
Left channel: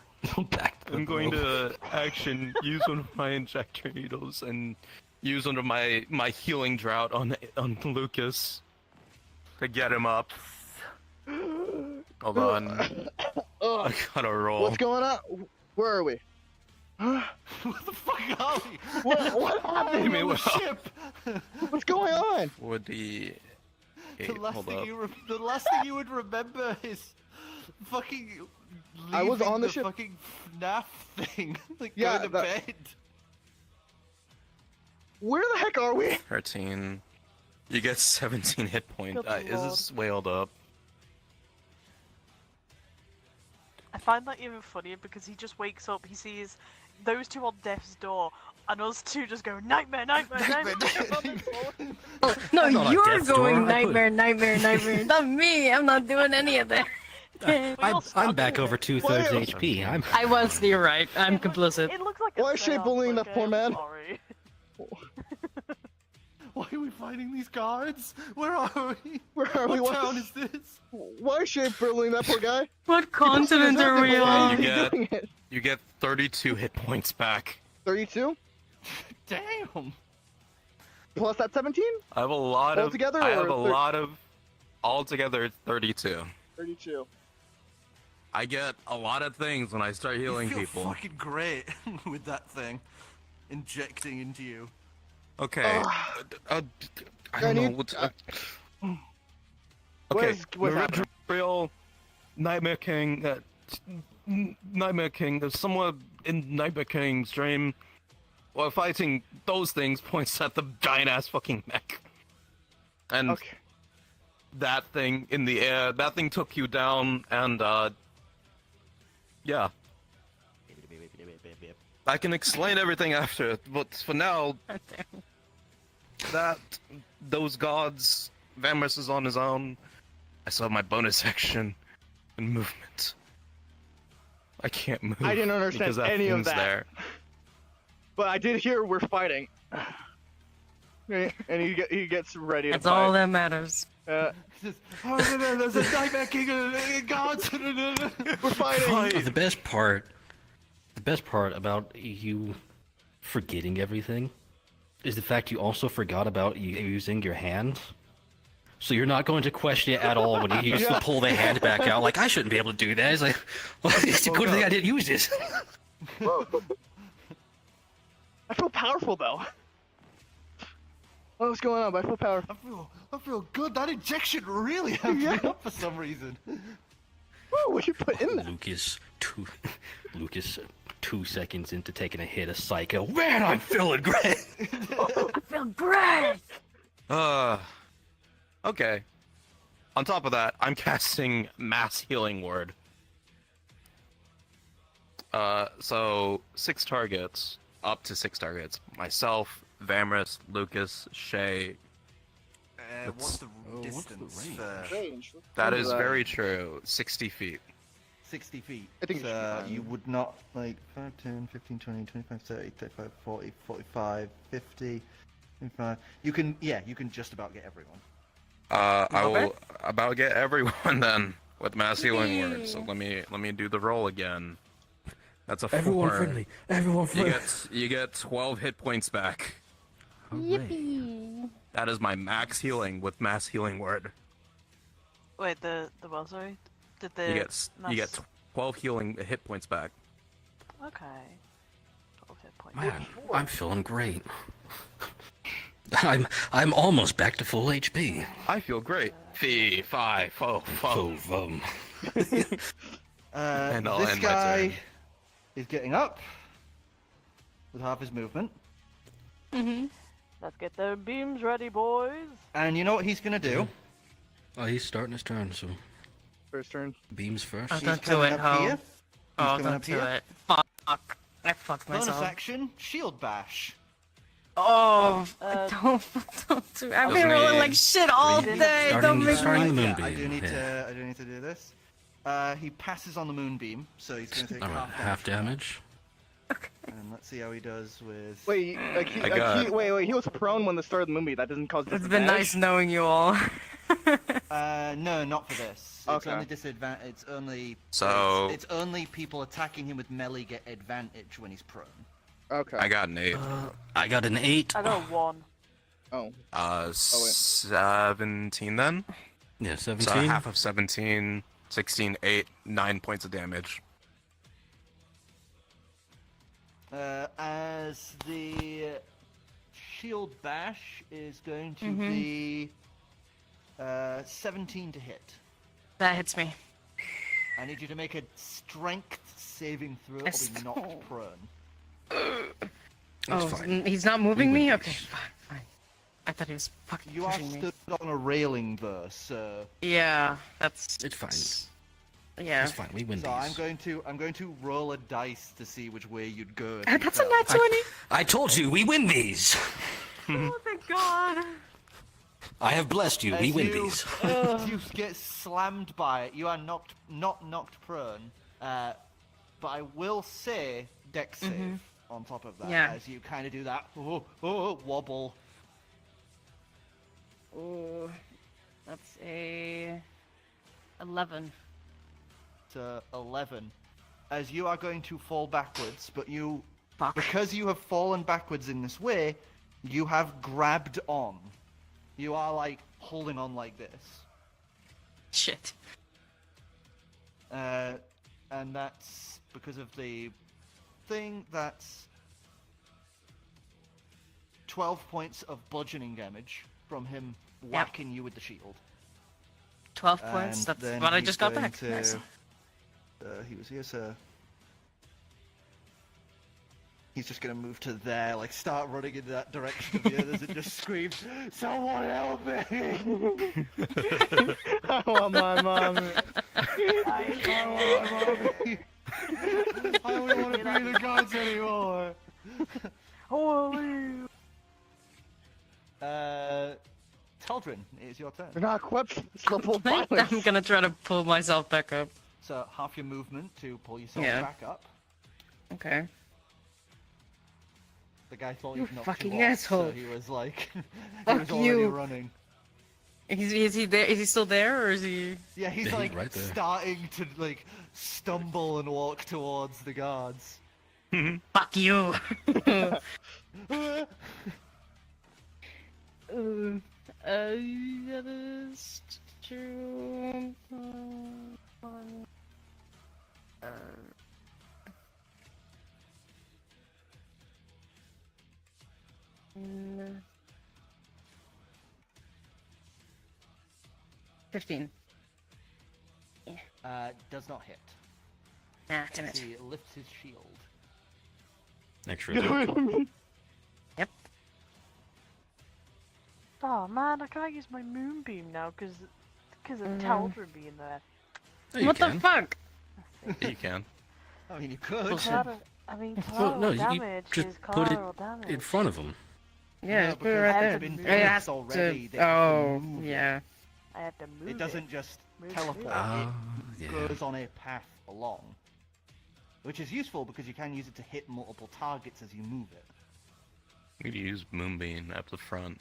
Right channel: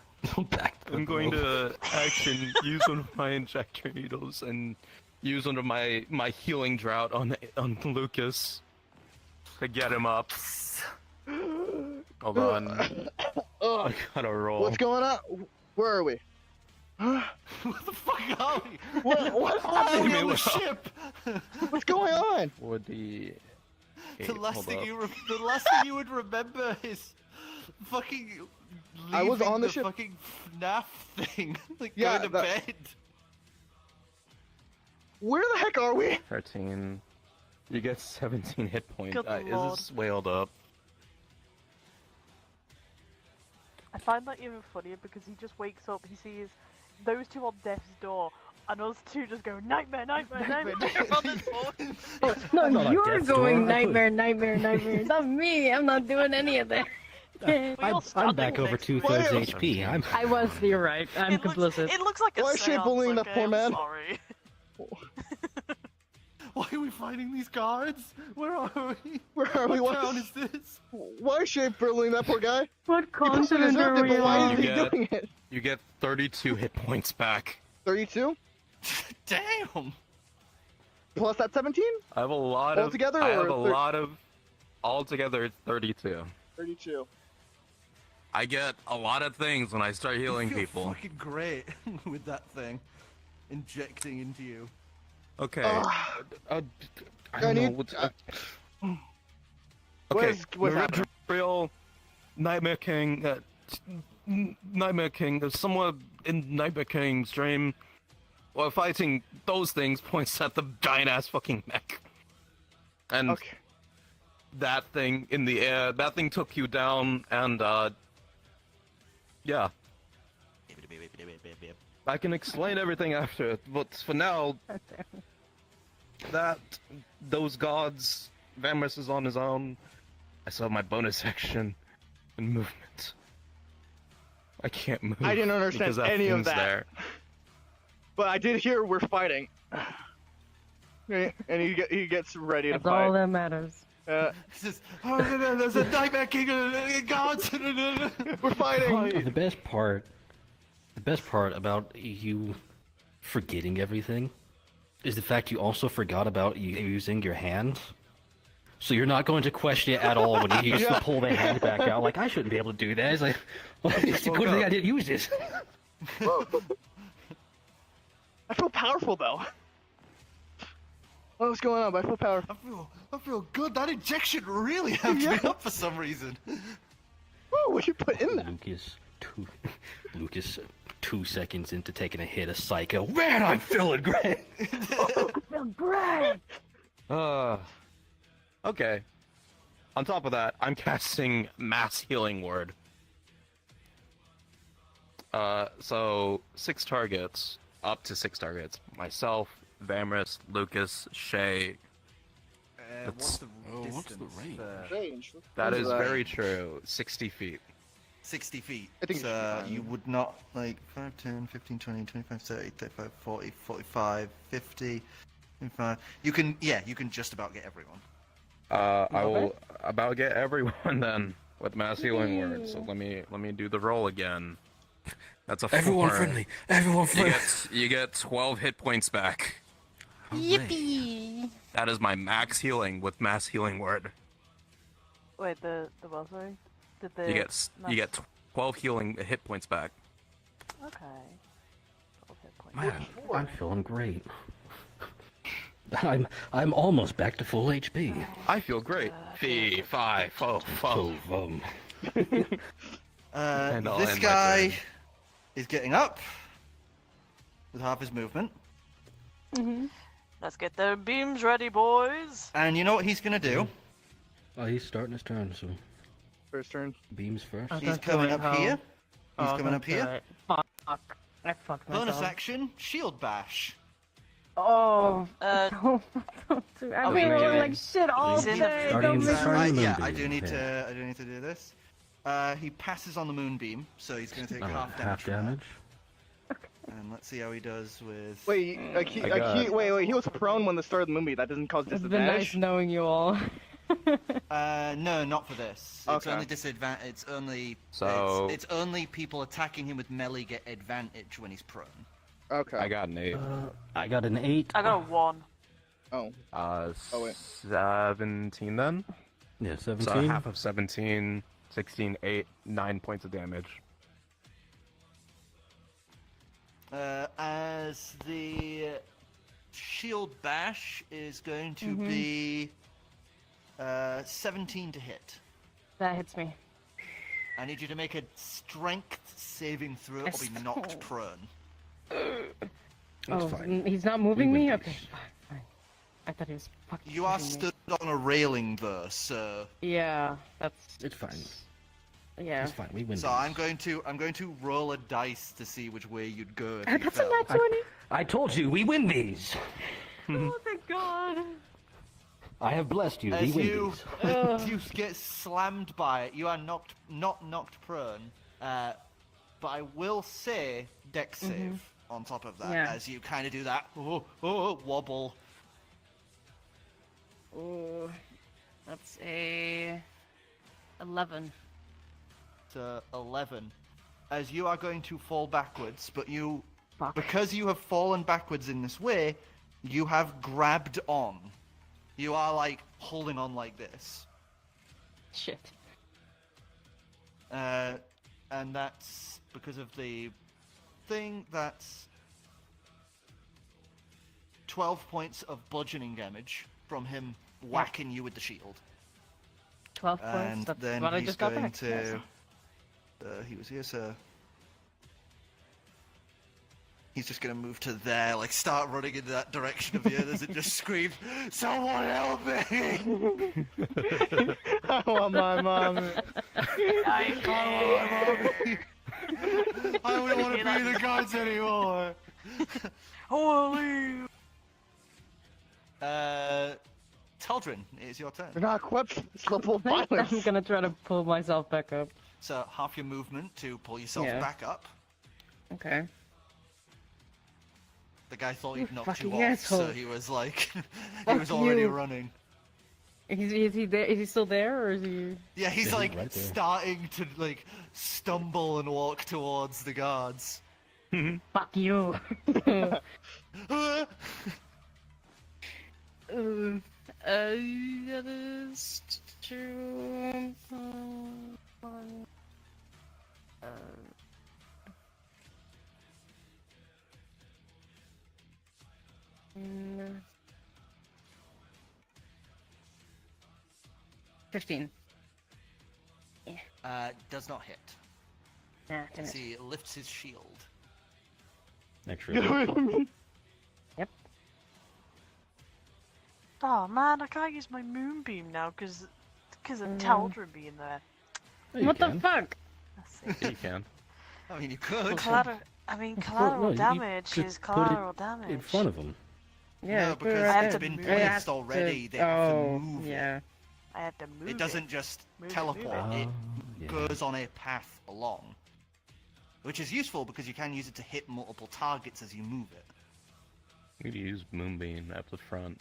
Back to the I'm going probe. to action use one of my injector needles and use one of my healing drought on Lucas to get him up. Hold on. I gotta roll. What's going on? Where are we? What the fuck are we? What happened? Hey, on the ship? What's going on? Would the The last thing you would remember is fucking I was leaving on the ship. fucking FNAF thing. Like Yeah, going to bed. Where the heck are we? 13. You get 17 hit points. Good Is lord. this wailed up? I find that even funnier because he just wakes up, he sees those two on death's door, and us two just go nightmare, nightmare, nightmare. No, not on you're death's going door. nightmare, nightmare, nightmare. Not me. I'm not doing any of that. I'm back over 2/3 HP. I was. You're right. I'm complicit. It looks like a Why is she seance, bullying like, that poor man? sorry. Why are we fighting these guards? Where are we? Where are we? What What? town is this? Why is she bullying that poor guy? What He probably continent are deserved it, we but why on? is he Yeah. doing it? You get 32 hit points back. 32 Damn. plus that 17? I have a lot of. Altogether, I have or a lot of. Altogether, it's 32. 32. I get a lot of things when I start healing You feel people. fucking great with that thing injecting into you. Okay. Ah. I I don't know need- what's. What's the happening? real Nightmare King. Nightmare King. Somewhere in Nightmare King's dream, while fighting those things, points at the giant ass fucking mech. And Okay. that thing in the air. That thing took you down, and yeah. I can explain everything after, but for now, those gods Vamos is on his own. I still have my bonus action and movement. I can't move. I didn't understand because any of thing's that. There. But I did hear we're fighting. And he gets ready to That's fight. all that matters. There's a nightmare king and guards. We're fighting. The best part about you forgetting everything is the fact you also forgot about using your hand. So you're not going to question it at all when you Yeah. pull the hand back out. Like, I shouldn't be able to do that. It's like, well, it's a good thing I didn't use this. Whoa. I feel powerful though. What's going on? I feel powerful. I feel good. That injection really helped me up for some reason. Whoa, what you put in that? Lucas, 2 seconds into taking a hit of Psycho. Man, I'm feeling great. I feel great. Okay. On top of that, I'm casting Mass Healing Word. So 6 targets, up to 6 targets. Myself, Vamris, Lucas, Shay. What's the distance? Range. That is very true. 60 feet. 60 feet. I think it should be So fine. you would not, like, 5, 10, 15, 20, 25, 30, 35, 40, 45, 50, 55. You can just about get everyone. I will about get everyone then with Mass Healing Word. So let me do the roll again. That's a 4. Everyone friendly. Everyone friendly. You get 12 hit points back. Yippee! That is my max healing with Mass Healing Word. Wait, the what? Sorry, did the You get 12 healing hit points back. Okay. 12 hit points. Man, I'm feeling great. I'm almost back to full HP. I feel great. Fee, fi, fo, fo. This And I'll end my guy turn. is getting up with half his movement. Let's get the beams ready, boys. And you know what he's gonna do? Oh, he's starting his turn, so First turn. beams first. Oh, He's don't do coming it, up Ho. here. He's Oh, coming don't up do here. it. Fuck. I fucked myself. Bonus action, shield bash. Oh, don't do it. I've been rolling like shit all day. Don't make starting me. the Yeah, moonbeam. I do need to do this. He passes on the moonbeam, so he's gonna take Alright, half damage. half damage. And let's see how he does with. Wait, he was prone when the start of the movie. That doesn't cause It's been disadvantage. nice knowing you all. No, not for this. It's Okay. only disadvantage. It's only. So- It's only people attacking him with melee get advantage when he's prone. Okay. I got an 8. I got an 8. I got a 1. Oh. wait. 17 then? Yeah, So 17. half of 17, 16, 8, 9 points of damage. As the shield bash is going to be 17 to hit. That hits me. I need you to make a strength saving throw or be knocked prone. That's Oh, fine. he's not moving We me? win Okay, these. fine. I thought he was fucking You are pushing me. stood on a railing though, so Yeah, that's... It's fine. Yeah. It's fine. We win so these. I'm going to roll a dice to see which way you'd go. If I you put some fell. nat 20. I told you, we win these. Oh, thank God. I have blessed you. As We win you, these. you not slammed by it. You are not knocked prone. But I will say dex save on top of that, Yeah. as you kind of do that wobble. Oh, that's a 11. To 11, as you are going to fall backwards, but Fuck. because you have fallen backwards in this way, you have grabbed on. You are like holding on like this. Shit. And that's because of the thing. That's 12 points of bludgeoning damage from him whacking you with the shield. 12 points. And That's then what I he's just got going back. to- he was here, so he's just gonna move to there, like start running in that direction of you. As it just screams, "Someone help me!" I want my mom. I don't want to be the gods anymore. Holy! Teldrin, it is your turn. They're not equipped for this level of violence. I'm gonna try to pull myself back up. So half your movement to pull yourself Yeah. back up. Okay. The guy thought You he'd knocked you fucking off, so asshole. he was like, he Fuck was already you. running. Is he there? Is he still there, or is he? Yeah, he's Yeah, like right there. starting to like stumble and walk towards the guards. Fuck you. That is true. Mm, 15. Does not hit. Ah, damn it. He lifts his shield. Extra. Yep. Oh man, I can't use my moonbeam now because of Teldrin being there. Yeah, you What the can. fuck? Yeah, you can. I mean, you could. Collateral no, you damage just is put it collateral damage. in front of him. Yeah, No, put it because right it's there. been Yeah, moved already, they have to Oh, move it. yeah. I had to move It doesn't just Move, teleport, move. it Yeah. goes on a path along. Which is useful because you can use it to hit multiple targets as you move it. You could use Moonbeam up the front.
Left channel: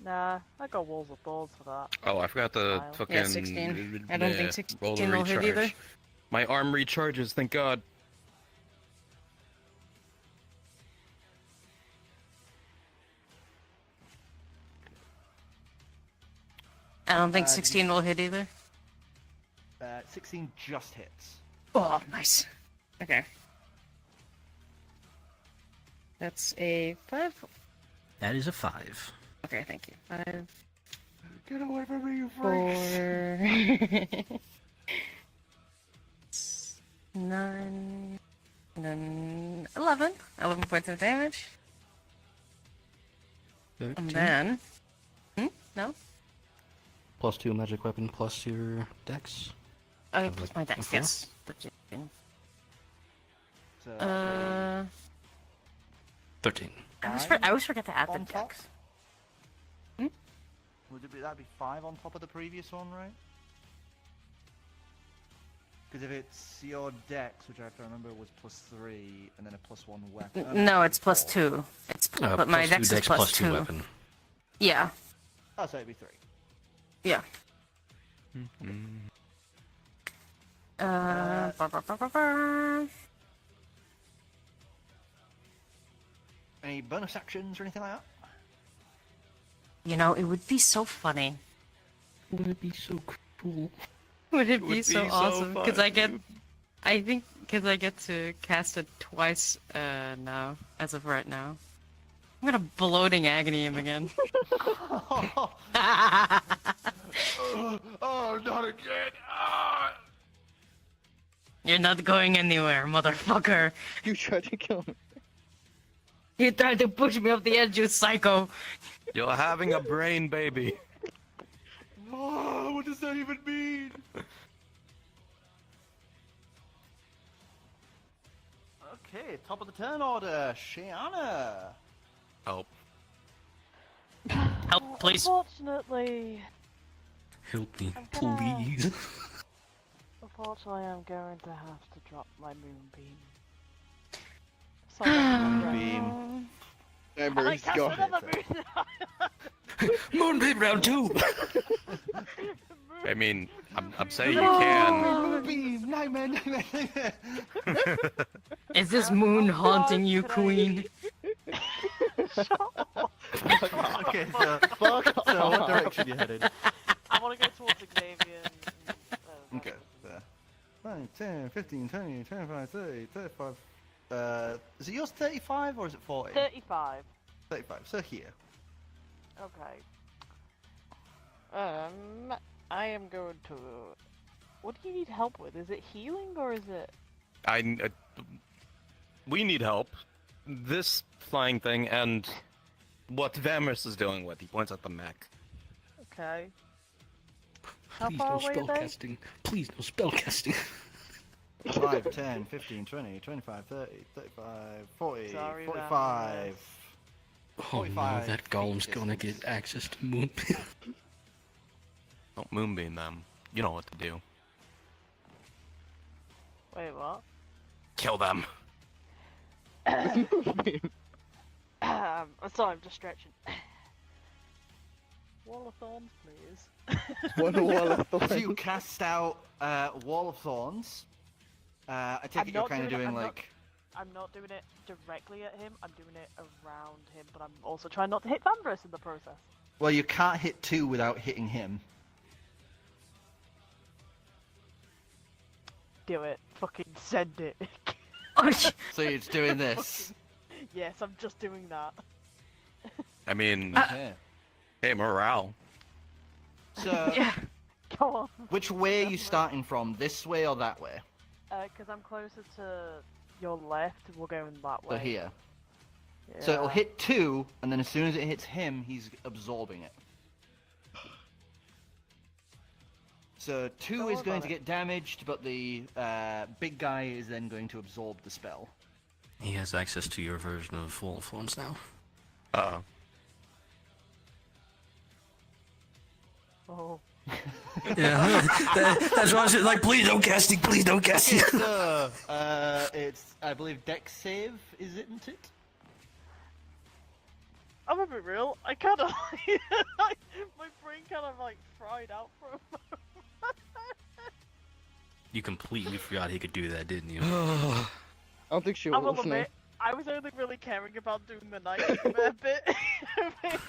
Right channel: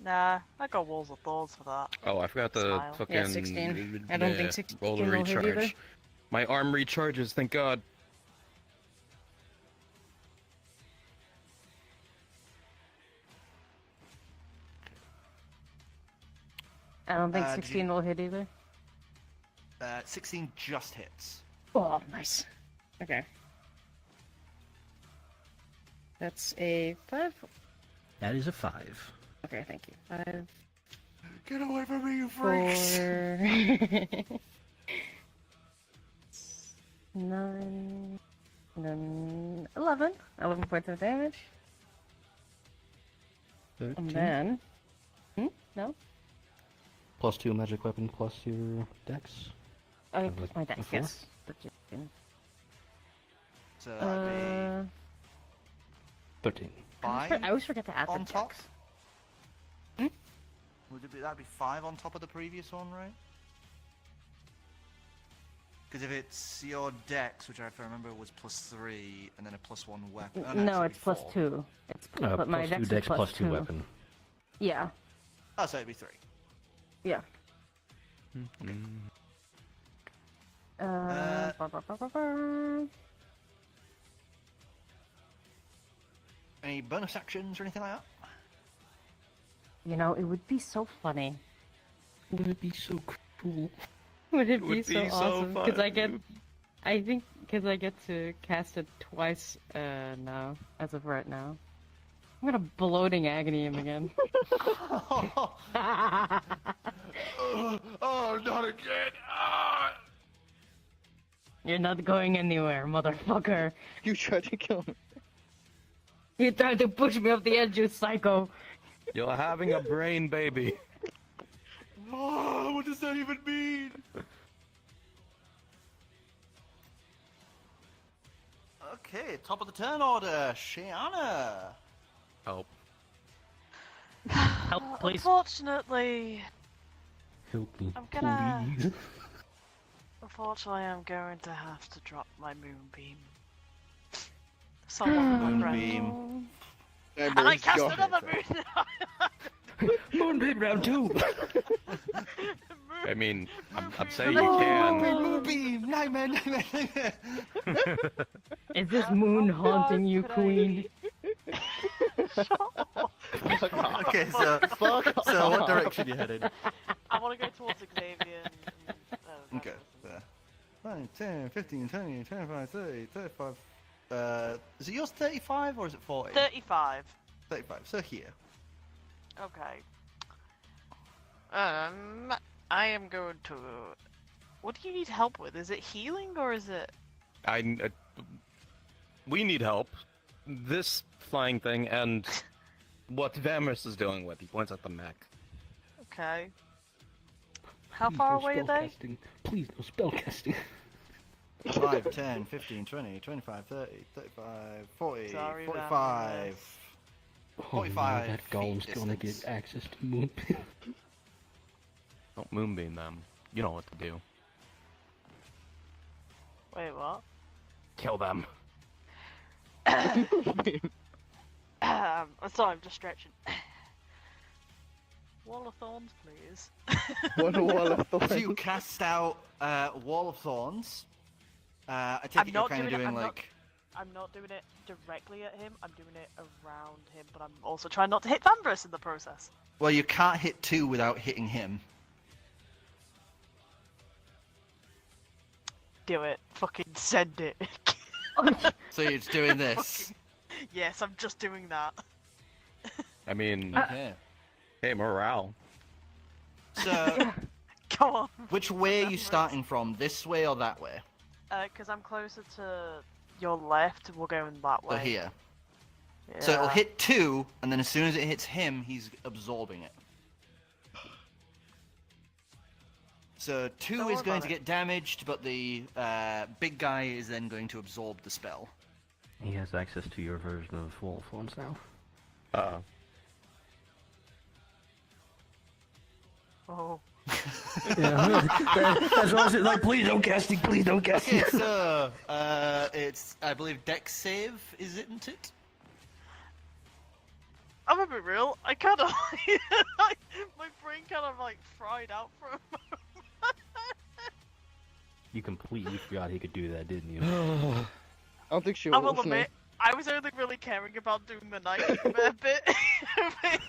Nah, I got walls of thorns for that. Oh, I forgot the Smile. fucking. Yeah, 16. I don't think 16 roll to will hit either. recharge. My arm recharges, thank God. I don't think Did 16 will hit either. 16 just hits. Oh, nice. Okay. That's a 5. That is a 5. Okay, thank you. 5, Get away from me, you freak! 4, 9, and then 11. 11 points of damage. And 13. then... No? Plus 2 magic weapon plus your dex. Oh, Of plus like my a dex, 4? yes. 13. So, 13. I always forget to add the on top. dex. Would that'd be 5 on top of the previous one, right? Because if it's your dex, which I remember was plus 3, and then a plus 1 weapon. Oh, No, actually it's plus 4. 2. It's but my Plus 2 dex is dex plus plus 2 2. weapon. Yeah, Oh, so it'd be 3. yeah. Uh, Ba, ba, ba, ba, ba. Any bonus actions or anything like that? You know, it would be so funny. Would it be so cool? Would it would be so be so awesome? Because fun, I get, dude. I think, because I get to cast it twice now, as of right now. I'm gonna bloating agony him again. Oh, not again! Ah! You're not going anywhere, motherfucker. You tried to kill me. You tried to push me off the edge, you psycho. You're having a brain baby. Oh, what does that even mean? Okay, top of the turn order, Shiana. Help. Help, please. Unfortunately, Help me, I'm gonna- please. unfortunately, I'm going to have to drop my moonbeam. Sorry, Moonbeam. Embers, cast go. another moon. Moonbeam round 2! I mean, I'm saying you can. Moonbeam! Nightmare, nightmare, nightmare! Is this moon haunting you, queen? Okay, so, Fuck so what off. direction you headed? I want to go towards Xavier. Okay, there. 9, 10, 15, 20, 25, 30, 35. Is it yours 35 or is it 40? 35. 35, so here. Okay. I am going to. What do you need help with? Is it healing or is it? We need help. This flying thing and what Vamris is dealing with. He points at the mech. Okay. How Please far no away are they? spellcasting. Please no spellcasting. 5, 10, 15, 20, 25, 30, 35, 40, Sorry, 45. Oh no, 45 that golem's feet gonna distance. get access to Moonbeam. Don't moonbeam them. You know what to do. Wait, what? Kill them. I'm sorry, I'm just stretching. Wall of Thorns, please. One wall of So thorns. you cast out Wall of Thorns. I take it you're kind of doing like. I'm not doing it directly at him, I'm doing it around him, but I'm also trying not to hit Vanbrus in the process. Well, you can't hit 2 without hitting him. Do it. Fucking send it. So you're just doing this. Yes, I'm just doing that. I mean, Okay. hey, morale. So, Yeah, go on. which way are you starting from? This way or that way? Because I'm closer to your left, we're going that way. So here. Yeah. So it'll hit 2, and then as soon as it hits him, he's absorbing it. So 2 is going to get damaged, but the big guy is then going to absorb the spell. He has access to your version of Wall of Thorns now. Uh-oh. Oh. Yeah, that's what I said. Like, please don't cast it. Please don't cast Okay, it. so it's I believe Dex save, isn't it? I'm a bit real. I kind of my brain kind of like fried out for a moment. You completely forgot he could do that, didn't you? I don't think she I was will listening. admit, I was only really caring about doing the nightmare bit.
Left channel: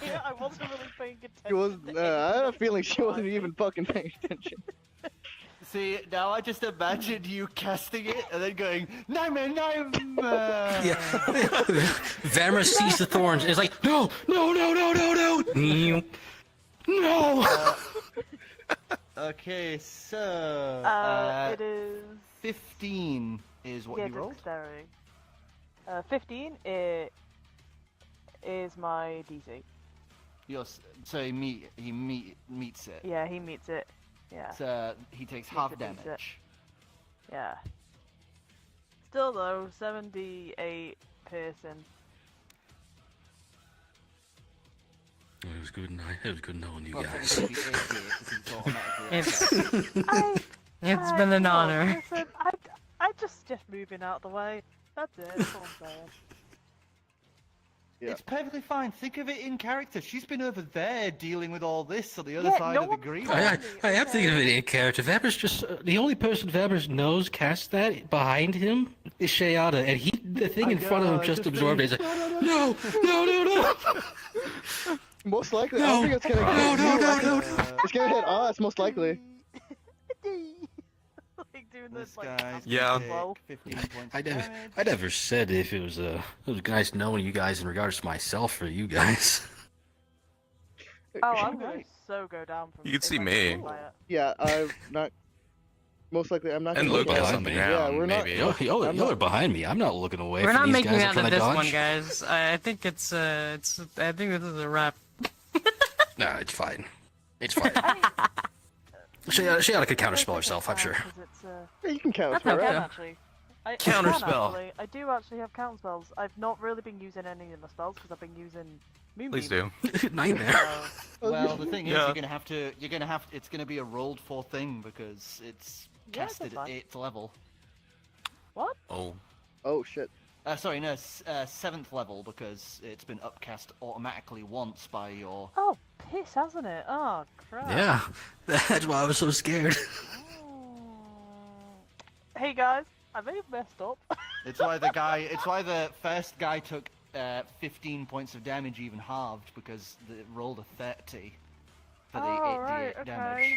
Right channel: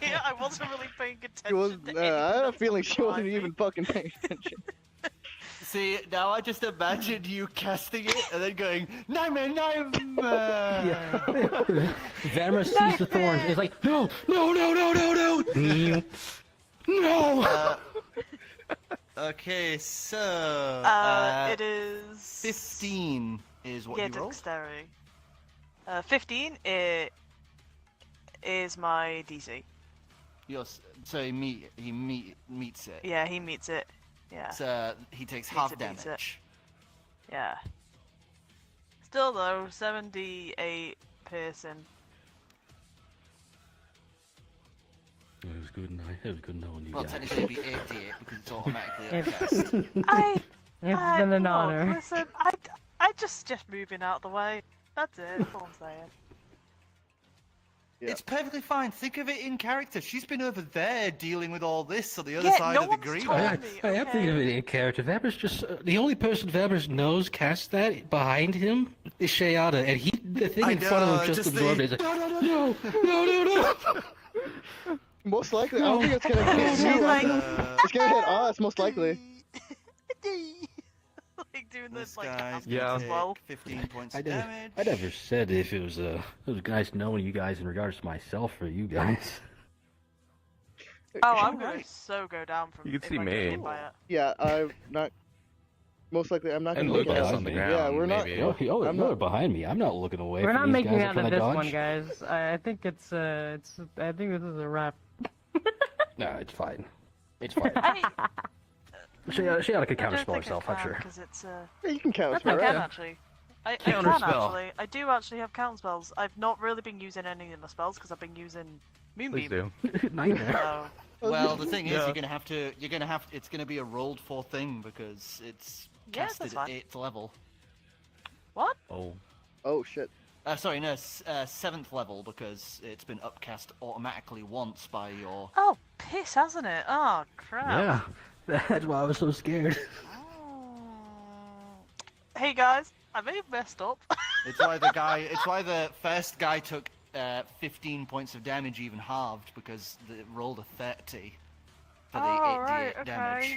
Yeah, I wasn't really paying attention. She was. to I had a anything feeling she wasn't behind even me. fucking paying attention. See, now I just imagined you casting it and then going, nightmare, nightmare! Yeah. Vamra sees the thorns and is like, no, no, no, no, no, no, no. Okay, so It is 15 is what yeah, you roll. dexterity. 15 is my DC. So he meets it. Yeah, he meets it. Yeah. So he takes Meets half it, meets it. damage. Yeah. Still though, 78 piercing. Well, it was good. It was good knowing you Well, guys. technically he is it because it's automatically It's it's been an look, honor. Listen, I just moving out of the way. That's it. That's all I'm saying. Yeah. It's perfectly fine. Think of it in character. She's been over there dealing with all this on the other Yeah, side no of the one's green. told I am okay. thinking of it in character. Vamra's just the only person Vamra knows cast that behind him is Shayada, and the thing in front of him just absorbed it. He's like, no, no, no, no. Most likely, I don't think it's gonna hit you. I think it's gonna hit us, most likely. Like doing This this, like, guy Yeah. take well. 15 points I of never, damage. I never said if it was nice knowing you guys in regards to myself for you guys. Oh, I'm gonna so go down from. You can if see I get me. hit by it. Yeah, I'm not. Most likely, I'm not And gonna look look at at something Yeah, down, we're not. maybe. You're I'm not. behind me. I'm not looking away We're from not these making guys it that out trying of to this one, dodge. guys. I think it's I think this is a wrap. No, it's fine. It's fine. Shayada could counterspell herself, I'm sure. Yeah, you can count That's spell, not bad, right? actually. I Counterspell. Actually. I do actually have counter spells. I've not really been using any of my spells because I've been using Moonbeam. Please do. Nightmare. Well, the thing is, Yeah. it's gonna be a rolled for thing because it's Yeah, casted that's at fine. 8th level. What? Oh. Oh shit. Sorry, no, 7th level because it's been upcast automatically once by your. Oh, piss, hasn't it? Oh, crap. Yeah, that's why I was so scared. Hey guys, I may have messed up. It's why the first guy took 15 points of damage, even halved, because it rolled a 30 for the Oh, 8d8 right, okay. damage.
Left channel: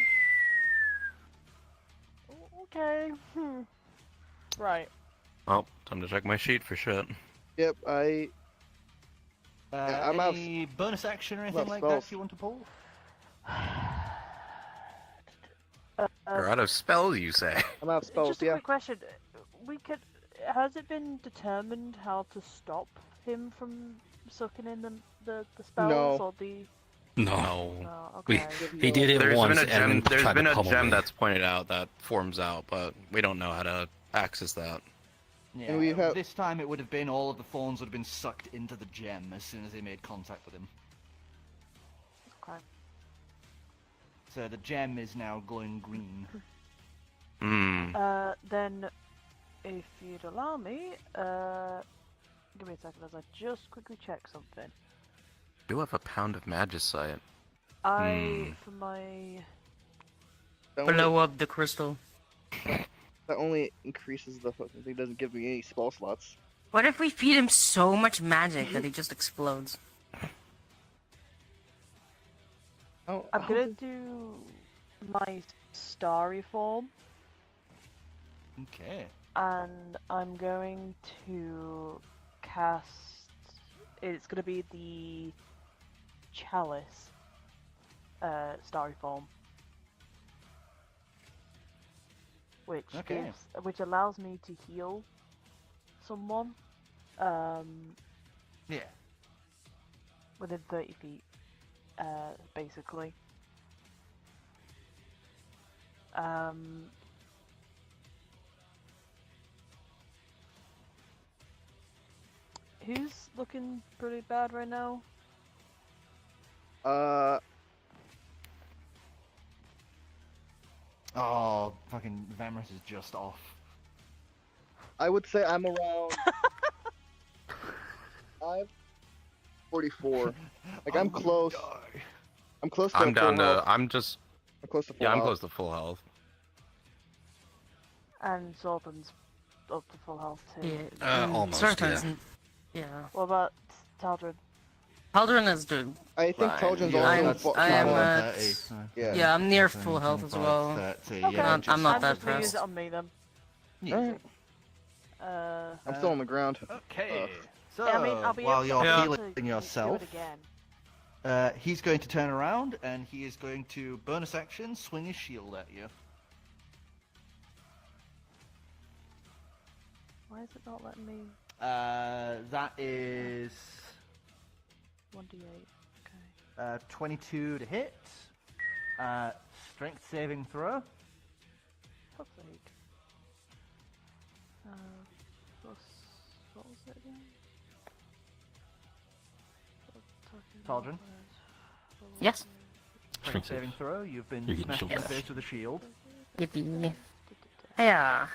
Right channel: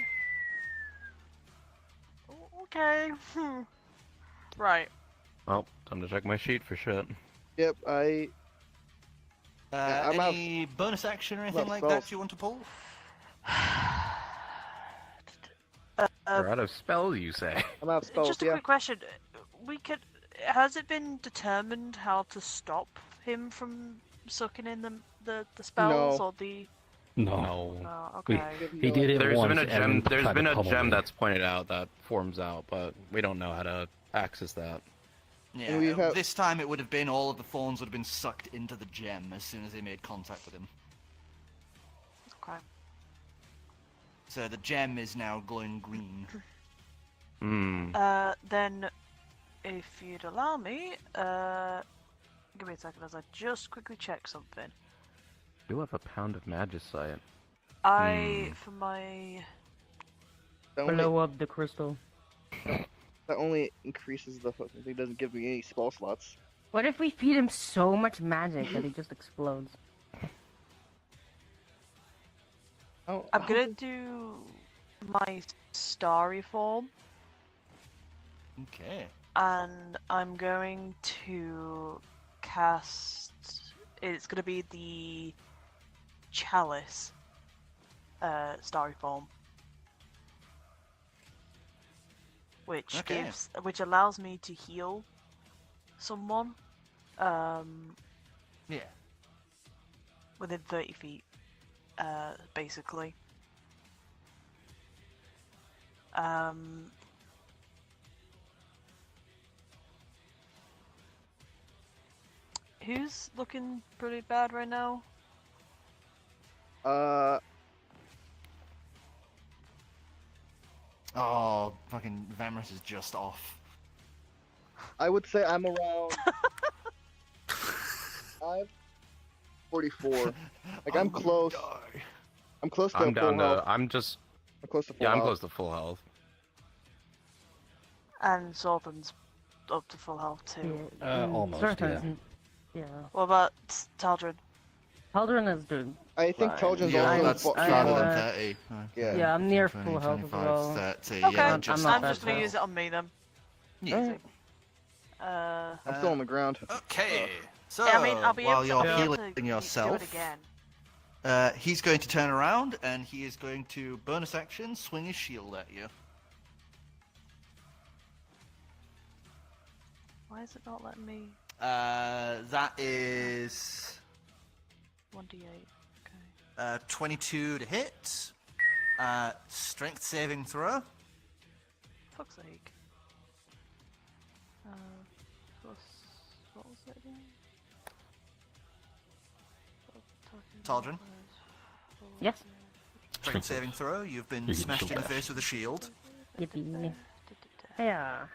Okay. Right. Well, time to check my sheet for shit. Yep, Yeah, I'm out- any bonus action or I'm anything out like spells. that you want to pull? We're out of spells, you say? I'm out of spells. Just a Yeah. quick question. Has it been determined how to stop him from sucking in the spells No. or the? No, Oh, we, okay. he did it There's once. been a and gem. then There's tried been to a pummel gem me. that's pointed out that forms out, but we don't know how to access that. Yeah, And we have- this time it would have been all of the thorns would have been sucked into the gem as soon as they made contact with him. Okay. So the gem is now glowing green. Then, if you'd allow me, give me a second as I just quickly check something. Do have a pound of magicite. For my... That only, Blow up the crystal. that only increases the fucking thing. Doesn't give me any spell slots. What if we feed him so much magic that he just explodes? Oh, I'm gonna do my starry form. Okay. And I'm going to cast... It's gonna be the chalice starry form. Which Okay. which allows me to heal someone Yeah. within 30 feet, basically. Who's looking pretty bad right now? Oh, fucking Vamris is just off. I would say I'm around. I'm 44. Like I'm close. I'm close to I'm full down health. to. I'm just. I'm close to full Yeah, I'm health. close to full health. And Sorpham's up to full health too. Almost, Sarthan's yeah. Yeah. What about Taldrin? Haldren is doing. I think fine. Talgin's Yeah, also that's- too I am far. at- Yeah. Yeah, I'm near full health as well. Okay, Yeah, I'm not I'm that just gonna use fast. it on me then. Alright. I'm still on the ground. Okay. So I mean, I'll be while able you're to healing do yourself, it again. he's going to turn around and he is going to bonus action swing his shield at you. Why is it not letting me? That is 1d8. Okay. 22 to hit. Strength saving throw. Fuck's sake. Plus, what was it again? Taldrin. Yes. Strength saving throw. You've been You get smashed in the shield face with a shield. Yippee. Yeah.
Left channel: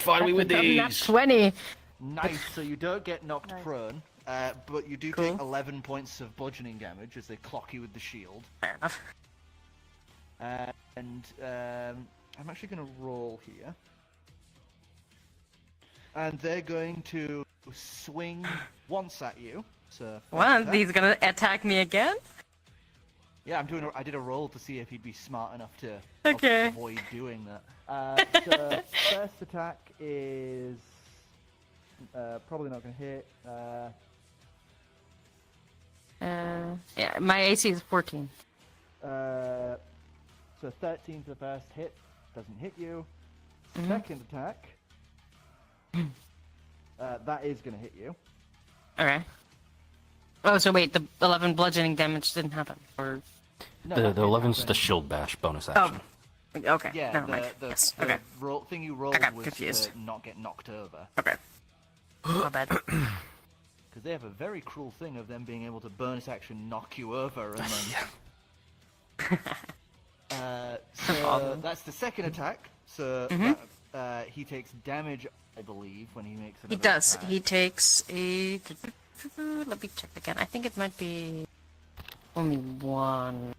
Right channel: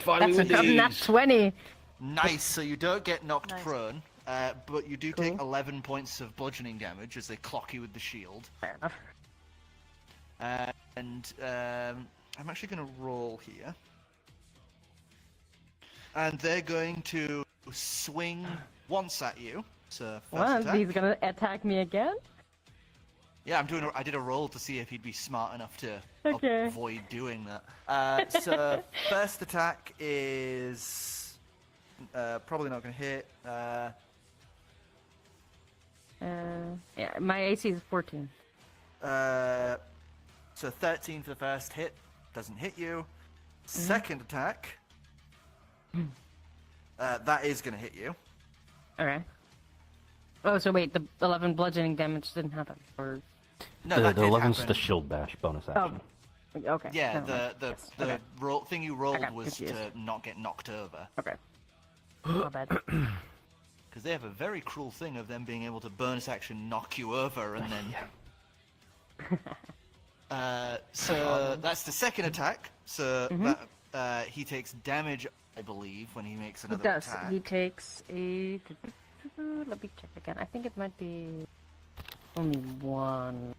Finally with That's not these. 20. nice. So you don't get knocked Nice. prone, but you do Cool. take 11 points of bludgeoning damage as they clock you with the shield. Fair enough. And I'm actually going to roll here. And they're going to swing once at you. So first What? attack. He's gonna attack me again? Yeah, I did a roll to see if he'd be smart enough to Okay. avoid doing that. So first attack is probably not going to hit. Yeah, my AC is 14. So 13 for the first hit doesn't hit you. Mm-hmm. Second attack, that is going to hit you. Okay. Oh, so wait, the 11 bludgeoning damage didn't happen? Or... No, The that did 11's happen. the shield bash bonus Oh, action. okay. Yeah, never mind. the Yes, the okay. thing you rolled got was confused. to not get knocked over. Okay. My bad. Because they have a very cruel thing of them being able to bonus action knock you over and then. So that's the second attack. So that, he takes damage, I believe, when he makes He another does. attack. He takes a... Let me check again. I think it might be... only one.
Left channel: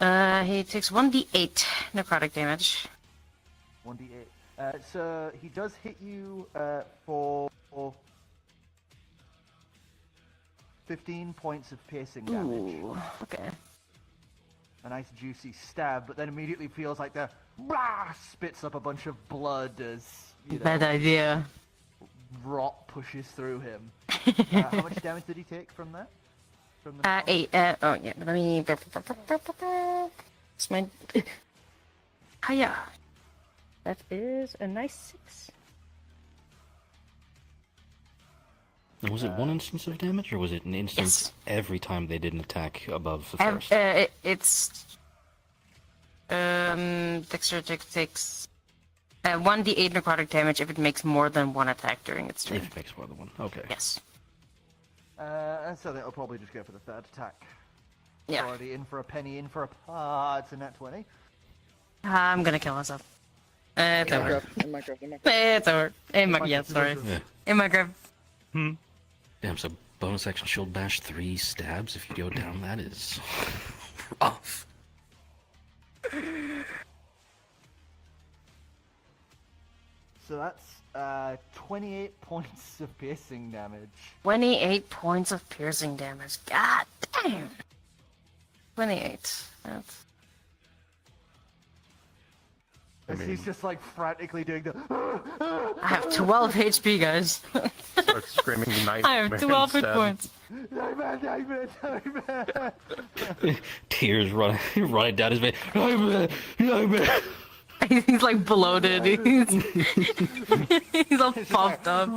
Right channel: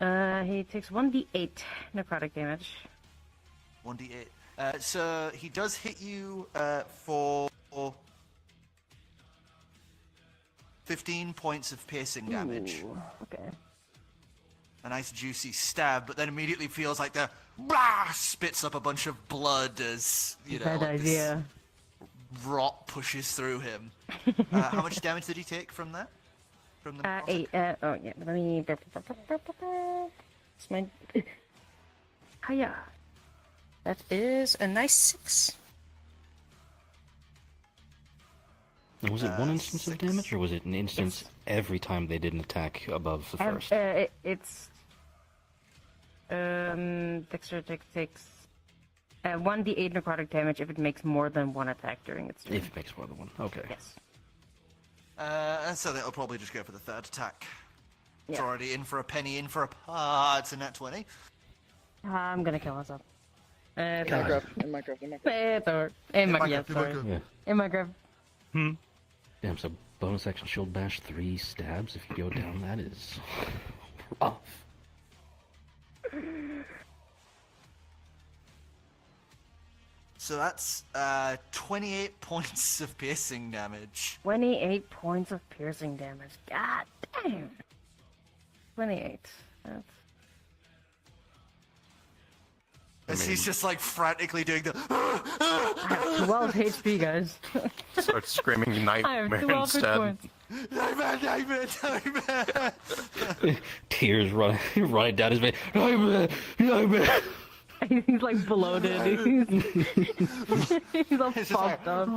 He takes 1d8 necrotic damage. 1d8. So he does hit you for 15 points of piercing damage. Ooh, okay. A nice juicy stab, but then immediately feels like the spits up a bunch of blood as you know. Bad this idea. Rot pushes through him. How much damage did he take from that? From the 8. Oh, yeah. Let me... It's my... Hiya. That is a nice 6. And was it one instance of damage, or was it an instance Yes. every time they did an attack above the first? It's... Dexterity takes 1d8 necrotic damage if it makes more than one attack during its turn. If it makes more than one. Okay. Yes. And so that'll probably just go for the third attack. It's Yeah. already in for a penny, in for a it's a nat 20. I'm gonna kill myself. In It's over. Minecraft. It's over. Yeah, sorry. Yeah. In Minecraft. Damn, so bonus action shield bash 3 stabs if you go down. That is rough. So that's 28 points of piercing damage. 28 points of piercing damage. God damn. 28. That's... As he's just like frantically doing the. I have 12 HP, guys. Start screaming nightmare I have 12 hit instead. points. Nightmare. Tears running down his face. Nightmare. He's like bloated. He's all pumped up.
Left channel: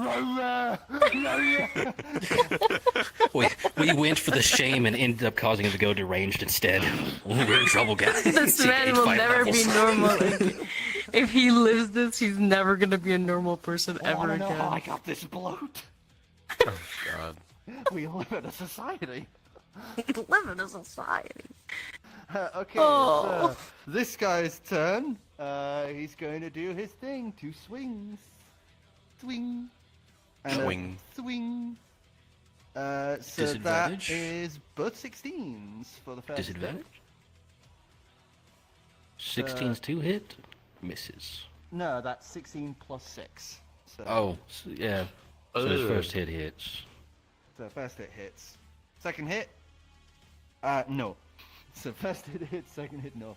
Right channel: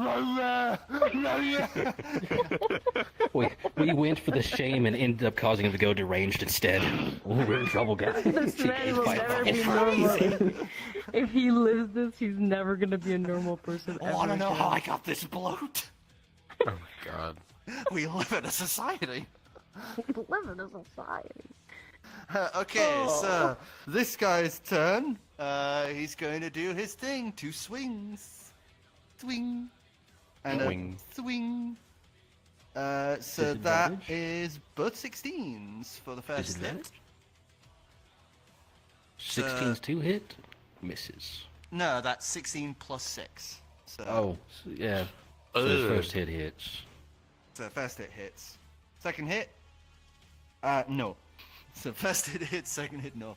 We went for the shame and ended up causing him to go deranged instead. We're in trouble, guys. This man will never be normal. If he lives this, he's never gonna be a normal person I ever want to know again. how I got this bloat. Oh god. We live in a society. Live in a society. Okay, Oh. so this guy's turn. He's going to do his thing. 2 swings. Swing. And Swing. a swing. So that Disadvantage? is both 16s for the first hit. Disadvantage? 16's 2 hit? Misses. No, that's 16 plus 6. So, Oh, yeah. So his Ugh. first hit hits. so first hit hits. Second hit? No. So first hit hits, second hit no.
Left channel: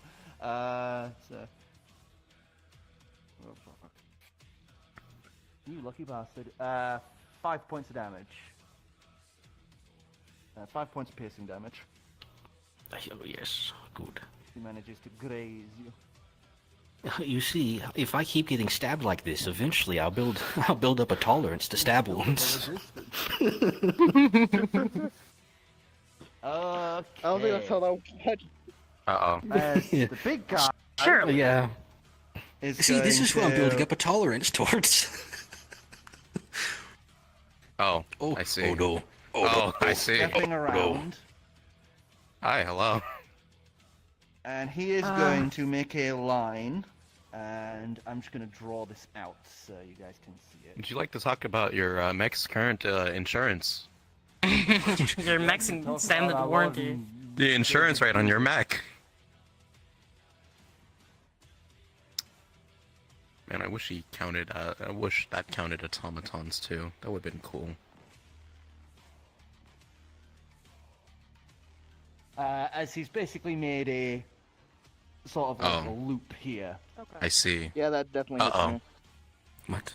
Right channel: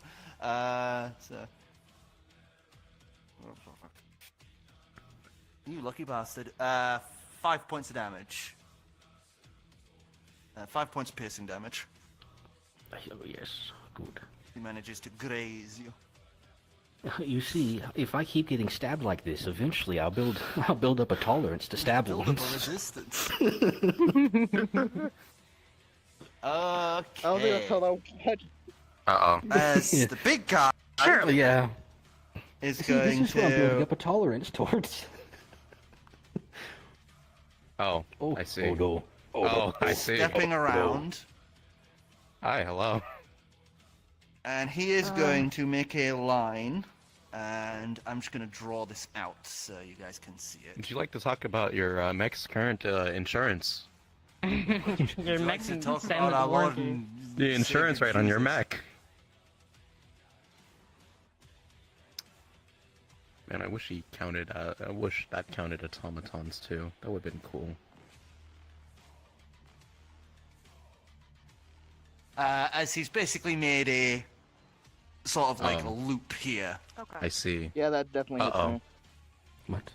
You lucky bastard. 5 points of damage. 5 points of piercing damage. Oh, yes, good. He manages to graze you. You see, if I keep getting stabbed like this, eventually I'll build up a tolerance to stab wounds. Resistance. Okay. I don't think that's how that works. Uh-oh. As Yeah. the big guy. Sure. Yeah. Is See, this going is what I'm building to- up a tolerance towards. Oh, I see. Oh no. Oh, I see. stepping around, Hi, hello. and he is going to make a line, and I'm just going to draw this out so you guys can see it. Would you like to talk about your Mech's current insurance? Your maxing Talk standard about our warranty. Lord The insurance rate on your mech. Man, I wish he counted. I wish that counted automatons too. That would have been cool. As he's basically made a sort of like Oh. a loop here. Okay. I see. Yeah, that definitely hits Uh-oh. me. What?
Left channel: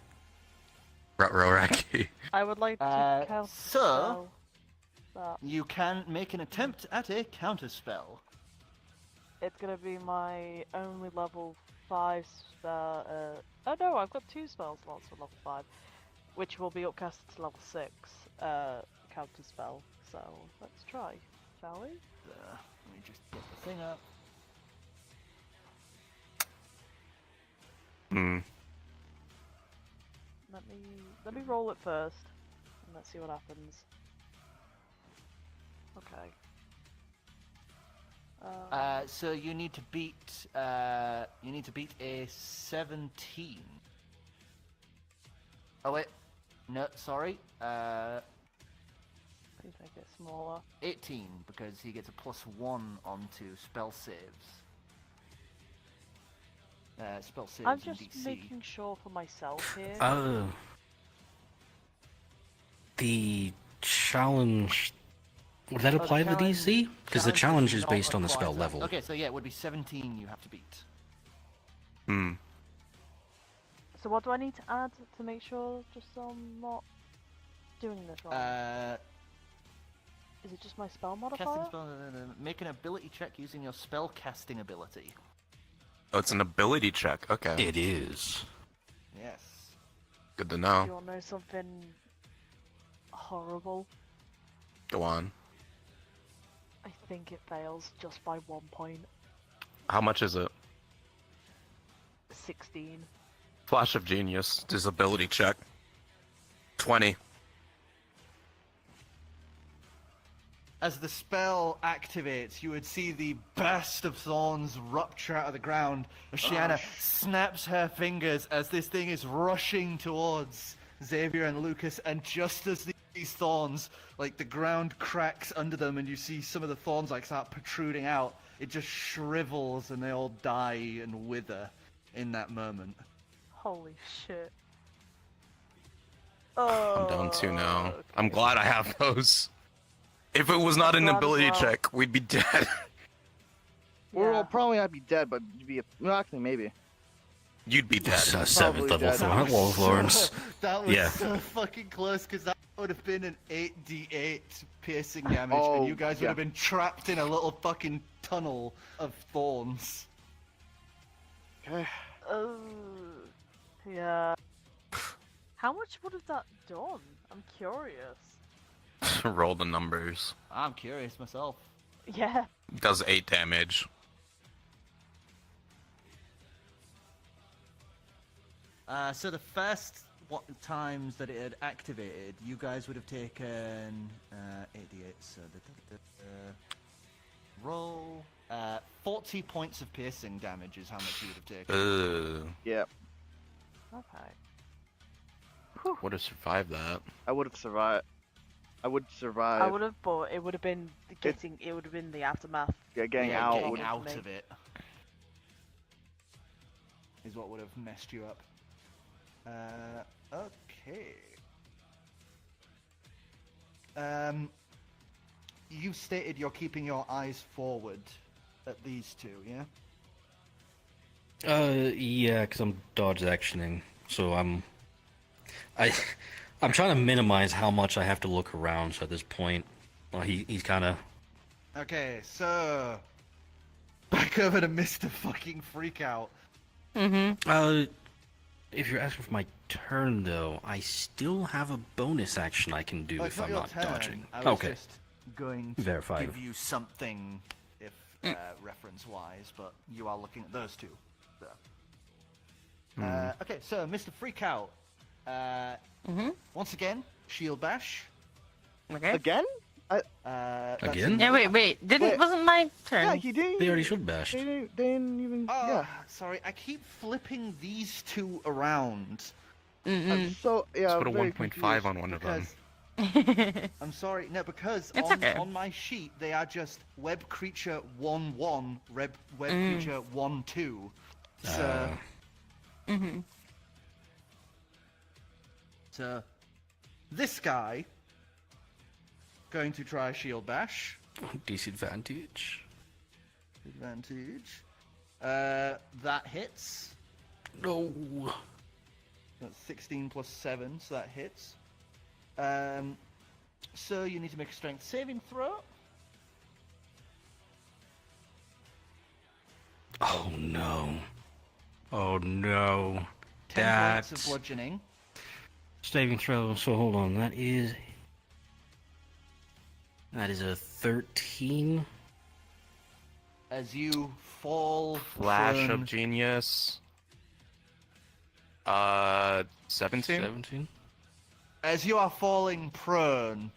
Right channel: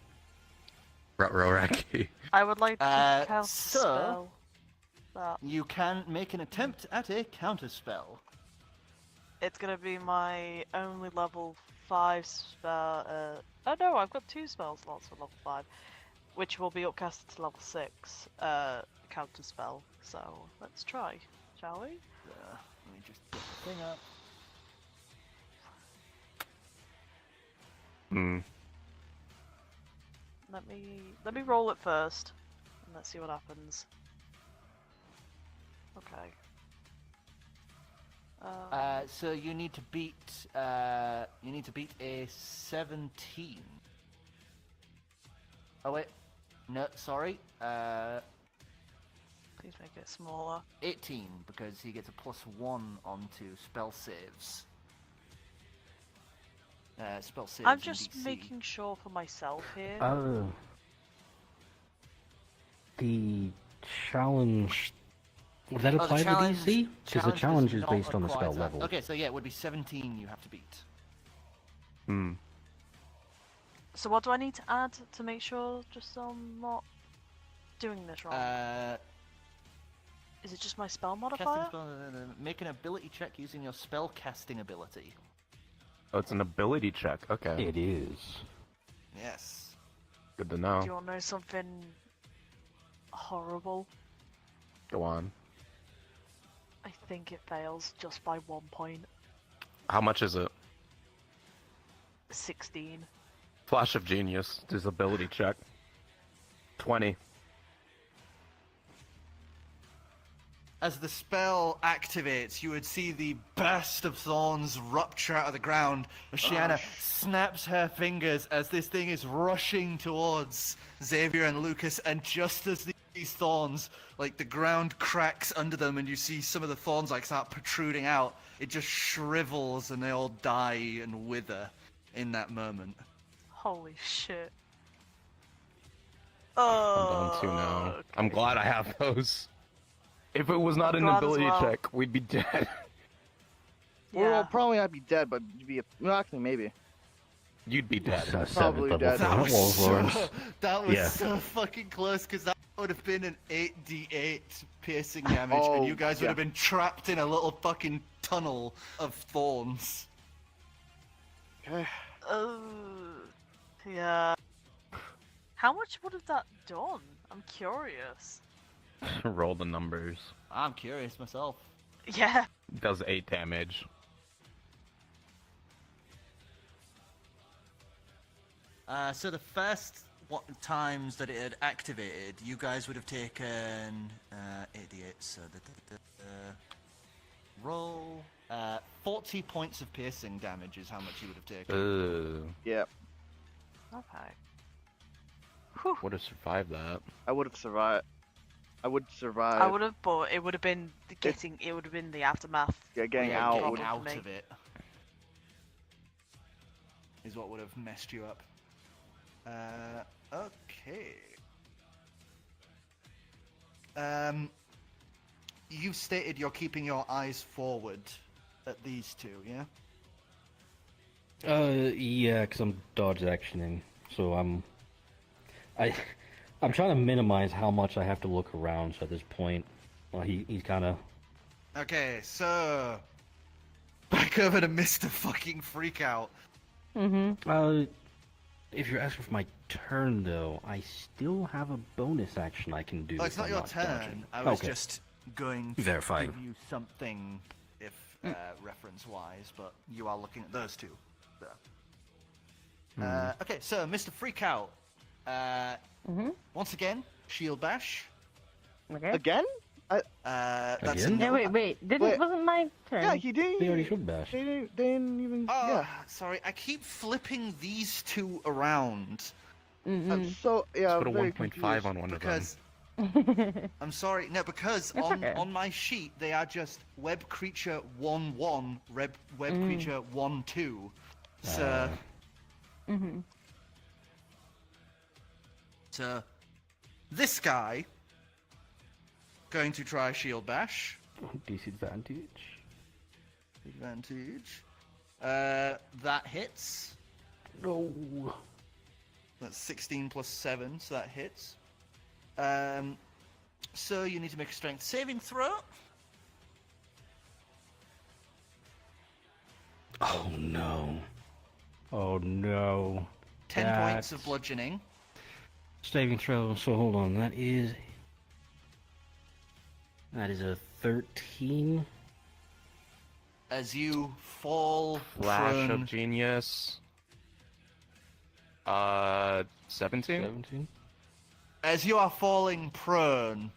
Ruraki. I would like to counter spell that. You can make an attempt at a counterspell. It's gonna be my only level 5 spell. Oh no, I've got 2 spell slots for level 5, which will be upcasted to level 6 counter spell. So let's try, shall we? Let me just get the thing up. Hmm. Let me roll it first, and let's see what happens. Okay. So you need to beat a 17. Oh wait, no, sorry. Please make it smaller. 18 because he gets a +1 onto spell saves. Spell saves. I'm in just DC. making sure for myself here. Oh. The challenge. Would that Oh, the apply to challenge- DC? Because the challenge does is not based on the apply spell to that. level. Okay, so yeah, it would be 17 you have to beat. Hmm. So what do I need to add to make sure, just so I'm not doing this wrong? Is it just my spell modifier? Casting spell. Make an ability check using your spell casting ability. Oh, it's an ability check. Okay. It is. Yes. Good to Do know. you want to know something horrible? Go on. I think it fails just by 1 point. How much is it? 16. Flash of Genius. Disability check. 20. As the spell activates, you would see the burst of thorns rupture out of the ground. Oceana snaps her fingers as this thing is rushing towards Xavier and Lucas, and just as these thorns, like the ground cracks under them and you see some of the thorns like start protruding out, it just shrivels and they all die and wither in that moment. Holy shit. I'm down 2 now. Okay. I'm glad I have those. If it was not an glad as ability well. check, we'd be dead. We'll probably not be dead, but you'd be. Well, actually, maybe. You'd be dead. So Probably 7th dead. level Warlords, Lawrence. That was Yeah. so fucking close, because that would have been an 8d8 piercing damage, Oh, and you guys would yeah. have been trapped in a little fucking tunnel of thorns. Okay. Yeah. How much would have that done? I'm curious. Roll the numbers. I'm curious myself. Yeah. Does 8 damage. So the first times that it had activated, you guys would have taken 88. So roll 40 points of piercing damage is how much you would have taken. Yeah, Okay. Would have survived that. I would have survived. I would survive. I would have, but it would have been Getting it would have been the aftermath. Yeah, getting Yeah, out getting would. out me. of it is what would have messed you up. Okay. You've stated you're keeping your eyes forward at these two, yeah? Yeah, because I'm dodge actioning, so I'm trying to minimize how much I have to look around. So at this point, well, he's kind of. Okay, so back over to Mr. Fucking Freakout. If you're asking for my turn, though, I still have a bonus action I can do Oh, if it's not I'm your not turn. dodging. I was Okay. just going to Verified. give you something, if reference-wise, but you are looking at those two. So. Okay, so Mr. Freakout. Once again, shield bash. Okay. Again? That's Again? Yeah, wait. Wasn't my turn? Yeah, he didn't. They already should bash. They didn't even. Oh, Yeah. sorry, I keep flipping these two around. So yeah, Put a very 1.5 on one of them. Because I'm sorry, no, because It's okay. on my sheet they are just web creature 1/1, web creature 1/2. So, so this guy going to try shield bash. Disadvantage. Advantage. That hits. No. That's 16 plus 7, so that hits. So you need to make a strength saving throw. Oh no. Oh no. 10 points of That's- bludgeoning. Saving throw. So hold on. That is a 13. As you fall Flash prone. of Genius. 17? 17. As you are falling prone,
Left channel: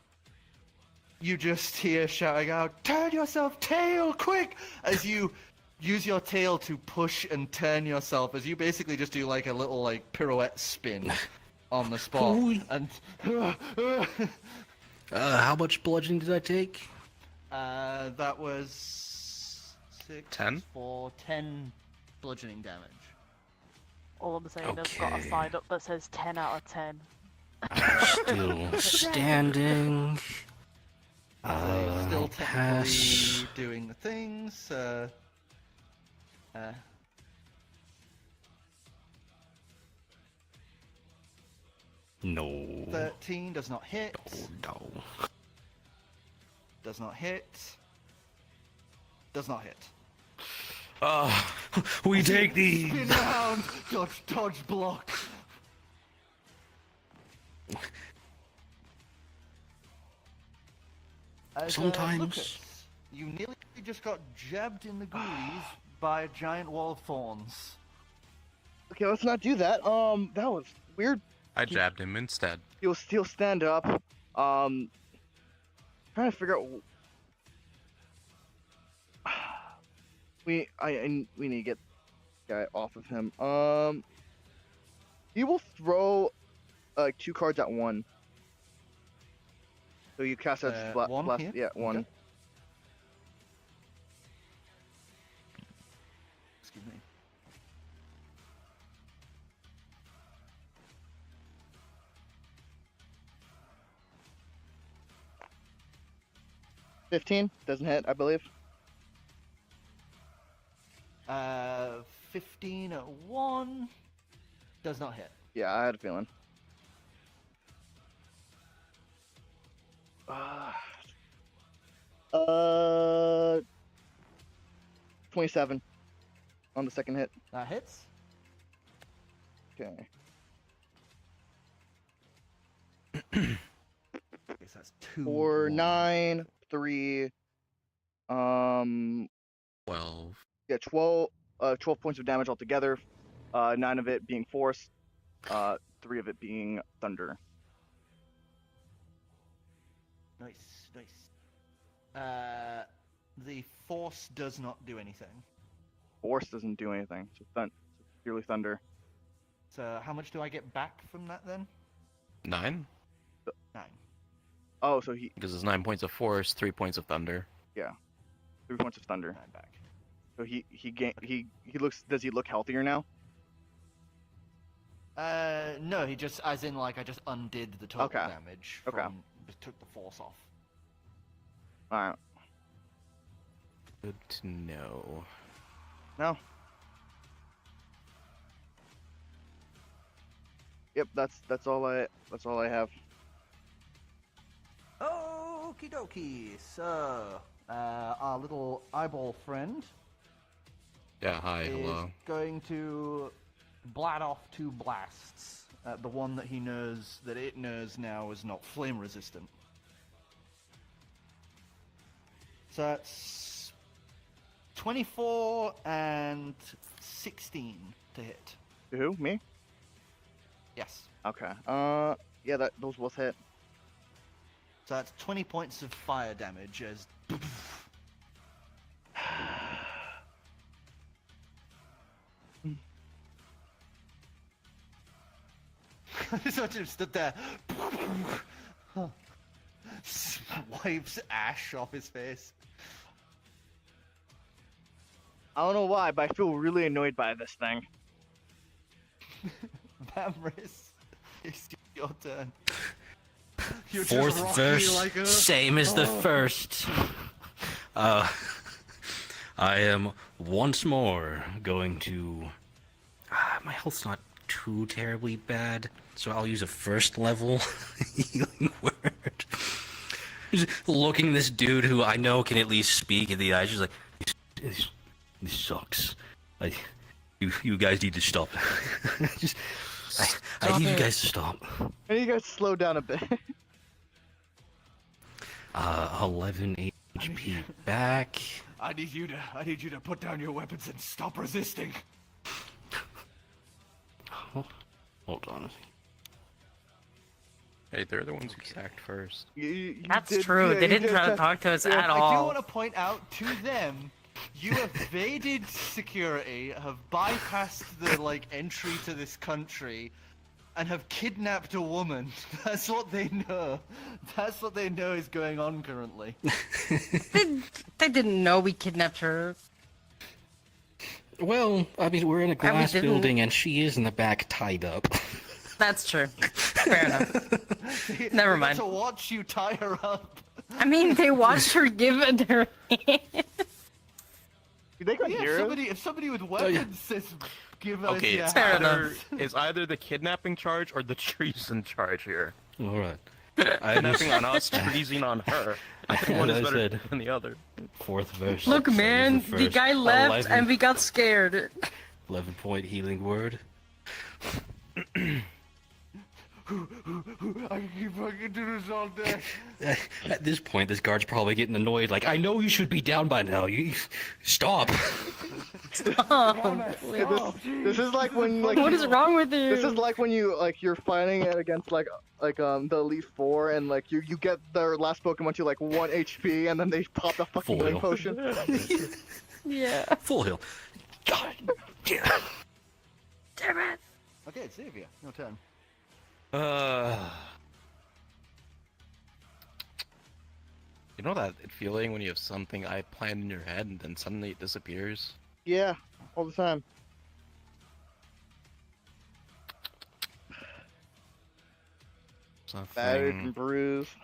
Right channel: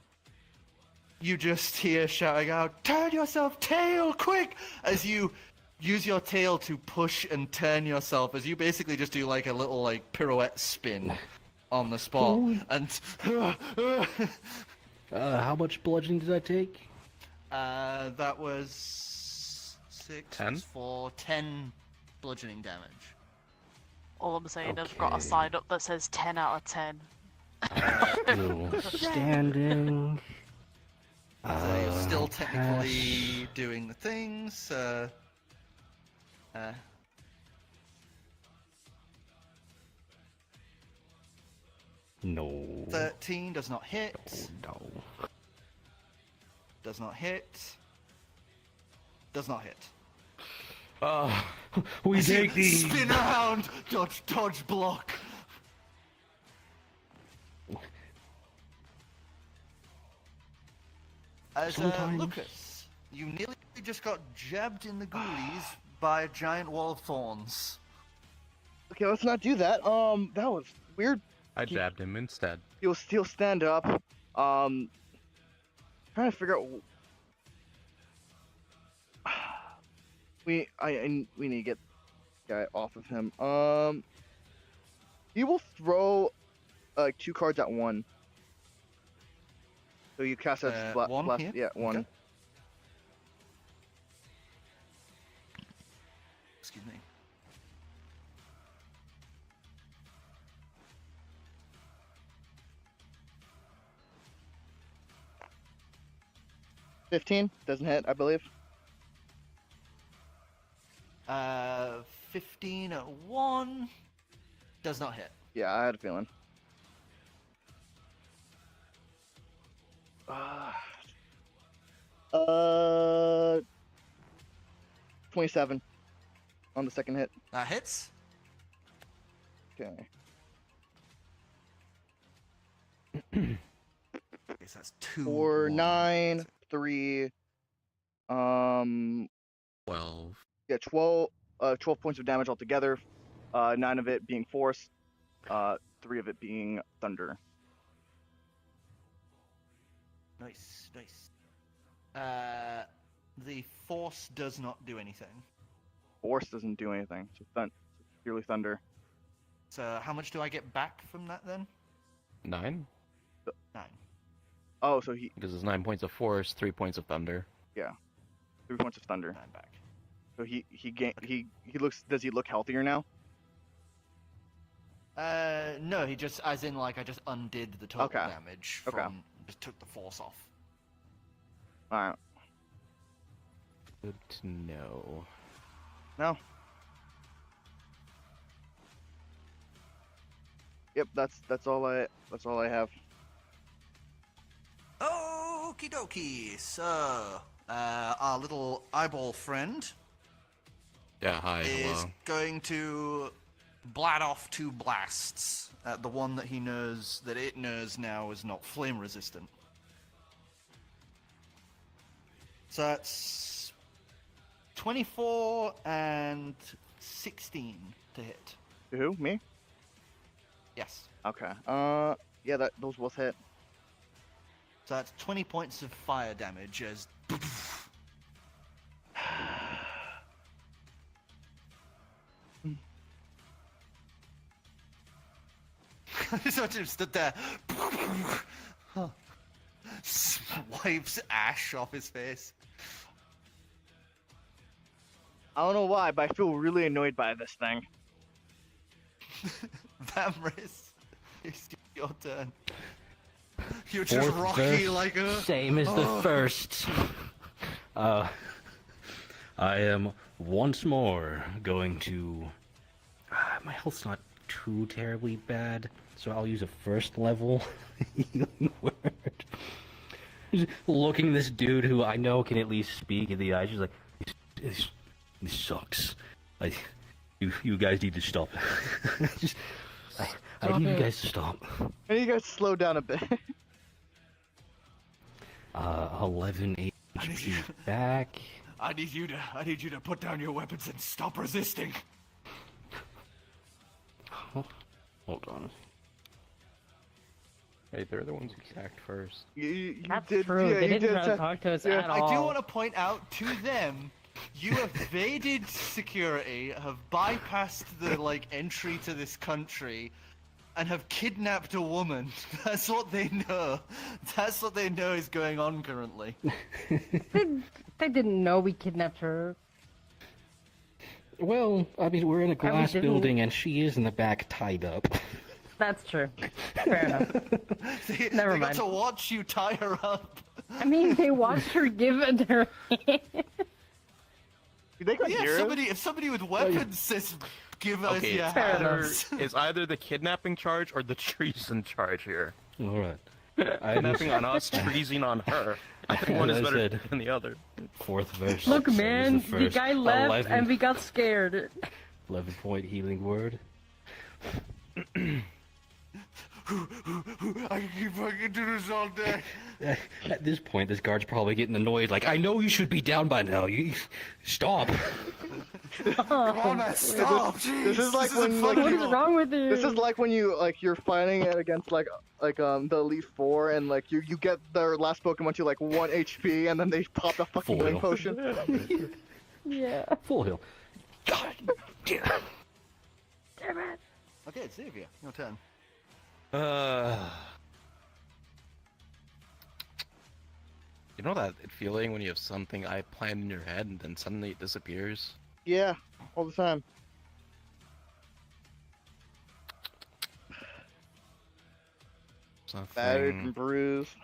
you just hear shouting out, "Turn yourself, tail, quick!" As you use your tail to push and turn yourself, as you basically just do like a little like pirouette spin on the spot. And How much bludgeoning did I take? that was 6 10? for 10 bludgeoning damage. All I'm saying, I've got a Okay. sign up that says 10 out of 10. Still standing. Still I'll technically pass. doing the things. No. 13 does not hit. No. Does not hit. Does not hit. We take these. Spin around, dodge, block. As, Sometimes- Lucas, you nearly just got jabbed in the ghoulies by a giant wall of thorns. Okay, let's not do that. That was weird. I jabbed him instead. He'll still stand up. Trying to figure out. We need to get the guy off of him. He will throw 2 cards at one. So you cast as one left, here? yeah, one. Okay. Excuse me. $15 doesn't hit, I believe. 15 at 1 does not hit. Yeah, I had a feeling. 27 on the second hit. That hits. Okay. Yes, that's 2. 4, 9, 3. 12. Yeah, 12 points of damage altogether. 9 of it being force. 3 of it being thunder. Nice, nice. The force does not do anything. Force doesn't do anything. So purely thunder. So how much do I get back from that then? 9? 9. Oh, so he Because it's 9 points of force, 3 points of thunder. 3 points of thunder. 9 back. So he looks. Does he look healthier now? No, he just, as in like I just undid the total Okay. damage. Okay. From, just took the force off. All right. Good to know. No. Yep, that's all I have. Okie dokie. So, our little eyeball friend Yeah, hi, is hello. going to blat off 2 blasts. The one that he knows, that it knows now is not flame resistant. So that's 24 and 16 to hit. To who? Me? Yes. Okay. Yeah, those both hit. So that's 20 points of fire damage as so just stood there, wipes ash off his face. I don't know why, but I feel really annoyed by this thing. Vamris, it's your turn. You're just Fourth rocky verse, like a... same as the first. I am once more going to. My health's not too terribly bad, so I'll use a first level healing word. Just looking this dude who I know can at least speak in the eyes, just like, this sucks. You guys need to stop. I need you guys to stop. I need you guys to slow down a bit. 11 HP back. I need you to put down your weapons and stop resisting. Hold on. Hey, they're the ones who sacked first. You That's did- true. yeah, They you didn't did try to that- talk to us yeah. at all. I do want to point out to them, you evaded security, have bypassed the entry to this country, and have kidnapped a woman. That's what they know. That's what they know is going on currently. They didn't know we kidnapped her. Well, I mean, we're in a glass didn't- building and she is in the back tied up. That's true. Fair enough. Never They got mind. to watch you tie her up. I mean, they watched her give it her. They could Yeah, hear us. if somebody with weapons says, give us Okay, your it's Fair enough. hammers. It's either the kidnapping charge or the treason charge here. Alright. I Kidnapping on us, treason on her. I think one is As I better said. than the other. Fourth verse. Look, same as man, the first. guy left 11 and we got scared. 11-point healing word. I can keep fucking do this all day. At this point, this guard's probably getting annoyed. Like, I know you should be down by now. You stop. This is like when like What is wrong with you? This is like when you're fighting it against the Elite Four and like you get their last Pokemon to like 1 HP and then they pop the fucking Full healing heal. potion. Yeah. Full heal. God damn. Damn it. Okay, Xavier, your turn. You know that feeling when you have something I planned in your head and then suddenly it disappears? Yeah, all the time. Battered and bruised.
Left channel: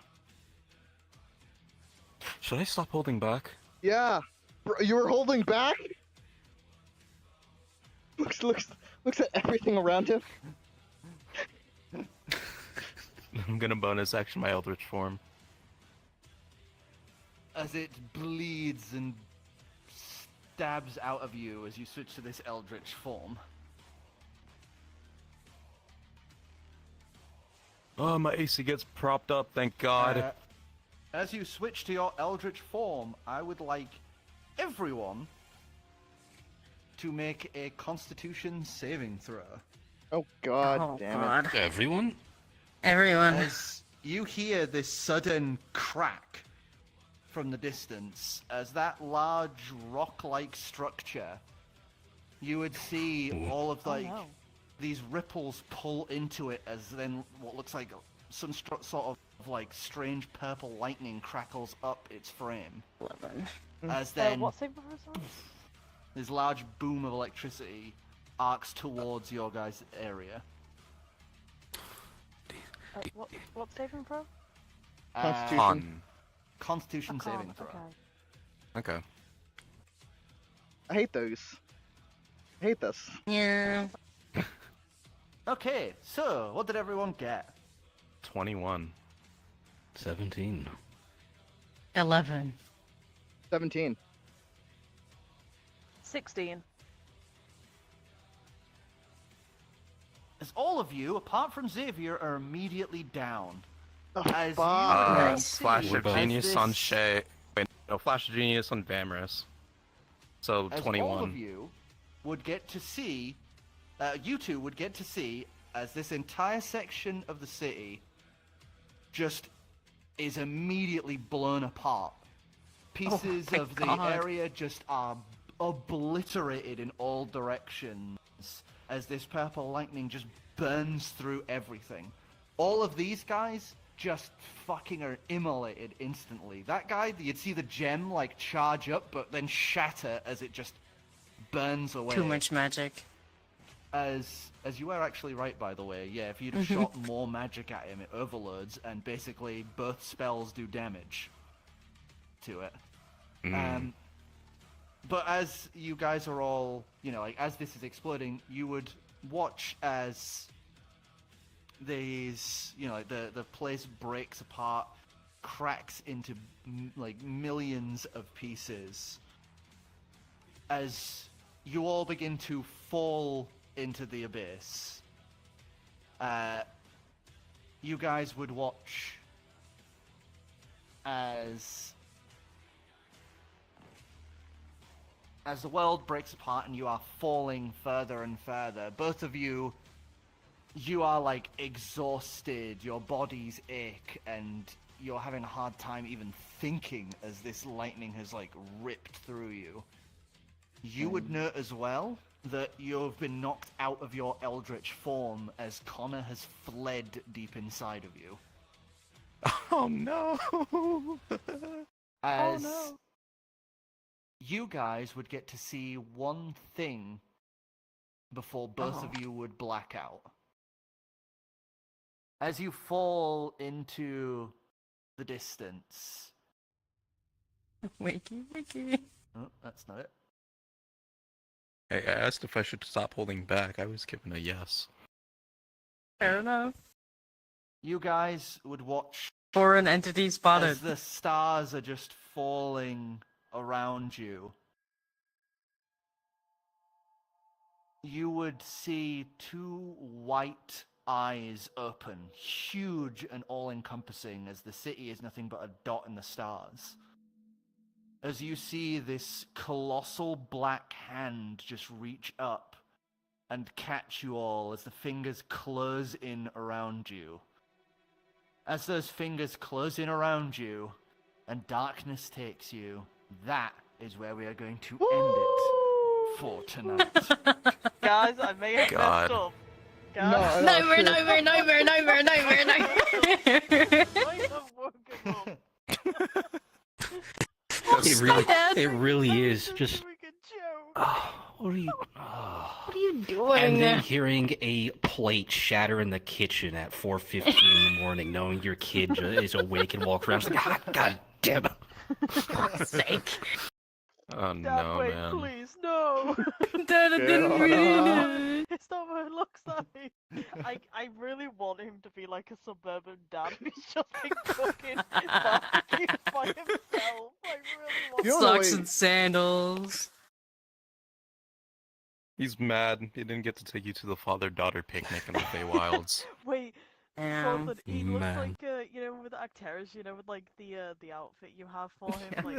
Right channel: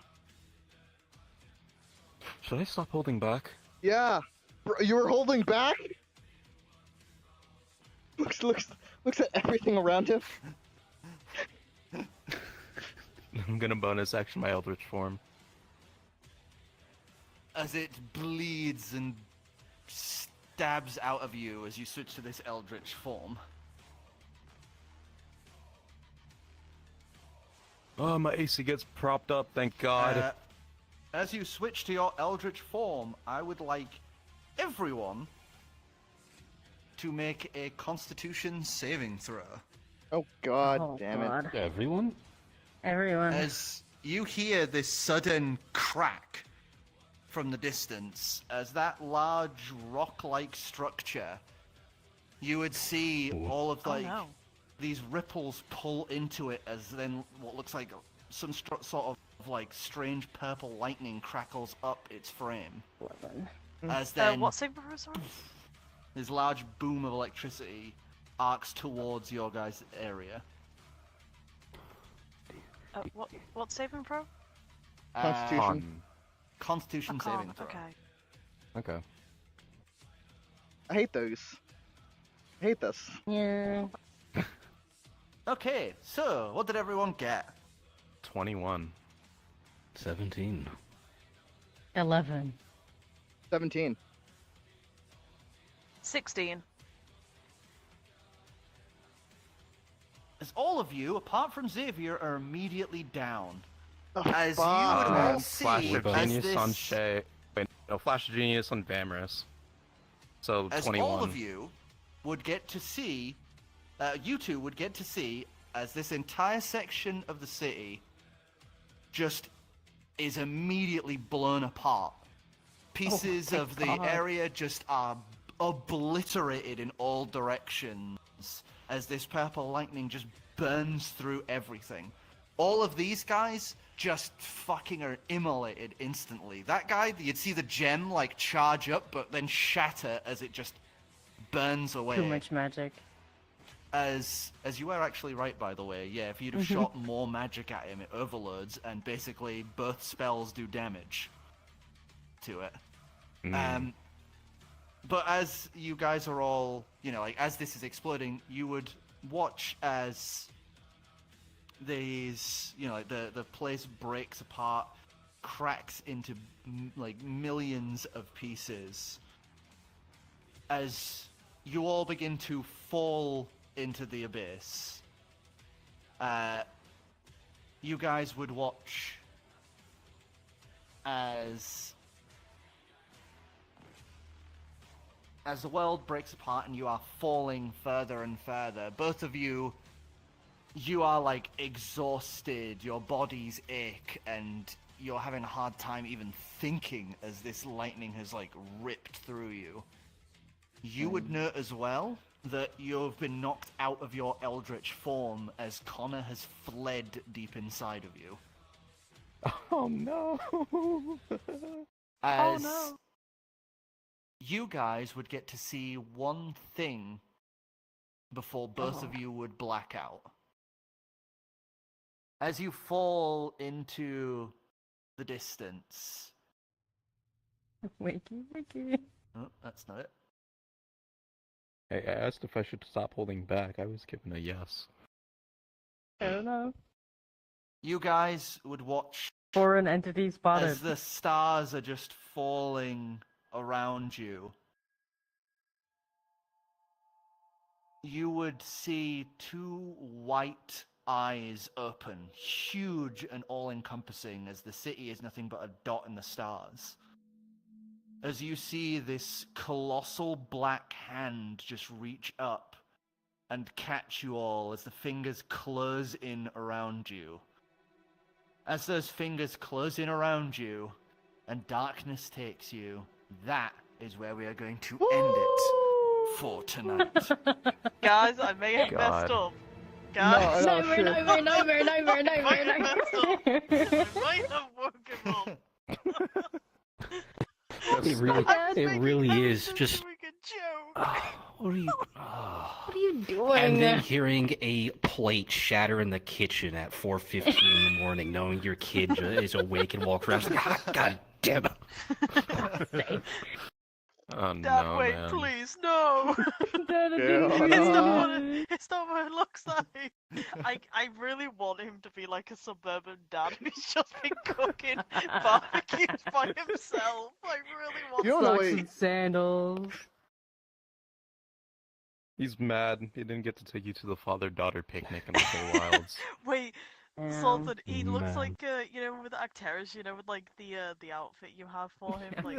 Should I stop holding back? Yeah, bro, you were holding back. Looks at everything around him. I'm gonna bonus action my Eldritch form. As it bleeds and stabs out of you as you switch to this eldritch form. Oh, my AC gets propped up, thank God. As you switch to your eldritch form, I would like everyone to make a Constitution saving throw. Oh God, Oh, damn it! God. Everyone? Everyone. As you hear this sudden crack from the distance, as that large rock-like structure, you would see all of these ripples pull into it as then what looks like some sort of like strange purple lightning crackles up its frame. 11. As then What saving throw, sorry? this large boom of electricity arcs towards your guys' area. What saving throw? Constitution. Constitution I can't- saving throw. Okay. Okay. I hate those. I hate this. Yeah. Okay, so what did everyone get? 21. 17. 11. 17. 16. As all of you, apart from Xavier, are immediately down. Oh, As fuck, you man. see, Flash of as Genius this- on Shay. Wait, no, Flash of Genius on Vamrus. So, as 21. all of you would get to see, you two would get to see, as this entire section of the city just is immediately blown apart. Pieces my of the God. area just are obliterated in all directions as this purple lightning just burns through everything. All of these guys just fucking are immolated instantly. That guy, you'd see the gem like charge up but then shatter as it just burns away. Too much magic. As you were actually right, by the way. Yeah, if you'd have shot more magic at him, it overloads, and basically both spells do damage to it. But as you guys are all, like, as this is exploding, you would watch as these, like, the place breaks apart, cracks into, like, millions of pieces. As you all begin to fall into the abyss, you guys would watch as the world breaks apart and you are falling further and further. Both of you are like exhausted, your bodies ache, and you're having a hard time even thinking as this lightning has like ripped through you. You would note as well that you've been knocked out of your eldritch form as Connor has fled deep inside of you. Oh no! As no. you guys would get to see one thing before both of you would black out. As you fall into the distance. Wakey. Oh, that's not it. I asked if I should stop holding back. I was given a yes. Fair enough. You guys would watch Foreign entity spotted. as the stars are just falling around you. You would see two white eyes open, huge and all-encompassing, as the city is nothing but a dot in the stars. As you see this colossal black hand just reach up and catch you all as the fingers close in around you. As those fingers close in around you and darkness takes you, that is where we are going to end it for tonight. Guys, I may have messed up. Guys. Nightmare. I have woken up. It really is just. What are you? What are you doing? And then hearing a plate shatter in the kitchen at 4:15 in the morning, knowing your kid is awake and walk around. God damn it! For God's sake. Oh no, Wait, man. please, no! It's not what it looks like. I really want him to be like a suburban dad who's just been cooking barbecues by himself. I really want. You know the Socks way- and sandals. He's mad. He didn't get to take you to the father-daughter picnic in the Feywilds. Wait, Yeah. something. He looks Man. like with actors, with like the outfit you have for him, like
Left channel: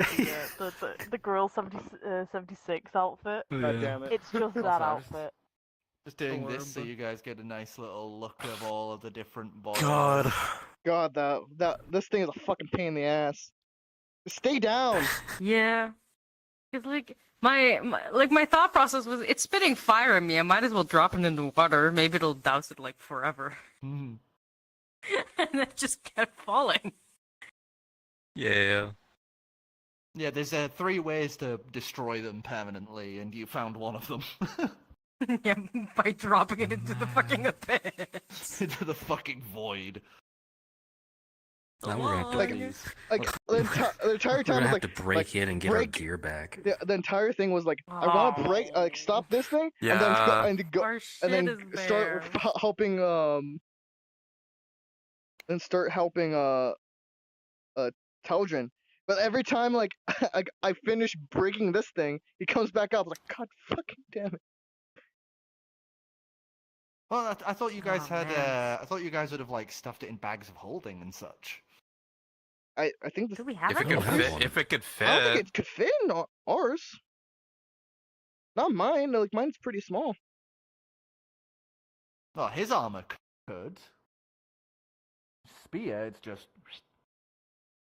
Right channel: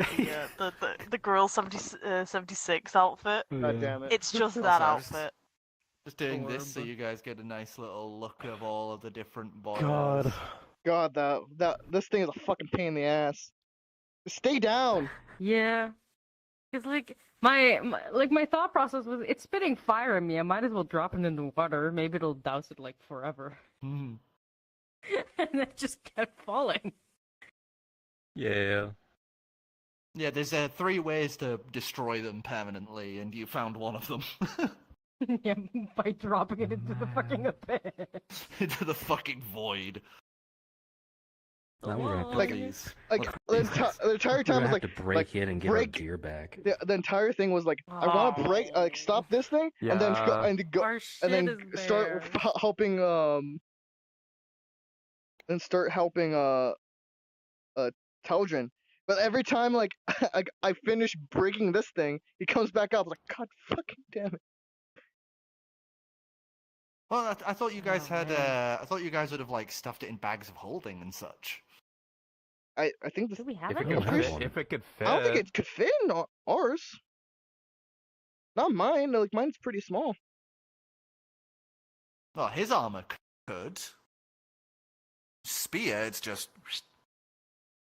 the girl 76 outfit. God damn it. It's just that Also, I was- outfit. Just doing this so Adorable. you guys get a nice little look of all of the different boys. God, this thing is a fucking pain in the ass. Stay down. Yeah. Cause like my thought process was, it's spitting fire at me. I might as well drop it in the water. Maybe it'll douse it like forever. Hmm. And it just kept falling. Yeah. Yeah, there's 3 ways to destroy them permanently, and you found one of them. Yeah, by dropping it into the fucking abyss. Into the fucking void. Now we're gonna have to Like- the entire we're time gonna was have like, to break it and get our break- gear back. the entire thing was like, I want to break, stop this thing, and then go, Yeah. and Our shit then is start there. helping and start helping Teldrin. But every time like I finish breaking this thing, he comes back up like, God fucking damn it. Well, I thought you guys Oh, had. man. I thought you guys would have like stuffed it in bags of holding and such. I think this, Do we have If it any? could I'm pretty fit, if it could fit. I don't think it could fit in ours. Not mine. Like mine's pretty small. Well, his armor could. Spear, it's just.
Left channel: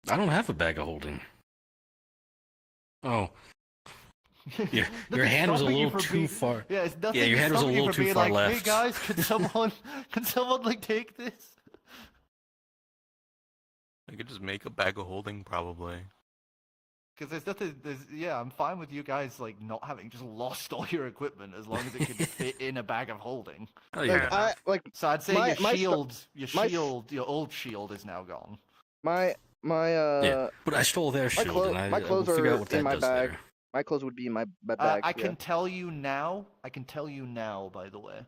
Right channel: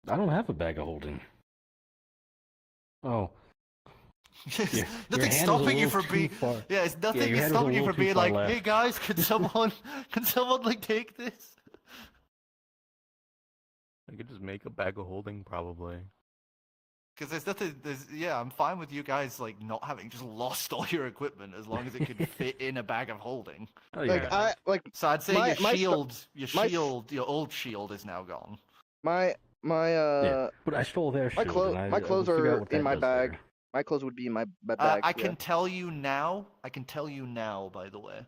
I don't have a bag of holding. Oh, your Nothing's hand was a stopping you little from too being- far. Yeah, it's nothing your hand was a stopping you little from too being far like, hey left." guys, can someone like take this? I could just make a bag of holding, probably. Because there's nothing. Yeah, I'm fine with you guys like not having just lost all your equipment as long as it could fit in a bag of holding. Oh, Like yeah. So I'd say My- your my stu- shield, my- your old shield is now gone. my Yeah, but I stole their shield. and I- my we'll clothes figure out are what in that my does bag. there. My clothes would be in my bag. I yeah. can tell you now. I can tell you now, by the way.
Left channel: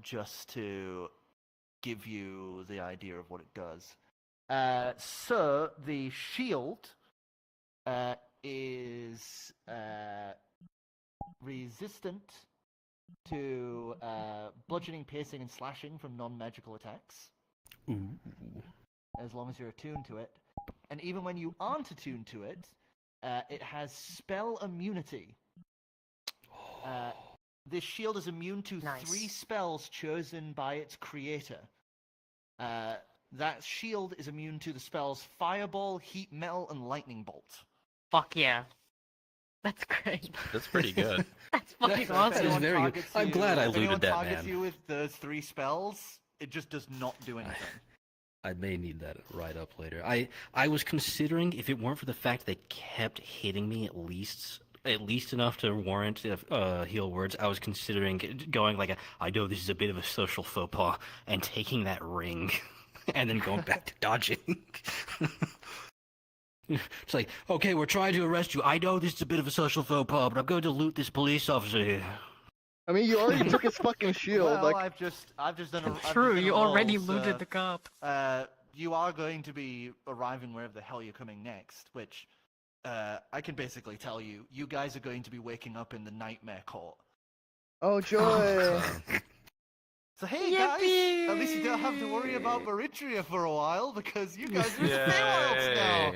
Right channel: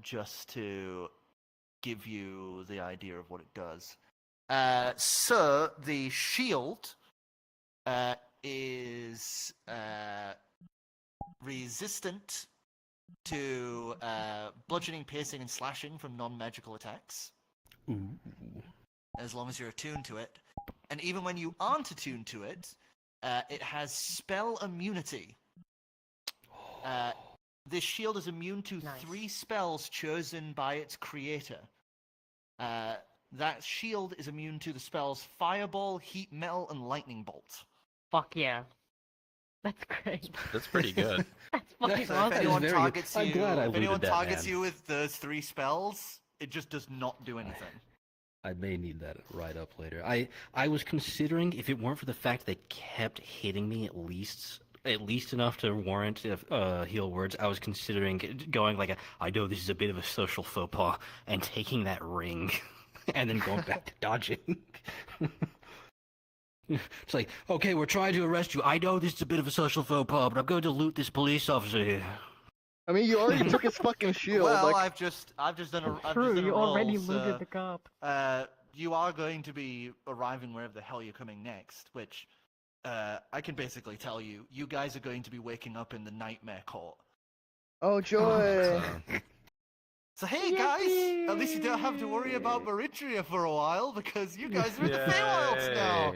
Just to give you the idea of what it does. So the shield is resistant to bludgeoning, piercing, and slashing from non-magical attacks, Ooh. As long as you're attuned to it. and even when you aren't attuned to it, it has spell immunity. This shield is immune to Nice. 3 spells chosen by its creator. That shield is immune to the spells Fireball, Heat Metal, and Lightning Bolt. Fuck yeah. That's great. That's pretty good. That's Yeah, fucking so if awesome. anyone very good. targets I'm you- glad I if anyone looted that, targets man. you with those 3 spells, it just does not do anything. I may need that right up later. I was considering, if it weren't for the fact they kept hitting me at least enough to warrant heal words, I was considering going like I know this is a bit of a social faux pas, and taking that ring, and then going back to dodging. It's like, okay, we're trying to arrest you. I know this is a bit of a social faux pas, but I'm going to loot this police officer here. I mean, you already took his fucking shield. Well, like, I've just done a. I've True, just done a you already roll, looted so, the cop. You are going to be arriving wherever the hell you're coming next, which I can basically tell you. You guys are going to be waking up in the Nightmare Court. oh joy. So hey guys, at least you don't have to worry about Meritria for a while because you guys are in the Feywilds now.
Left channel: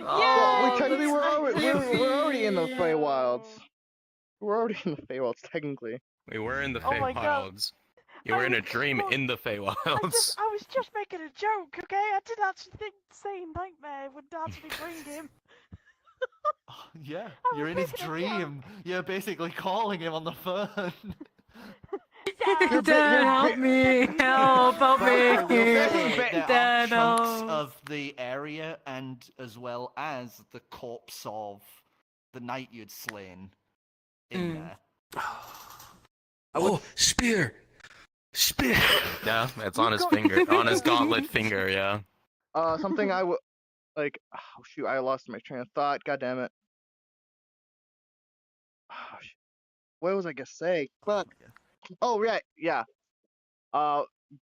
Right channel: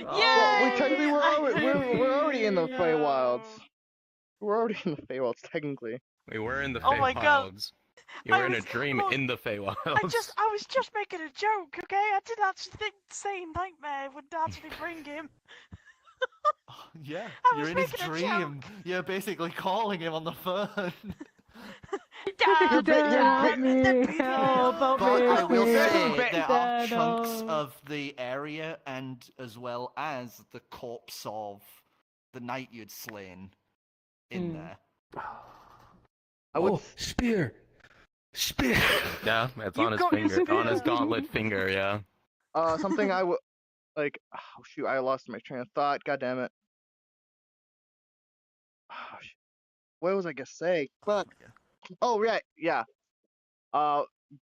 Well, we technically we're already in the Feywilds. We're already in the Feywilds technically. We were in the Oh my God. Feywilds. You were in a dream in the Feywilds. I was just making a joke, okay? I didn't actually say Nightmare would actually bring him. Yeah, I you're was in his making a dream. You're basically calling him on the phone. You're Help me! Help But me! I will say there are Dad, chunks no. of the area, and as well as the corpse of the knight you'd slain in there. I would. Oh, spear! Spear! Yeah, that's on his finger, on his gauntlet finger. Yeah. Something I would like. Oh shoot! I lost my train of thought. God damn it. Oh, shoot. What was I gonna say? Fuck. Oh right, yeah.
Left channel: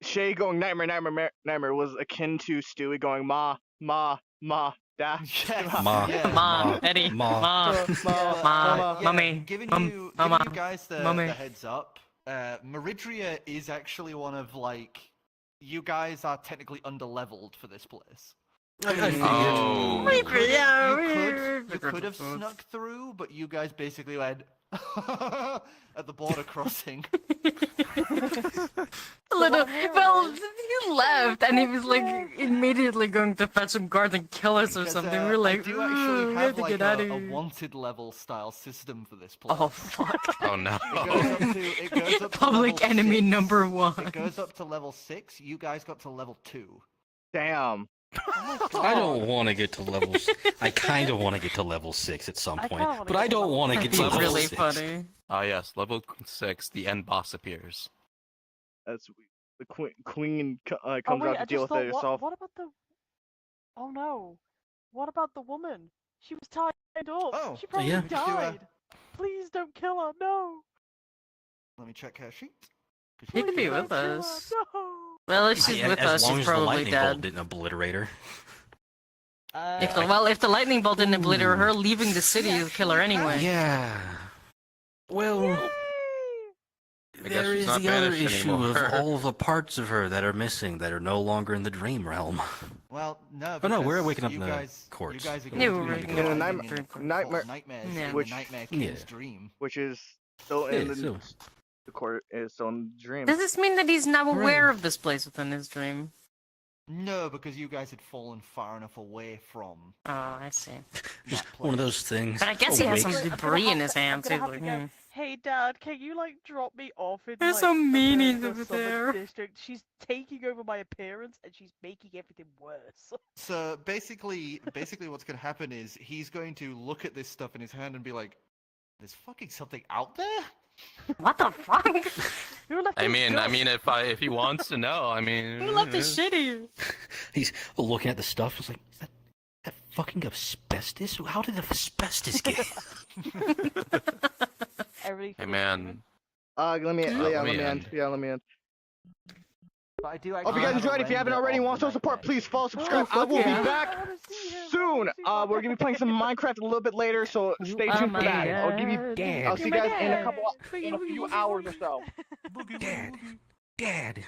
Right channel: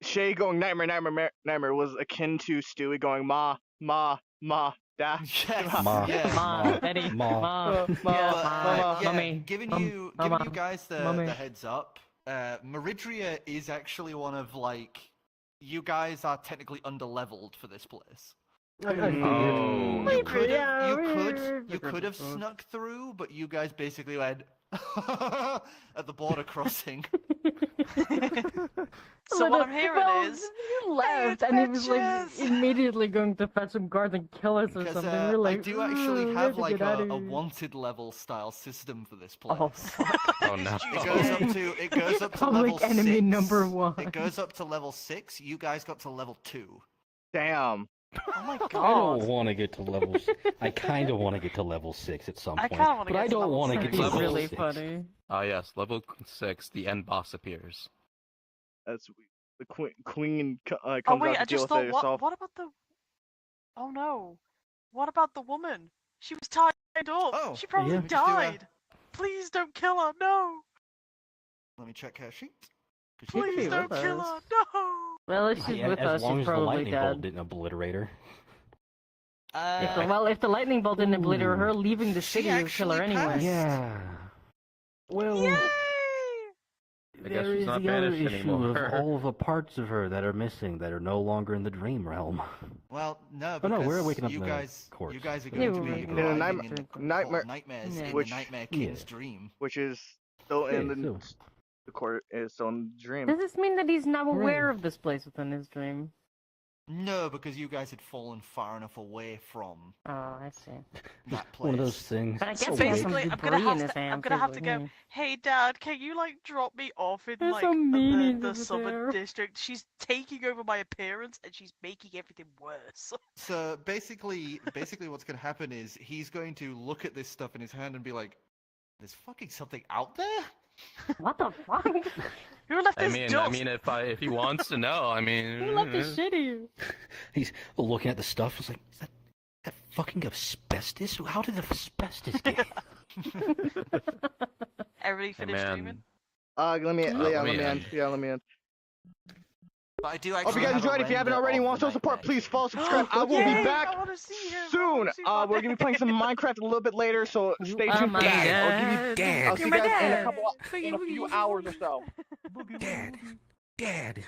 Shay going nightmare was akin to Stewie going ma, da. Yes, Ma. yes. Mom, Daddy, Ma. Mom, Ma. Yeah, Mummy, giving Mum, you Mama, guys the Mummy. heads up. Meridria is actually one of like you guys are technically underleveled for this place. Oh. You could have snuck through, but you guys basically went at the border crossing. So what I'm hearing is- he left and he was like immediately going to fetch some guard and kill us or Because, something. We're like, I do actually we have to like get outta a here. wanted level style system for this place. Oh fuck! Oh no. It goes up to Public level enemy 6. number 1. It goes up to level 6. You guys got to level 2. Damn. I don't want to get to levels. I kind of want to get to level 6 at some I point, kinda wanna but get I to don't level want to get It's to level level really 6. funny. Ah yes, level 6. The end boss appears. That's the queen Oh comes wait, out I to deal just with it thought, herself. what about the... Oh no. What about the woman? She was tied up. Oh, She probably yeah. Do a- died. Please don't kill her, no. Let me check her sheet. 'Cause She could could be die. with Don't kill her, us. no. Well, if she's Yeah, with as us, long she's as the probably lightning bolt dead. didn't obliterate her. If the lightning bolt didn't obliterate her, leaving the city will kill her actually anyway. Yeah. Well, I guess there she's is not the other banished issue anymore. of all the parts of her that are missing that are no longer in the dream realm. Well, no, Oh, no, we're because waking up you the guys, courts. you guys are Yeah, going we're to be waking up. driving In in the nightmare- nightmares Yeah. in Which- the Nightmare King's Yeah. dream. Which is still in Yeah, the so- the court is still in the dream. Does this mean that he's now aware Right. of this place within his dream? No, because you guys had fallen far enough away from Oh, I see. that place. One of those things. But I guess So he has wake- some Wait, I'm gonna debris have in his to- hand I'm gonna too. have to go. Hey Dad, can you like drop me off in There's like some the meanies over Southern there. District? She's taking over my appearance and she's making everything worse. So basically what's going to happen is he's going to look at this stuff in his hand and be like, "There's fucking something out there." What the fuck? Who left I this mean, dust? if he wants to know, I mean. Who left the city? He's looking at the stuff. It's like, is that fucking asbestos? How did the asbestos get? Everybody Hey finished man, streaming? Let me let let me me end. end. Yeah, let me end. But I do Hope actually you guys have a enjoyed. If you haven't render already, of want the to support, nightmare. please follow, subscribe. I will be Yeah, back I wanna see him. I soon. wanna see what We're gonna be playing some Minecraft a little bit later, so stay tuned for that. I'll give you. Dad. I'll see you guys in a few hours or so. Dad.